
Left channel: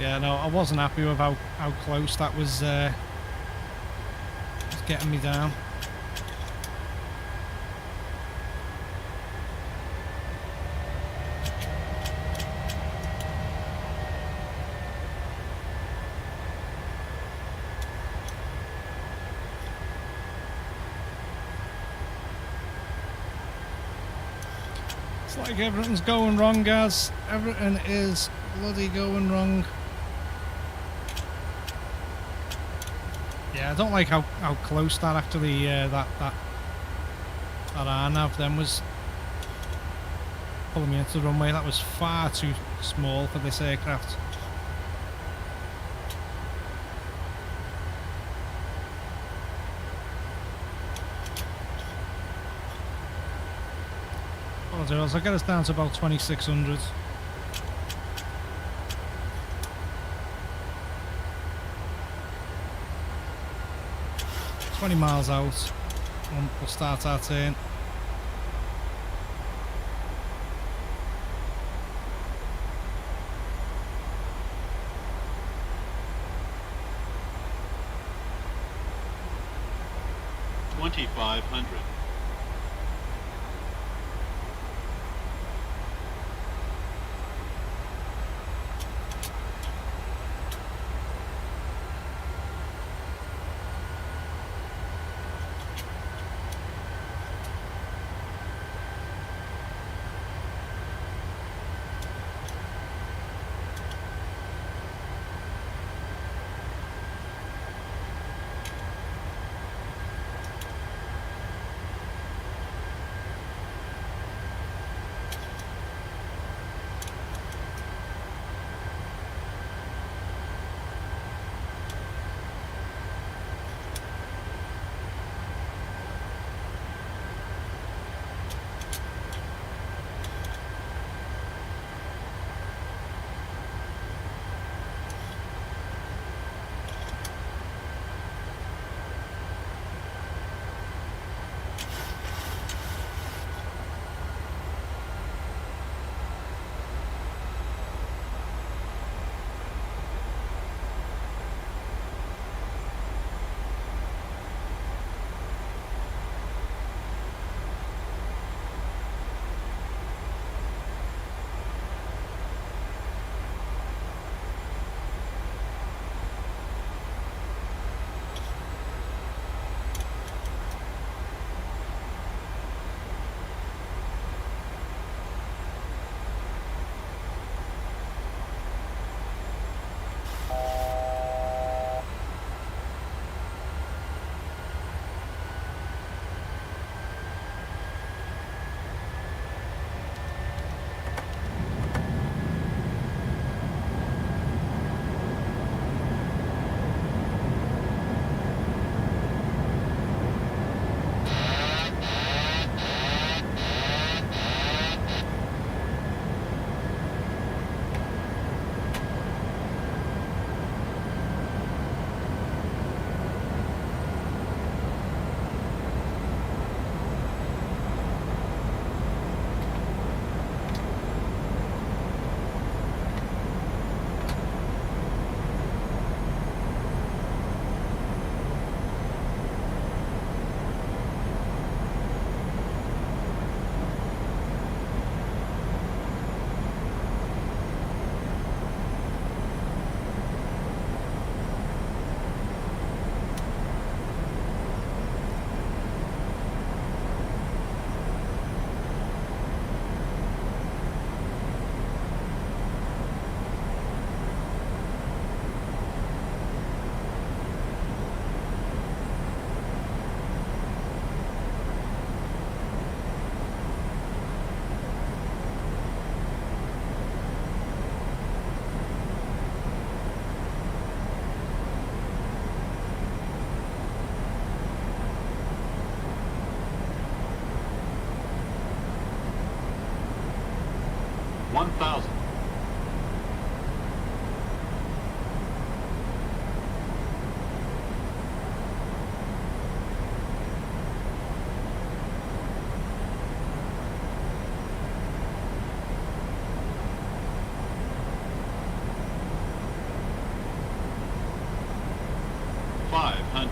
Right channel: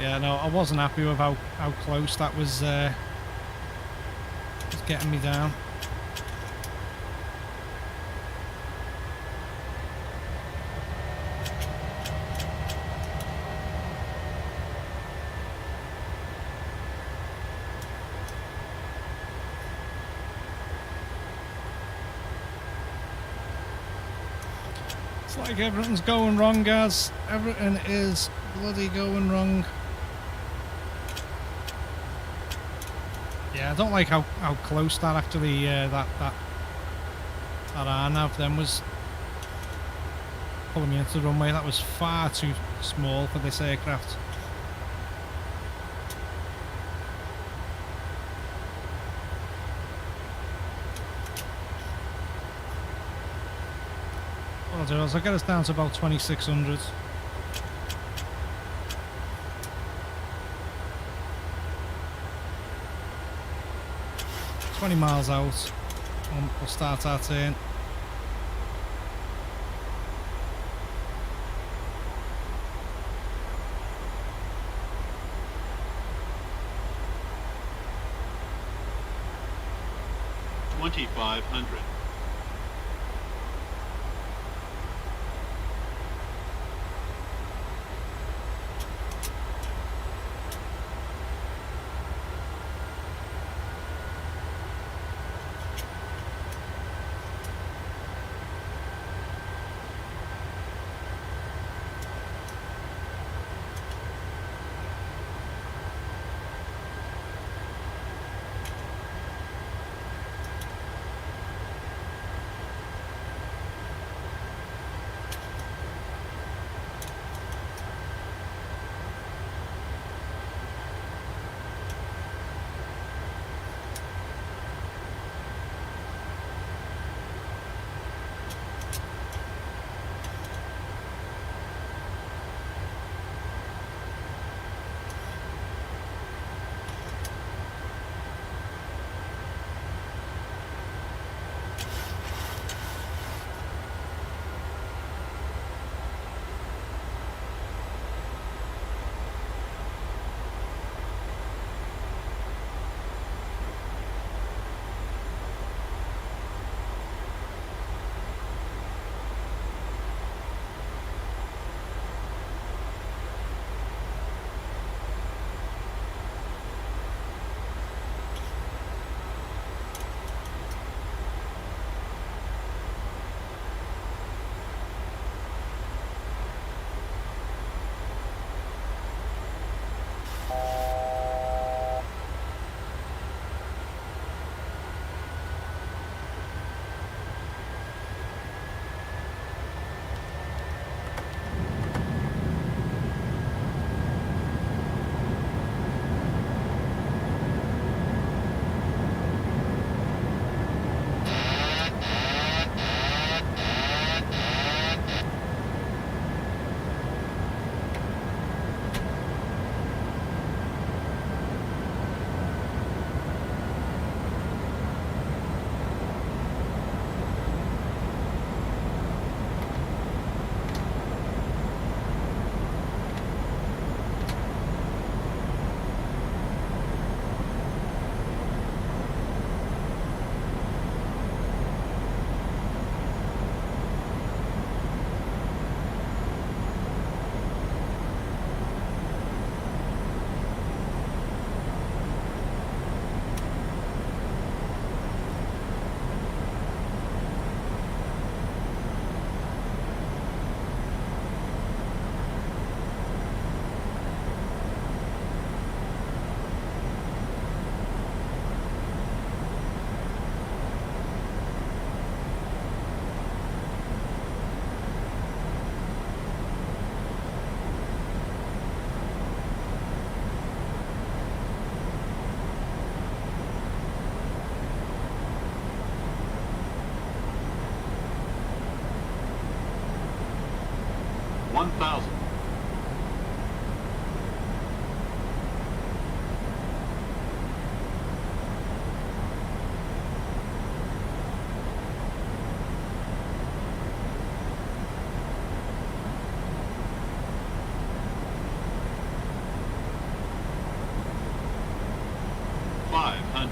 Yeah, no, I wasn't happy with how close that was getting me down. It's like everything's going wrong, guys. Everything is bloody going wrong. Yeah, I don't like how close that actually that RNAV then was pulling me into the runway. That was far too small for this aircraft. What I'll do is I'll get us down to about 2600. 20 miles out, we'll start our turn. $2,500. 500.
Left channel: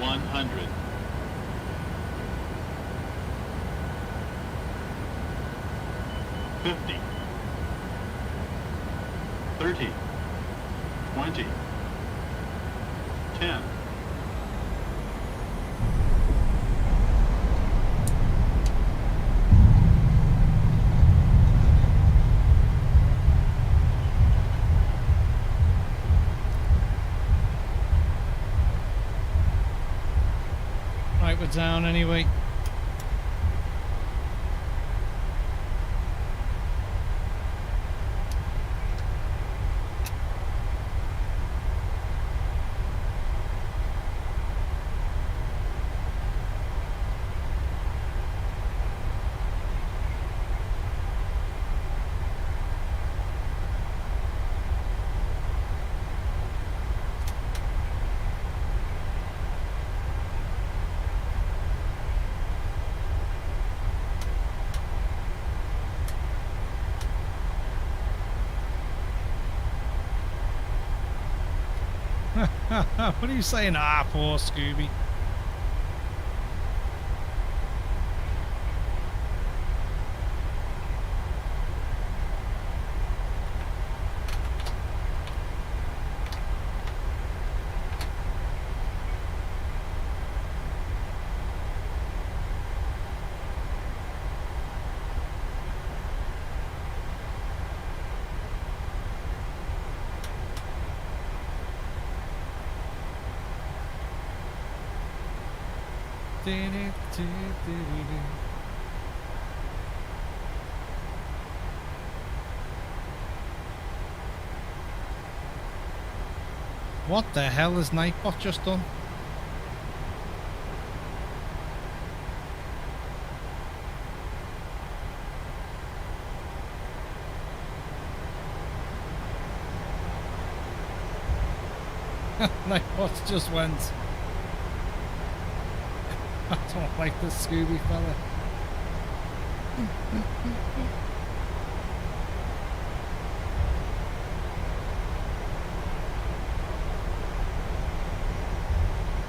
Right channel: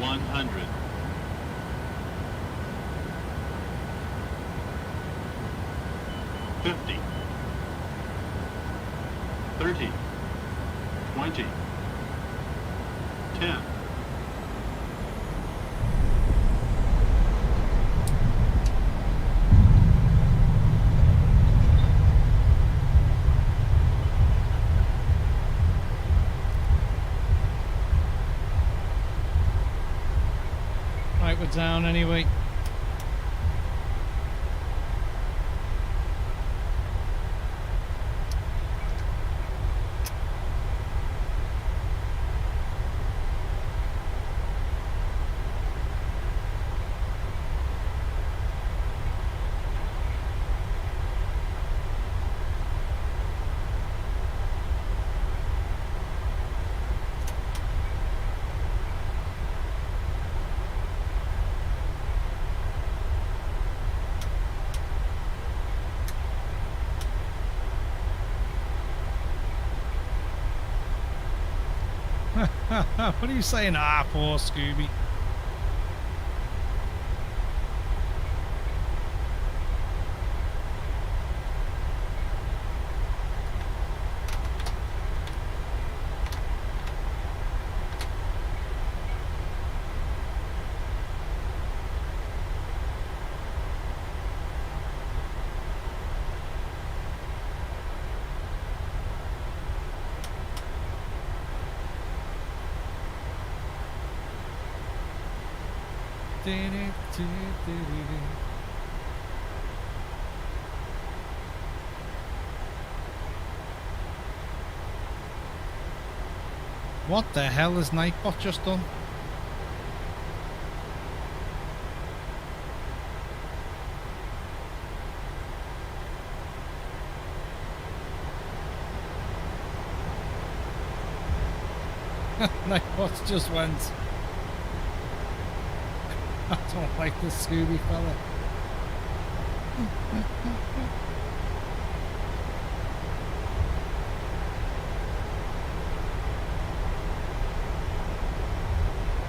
$100. 50. 30. 20. 10. Right, we're down anyway. What are you saying? Ah, poor Scooby. What the hell has Nightbot just done? Nightbot just went. I don't like the Scooby fella.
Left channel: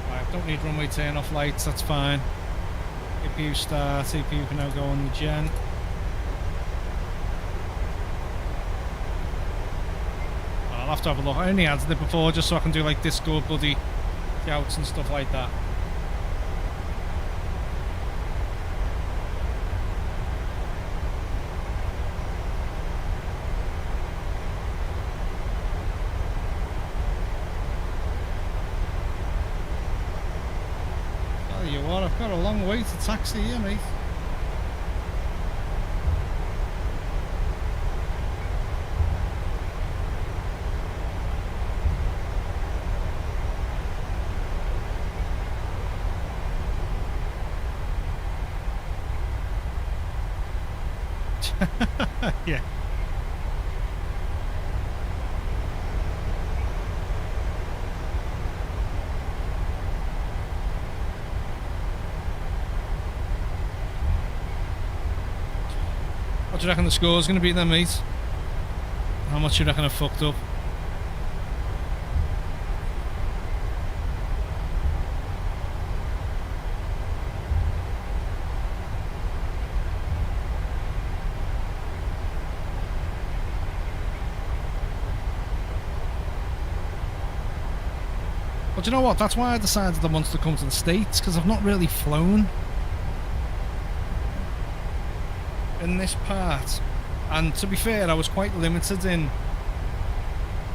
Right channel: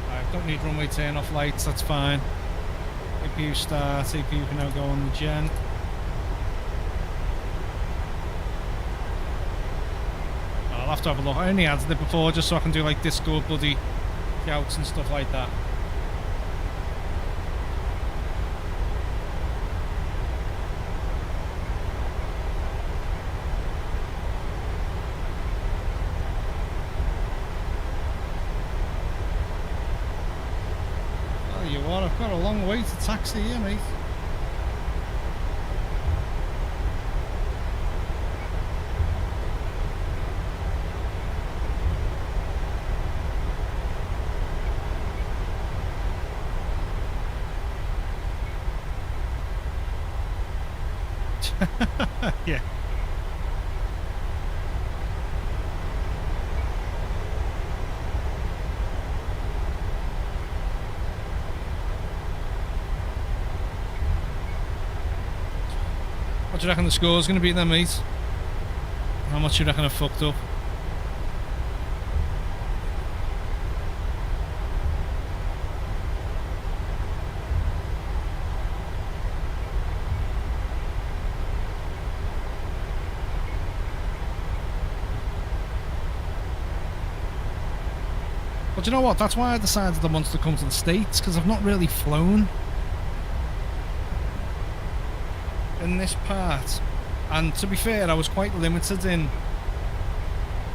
Right, don't need runway turn off lights, that's fine. APU start, APU can now go on the gen. I'll have to have a look. I only added it before just so I can do like disco bloody shouts and stuff like that. Tell you what, I've got a long way to taxi here, mate. Yeah. What do you reckon the score's going to be then, mate? How much do you reckon I fucked up? But do you know what? That's why I decided I wanted to come to the States, because I've not really flown in this part. And to be fair, I was quite limited in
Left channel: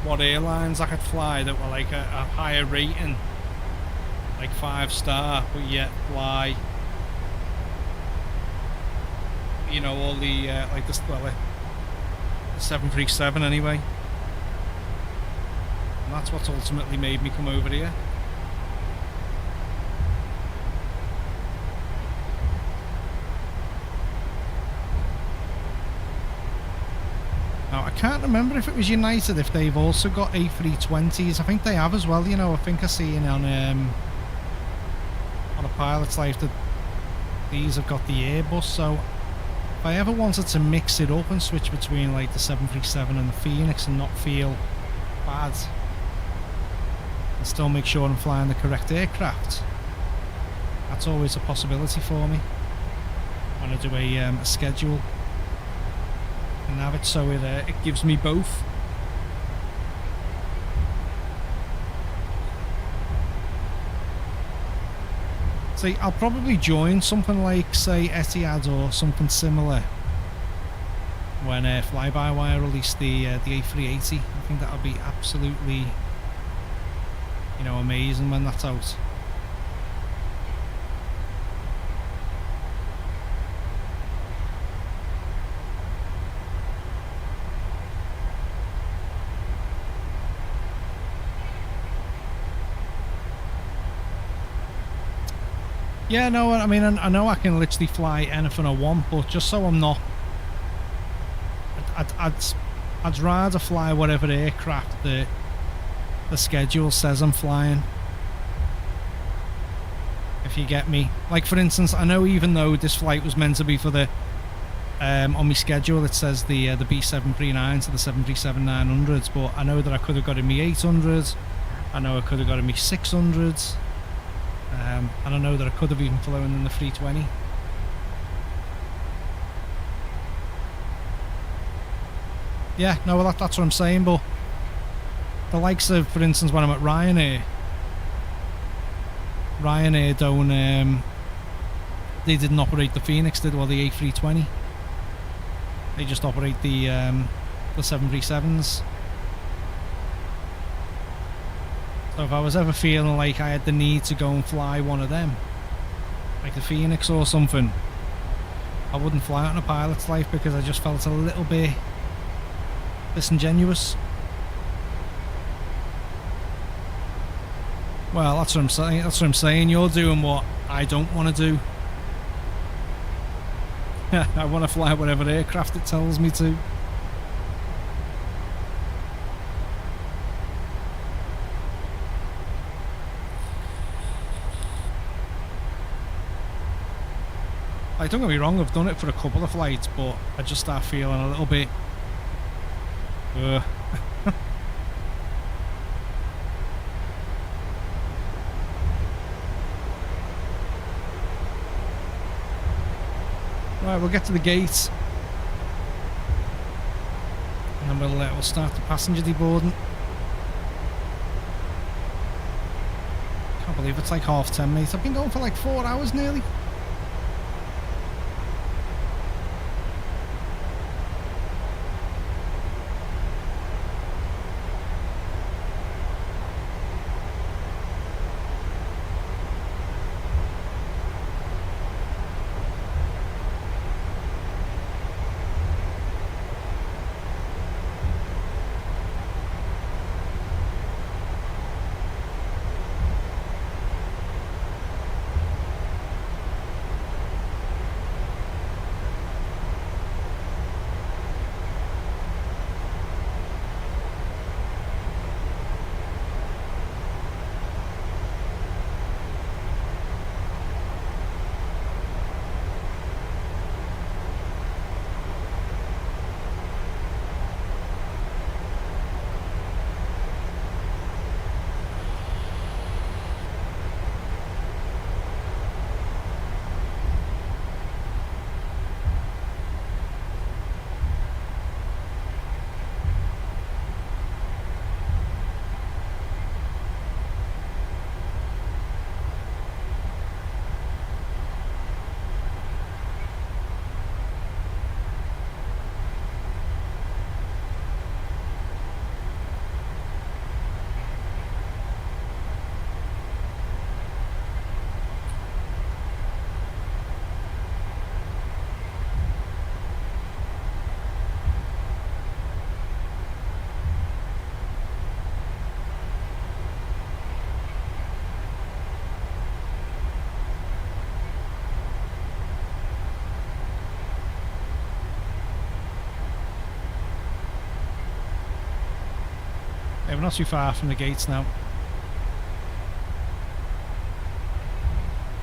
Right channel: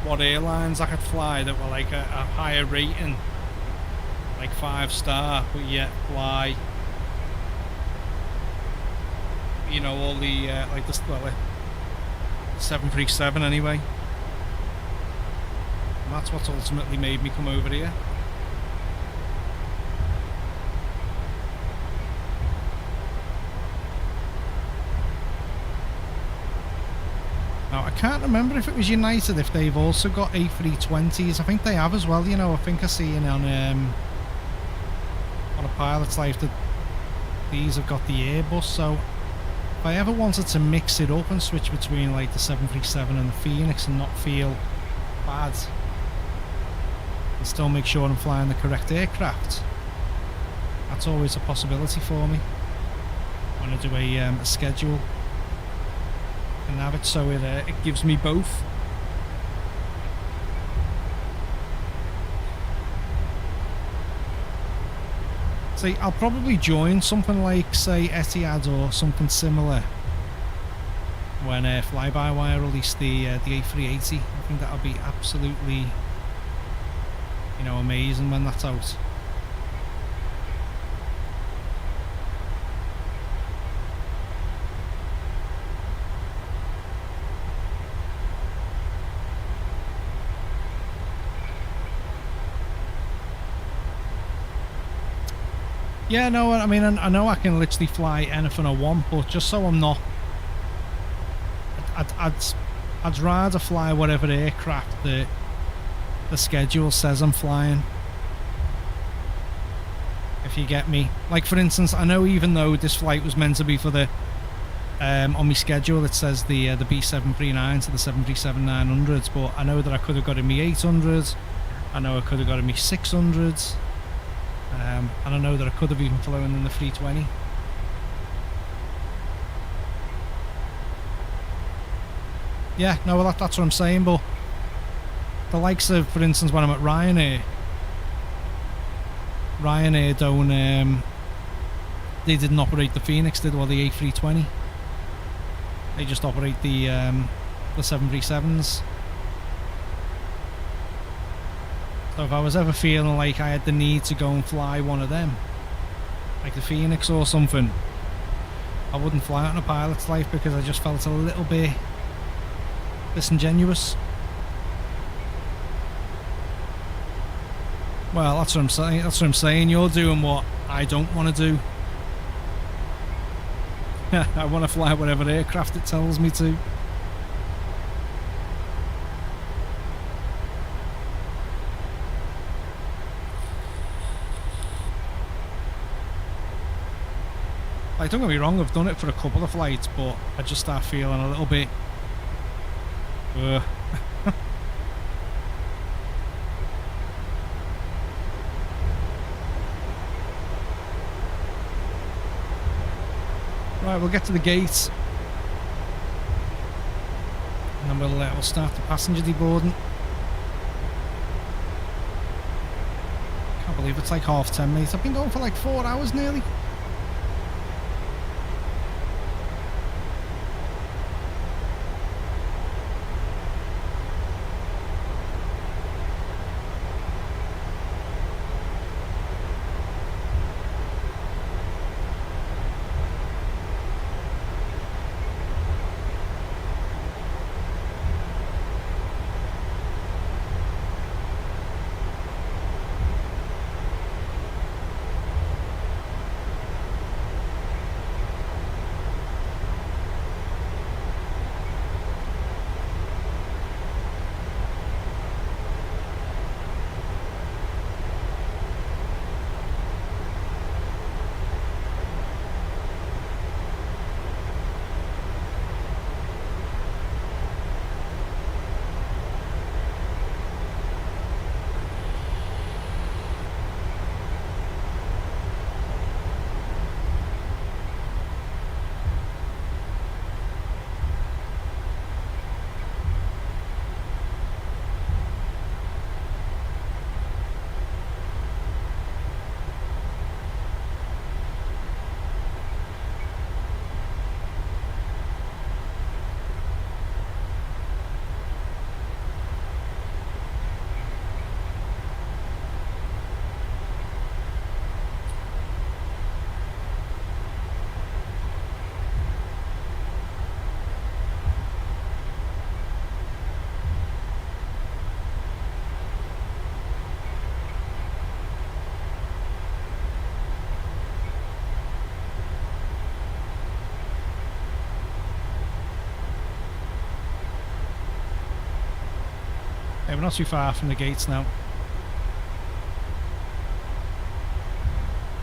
what airlines I could fly that were like a higher rating, like 5-star, but yet fly, you know, all the like the 737 anyway. And that's what's ultimately made me come over here. can't remember if it was United, if they've also got A320s. I think they have as well, you know. I think I seen on a pilot's life that these have got the Airbus. So if I ever wanted to mix it up and switch between like the 737 and the Phoenix and not feel bad and still make sure I'm flying the correct aircraft, that's always a possibility for me when I do a schedule and have it, so it gives me both. See, I'll probably join something like, say, Etihad or something similar when Fly-by-Wire release the A380. I think that'll be absolutely, you know, amazing when that's out. Yeah, no, I mean, I know I can literally fly anything I want, but just so I'm not, I'd rather fly whatever aircraft the schedule says I'm flying. If you get me. Like, for instance, I know even though this flight was meant to be for the, on my schedule it says the B739 to the 737-900s, but I know that I could have got in me 800, I know I could have got in me 600s. And I know that I could have even flown in the 320. Yeah, no, well that's what I'm saying, but the likes of, for instance, when I'm at Ryanair don't, they didn't operate the Phoenix, did they? Or the A320. They just operate the 737s. So if I was ever feeling like I had the need to go and fly one of them, like the Phoenix or something, I wouldn't fly it on a pilot's life because I just felt a little bit disingenuous. Well, that's what I'm saying. That's what I'm saying. You're doing what I don't want to do. I want to fly whatever aircraft it tells me to. Like, don't get me wrong, I've done it for a couple of flights, but I just start feeling a little bit... Right, we'll get to the gate. And then we'll start the passenger deboarding. Can't believe it's like 10:30, mate. I've been going for like 4 hours nearly. we're not too far from the gates now.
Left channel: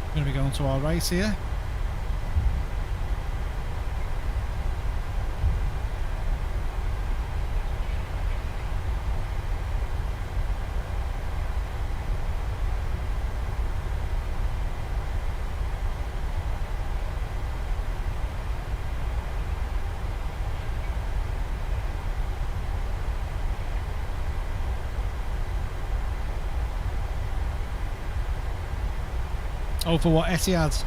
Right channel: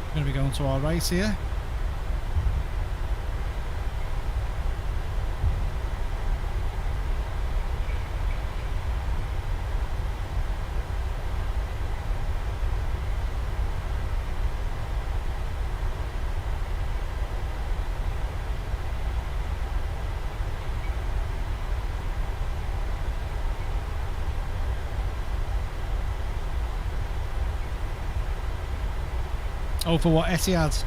We're going to be going to our right here. Oh, for what? Etihad?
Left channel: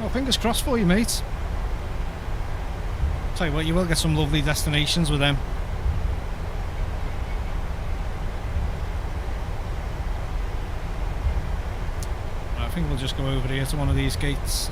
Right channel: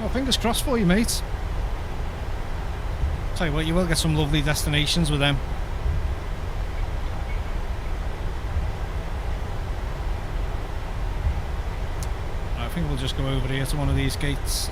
Well, fingers crossed for you, mate. Tell you what, you will get some lovely destinations with them. I think we'll just go over here to one of these gates.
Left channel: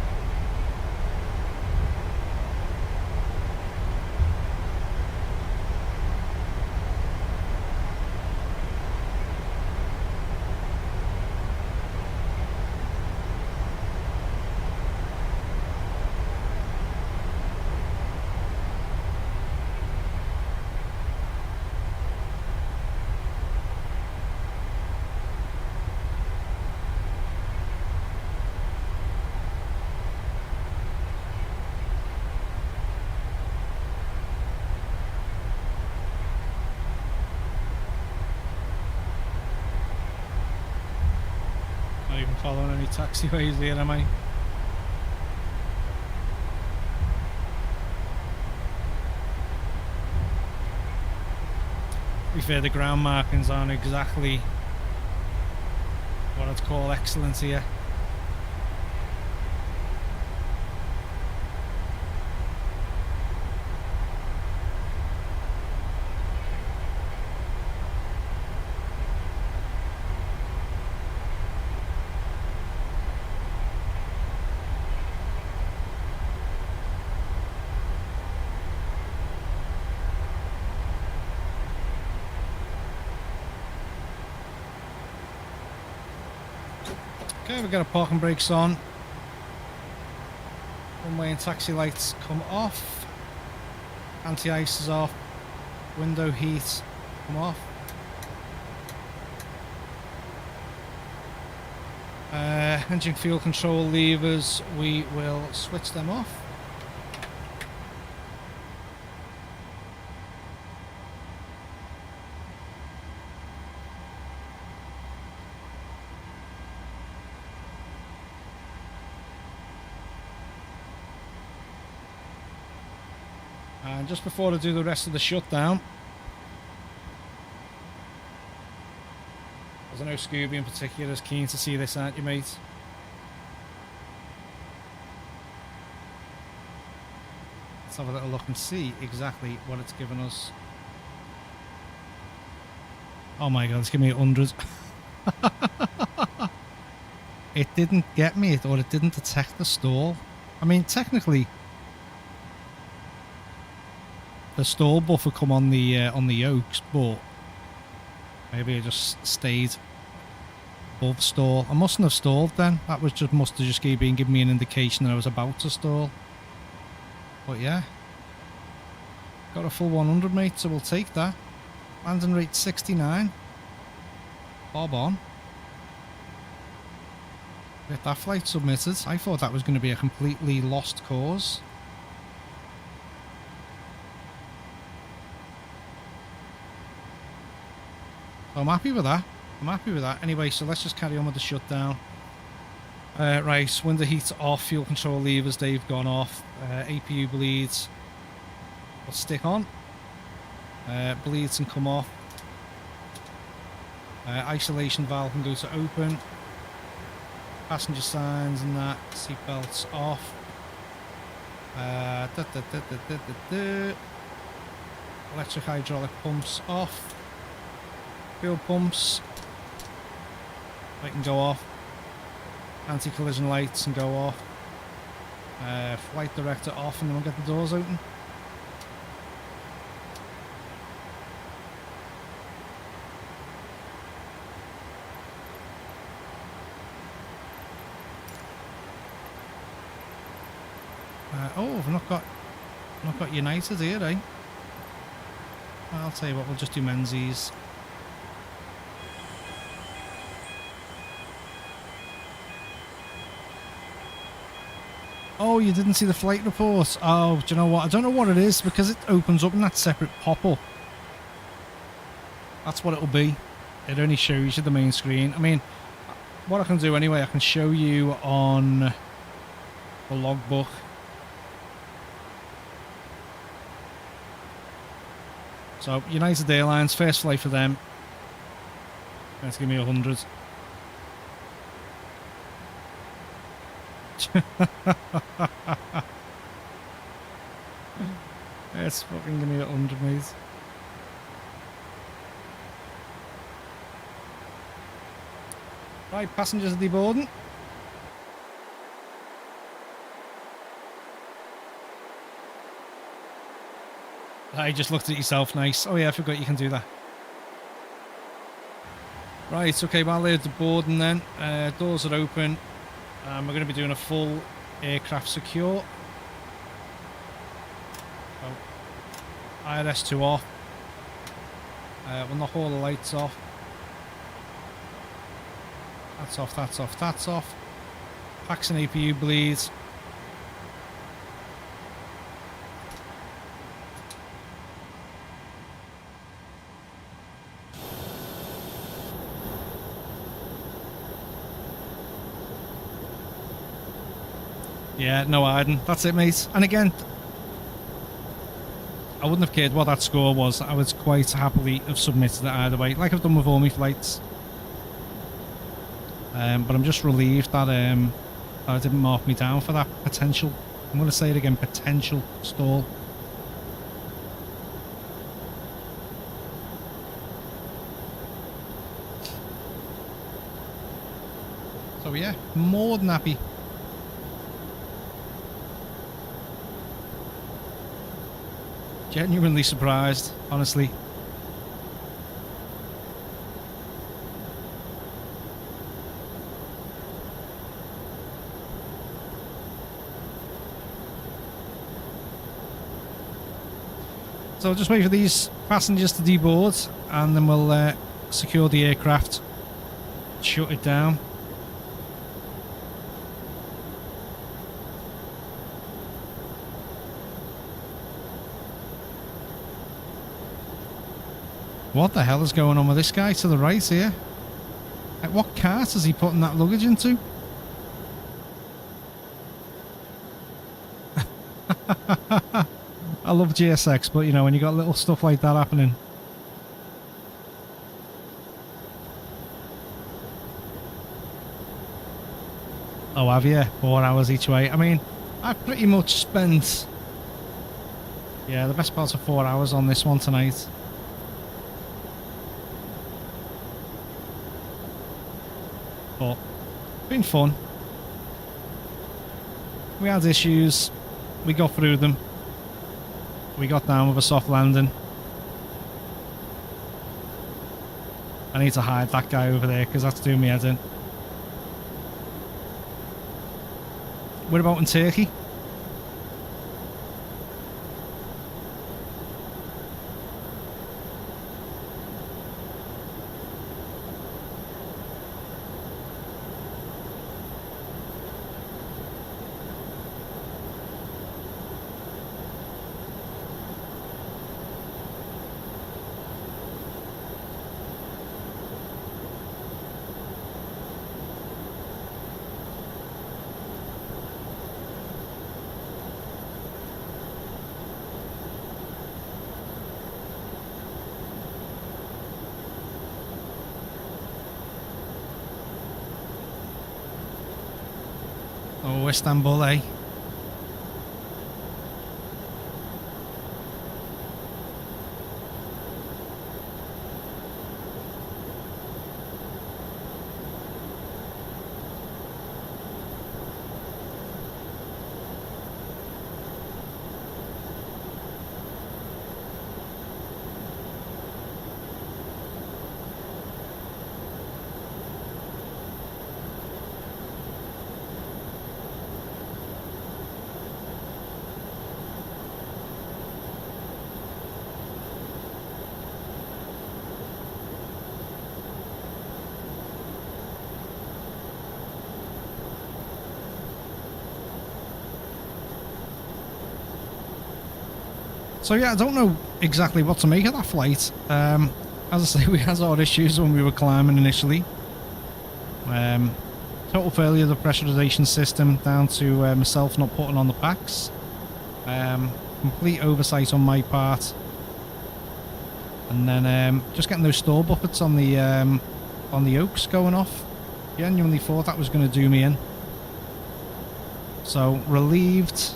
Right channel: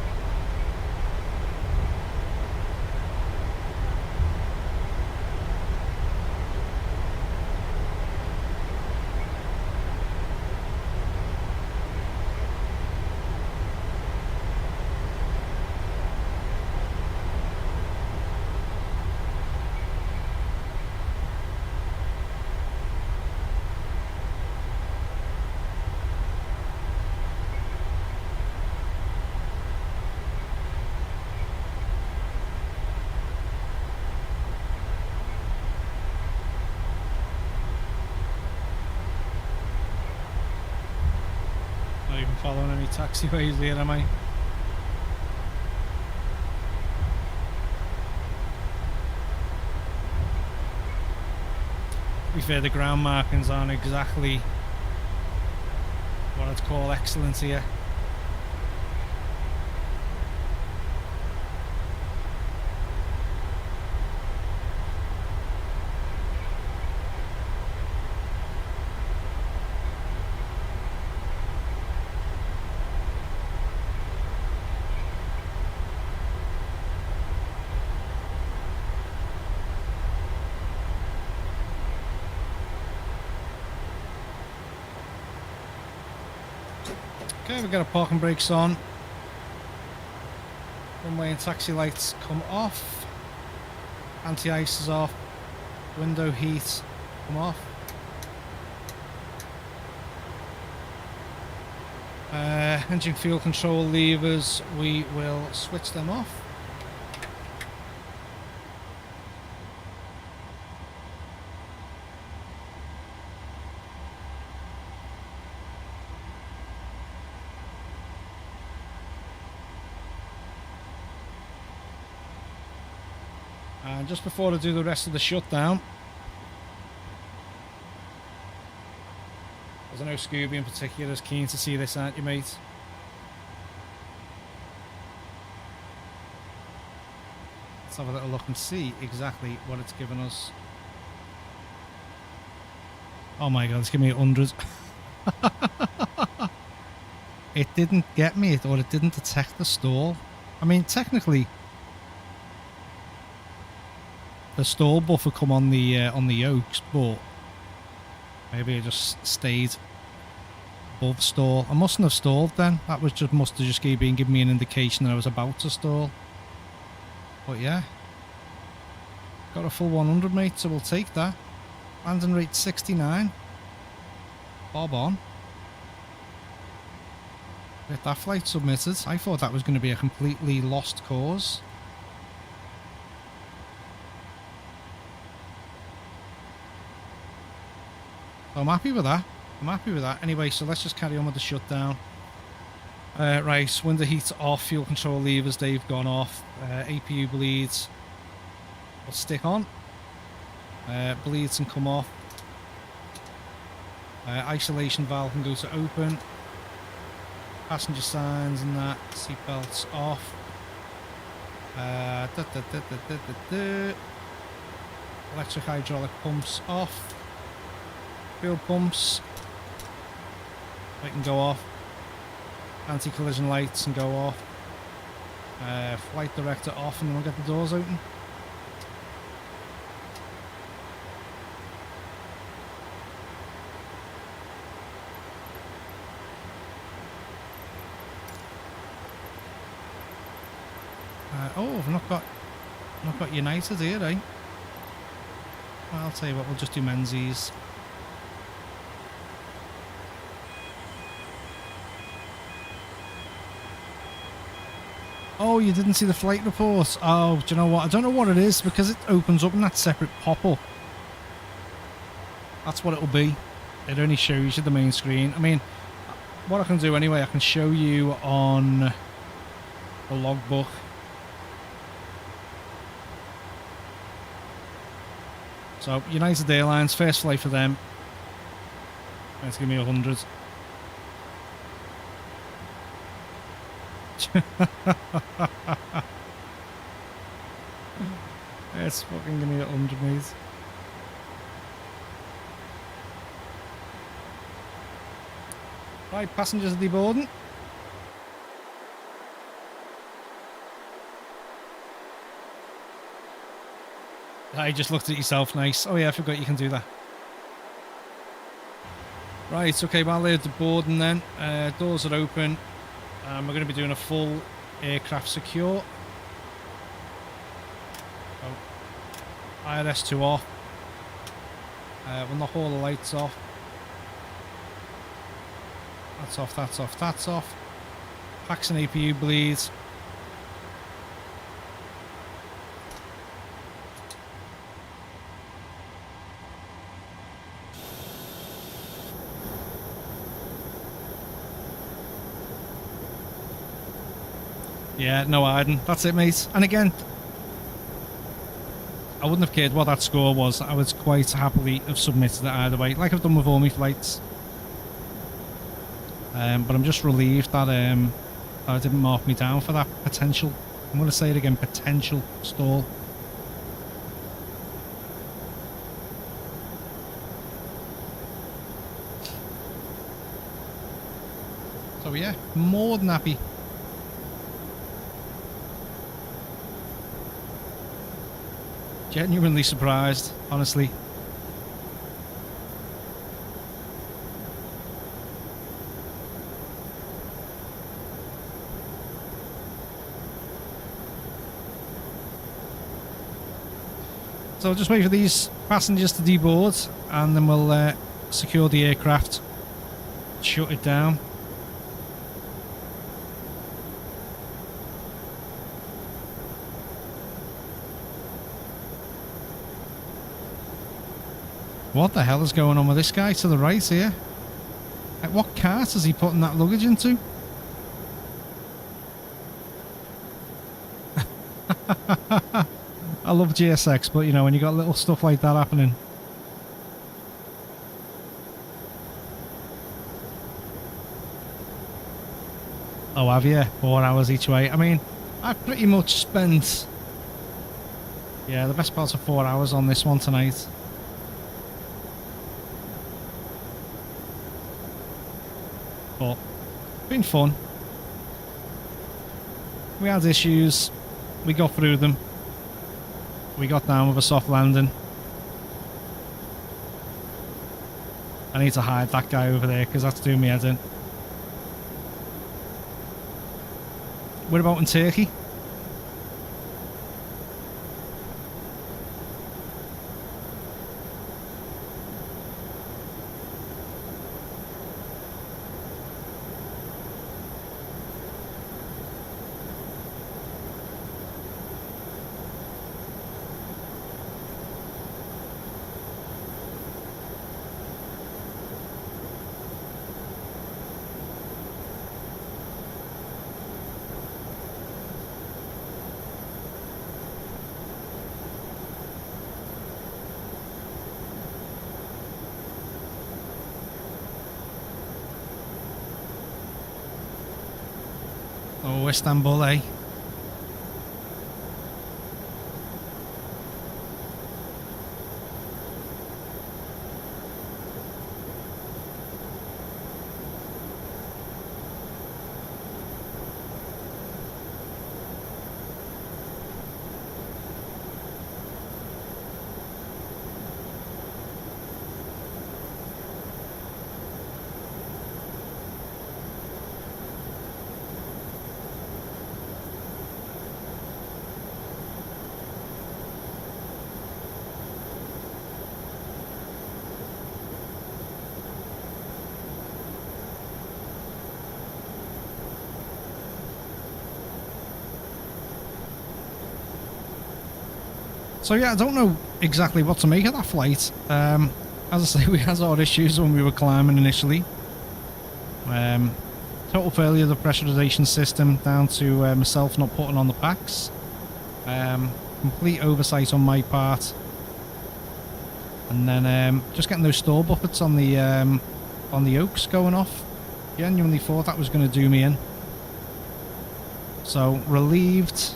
Not even following any taxiways here, am I? To be fair, the ground markings aren't exactly what I'd call excellent here. Okay, we've got our parking brakes on. One-way and taxi lights come off. Anti-ice is off. Window heat come off. Engine fuel control levers, we will switch them off. And just before I do the rest of the shutdown, because I know Scooby in particular is keen to see this, aren't you, mate? Let's have a little look and see exactly what it's given us. Oh my god, it's giving me 100. It didn't get me, or it didn't detect the stall. I mean, technically, the stall buffer come on the yokes, but maybe it just stayed above stall. I mustn't have stalled then. That was just must have just been giving me an indication that I was about to stall. But yeah, got a full 100, mate, so we'll take that. Landing rate 69. Bob on. Get that flight submitted. I thought that was going to be a completely lost cause. So I'm happy with that. I'm happy with that. Anyway, so let's just carry on with the shutdown. Right, window heat off, fuel control levers, they've gone off. APU bleeds will stick on. Bleeds can come off. Isolation valve can go to open. Passenger signs and that. Seat belts off. Electric hydraulic pumps off. Fuel pumps. They can go off. Anti-collision lights can go off. Flight director off, and then we'll get the doors open. Oh, I've not got United here, eh? I'll tell you what, we'll just do Menzies. Oh, you didn't see the flight report? Oh, do you know what? I don't know what it is, because it opens up in that separate pop-up. That's what it'll be. It only shows you the main screen. I mean, what I can do anyway, I can show you on the logbook. So, United Airlines, first flight for them. Let's give me 100. Let's fucking give me 100, mate. Right, passengers are deboarding. I just looked at yourself, nice. Oh yeah, I forgot you can do that. Right, okay, while they're deboarding then, doors are open. We're going to be doing a full aircraft secure. Oh. IRS2 off. We'll knock all the lights off. That's off, that's off, that's off. Packs and APU bleeds. Yeah, no hiding. That's it, mate. And again, I wouldn't have cared what that score was. I would quite happily have submitted it either way, like I've done with all my flights. But I'm just relieved that I didn't mark me down for that potential. I'm going to say it again, potential stall. So yeah, more than happy. Genuinely surprised, honestly. So I'll just wait for these passengers to deboard, and then we'll secure the aircraft, shut it down. What the hell is going on with this guy to the right here? What cart is he putting that luggage into? I love GSX, but you know, when you got little stuff like that happening. Oh, have you? 4 hours each way. I mean, I've pretty much spent, yeah, the best part of 4 hours on this one tonight. But been fun. We had issues, we got through them, we got down with a soft landing. I need to hide that guy over there because that's doing me head in. What about in Turkey? Oh, Istanbul, eh? So yeah, I don't know exactly what to make of that flight. As I say, we had our issues when we were climbing initially. Total failure of the pressurization system, down to myself not putting on the packs. Complete oversight on my part. And then just getting those stall buffets on the Oaks going off. Genuinely thought that was going to do me in. So relieved,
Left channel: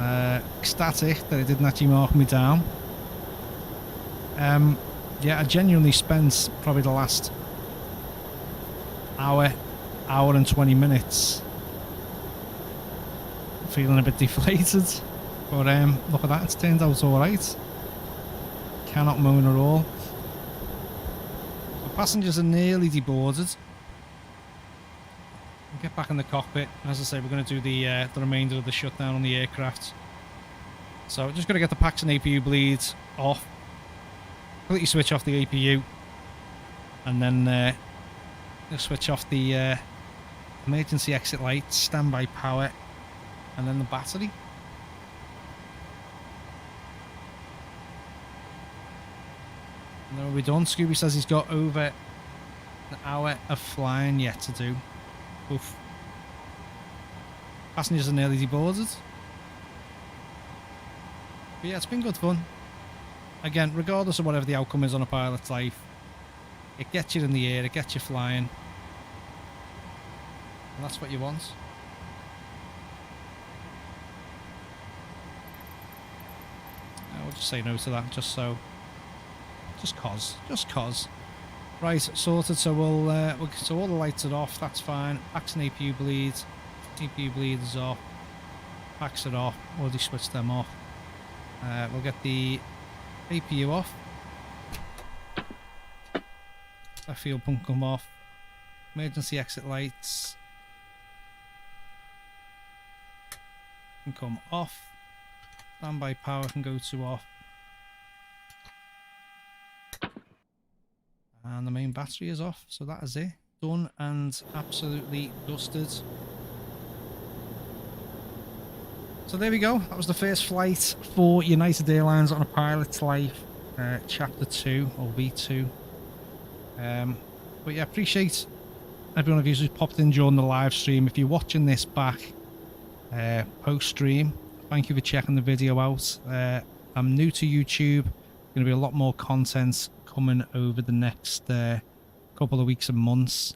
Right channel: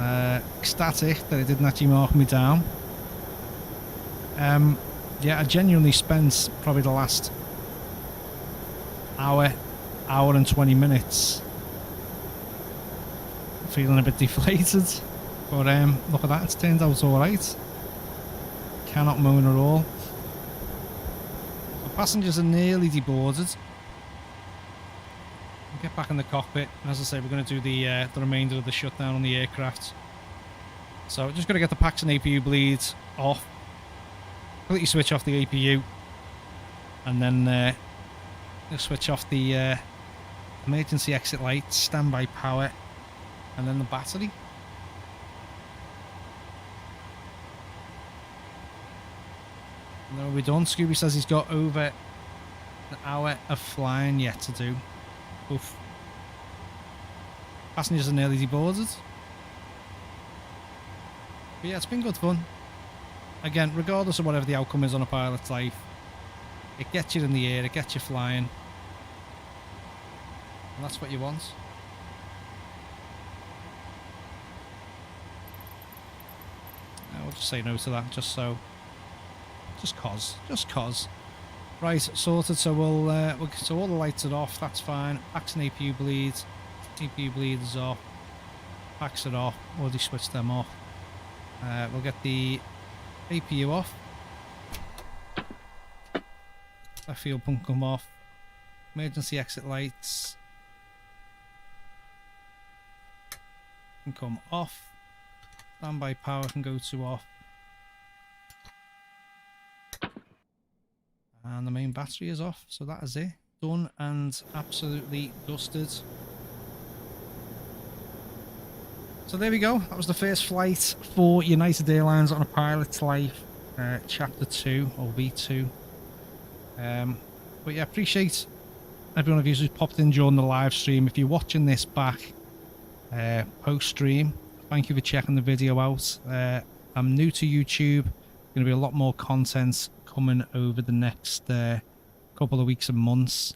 ecstatic that it didn't actually mark me down. Yeah, I genuinely spent probably the last hour and 20 minutes feeling a bit deflated. But look at that, it's turned out alright. Cannot moan at all. So passengers are nearly deboarded. We'll get back in the cockpit. As I say, we're going to do the remainder of the shutdown on the aircraft. So just got to get the packs and APU bleeds off. Completely switch off the APU. And then switch off the emergency exit lights, standby power, and then the battery. And then we're done. Scooby says he's got over an hour of flying yet to do. Oof. Passengers are nearly deboarded. But yeah, it's been good fun. Again, regardless of whatever the outcome is on a pilot's life, it gets you in the air, it gets you flying. And that's what you want. I'll just say no to that, just cause. Right, sorted. So so all the lights are off. That's fine. Packs and APU bleeds. APU bleed is off. Packs are off. Already switched them off. We'll get the APU off. That fuel pump come off. Emergency exit lights can come off. Standby power can go to off. And the main battery is off, so that is it. Done and absolutely dusted. So there we go. That was the first flight for United Airlines on a pilot's life, chapter 2 or V2. But yeah, appreciate every one of you who's popped in during the live stream. If you're watching this back post stream, thank you for checking the video out. I'm new to YouTube. Going to be a lot more content coming over the next couple of weeks and months.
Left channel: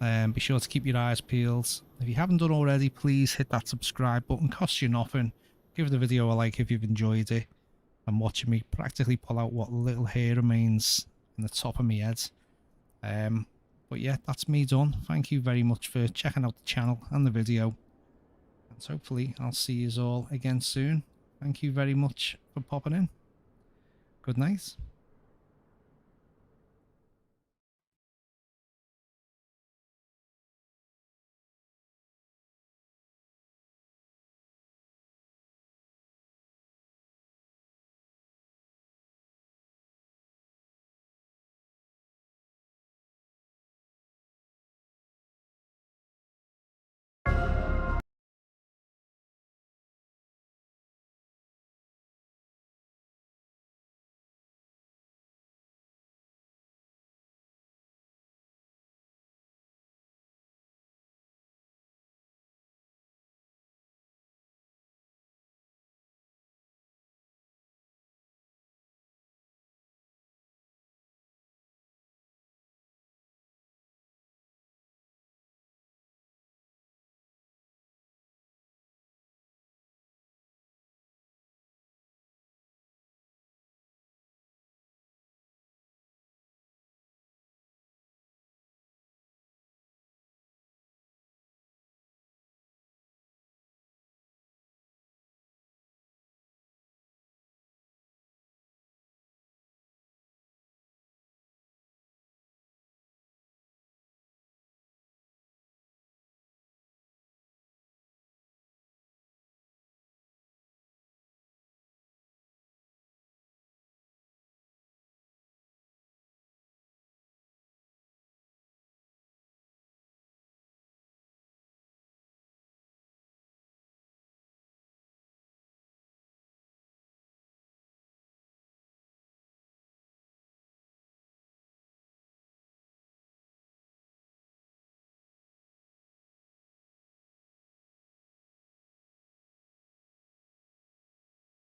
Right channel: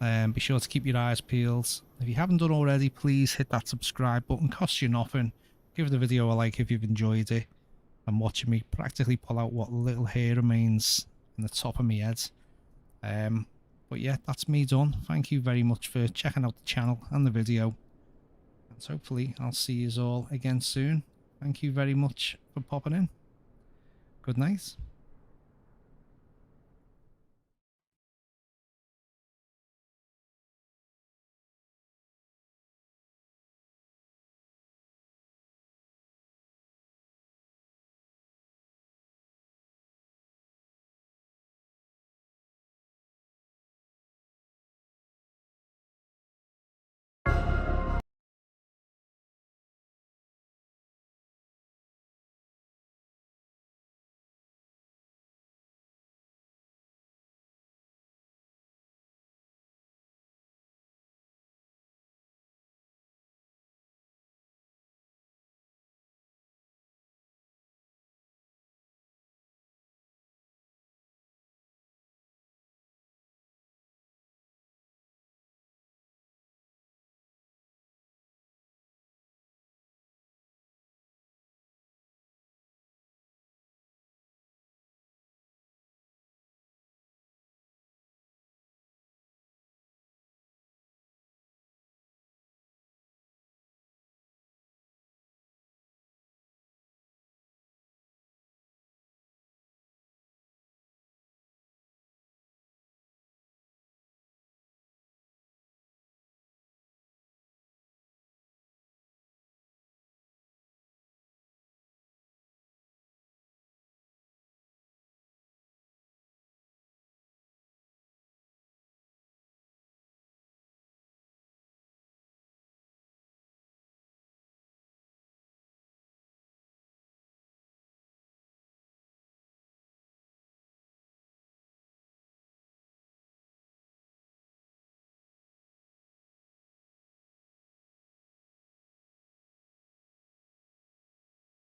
Be sure to keep your eyes peeled. If you haven't done already, please hit that subscribe button. Costs you nothing. Give the video a like if you've enjoyed it. And watching me practically pull out what little hair remains in the top of my head. But yeah, that's me done. Thank you very much for checking out the channel and the video. And hopefully I'll see you all again soon. Thank you very much for popping in. Good night.